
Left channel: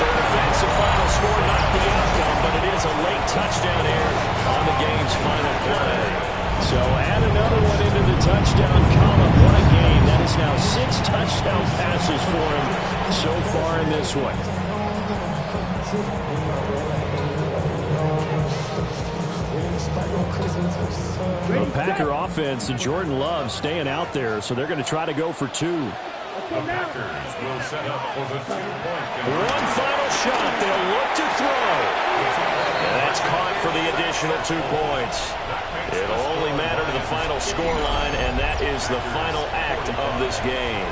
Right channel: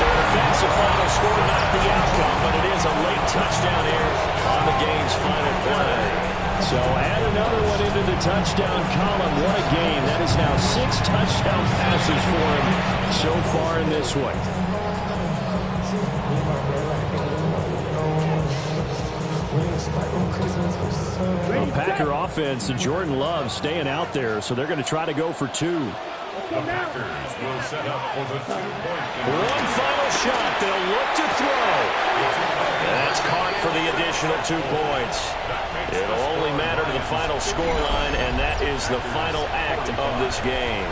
So defensive final score, not the outcome, but it is a late touchdown here on the game's final play. So add another one into the touchdown column. What a game. That is now 6 touchdown passes for him so far in this one. The Packer offense and Jordan Love staying out there, so they're going to try to go for 2. The Packers will set up for the 2-point conversion. One final shot. They'll look to throw. And that's caught for the additional 2 points. It'll only matter to the final scoreline, and that is the final act of this game.